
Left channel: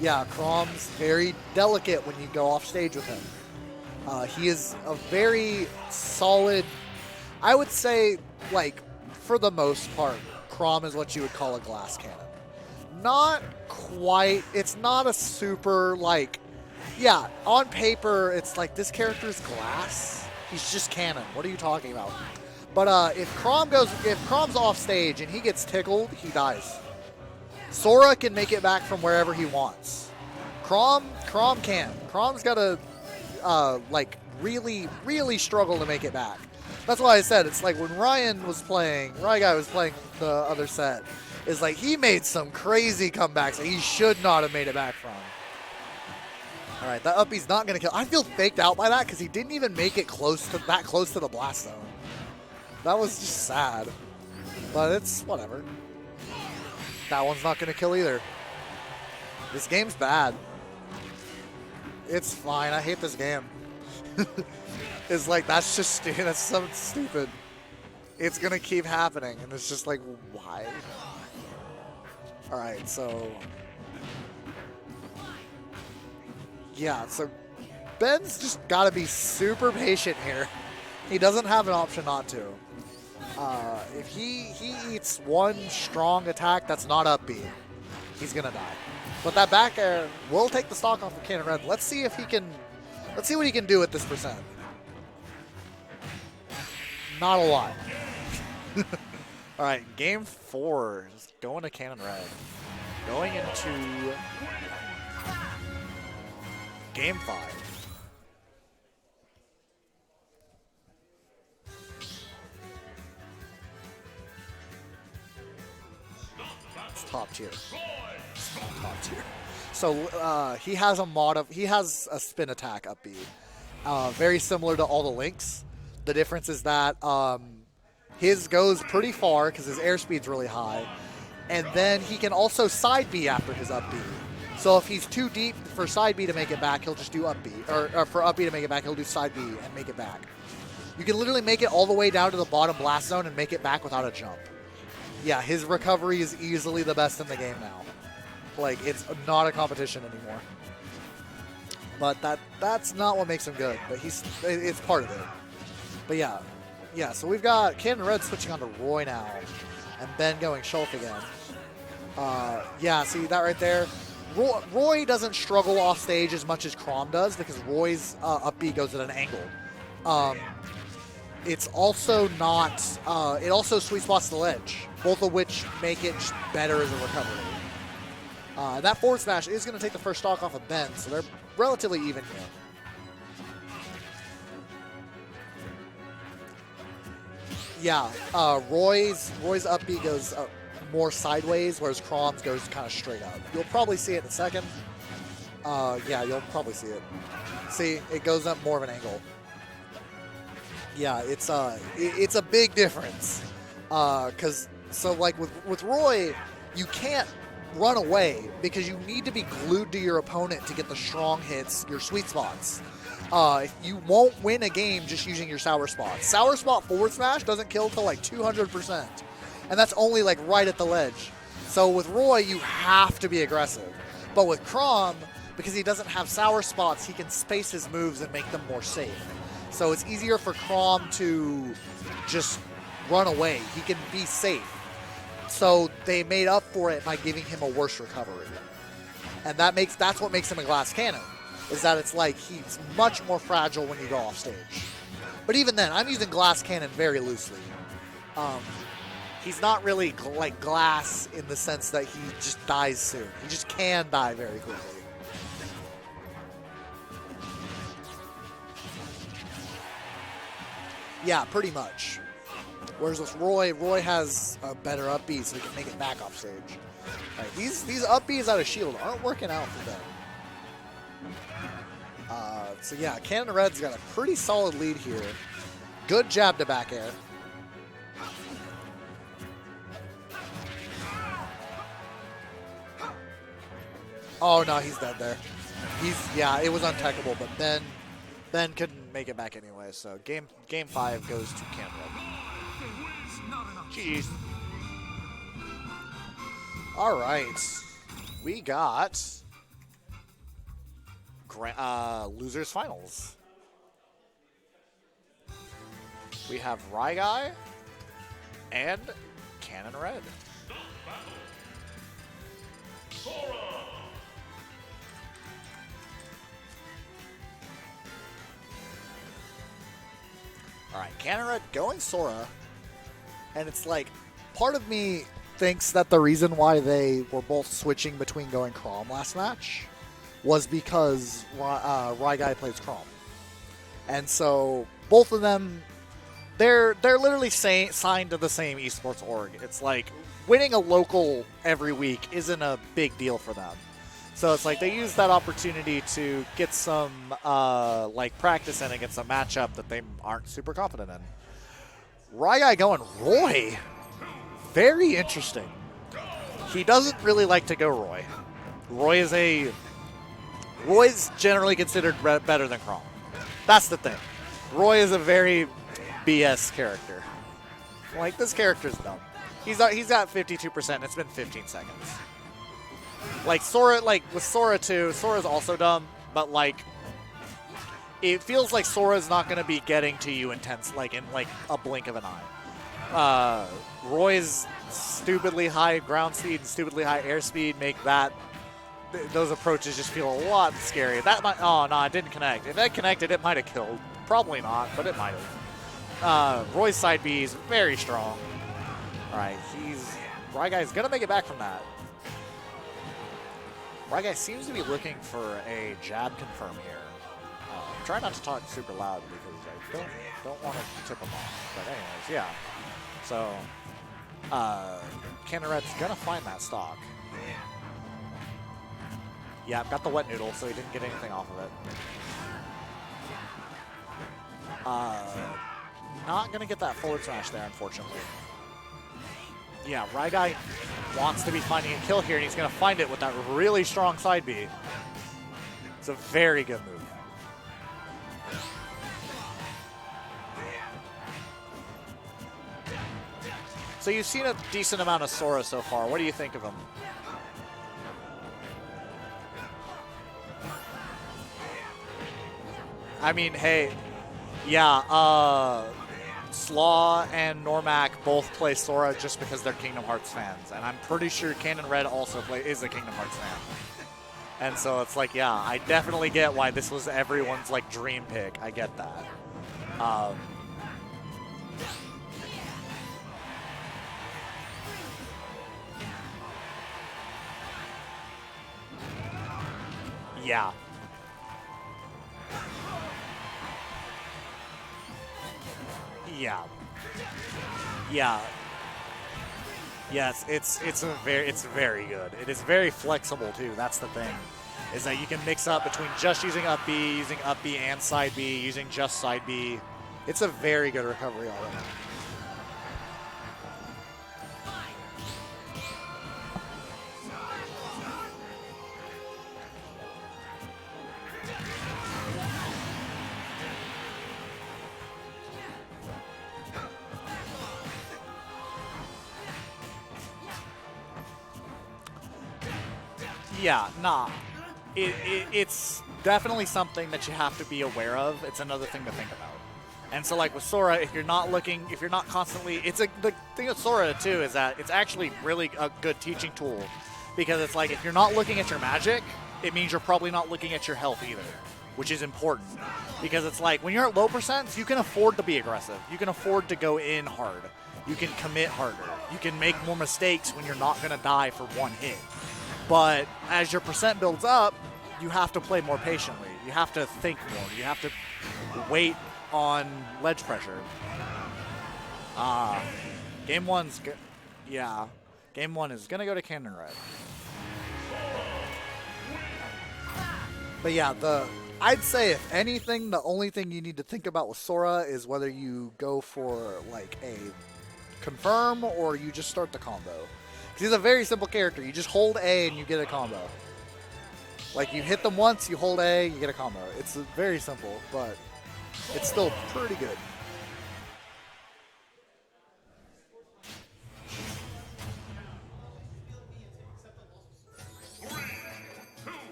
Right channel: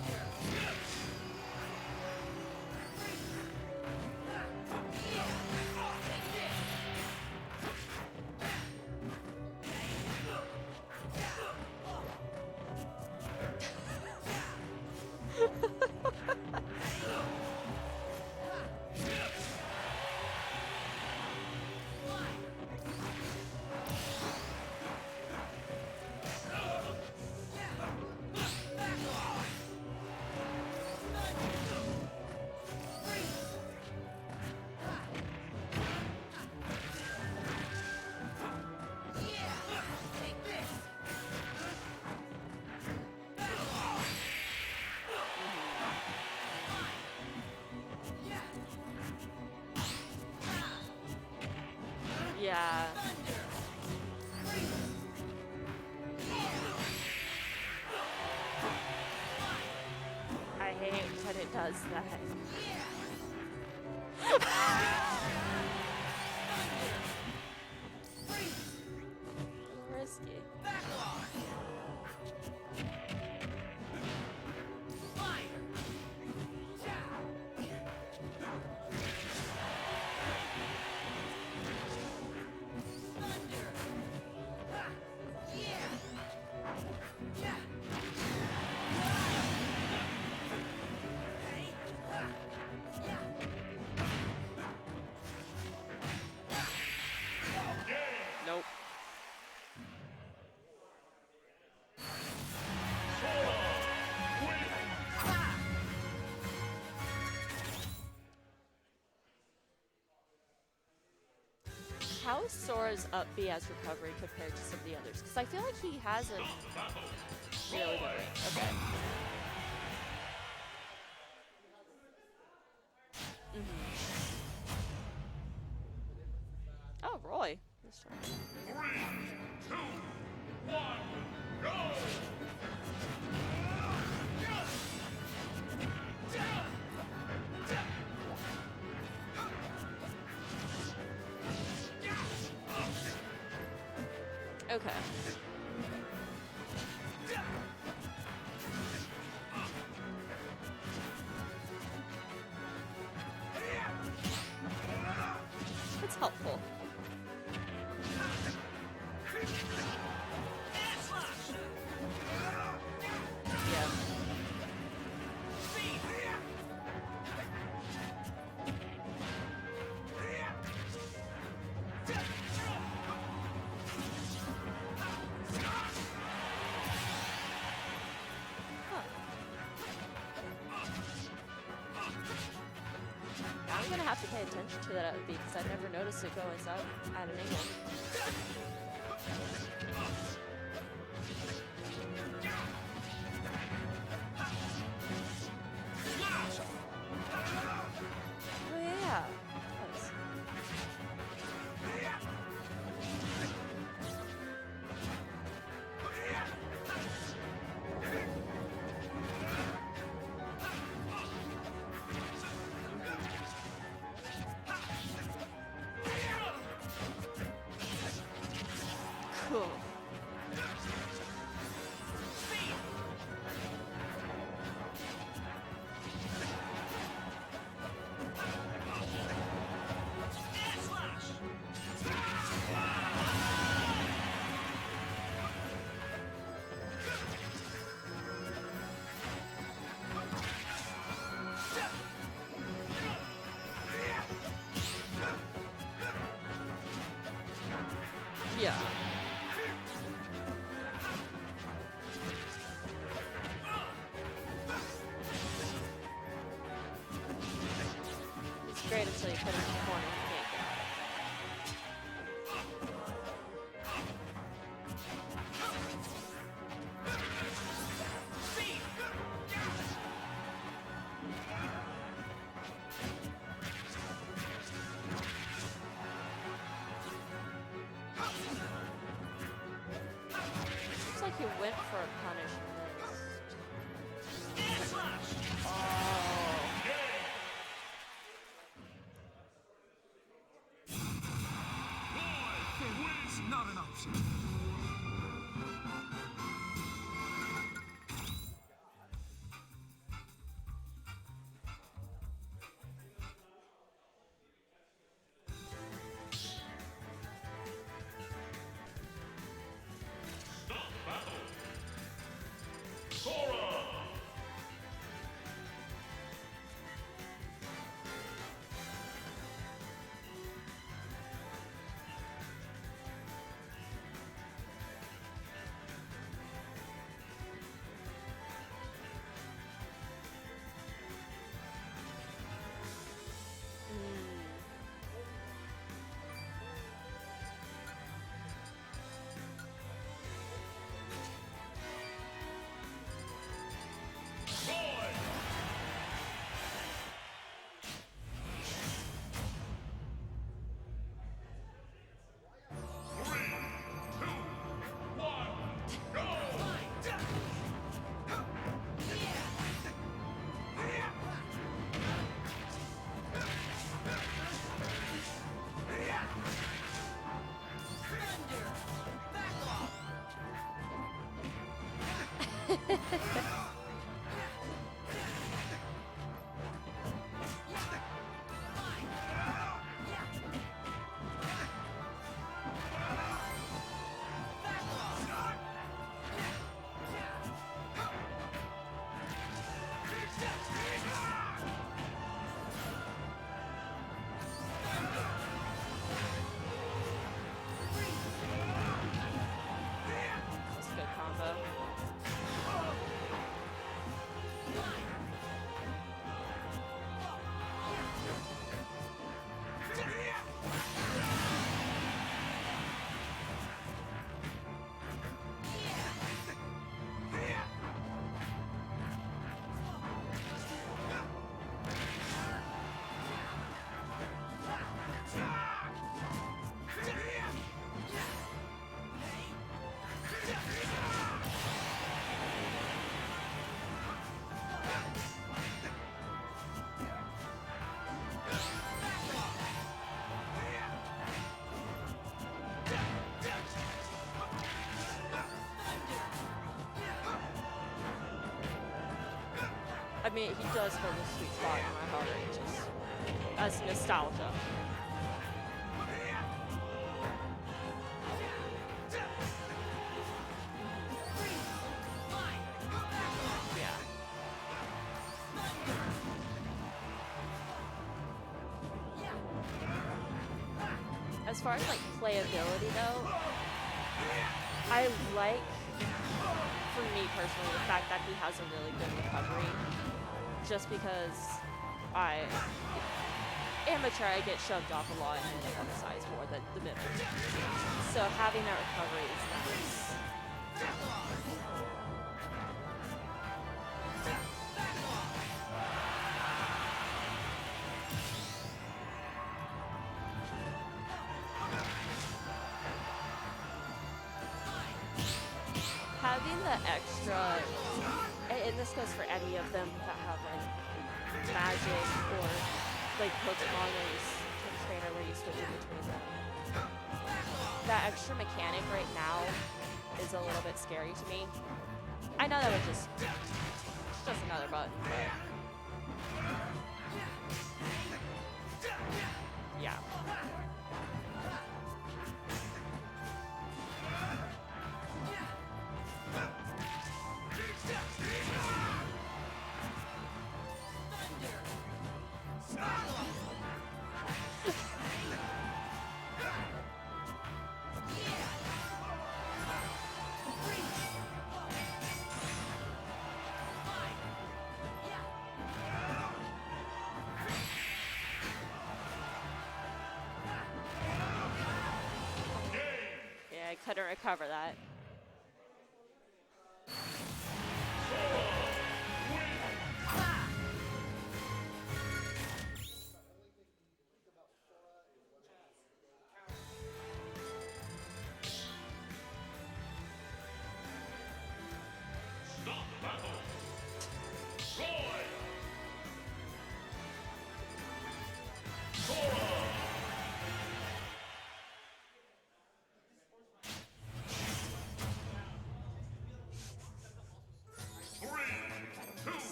Yeah, Crom's very delicate when you go off stage with him. He is a very solid, I would say, like, for the most part, Crom is what you would call a glass cannon. Not quite, it's not a super, like, yeah, on paper, it's like, this character's glass. He's just cannon. What are you talking about? But if Crom's off stage and he gets tickled, he dies. Sora can make it back from wherever he wants. Crom can't. Crom's got to, like, really, really struggle to make it back. That's why I said it's like when RyGuy was playing the other set, is like he made some crazy comebacks that he should not have made it back from. All right, that uppy's not going to kill. I feel faked out by that because he didn't even make it that close to the blast zone. Yeah. That was just sad. But it's whatever. That one's not going to kill either. This game's bad. I hate it when it does that. It's fine. I hate this game. It's like, that's just stupid. That's so stupid. It's going to keep happening. And it's just like, why? All right, so. Yeah, so Ben's just got to be super patient here. He doesn't have an option not to. If he eats one strong attack that's not up B, he's going to die. But that back air will take the stock off of Cannon Red. Let's see if he can. Let's see what he can do with this percent. Not a lot. All right, game 4 is going to Cannon Red. Going into game 5. How is Sora's up B as recovery compared to some of the others? Because I feel like he hasn't. It's top tier. Top tier. So he has a spin attack up B, very similar to all the Links. The difference is that his goes pretty far because his airspeed's really high, and then he can also side B after his up B. So if he's too deep for side B to make it back, he'll just do up B, or for up B to make it back, he'll do side B and make it back. You can literally make it all the way down to the bottom blast zone and make it back without a jump. Okay. Yeah, his recovery is easily the best in the game now. Like, it's not a competition anymore. But that's not what makes him good. But it's part of it. But yeah. So we've got Cannon Red switching on to Roy now, and Ben going Shulk again. Yeah, see that right there. Roy doesn't struggle off stage as much as Crom does because Roy's up B goes at an angle. It's also not. It also sweet spots the ledge, both of which make it better as a recovery. That forward smash is going to take the first stock off of Ben, so they're relatively even here. I'm going to have to pay attention to that up B because I've never noticed it going up. Yeah, Roy's up B goes more sideways, whereas Crom's goes kind of straight up. You'll probably see it in a second. Yeah, you'll probably see it. See, it goes up more of an angle. Yeah, it's a big difference. So like with Roy, you can't run away because you need to be glued to your opponent to get the strong hits, your sweet spots. You won't win a game just using your sour spot. Sour spot forward smash doesn't kill till like 200%. And that's only like right at the ledge. So with Roy, you have to be aggressive. But with Crom, because he doesn't have sour spots, he can space his moves and make them more safe. So it's easier for Crom to just run away. He can be safe. So they made up for it by giving him a worse recovery. And that's what makes him a glass cannon, is that it's like he's much more fragile when you go off stage. But even then, I'm using glass cannon very loosely. He's not really like glass in the sense that he just dies soon. He just can die very quickly. Yeah, pretty much. Whereas with Roy has a better up B, so he can make it back off stage. Right, these up Bs out of shield aren't working out for them. So yeah, Cannon Red's got a pretty solid lead here. Good jab to back air. Oh no, he's dead there. Yeah, it was untechable, but Ben couldn't make it back anyway. So game 5 goes to Cannon Red. Jeez. All right, we got losers finals. We have RyGuy and Cannon Red. All right, Cannon Red going Sora, and it's like part of me thinks that the reason why they were both switching between going Crom last match was because RyGuy plays Crom. And so both of them, they're literally signed to the same esports org. It's like winning a local every week isn't a big deal for them. So it's like they use that opportunity to get some like practice in against a matchup that they aren't super confident in. RyGuy going Roy. Very interesting. He doesn't really like to go Roy. Roy's generally considered better than Crom. That's the thing. Roy is a very BS character. Like, this character's dumb. He's at 52%. It's been 15 seconds. Like, Sora, like, with Sora too, Sora's also dumb, but, like, it feels like Sora's not going to be getting to you in a blink of an eye. Roy's stupidly high ground speed, stupidly high airspeed make those approaches just feel a lot scary. Oh no, it didn't connect. If that connected, it might have killed. Probably not, but it might have. Roy's side B is very strong. All right, RyGuy's gonna make it back from that. RyGuy seems to be looking for a jab confirm here. Try not to talk super loud because don't want him to. Yeah. So, Cannon Red's gonna find that stock. Yeah, I've got the wet noodle, so he didn't get anything off of it. Not gonna get that forward smash there, unfortunately. Yeah, RyGuy wants to be finding a kill here, and he's gonna find it with that really strong side B. It's a very good move. So you've seen a decent amount of Sora so far. What do you think of him? I mean, he does go I mean, hey, yeah, Slaw and Noremac both play Sora just because they're Kingdom Hearts fans. And I'm pretty sure Cannon Red also is a Kingdom Hearts fan. And so it's like, yeah, I definitely get why this was everyone's, like, dream pick. I get that. As far as playability though, I like, for me personally, the fact that he has a really good Yeah. just because amateur, I get shoved off a lot and emphasize Yeah. the difference. So Yeah. having that recovery. Yes, it's very good. It is very flexible too. That's the thing. is that you can mix up between just using up B, using up B and side B, using just side B. It's a very good recovery element. Having the extra, and this goes for any of them that have magic, like Pokemon and trainer released with that extra mechanic right now is a little bit scary to me. I know that it's just Yeah, nah. another bug. It's definitely something that you have to be aware of. It's another thing to think about. Yeah. And so, like with Sora, if you're not constantly, the thing with Sora too is that it's actually really a good teaching tool, because it's like if you're not looking at your magic, it means you're probably not looking at your health either, which is important, because it's like when you're at low percent, you can afford to be aggressive, you can afford to go in hard, you can commit harder, you can make more mistakes when you're not going to die for one hit. But as your percent builds up, you have to play more patiently. You have to think more. You have to wait on ledge pressure. Game one's Had to recover that. yeah. Game one is gonna go to Conrad. But yeah, I'd say if anything, the only thing you need to think about with Sora is whether you go for like a confirm or you just start the combo. He's a very simple character. You just hold A and you get a combo. Like you hit them once, you hold A, you get a combo. It's very simple, but it's still pretty good.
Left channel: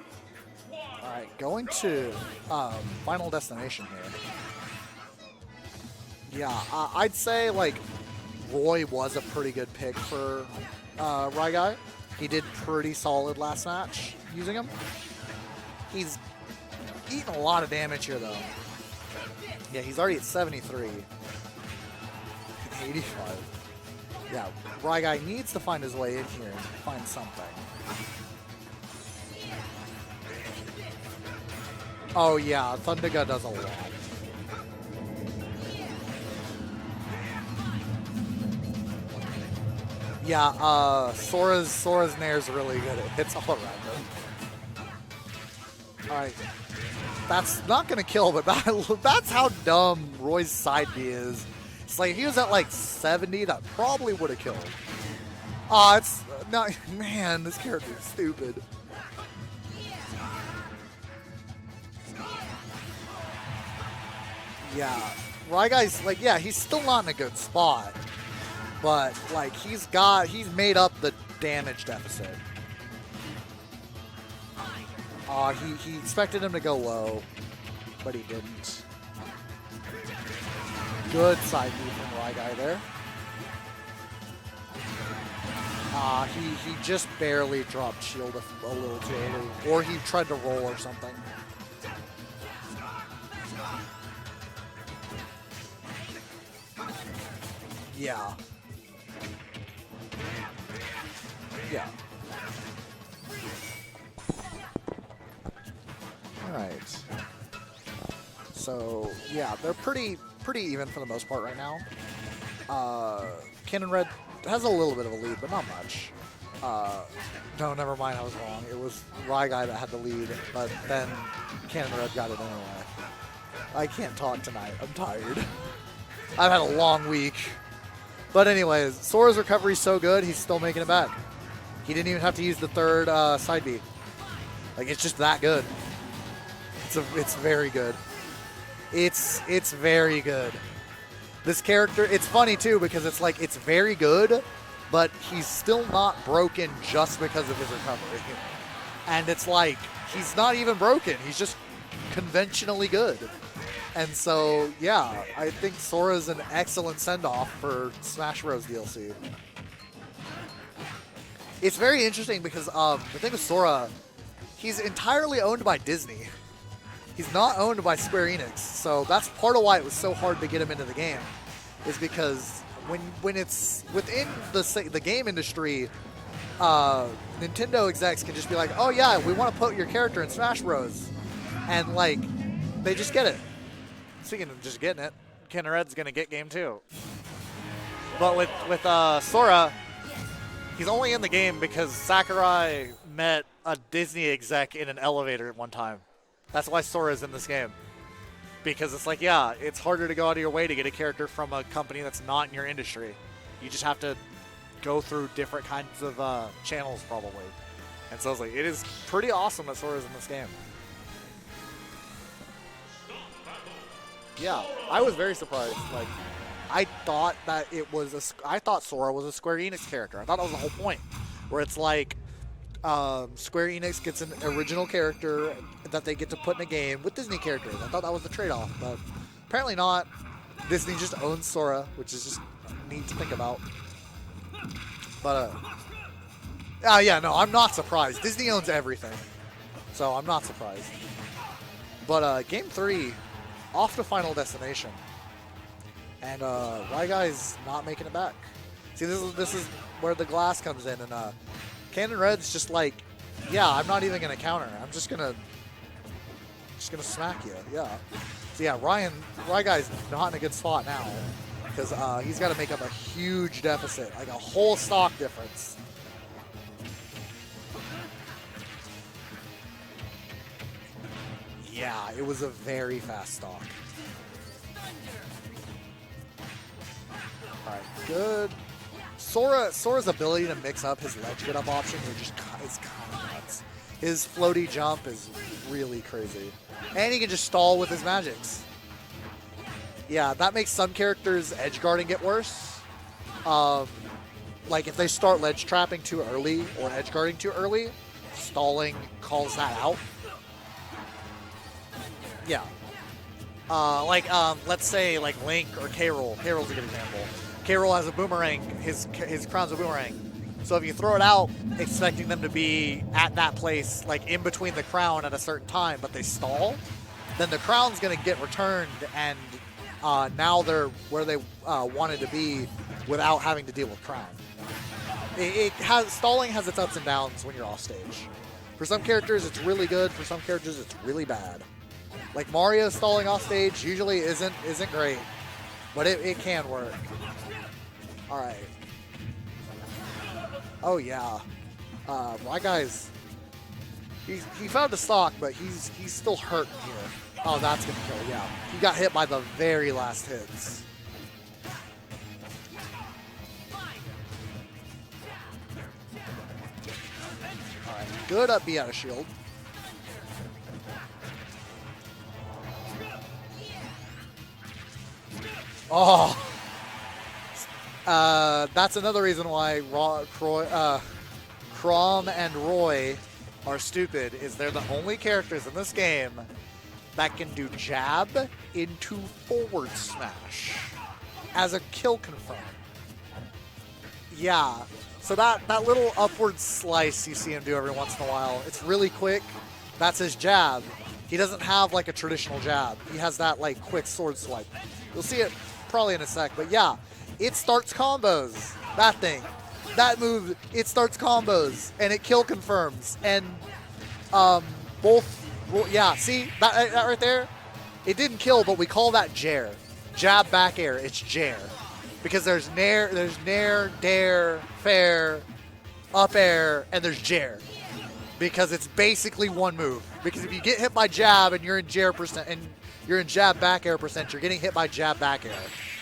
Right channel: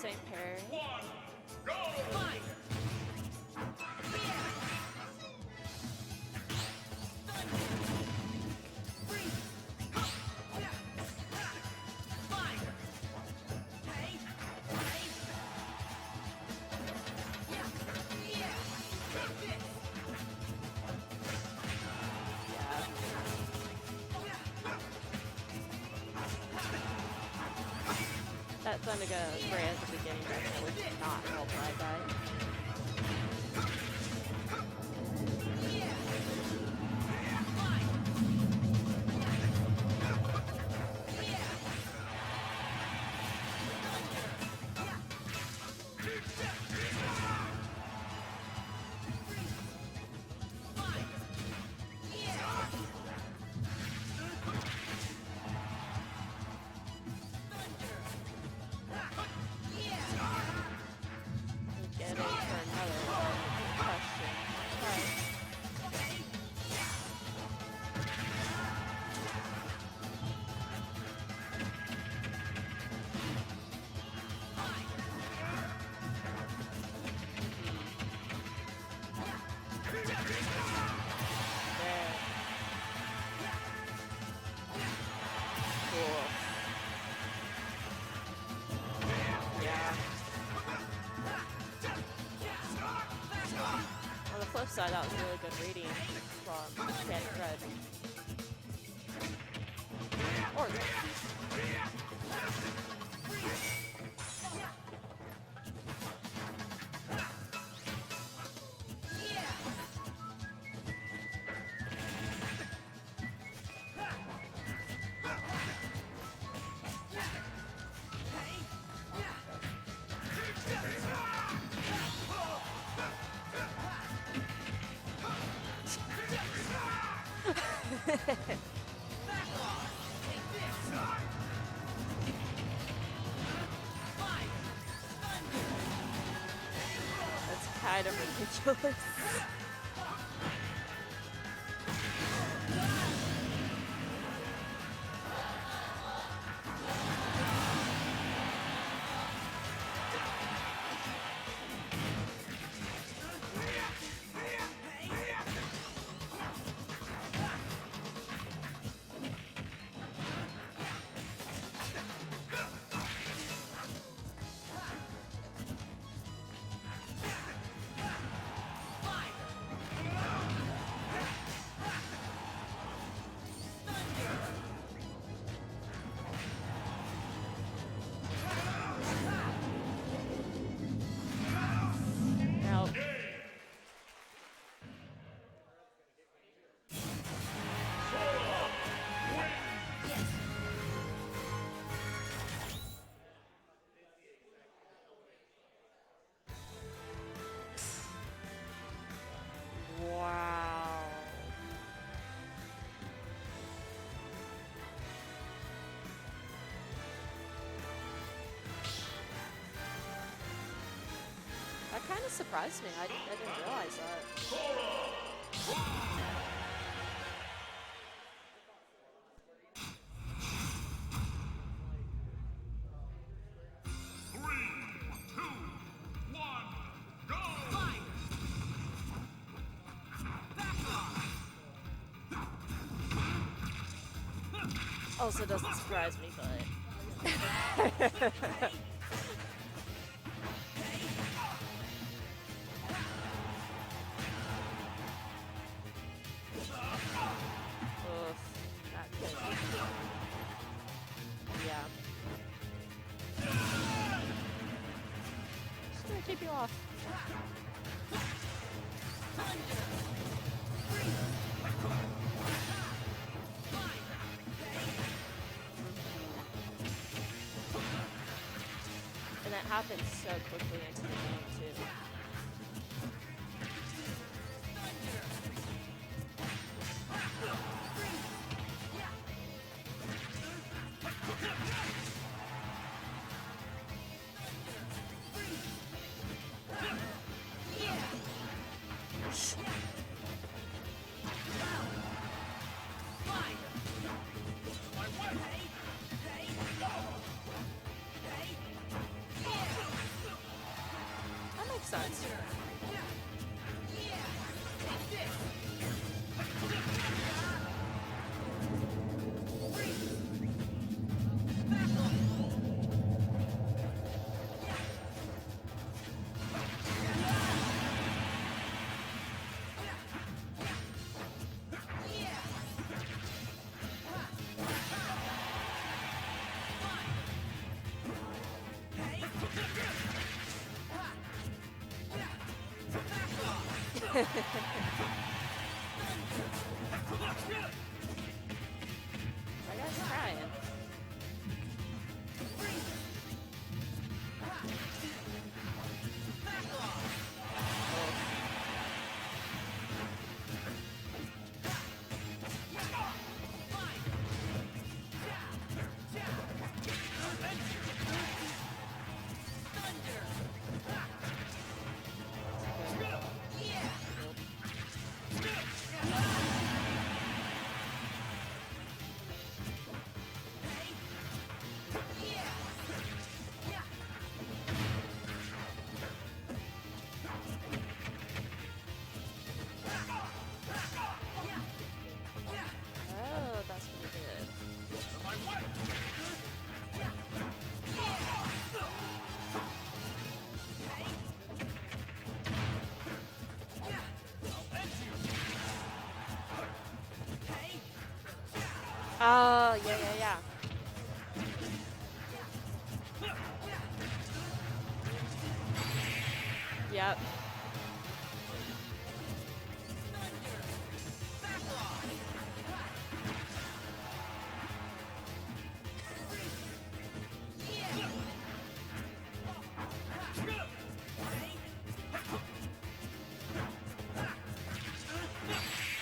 Sick pair. Alright, going to Final Destination here. Yeah, I'd say like Roy was a pretty good pick for RyGuy. He did pretty solid last match using him. He's eating a lot of damage here though. Yeah, he's already at 73. 85. Yeah, RyGuy needs to find his way in here to find something. That Thunderga ran not help RyGuy. Oh yeah, Thunderga does a lot. Yeah, Sora's Nair's really good. It hits all around. Alright. That's not gonna kill, but that's how dumb Roy's side B is. It's like if he was at like 70, that probably would have killed him. It's not, man, this character is stupid. Yeah. RyGuy's like, yeah, he's still not in a good spot. But like he's made up the damage deficit. He expected him to go low, but he didn't. Good side move from RyGuy there. He just barely dropped shield a little bit, or he tried to roll or something. On the flip side, that was really good reading from RyGuy. Yeah. Yeah. Alright. So, yeah, they're pretty even for the most part right now. Conrad has a little bit of a lead, but not much. No, never mind, I was wrong. It was RyGuy that had the lead, but then Conrad got it anyway. I can't talk tonight. I'm tired. I've had a long week. But anyways, Sora's recovery is so good, he's still making it back. He didn't even have to use the third side B. Like, it's just that good. It's very good. It's very good. This character, it's funny too because it's like it's very good, but he's still not broken just because of his recovery. And it's like he's not even broken. He's just conventionally good. And so, yeah, I think Sora's an excellent send-off for Smash Bros. DLC. It's very interesting because the thing with Sora, he's entirely owned by Disney. He's not owned by Square Enix, so that's part of why it was so hard to get him into the game, is because when it's within the game industry, Nintendo execs can just be like, oh yeah, we want to put your character in Smash Bros. And like, they just get it. Speaking of just getting it, Conrad's gonna get game 2. But with Sora, he's only in the game because Sakurai met a Disney exec in an elevator one time. That's why Sora's in this game. Because it's like, yeah, it's harder to go out of your way to get a character from a company that's not in your industry. You just have to go through different kinds of channels, probably. And so I was like, it is pretty awesome that Sora's in this game. That kind of surprised me. I didn't realize that. Yeah, I was very surprised. Like, I thought that it was I thought Sora was a Square Enix character. I thought that was the whole point, where it's like Square Enix gets an original character that they get to put in a game with Disney characters. I thought that was the trade-off, but apparently not. Disney just owns Sora, which is just neat to think about. Also But, doesn't surprise me, but yeah, no, I'm not surprised. Disney owns everything, so I'm not surprised. But Game 3, off to Final Destination. And RyGuy's not making it back. See, this is where the glass comes in, and Cannon Red's just like, yeah, I'm not even gonna counter. I'm just gonna smack you. Yeah. So yeah, RyGuy's not in a good spot now because he's got to make up a huge deficit, like a whole stock difference. and it happens so quickly. Yeah, it was a very fast stock. Alright, good. Sora's ability to mix up his ledge get up options is kind of nuts. His floaty jump is really crazy. And he can just stall with his magics. Yeah, that makes some characters edge guarding get worse. Like if they start ledge trapping too early or edge guarding too early, stalling calls that out. Yeah. Let's say like Link or K-Rool. K-Rool's a good example. K-Rool has a boomerang. His crown's a boomerang. So if you throw it out, expecting them to be at that place, like in between the crown at a certain time, but they stall, then the crown's going to get returned, and now they're where they wanted to be without having to deal with crown. Stalling has its ups and downs when you're off stage. For some characters, it's really good. For some characters, it's really bad. Like Mario stalling off stage usually isn't great, but it can work. All right. Oh yeah. My guy's he found the stock, but he's still hurt. Oh, that's gonna kill. Yeah, he got hit by the very last hits. Good up B out of shield. Oh. That's another reason why Chrom and Roy are stupid, is they're the only characters in this game that can do jab into forward smash as a kill confirm. Yeah, so that little upward slice you see him do every once in a while, it's really quick. That's his jab. He doesn't have like a traditional jab. He has that like quick sword swipe. You'll see it probably in a sec, but yeah. It starts combos. That thing. Yeah, that move, it starts combos. And it kill confirms. And yeah, see? That right there? It didn't kill, but we call that Jair. Jab back air, it's Jair. Because there's nair, dare, fair, up air, and there's Jair. Because it's basically one move. Because if you get hit by jab and you're in Jair percent, and you're in jab back air percent, you're getting hit by jab back air.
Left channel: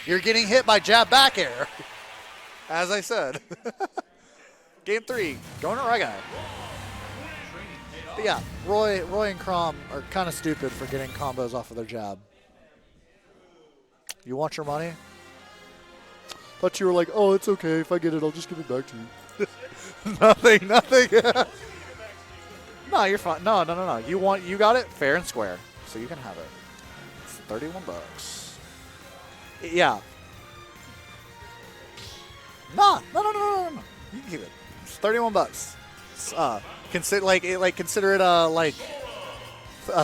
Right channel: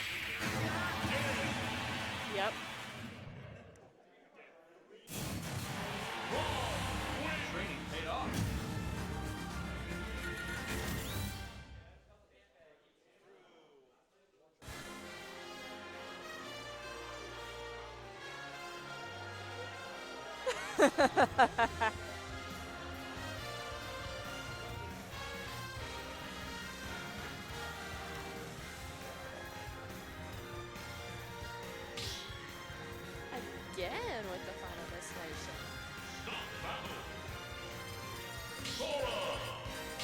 You're getting hit by jab back air. Yep. As I said. Game 3, going to RyGuy. But yeah, Roy and Chrom are kind of stupid for getting combos off of their jab. You want your money? Thought you were like, oh, it's okay. If I get it, I'll just give it back to you. Nothing. No, you're fine. No. You got it fair and square, so you can have it. It's $31. Yeah. No. Yeah. Here. It's $31. Consider it a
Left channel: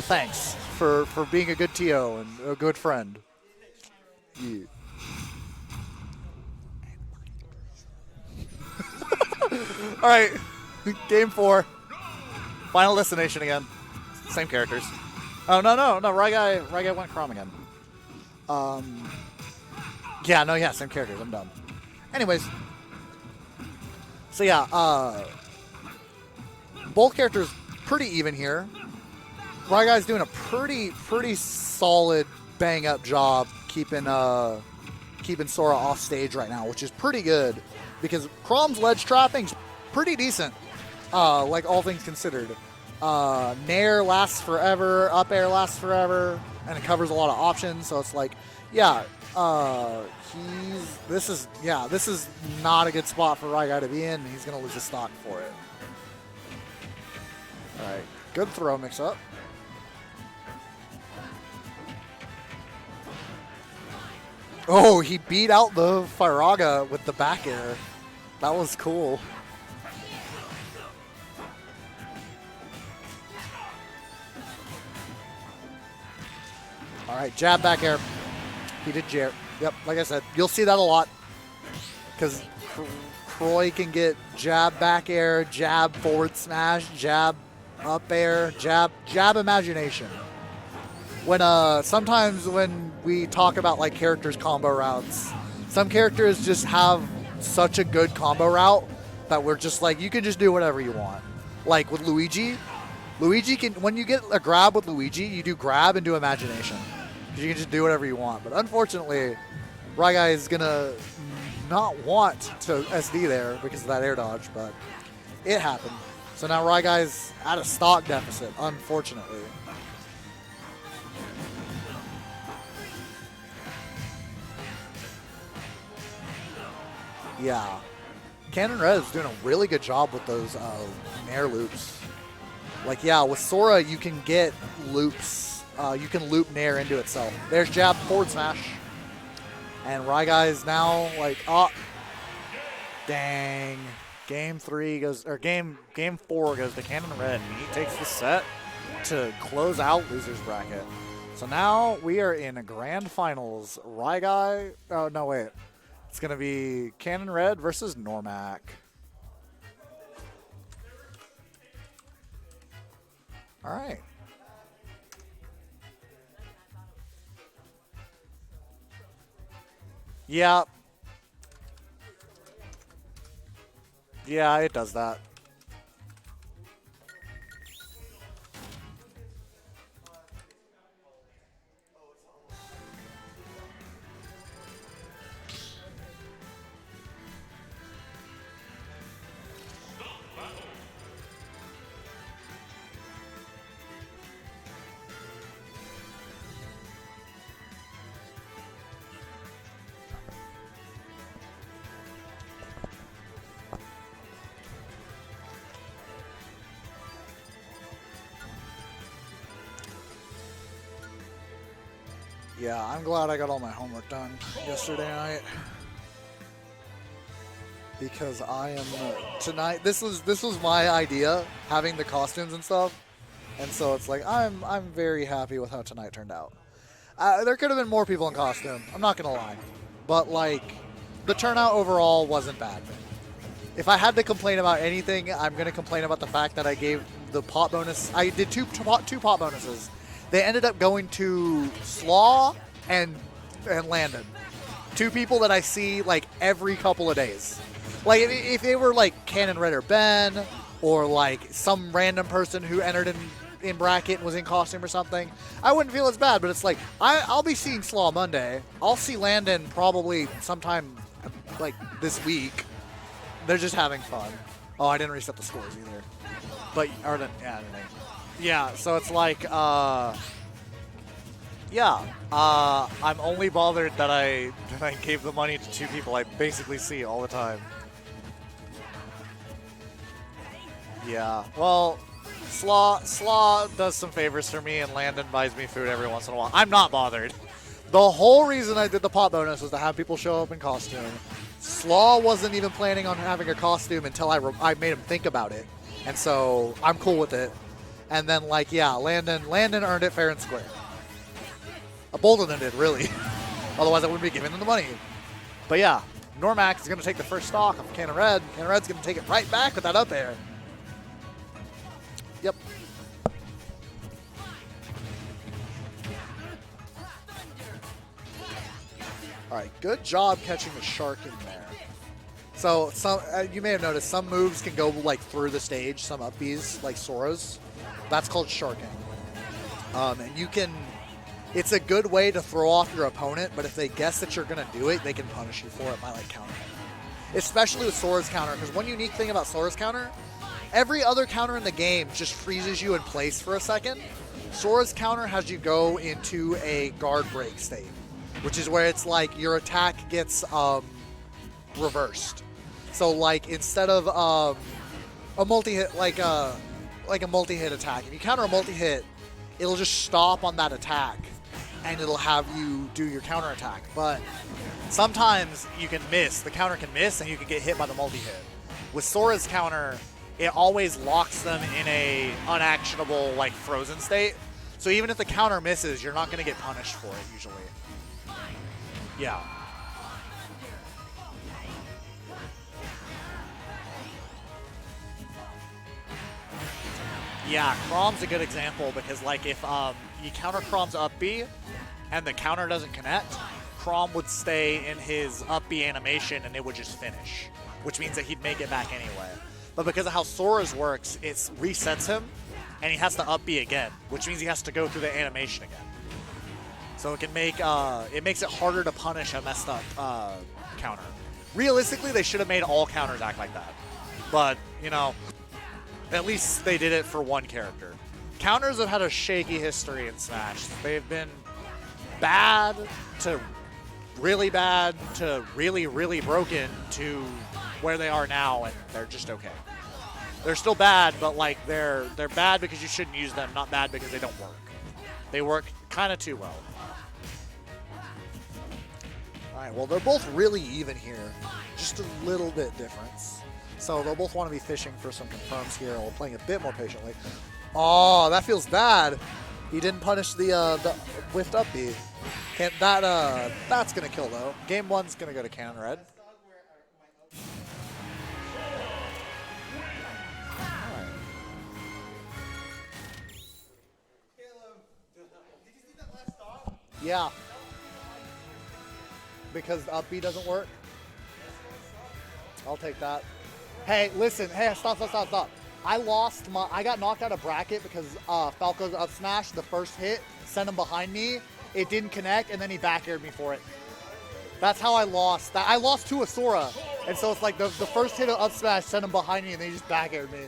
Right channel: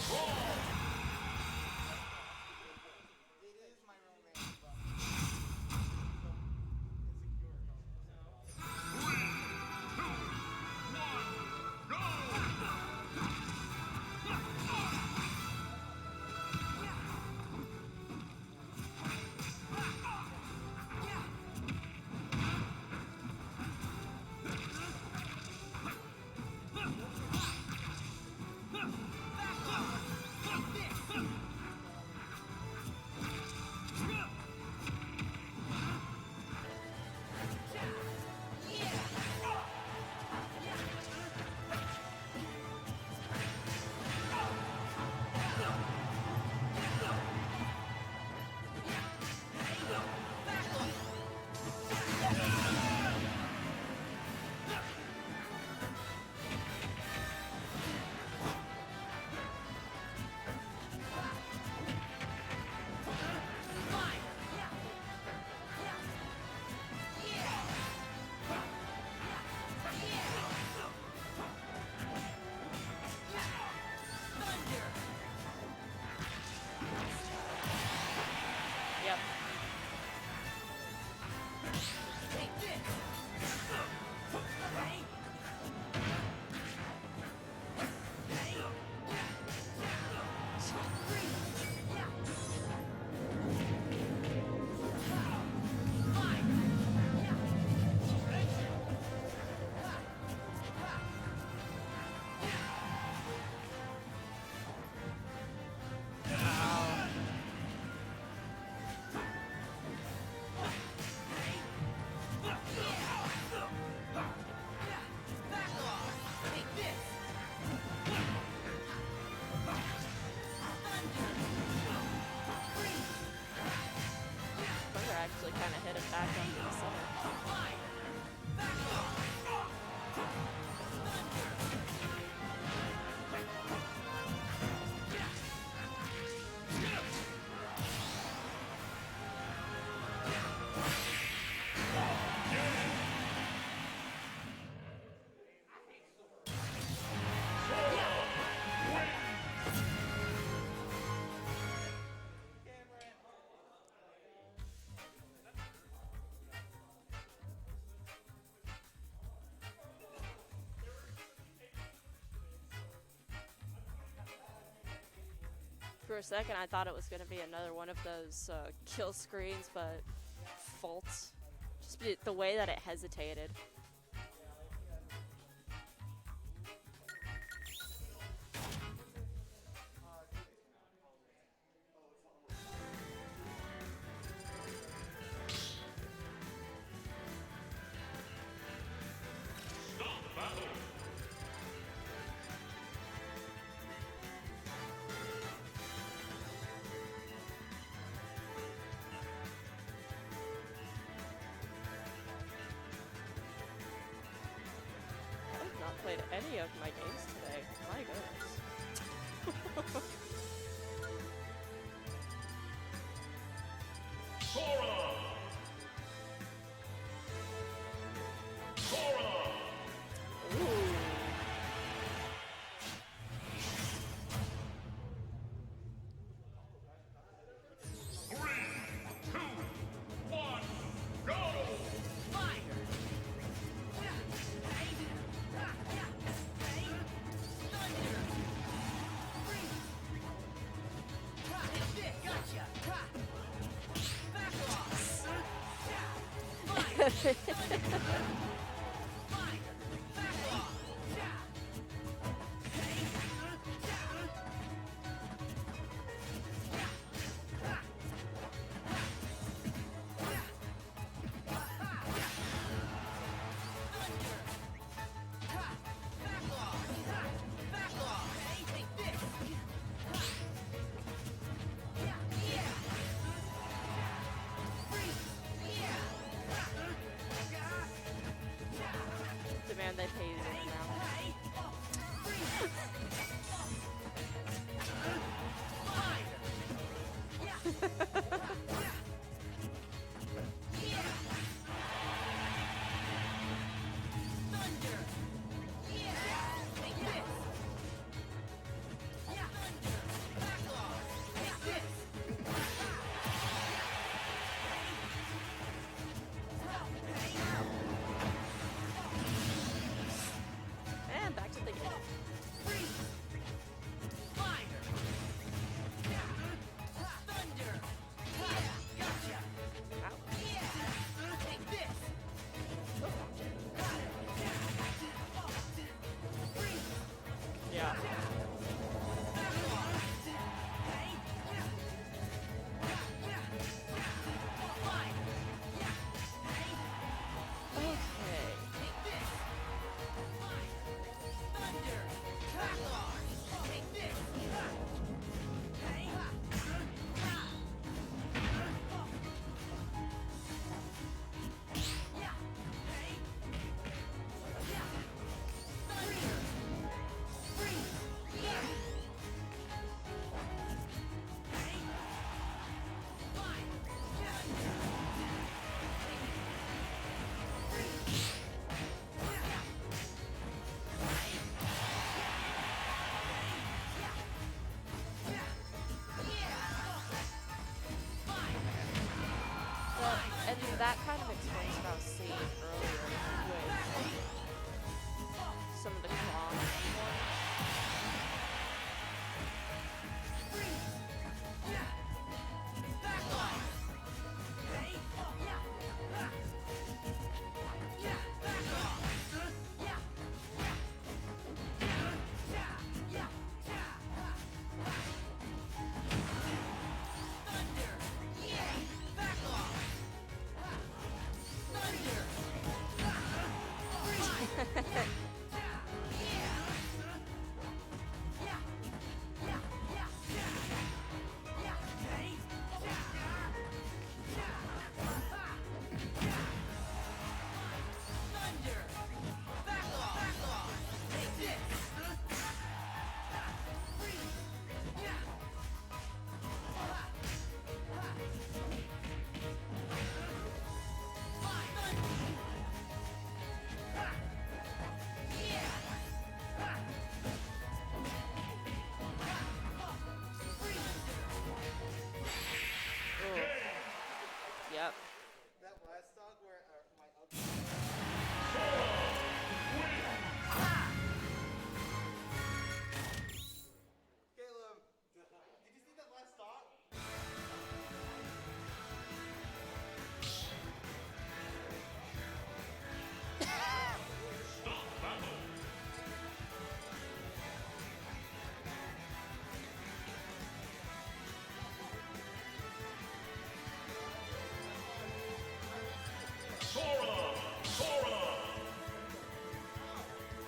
thanks for being a good TO and a good friend. Yeah. All right, game 4. Final Destination again. Same characters. Oh no, RyGuy went Chrom again. Yeah, same characters. I'm dumb. Anyways, so yeah, both characters pretty even here. RyGuy's doing a pretty solid bang-up job keeping Sora off stage right now, which is pretty good because Chrom's ledge trapping's pretty decent, like all things considered. Nair lasts forever, up air lasts forever, and it covers a lot of options. So it's like, yeah, this is not a good spot for RyGuy to be in. He's gonna lose his stock for it. All right, good throw mix up. Oh, he beat out the Firaga with the back air. That was cool. All right, jab back air. He did jab. Yep, like I said, you'll see that a lot because Troy can get jab back air, jab forward smash, jab up air, jab imagination. When sometimes when we talk about like characters combo routes, some characters just have such a good combo route that we're just like, you can just do whatever you want. Like with Luigi can, when you get a grab with Luigi, you do grab and do imagination. You can just do whatever you want. But unfortunately, RyGuy is gonna not want to SD there because of that air dodge, but it happened. So now RyGuy's at a stock deficit, unfortunately. Yeah. Canon Red is doing a really good job with those air loops. Like, yeah, with Sora, you can get loops. You can loop Nair into itself. There's jab, forward smash. And RyGuy's now like, oh, dang. Game 4 goes to Canon Red. He takes the set to close out loser's bracket. So now we are in a grand finals. RyGuy, oh, no, wait. It's going to be Canon Red versus Noremac. All right. For a second, I thought it was going to be another one of those kill screens, but yeah, faults. Just the way that it hesitated. Yeah, it does that. Yeah, I'm glad I got all my homework done yesterday night. Because I am tonight. This was my idea, having the costumes and stuff, and so it's like I'm very happy with how tonight turned out. There could have been more people in costume. I'm not gonna lie, but like the turnout overall wasn't bad. If I had to complain about anything, I'm gonna complain about the fact that I gave the pot bonus. I did two pot bonuses. They ended up going to Slaw and Landon. Two people that I see like every couple of days. Like if they were like Canon Red or Ben, or like some random person who entered in bracket and was in costume or something, I wouldn't feel as bad. But it's like I'll be seeing Slaw Monday. I'll see Landon probably sometime like this week. They're just having fun. Oh, I didn't reset the scores either. But yeah. So it's like I'm only bothered that I gave the money to two people I basically see all the time. Yeah, well, Slaw does some favors for me, and Landon buys me food every once in a while. I'm not bothered. The whole reason I did the pot bonus was to have people show up in costume. Slaw wasn't even planning on having a costume until I made him think about it, and so I'm cool with it. And then like, yeah, Landon earned it fair and square. Bolden did, really. Otherwise, I wouldn't be giving them the money. But yeah, Noremac is going to take the first stock of Canon Red. Canon Red's going to take it right back with that up air. Yep. All right, good job catching the shark in there. So some you may have noticed some moves can go like through the stage, some up Bs, like Sora's. That's called shorting. You can, it's a good way to throw off your opponent, but if they guess that you're gonna do it, they can punish you for it by like countering. Especially with Sora's counter, because one unique thing about Sora's counter, every other counter in the game just freezes you in place for a second. Sora's counter has you go into a guard break state, which is where it's like your attack gets reversed. So like instead of a multi-hit, like a multi-hit attack, if you counter a multi-hit, it'll just stop on that attack and it'll have you do your counter attack. But sometimes you can miss, the counter can miss and you can get hit by the multi-hit. With Sora's counter, it always locks them in a unactionable like frozen state. So even if the counter misses, you're not going to get punished for it usually. Yeah. And that kind of attack about sleep. Some of the claws. Yeah, Chrom's a good example because like if you counter Chrom's up B and the counter doesn't connect, Chrom would stay in his up B animation and it would just finish, which means that he'd make it back anyway. But because of how Sora's works, it resets him and he has to up B again, which means he has to go through the animation again. So it can make it makes it harder to punish a messed up counter. Realistically, they should have made all counters act like that. But, you know, at least they did it for one character. Counters have had a shaky history in Smash. They've been bad to really broken to where they are now, and they're just okay. They're still bad, but like they're bad because you shouldn't use them, not bad because they don't work. They work kind of too well. All right, well, they're both really even here. Just a little bit difference. So they'll both want to be fishing for some runs here while playing a bit more patiently. Oh, that feels bad. He didn't punish the whiffed up B. Can't, that's going to kill, though. Game one's going to go to Conrad. Yeah. Because up B doesn't work. I'll take that. Hey, listen. Hey, stop. I got knocked out of bracket because Falco's up smash, the first hit, sent him behind me. It didn't connect, and then he back aired me for it. That's how I lost. I lost to a Sora. And so it's like the first hit of up smash sent him behind me, and then he just back aired me.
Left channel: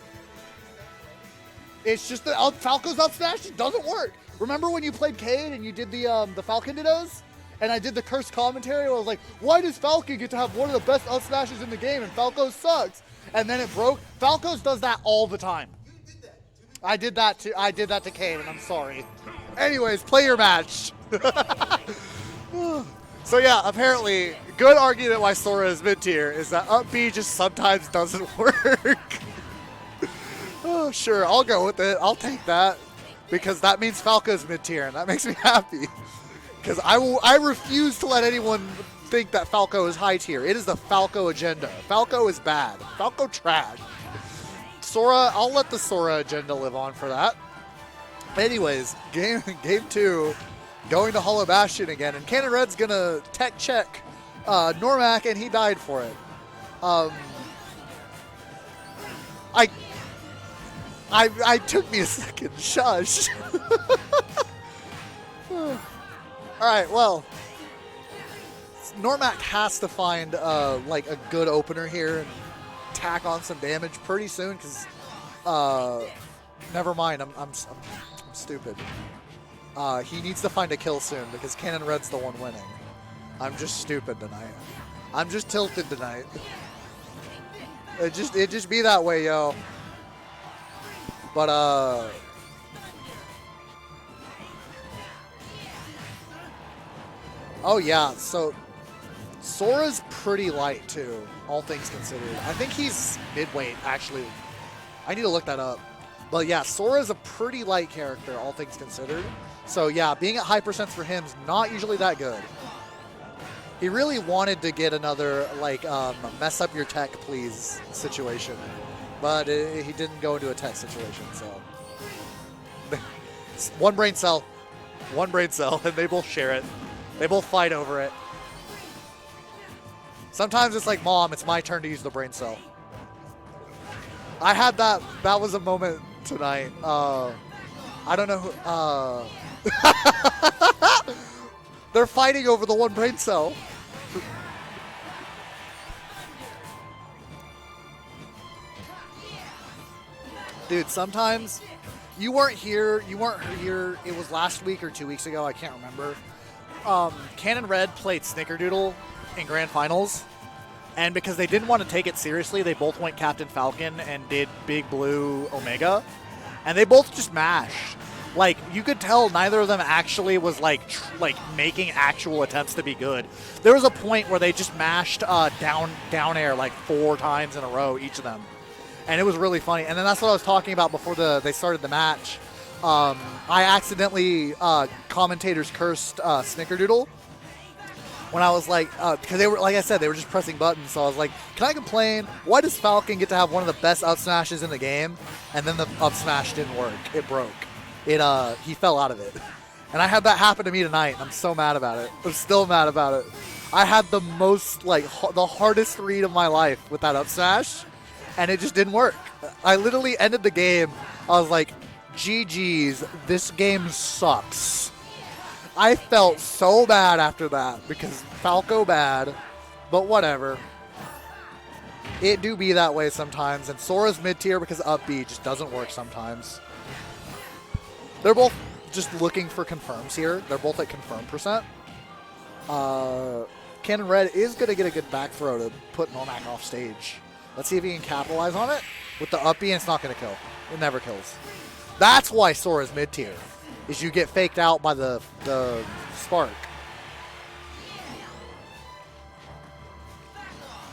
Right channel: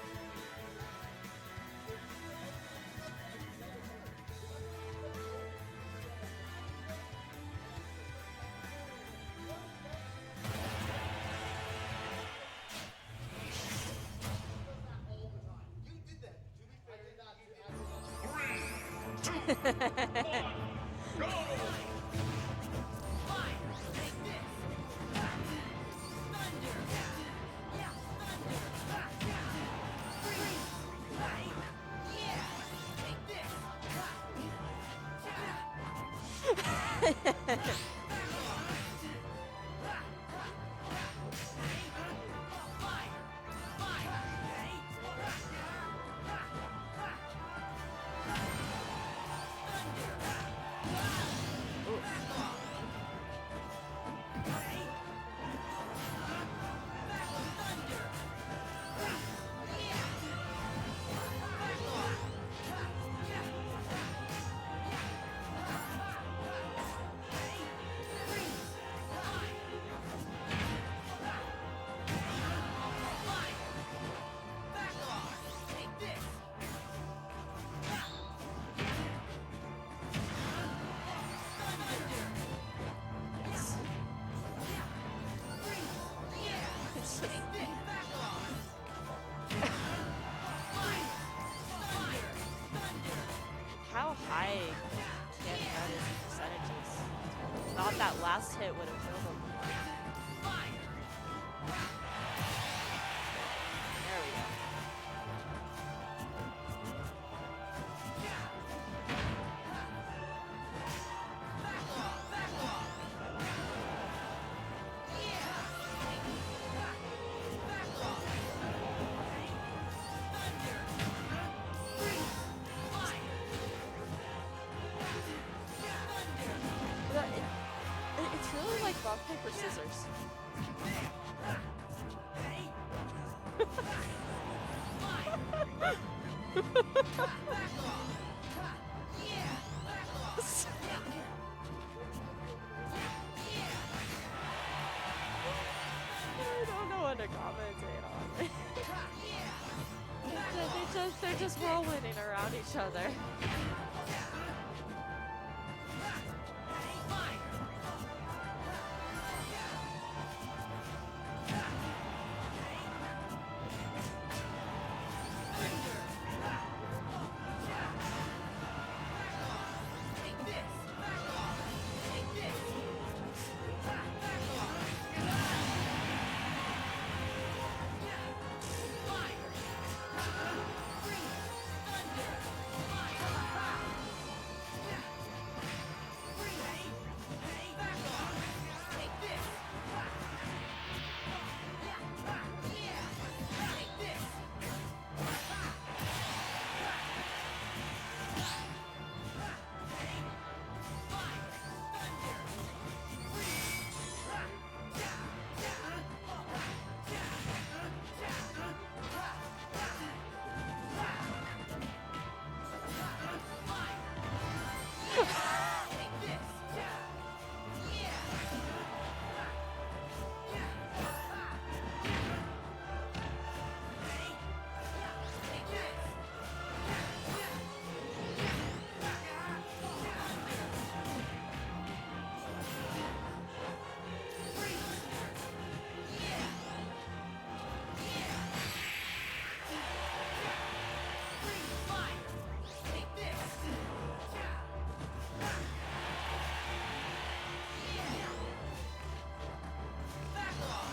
It's just that Falco's up smash just doesn't work. Remember when you played Cade and you did the Falcon Dittos? And I did the cursed commentary where I was like, why does Falcon get to have one of the best up smashes in the game and Falco sucks? And then it broke. Falco's does that all the time. I did that to Cade, and I'm sorry. Anyways, play your match. So yeah, apparently, good argument why Sora is mid-tier is that up B just sometimes doesn't work. Oh, sure, I'll go with it. I'll take that. Because that means Falco's mid-tier, and that makes me happy. Because I refuse to let anyone think that Falco is high tier. It is the Falco agenda. Falco is bad. Falco trash. Sora, I'll let the Sora agenda live on for that. Anyways, game 2, going to Hollow Bastion again, and Cannon Red's gonna tech check Noremac, and he died for it. I took me a second. Shush. All right, well, Noremac has to find like a good opener here and tack on some damage pretty soon because never mind, I'm stupid. He needs to find a kill soon because Cannon Red's the one winning. I'm just stupid tonight. I'm just tilted tonight. It just be that way, yo. But How high? oh yeah, Last so hit was- Sora's pretty light too, all things considered. I think he's midweight, actually. I need to look that up. But yeah, Sora's a pretty light character, all things considered. So yeah, being at high percents for him is not usually that good. He really wanted to get another, like, mess up your tech, please situation. But he didn't go into a tech situation, so. One brain cell, and they both share it. They both fight over it. It's really like rock, paper, scissors. Sometimes it's like, Mom, it's my turn to use the brain cell. I had that. That was a moment tonight. I don't know who. They're fighting over the one brain cell. Dude, sometimes you weren't here. You weren't here. It was last week or 2 weeks ago. I can't remember. Cannon Red played Snickerdoodle in Grand Finals, and because they didn't want to take it seriously, they both went Captain Falcon and did Big Blue Omega, and they both just mashed. Like, you could tell neither of them actually was like making actual attempts to be good. There was a point where they just mashed down air like 4 times in a row, each of them. And it was really funny. And then that's what I was talking about before they started the match. I accidentally commentators cursed Snickerdoodle when I was like, because they were, like I said, they were just pressing buttons. So I was like, can I complain? Why does Falcon get to have one of the best up smashes in the game? And then the up smash didn't work. It broke. He fell out of it. And I had that happen to me tonight. I'm so mad about it. I'm still mad about it. I had the most, the hardest read of my life with that up smash, and it just didn't work. I literally ended the game. I was like, GG's, this game sucks. I felt so bad after that because Falco bad, but whatever. It do be that way sometimes, and Sora's mid-tier because up B just doesn't work sometimes. They're both just looking for confirms here. They're both at confirm percent. Cannon Red is going to get a good back throw to put Noremac off stage. Let's see if he can capitalize on it. With the up B, it's not going to kill. It never kills. That's why Sora's mid-tier, is you get faked out by the spark.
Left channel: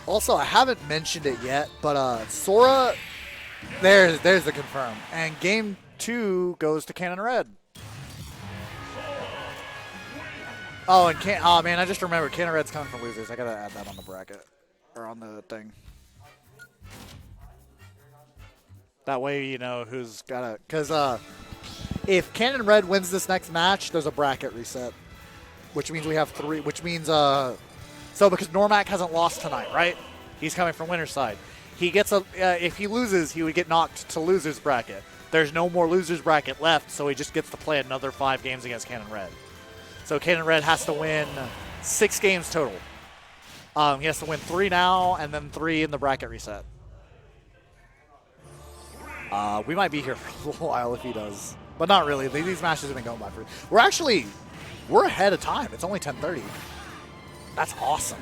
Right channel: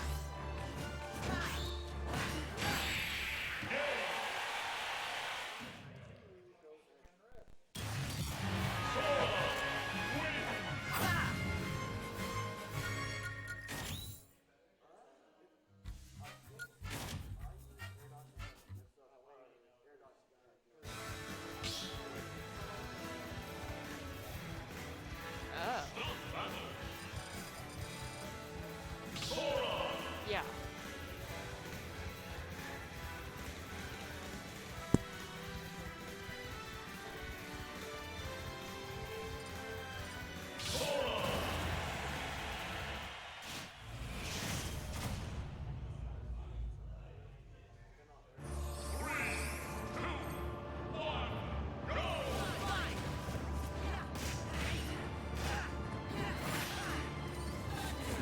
Also, I haven't mentioned it yet, but Sora, there's the confirm. And game 2 goes to Cannon Red. Oh, and oh man, I just remembered Cannon Red's coming from losers. I gotta add that on the bracket or on the thing. That way you know who's gotta. Because if Cannon Red wins this next match, there's a bracket reset, which means we have 3. Which means so because Noremac hasn't lost tonight, right? Yeah. He's coming from winner's side. He gets a. If he loses, he would get knocked to losers bracket. There's no more losers bracket left, so he just gets to play another 5 games against Cannon Red. So Cannon Red has to win 6 games total. He has to win 3 now and then 3 in the bracket reset. We might be here for a little while if he does, but not really. These matches are gonna go by 3. We're ahead of time. It's only 10:30. That's awesome.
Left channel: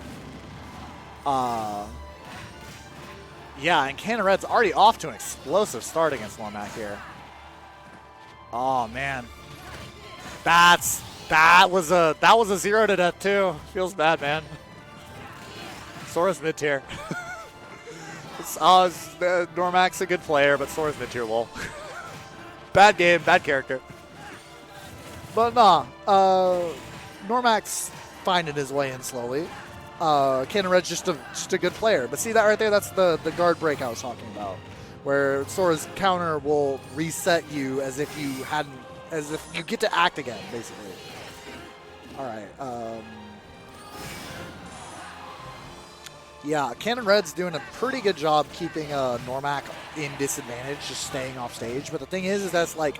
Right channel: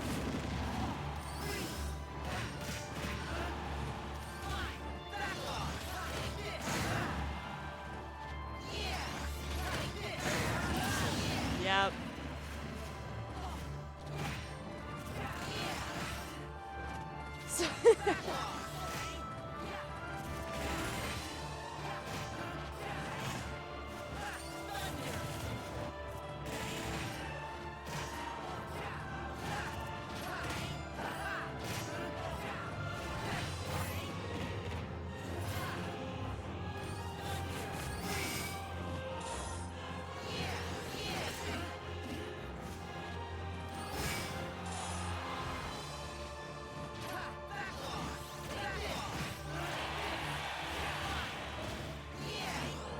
Yeah, and Cannon Red's already off to an explosive start against Noremac here. Oh man, that was a 0 to death too. Feels bad, man. Sora's mid tier. Normac's a good player, but Sora's mid tier. Lol. Bad game, bad character. But nah, Normac's finding his way in slowly. Cannon Red's just a good player. But see that right there? That's the guard break I was talking about, where Sora's counter will reset you as if you get to act again, basically. All right. Yeah, Cannon Red's doing a pretty good job keeping Noremac in disadvantage, just staying off stage. But the thing is that's like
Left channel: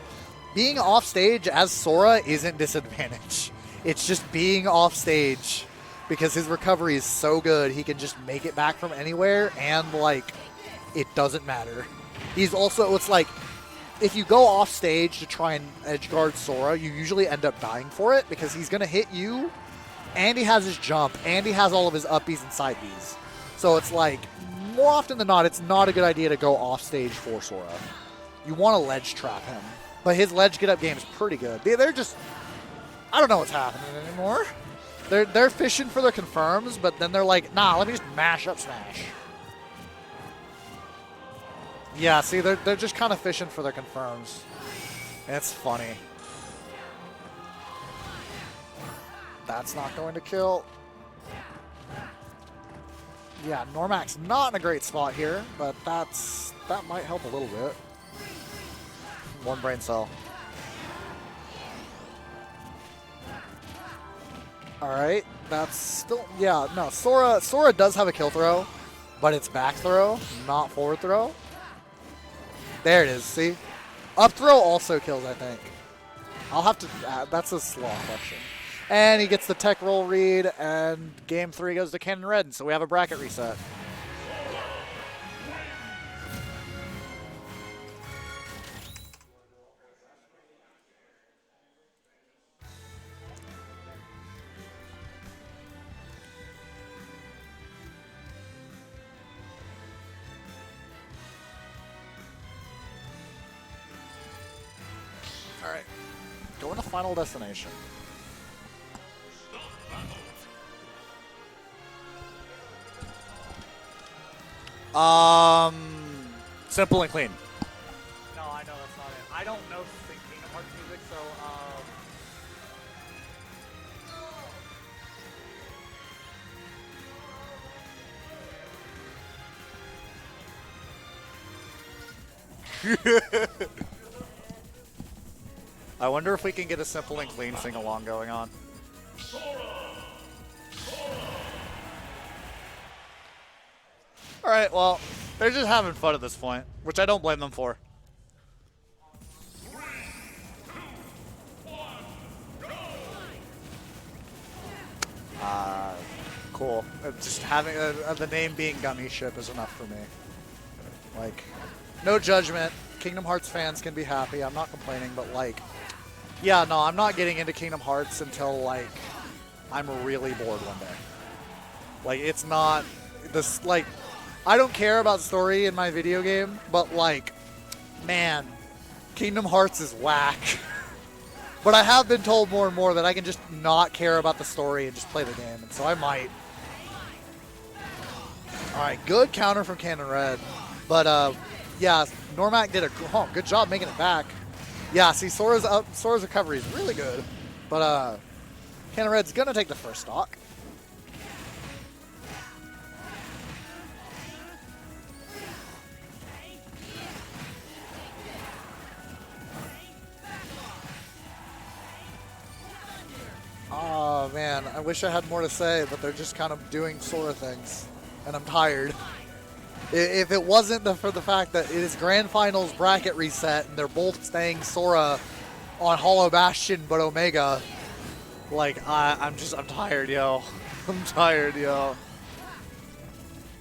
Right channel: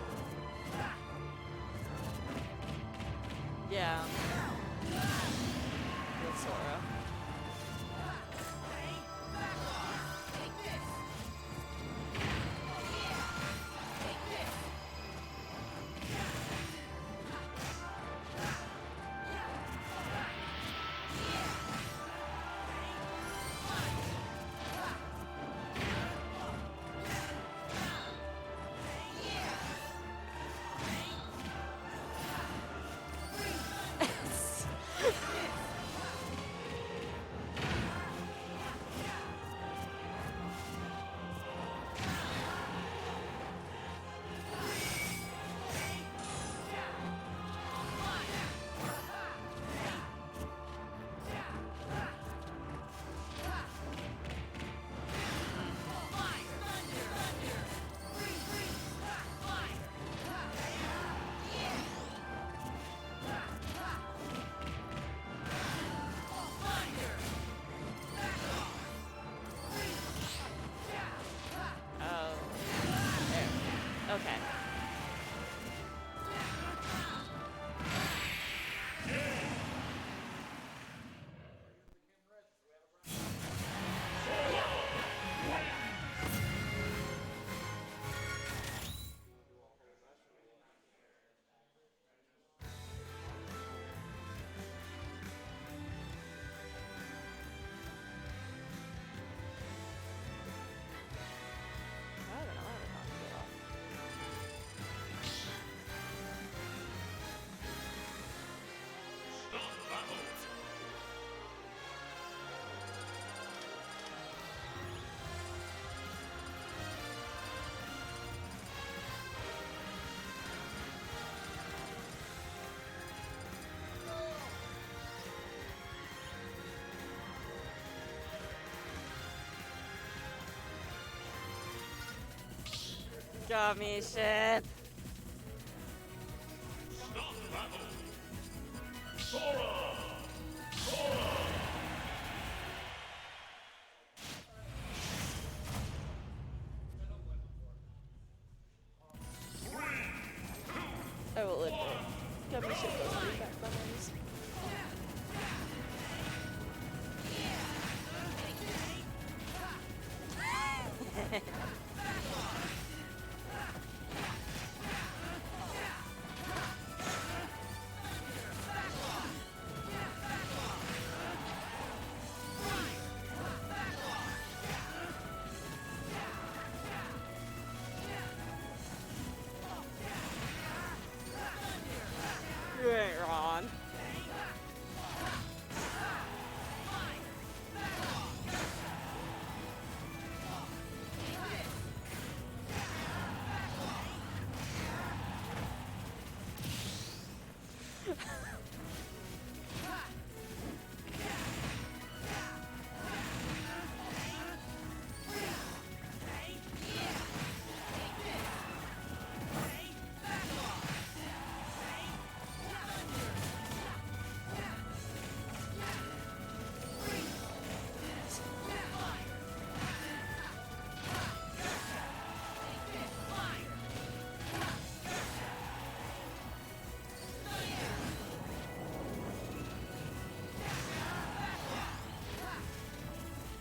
being off stage as Sora isn't disadvantage. Yeah. It's just being off stage. Because his recovery is so good, he can just make it back from anywhere, and, like, it doesn't matter. He's also, it's like, if you go off stage to try and edge guard Sora, you usually end up dying for it, because he's going to hit you, and he has his jump, and he has all of his uppies and side Bs. So it's like, more often than not, it's not a good idea to go off stage for Sora. You want to ledge trap him. But his ledge get-up game is pretty good. They're just, I don't know what's happening anymore. They're fishing for their confirms, but then they're like, nah, let me just mash up smash. Yeah, see, they're just kind of fishing for their confirms. It's funny. That's not going to kill. Yeah, Normac's not in a great spot here, but that might help a little bit. One brain cell. All right, that's still, yeah, no, Sora does have a kill throw, but it's back throw, not forward throw. Oh, There it is, see? okay. Up throw also kills, I think. I'll have to, that's a slot actually. And he gets the tech roll read, and game 3 goes to Cannon Red, so we have a bracket reset. All right, going to Final Destination. Simple and clean. No, I know that's not it. I don't know the Kingdom Hearts music, so Gummy shit. I wonder if we can get a simple and clean sing-along going on. All right, well, they're just having fun at this point, which I don't blame them for. I will live. Gummy shit. Cool. Just having the name being Gummy Ship is enough for me. Like, no judgment. Kingdom Hearts fans can be happy. I'm not complaining, but like, yeah, no, I'm not getting into Kingdom Hearts until like I'm really bored one day. Like, it's not this, like, I don't care about story in my video game, but like, man, Kingdom Hearts is whack. But I have been told more and more that I can just not care about the story and just play the game, and so I might. All right, good counter from Cannon Red, but yeah, Noremac did a good job making it back. Yeah, see, Sora's recovery is really good, but Cannon Red's gonna take the first stock. Oh man, I wish I had more to say, but they're just kind of doing Sora things, and I'm tired. If it wasn't for the fact that it is Grand Finals bracket reset, and they're both staying Sora on Hollow Bastion, but Omega, like, I'm tired, yo. I'm tired, yo.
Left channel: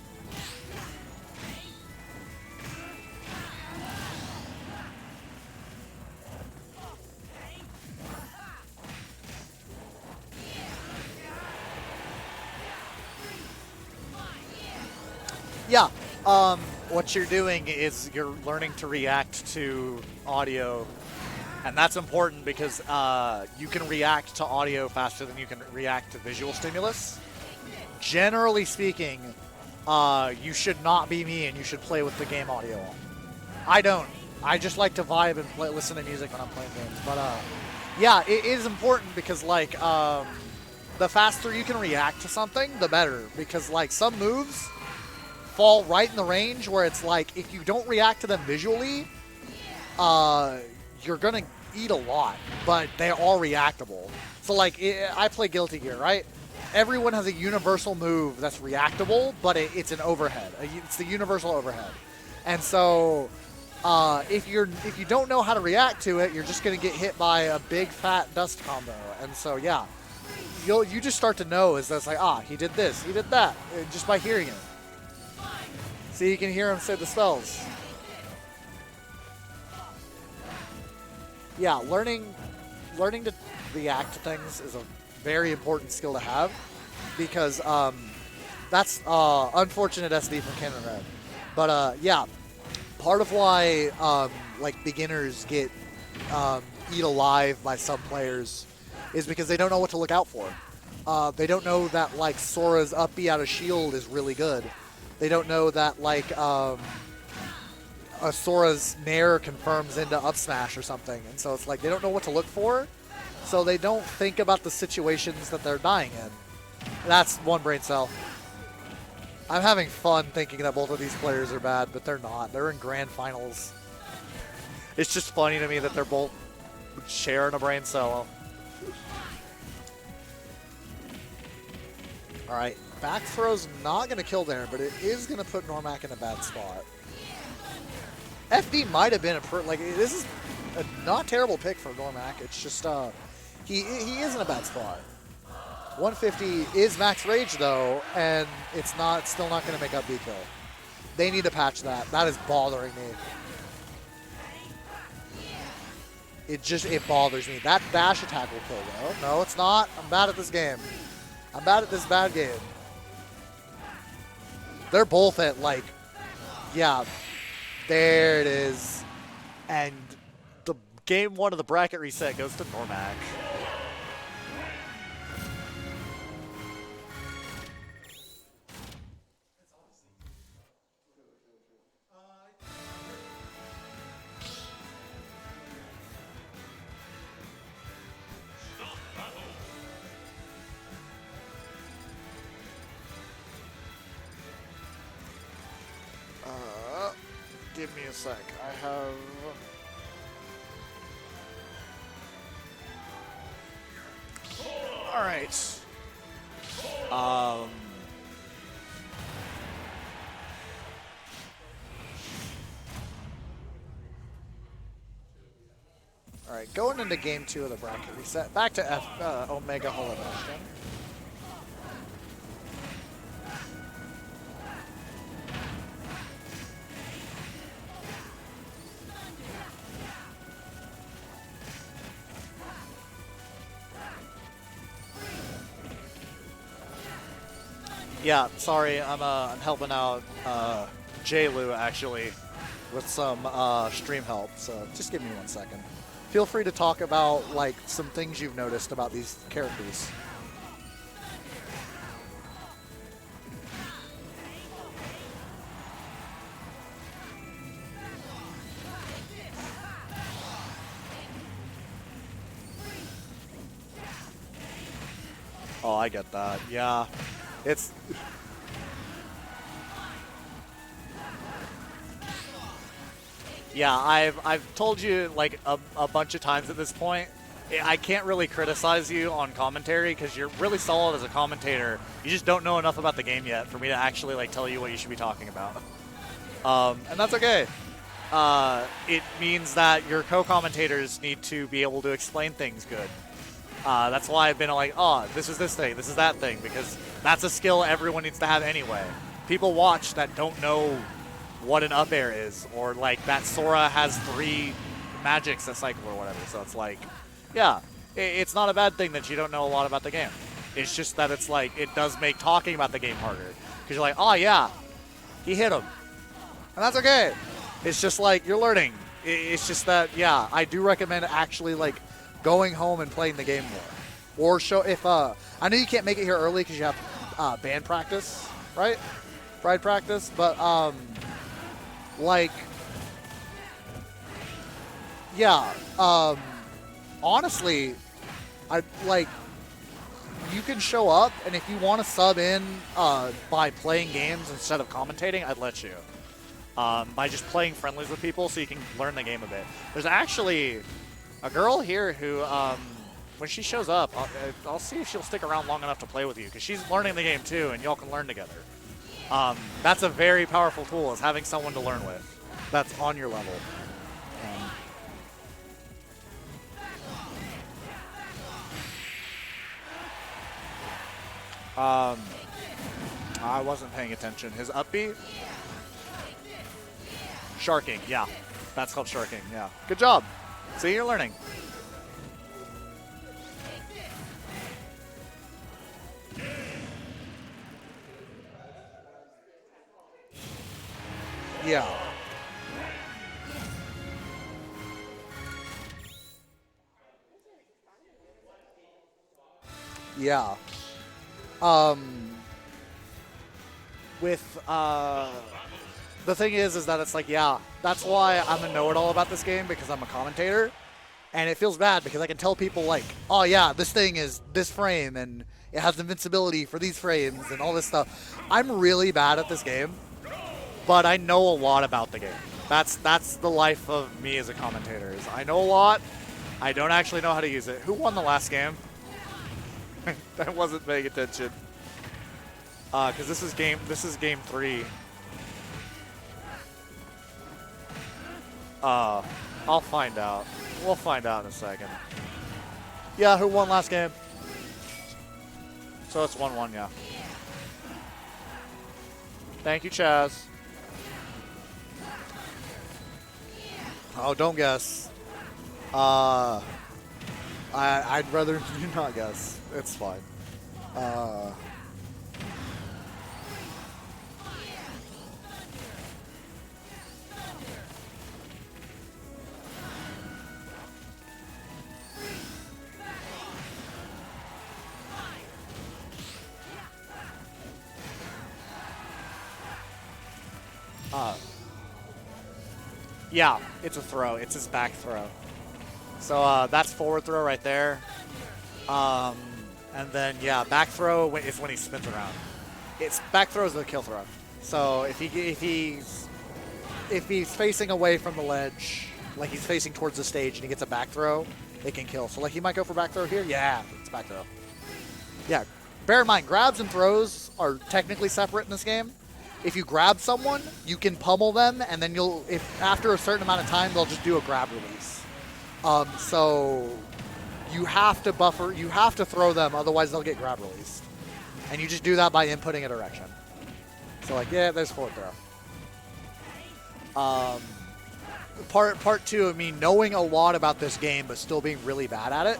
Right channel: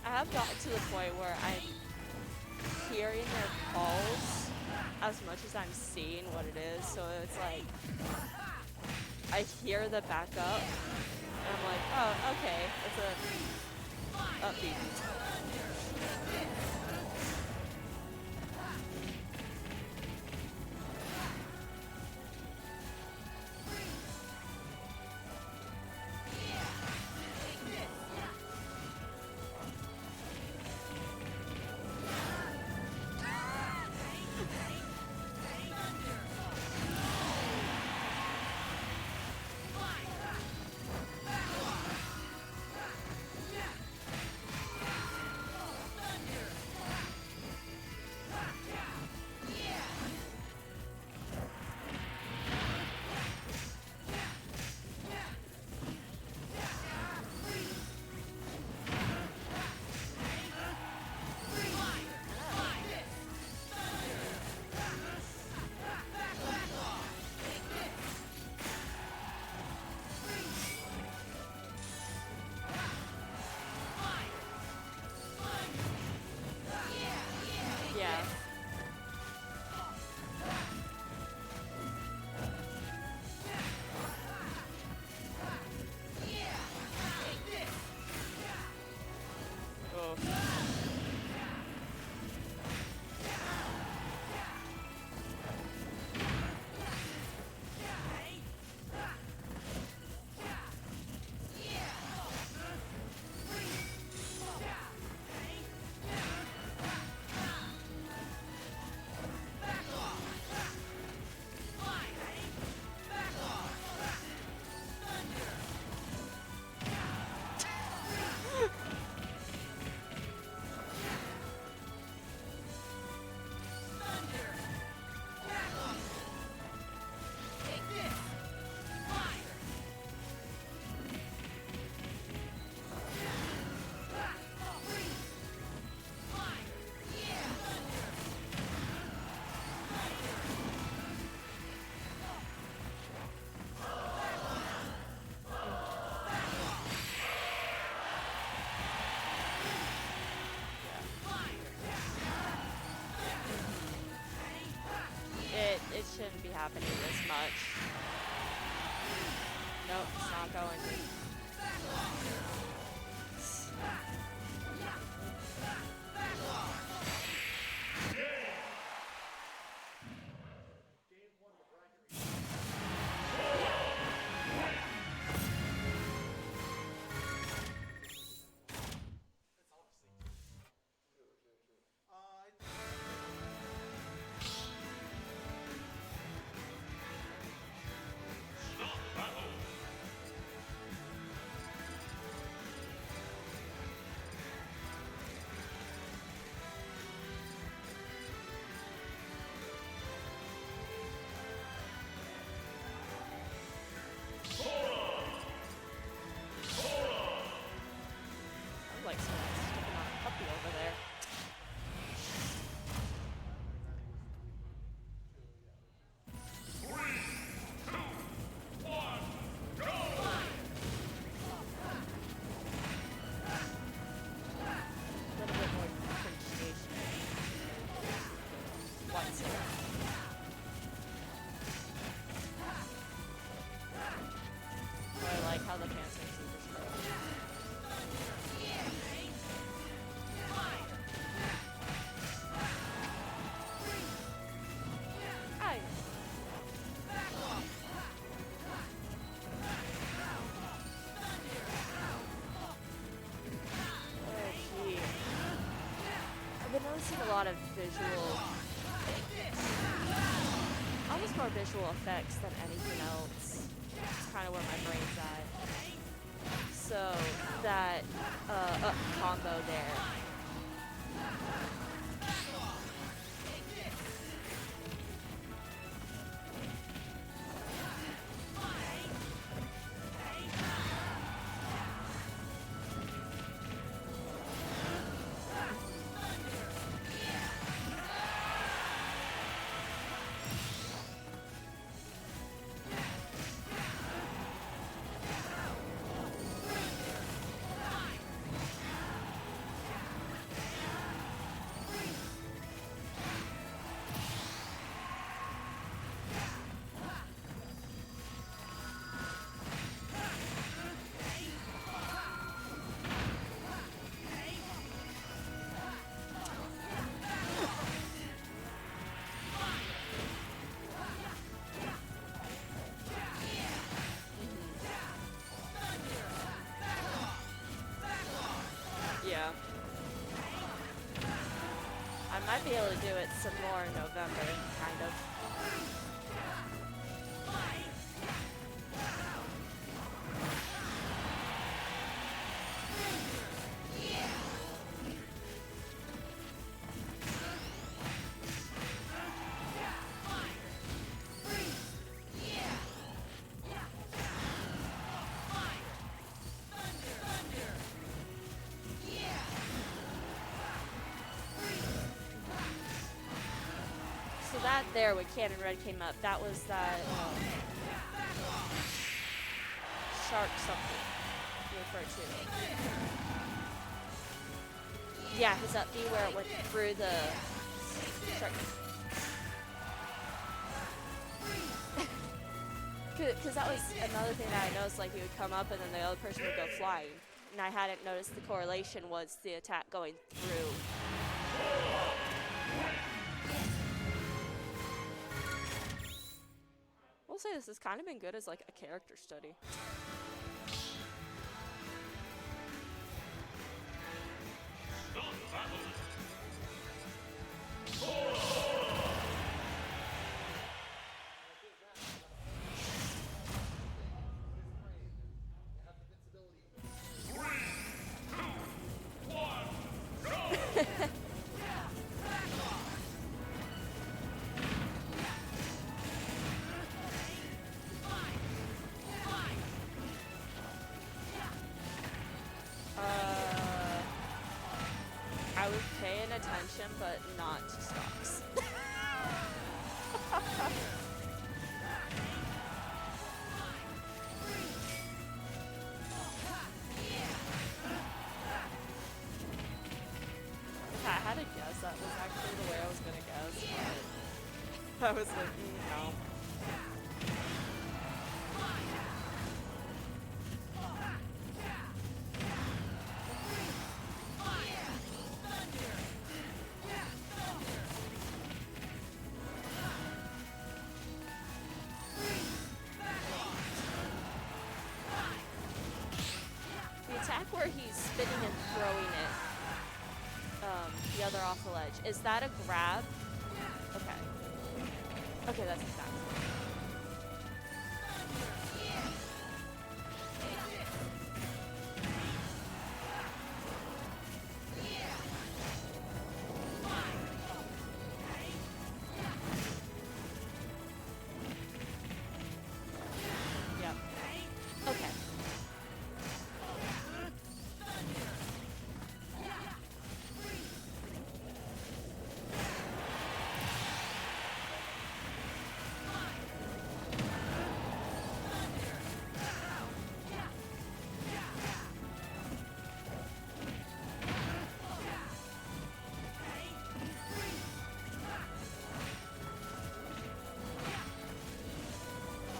I have gotten to the point where I'm hearing the calls as much as I'm seeing what it is. So it's like I hear the backup, and I'm like, oh, okay. Yeah, what you're doing is you're learning to react to audio, and that's important because you can react to audio faster than you can react to visual stimulus. Generally speaking, you should not be me and you should play with the game audio on. I don't. I just like to vibe and listen to music when I'm playing games. But yeah, it is important because like the faster you can react to something, the better. Because like some moves fall right in the range where it's like if you don't react to them visually, you're gonna eat a lot, but they are reactable. So like I play Guilty Gear, right? Everyone has a universal move that's reactable, but it's an overhead. It's the universal overhead. And so if you don't know how to react to it, you're just gonna get hit by a big fat dust combo. And so yeah, you just start to know is that's like, he did this, he did that, just by hearing it. So you can hear him say the spells. Yeah, learning to react to things is a very important skill to have because that's unfortunate SV for Canada. But yeah, part of why like beginners get eat alive by some players is because they don't know what to look out for. They don't know that like Sora's up B out of shield is really good. They don't know that like a Sora's Nair confirms into up smash or something. And so it's like they don't know what to look for. So they don't think about the situations that they're dying in. That's one brain cell. I'm having fun thinking that both of these players are bad, but they're not. They're in grand finals. It's just funny to me that they're both sharing a brain cell. All right, back throw's not going to kill there, but it is going to put Noremac in a bad spot. FB might have been this is a not terrible pick for Noremac. It's just he is in a bad spot. 150 is max rage though, and it's still not going to make up B kill. They need to patch that. That is bothering me. It shouldn't be It bothers me. That dash attack will kill though. No, it's not. I'm bad at this game. I'm bad at this bad game. They're both at yeah, there it is. And the game 1 of the bracket reset goes to Noremac. Give me a sec. I have... All right. All right, going into game 2 of the bracket reset. Back to Omega Milo. Yeah, sorry, I'm helping out J-Lu actually with some stream help, so just give me 1 second. Feel free to talk about some things you've noticed about these characters. I've been noticing a lot of almost more visual effects than anything else. That's kind of what my brain's at. Oh, I get that. Yeah, So it's that up combo there. yeah. I've told you a bunch of times at this point. I can't really criticize you on commentary because you're really solid as a commentator. You just don't know enough about the game yet for me to actually tell you what you should be talking about. And that's okay. It means that your co-commentators need to be able to explain things good. That's why I've been oh, this is this thing, this is that thing, because that's a skill everyone needs to have anyway. People watch that don't know what an up air is, or that Sora has 3 magics that cycle or whatever. So it's yeah, it's not a bad thing that you don't know a lot about the game. It's just that it's it does make talking about the game harder. Because you're oh yeah, he hit him. And that's okay. It's just you're learning. It's just that, yeah, I do recommend actually going home and playing the game more. Or show if I know you can't make it here early because you have band practice, right? Yeah. Ride practice, but I'd be able to do it some more in November, kind of. yeah, honestly, I you can show up, and if you want to sub in by playing games instead of commentating, I'd let you. By just playing friendlies with people so you can learn the game a bit. There's actually a girl here who, when she shows up, I'll see if she'll stick around long enough to play with you, because she's learning the game too, and y'all can learn together. That's a very powerful tool, is having someone to learn with that's on your level. So that there, when Conrad came up, that was that shark something. I wasn't paying attention. His up B? Yeah, his up B where it went through the... Sharking, yeah. That's called sharking, yeah. Good job. See, you're learning. Because that was another thing that I noticed, he would come up and then the other person would go fly. And I hadn't noticed the correlation was the attack going through. Yeah. We'll say this has kind of been good as a character study. Yeah. The thing is that it's yeah, that's why I'm a know-it-all about this game, because I'm a commentator, and it feels bad because I can tell people oh yeah, this thing is this frame and it has invincibility for these frames and all this stuff. I'm really bad at this game, but I know a lot about the game. That's the life of me as a commentator. Is I know a lot. I don't actually know how to use it. Who won the last game? I wasn't paying attention. Because this is game 3. I was paying attention, but not. I'll find out. We'll find out in a second. Yeah, who won last game? So it's 1-1, yeah. Thank you, Chaz. I had to guess that. I was gonna guess. Oh, don't guess. That was it. I'd rather you not guess. It's fine. The attack where he's spinning and throwing it further off the ledge. Is that a grab? Yeah, it's a throw. It's his back throw. Okay, that's a grab. So that's forward throw right there. And then, yeah, back throw is when he spins around. It's back throw is the kill throw. So if he's facing away from the ledge, like he's facing towards the stage and he gets a back throw, it can kill. So like he might go for back throw here. Yeah, it's back throw. Yeah. Bear in mind, grabs and throws are technically separate in this game. If you grab someone, you can pummel them, and then if after a certain amount of time, they'll just do a grab release. So you have to buffer, you have to throw them, otherwise they'll get grab released. And you just do that by inputting a direction. So like, yeah, there's forward throw. Part two of me knowing a lot about this game, but still being really bad at it.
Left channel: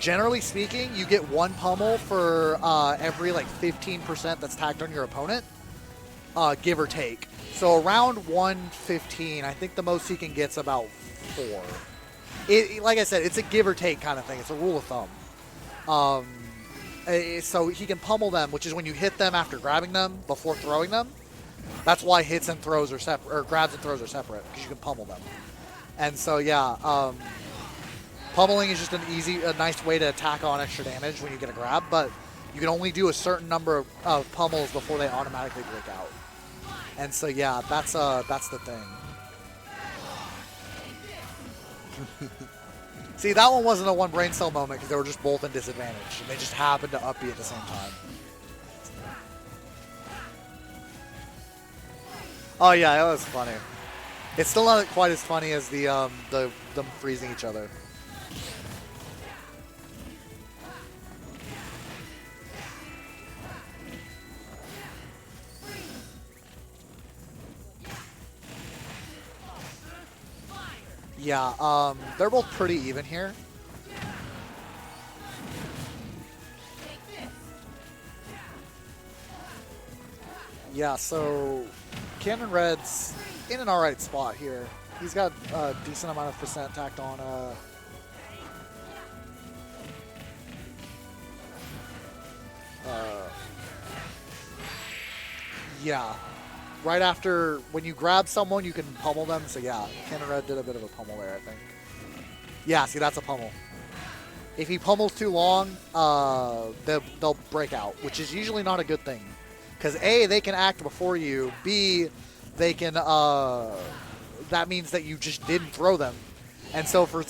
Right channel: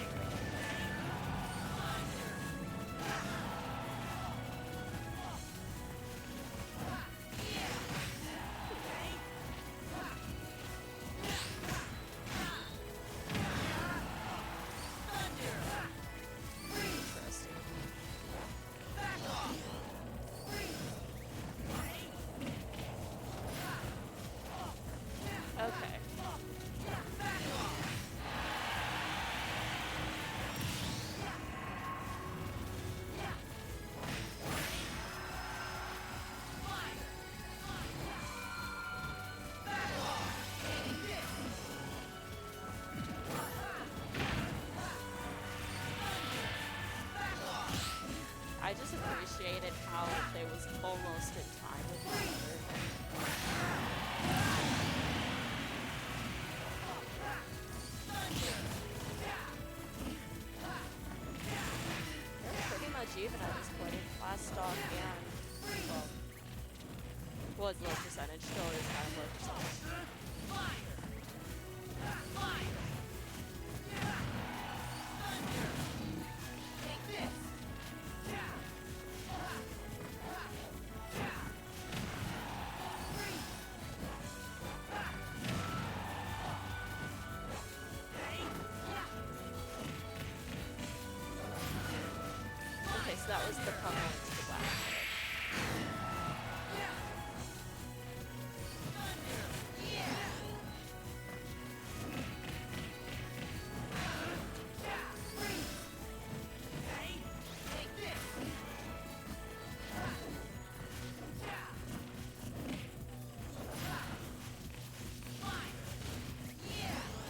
Generally speaking, you get one pummel for every like 15% that's tagged on your opponent. Give or take. So around 115, I think the most he can get's about 4. Like I said, it's a give or take kind of thing. It's a rule of thumb. So he can pummel them, which is when you hit them after grabbing them before throwing them. That's why hits and throws are separate, or grabs and throws are separate, because you can pummel them. And so yeah, pummeling is just a nice way to tack on extra damage when you get a grab, but you can only do a certain number of pummels before they automatically break out. And so yeah, that's the thing. See, that one wasn't a one brain cell moment because they were just both in disadvantage. They just happened to up you at the same time. I just appreciated how it was almost in time. Oh yeah, it was funny. It's still not quite as funny as them freezing each other. Yeah, they're both pretty even here. Yeah, so Cannon Red's in an alright spot here. He's got a decent amount of percent tacked on. Yeah. Right after, when you grab someone, you can pummel them. So yeah, Conrad did a bit of a pummel there, I think. Yeah, see, that's a pummel. If he pummels too long, they'll break out, which is usually not a good thing. Because A, they can act before you. B, they can, that means that you just didn't throw them. And so for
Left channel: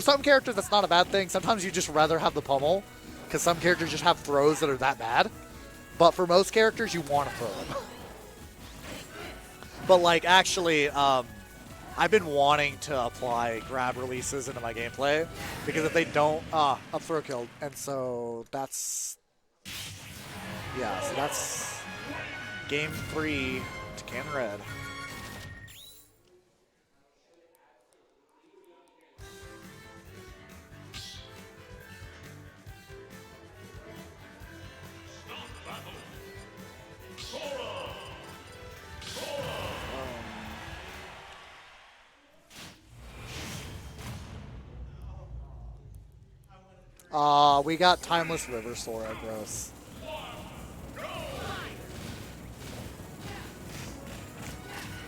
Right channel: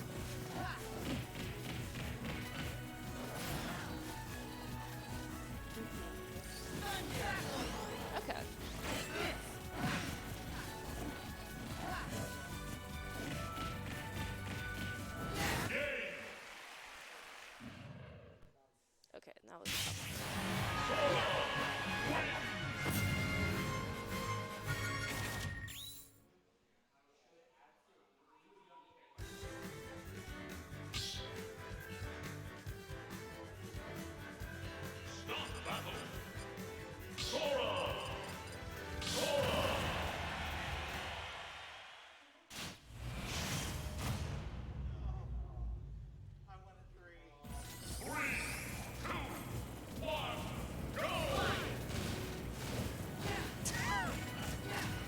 some characters, that's not a bad thing. Sometimes you just rather have the pummel, because some characters just have throws that are that bad. But for most characters, you want to throw them. But like actually, I've been wanting to apply grab releases into my gameplay because if they don't, up throw killed, and so that's yeah. So that's game 3 to Can Red. We got Timeless River Sora, gross.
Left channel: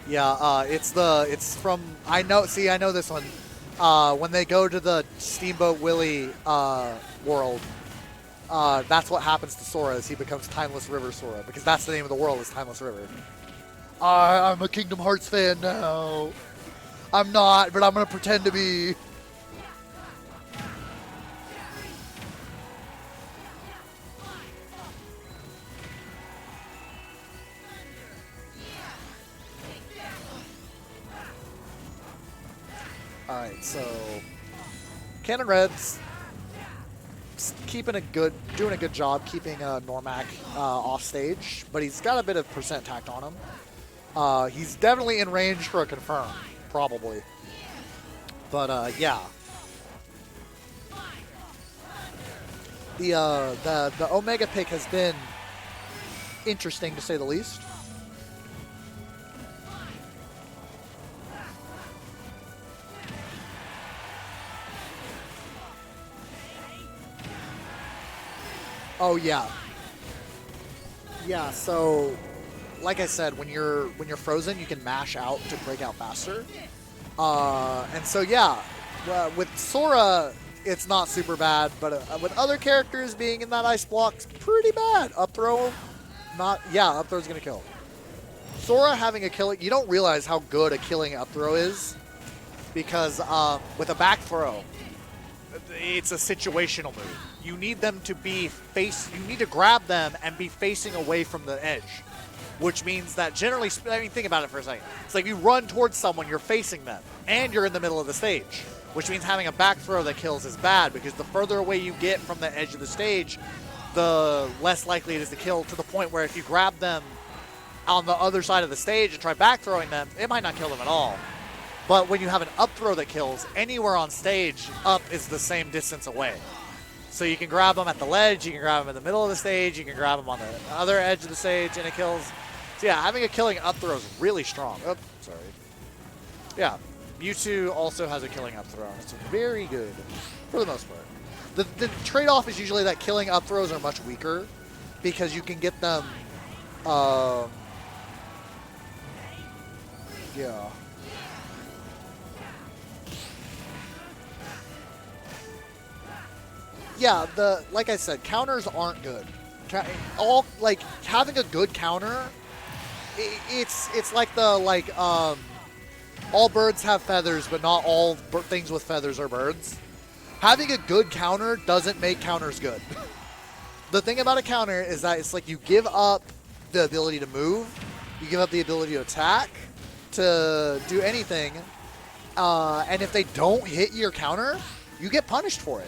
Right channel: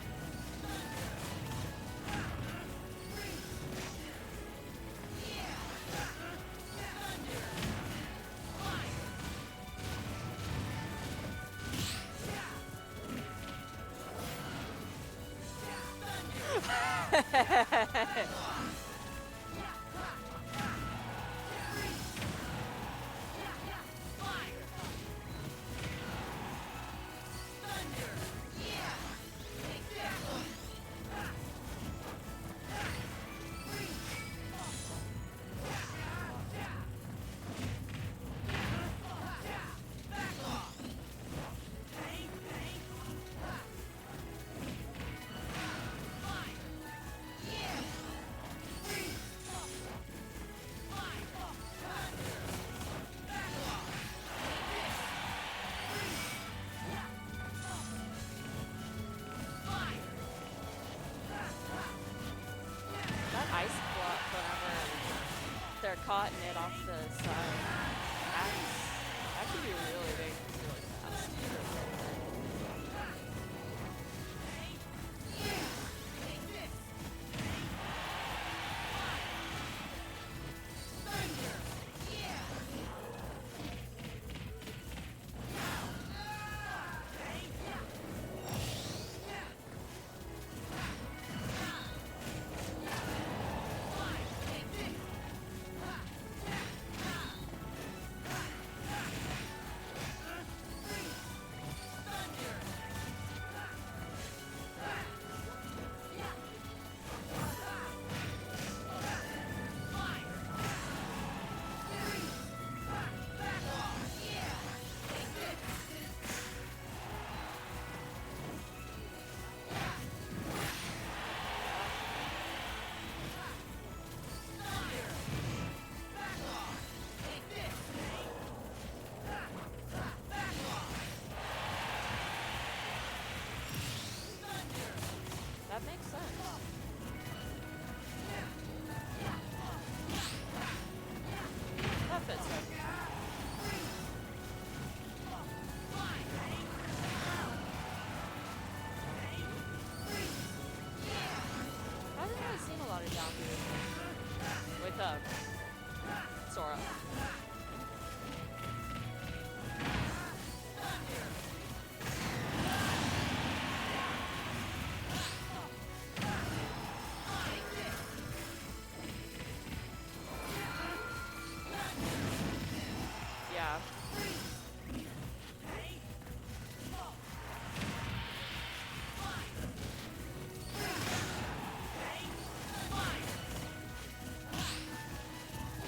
Yeah, it's from, I know this one. When they go to the Steamboat Willie world, that's what happens to Sora is he becomes Timeless River Sora, because that's the name of the world is Timeless River. I'm a Kingdom Hearts fan now. I'm not, but I'm gonna pretend to be. So Cannon Red's doing a good job keeping Noremac off stage, but he's got a bit of percent tact on him. He's definitely in range for a confirm, probably. But yeah, the Omega pick has been interesting to say the least. Oh yeah. Yeah, so like I said, when you're frozen, you can mash out to break out faster. And so yeah, with Sora, it's not super bad, but with other characters being in that ice block, it's pretty bad. Up throw, up throw's gonna kill. Sora having a killing, you don't realize how good a killing up throw is, because with a back throw, it's a situational move. You need them to be you need to grab them and be facing away from the edge, which means that generally, I mean, think about it for a second. It's like you run towards someone, you're facing them, and you're in the middle of the stage, which means having a back throw that kills is bad, because the further away you get from the edge of the stage, the less likely it is to kill, to the point where if you grab them on the other side of the stage and try back throwing them, it might not kill them at all. But when you have an up throw that kills, anywhere on stage, up is the same distance away. So you can grab them at the ledge, you can grab them in the middle of the stage, you can grab them on the other edge of the stage, and it kills. So yeah, having a killing up throw is really strong. Oh, sorry. Yeah, Mewtwo also has a killing up throw. It's very good, for the most part. The trade-off is usually that killing up throws are much weaker, because you can get them, yeah. Yeah, like I said, counters aren't good. Having a good counter, it's like all birds have feathers, but not all things with feathers are birds. Having a good counter doesn't make counters good. Yeah. The thing about a counter is that it's like you give up the ability to move, you give up the ability to attack, to do anything, and if they don't hit your counter, you get punished for it.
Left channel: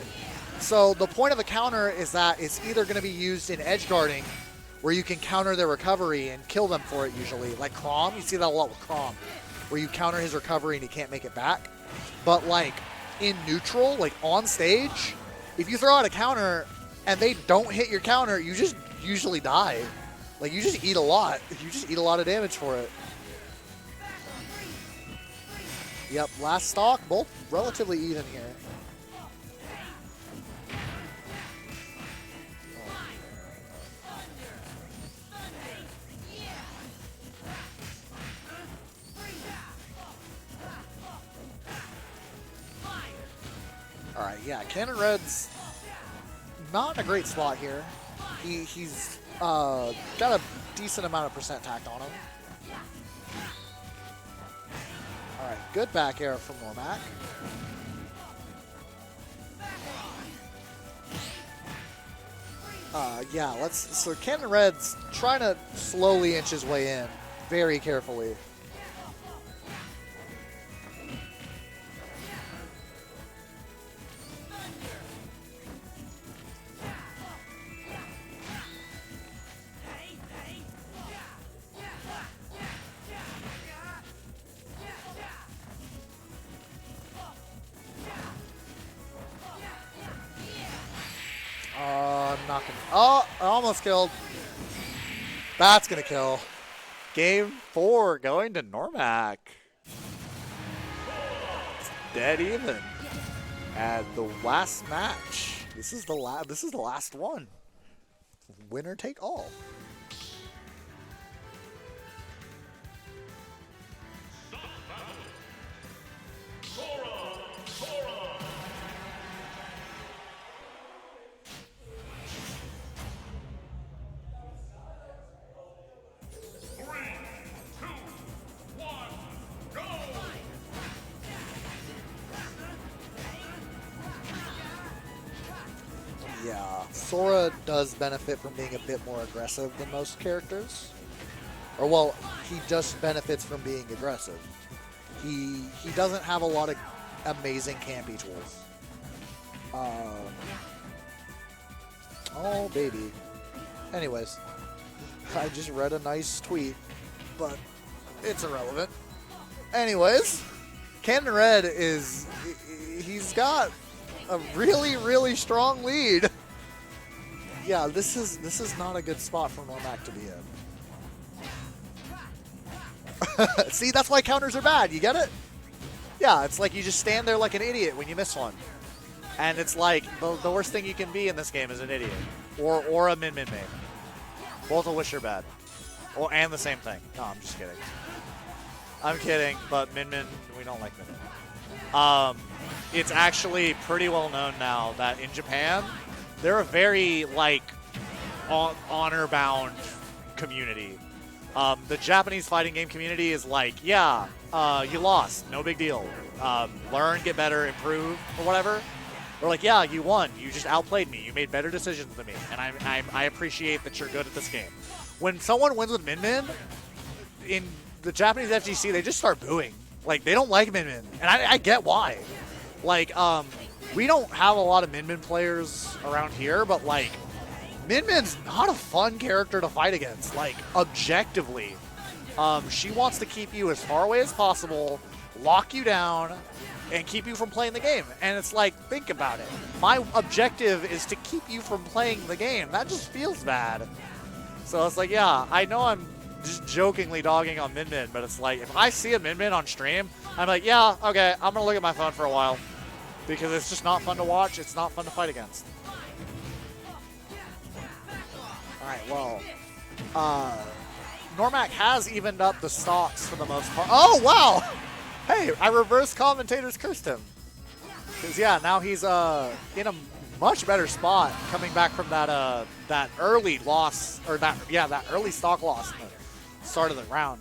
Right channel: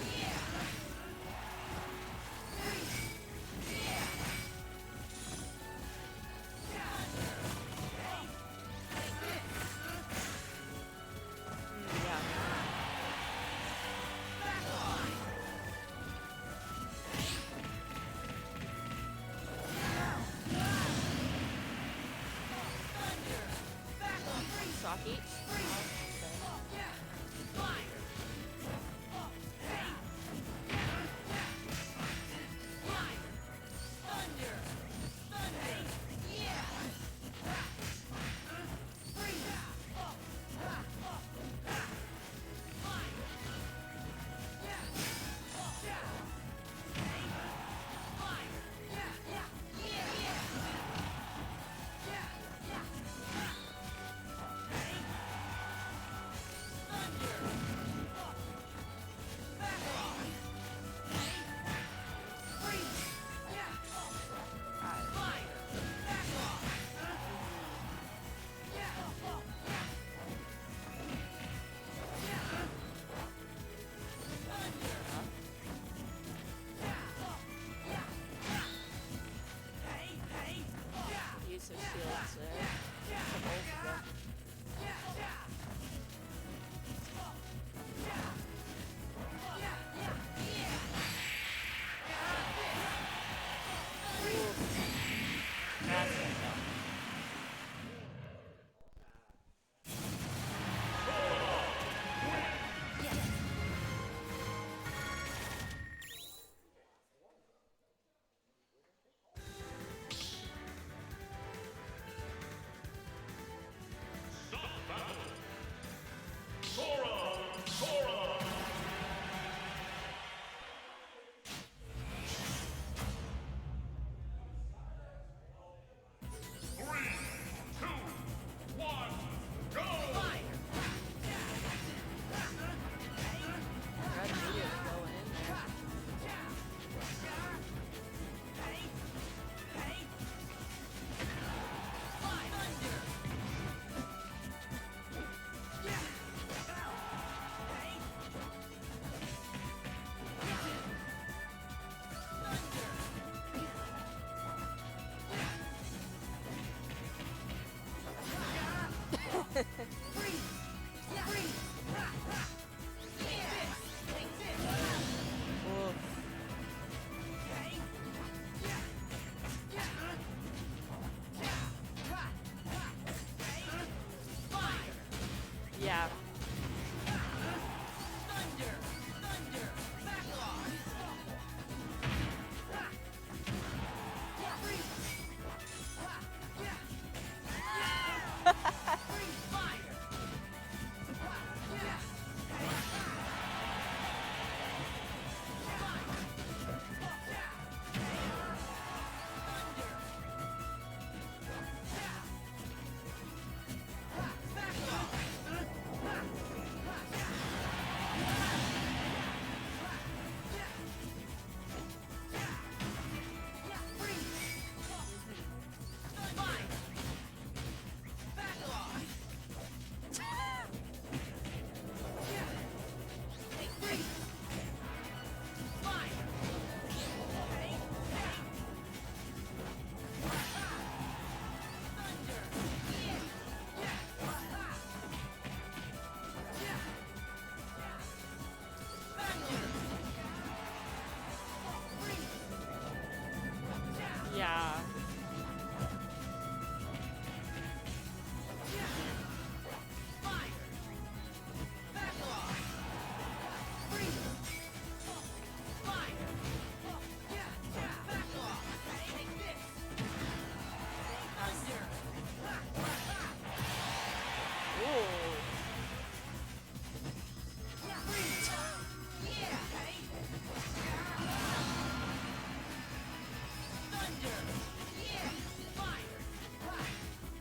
So the point of a counter is that it's either going to be used in edge guarding, where you can counter their recovery and kill them for it usually. Like Crom, you see that a lot with Crom, where you counter his recovery and he can't make it back. But like in neutral, like on stage, if you throw out a counter and they don't hit your counter, you just usually die. Like you just eat a lot. You just eat a lot of damage for it. Yep, last stock, both relatively even here. Yeah, Cannon Red's not in a great slot here. He's got a decent amount of percent tact on him. All right, good back air from Noremac. Yeah, so Cannon Red's trying to slowly inch his way in, very carefully. Oh, almost killed. That's gonna kill. Game 4 going to Noremac. Dead even. And the last match. This is the last one. Winner take all. Sora does benefit from being a bit more aggressive than most characters. Or, well, he just benefits from being aggressive. He doesn't have a lot of amazing campy choice. Oh, baby. Anyways, I just read a nice tweet, but it's irrelevant. Anyways, Conrad he's got a really, really strong lead. Yeah, this is not a good spot for Noremac to be in. See, that's why counters are bad. You get it? Yeah. Yeah, it's like you just stand there like an idiot when you miss one. And it's like, the worst thing you can be in this game is an idiot. Or a min-min main. Both of which are bad. And the same thing. No, I'm just kidding. I'm kidding, but min-min, we don't like min-min. It's actually pretty well known now that in Japan, they're a very, like, honor-bound community. The Japanese fighting game community is like, yeah, you lost, no big deal. Learn, get better, improve, or whatever. They're like, yeah, you won. You just outplayed me. You made better decisions than me, and I appreciate that you're good at this game. When someone wins with Min-Min, in the Japanese FGC, they just start booing. Like, they don't like Min-Min, and I get why. Like, we don't have a lot of Min-Min players around here, but, like, Min-Min's not a fun character to fight against, like, objectively. She wants to keep you as far away as possible, lock you down, and keep you from playing the game. And it's like, think about it. My objective is to keep you from playing the game. That just feels bad. Yeah. So it's like, yeah, I know I'm just jokingly dogging on Min-Min, but it's like, if I see a Min-Min on stream, I'm like, yeah, okay, I'm going to look at my phone for a while. Because it's just not fun to watch. It's not fun to fight against. Alright, well, Noremac has evened up the stocks for the most part. Oh, wow! Hey, I reverse commentators cursed him. 'Cause, yeah, now he's in a much better spot coming back from that early loss, or that early stock loss at the start of the round.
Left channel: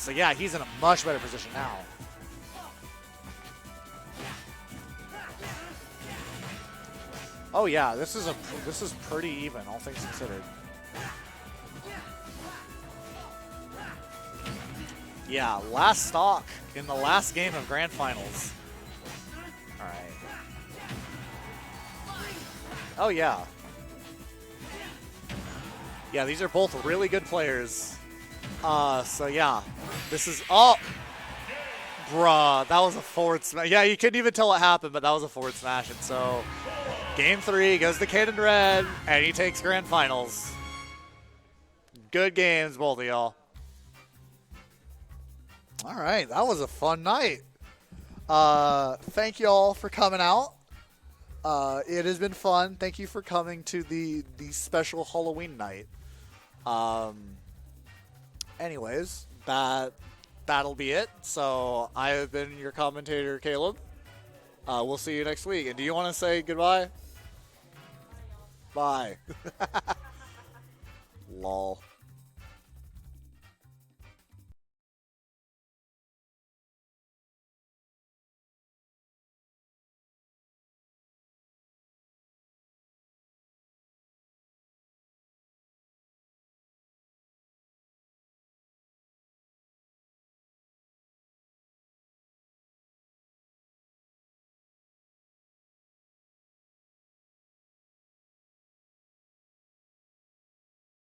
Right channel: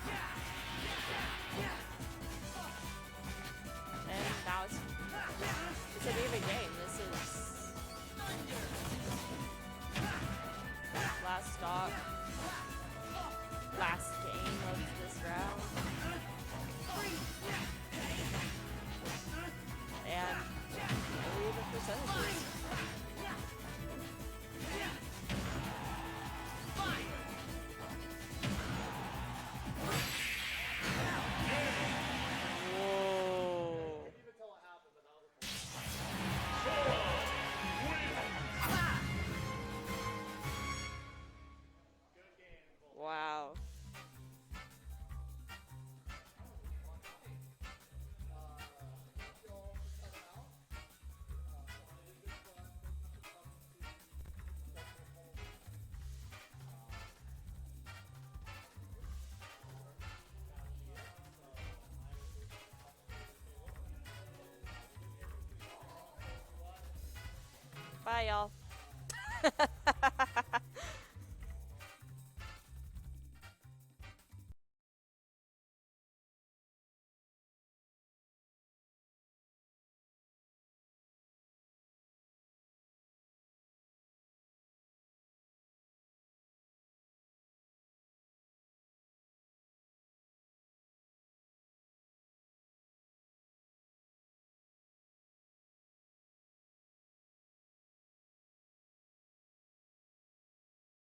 So yeah, he's in a much better position now. Oh yeah, this is pretty even, all things considered. Yeah, last stock in the last game of Grand Finals. All right. Oh yeah. Yeah, these are both really good players. So yeah, this is bruh, that was a forward smash. Yeah, you couldn't even tell what happened, but that was a forward smash. And so, game 3 goes to Conrad, and he takes Grand Finals. Good games, both of y'all. All right, that was a fun night. Thank y'all for coming out. It has been fun. Thank you for coming to the special Halloween night. Anyways, that'll be it. So I have been your commentator, Caleb. We'll see you next week. And do you want to say goodbye? Bye, y'all. Bye. Lol.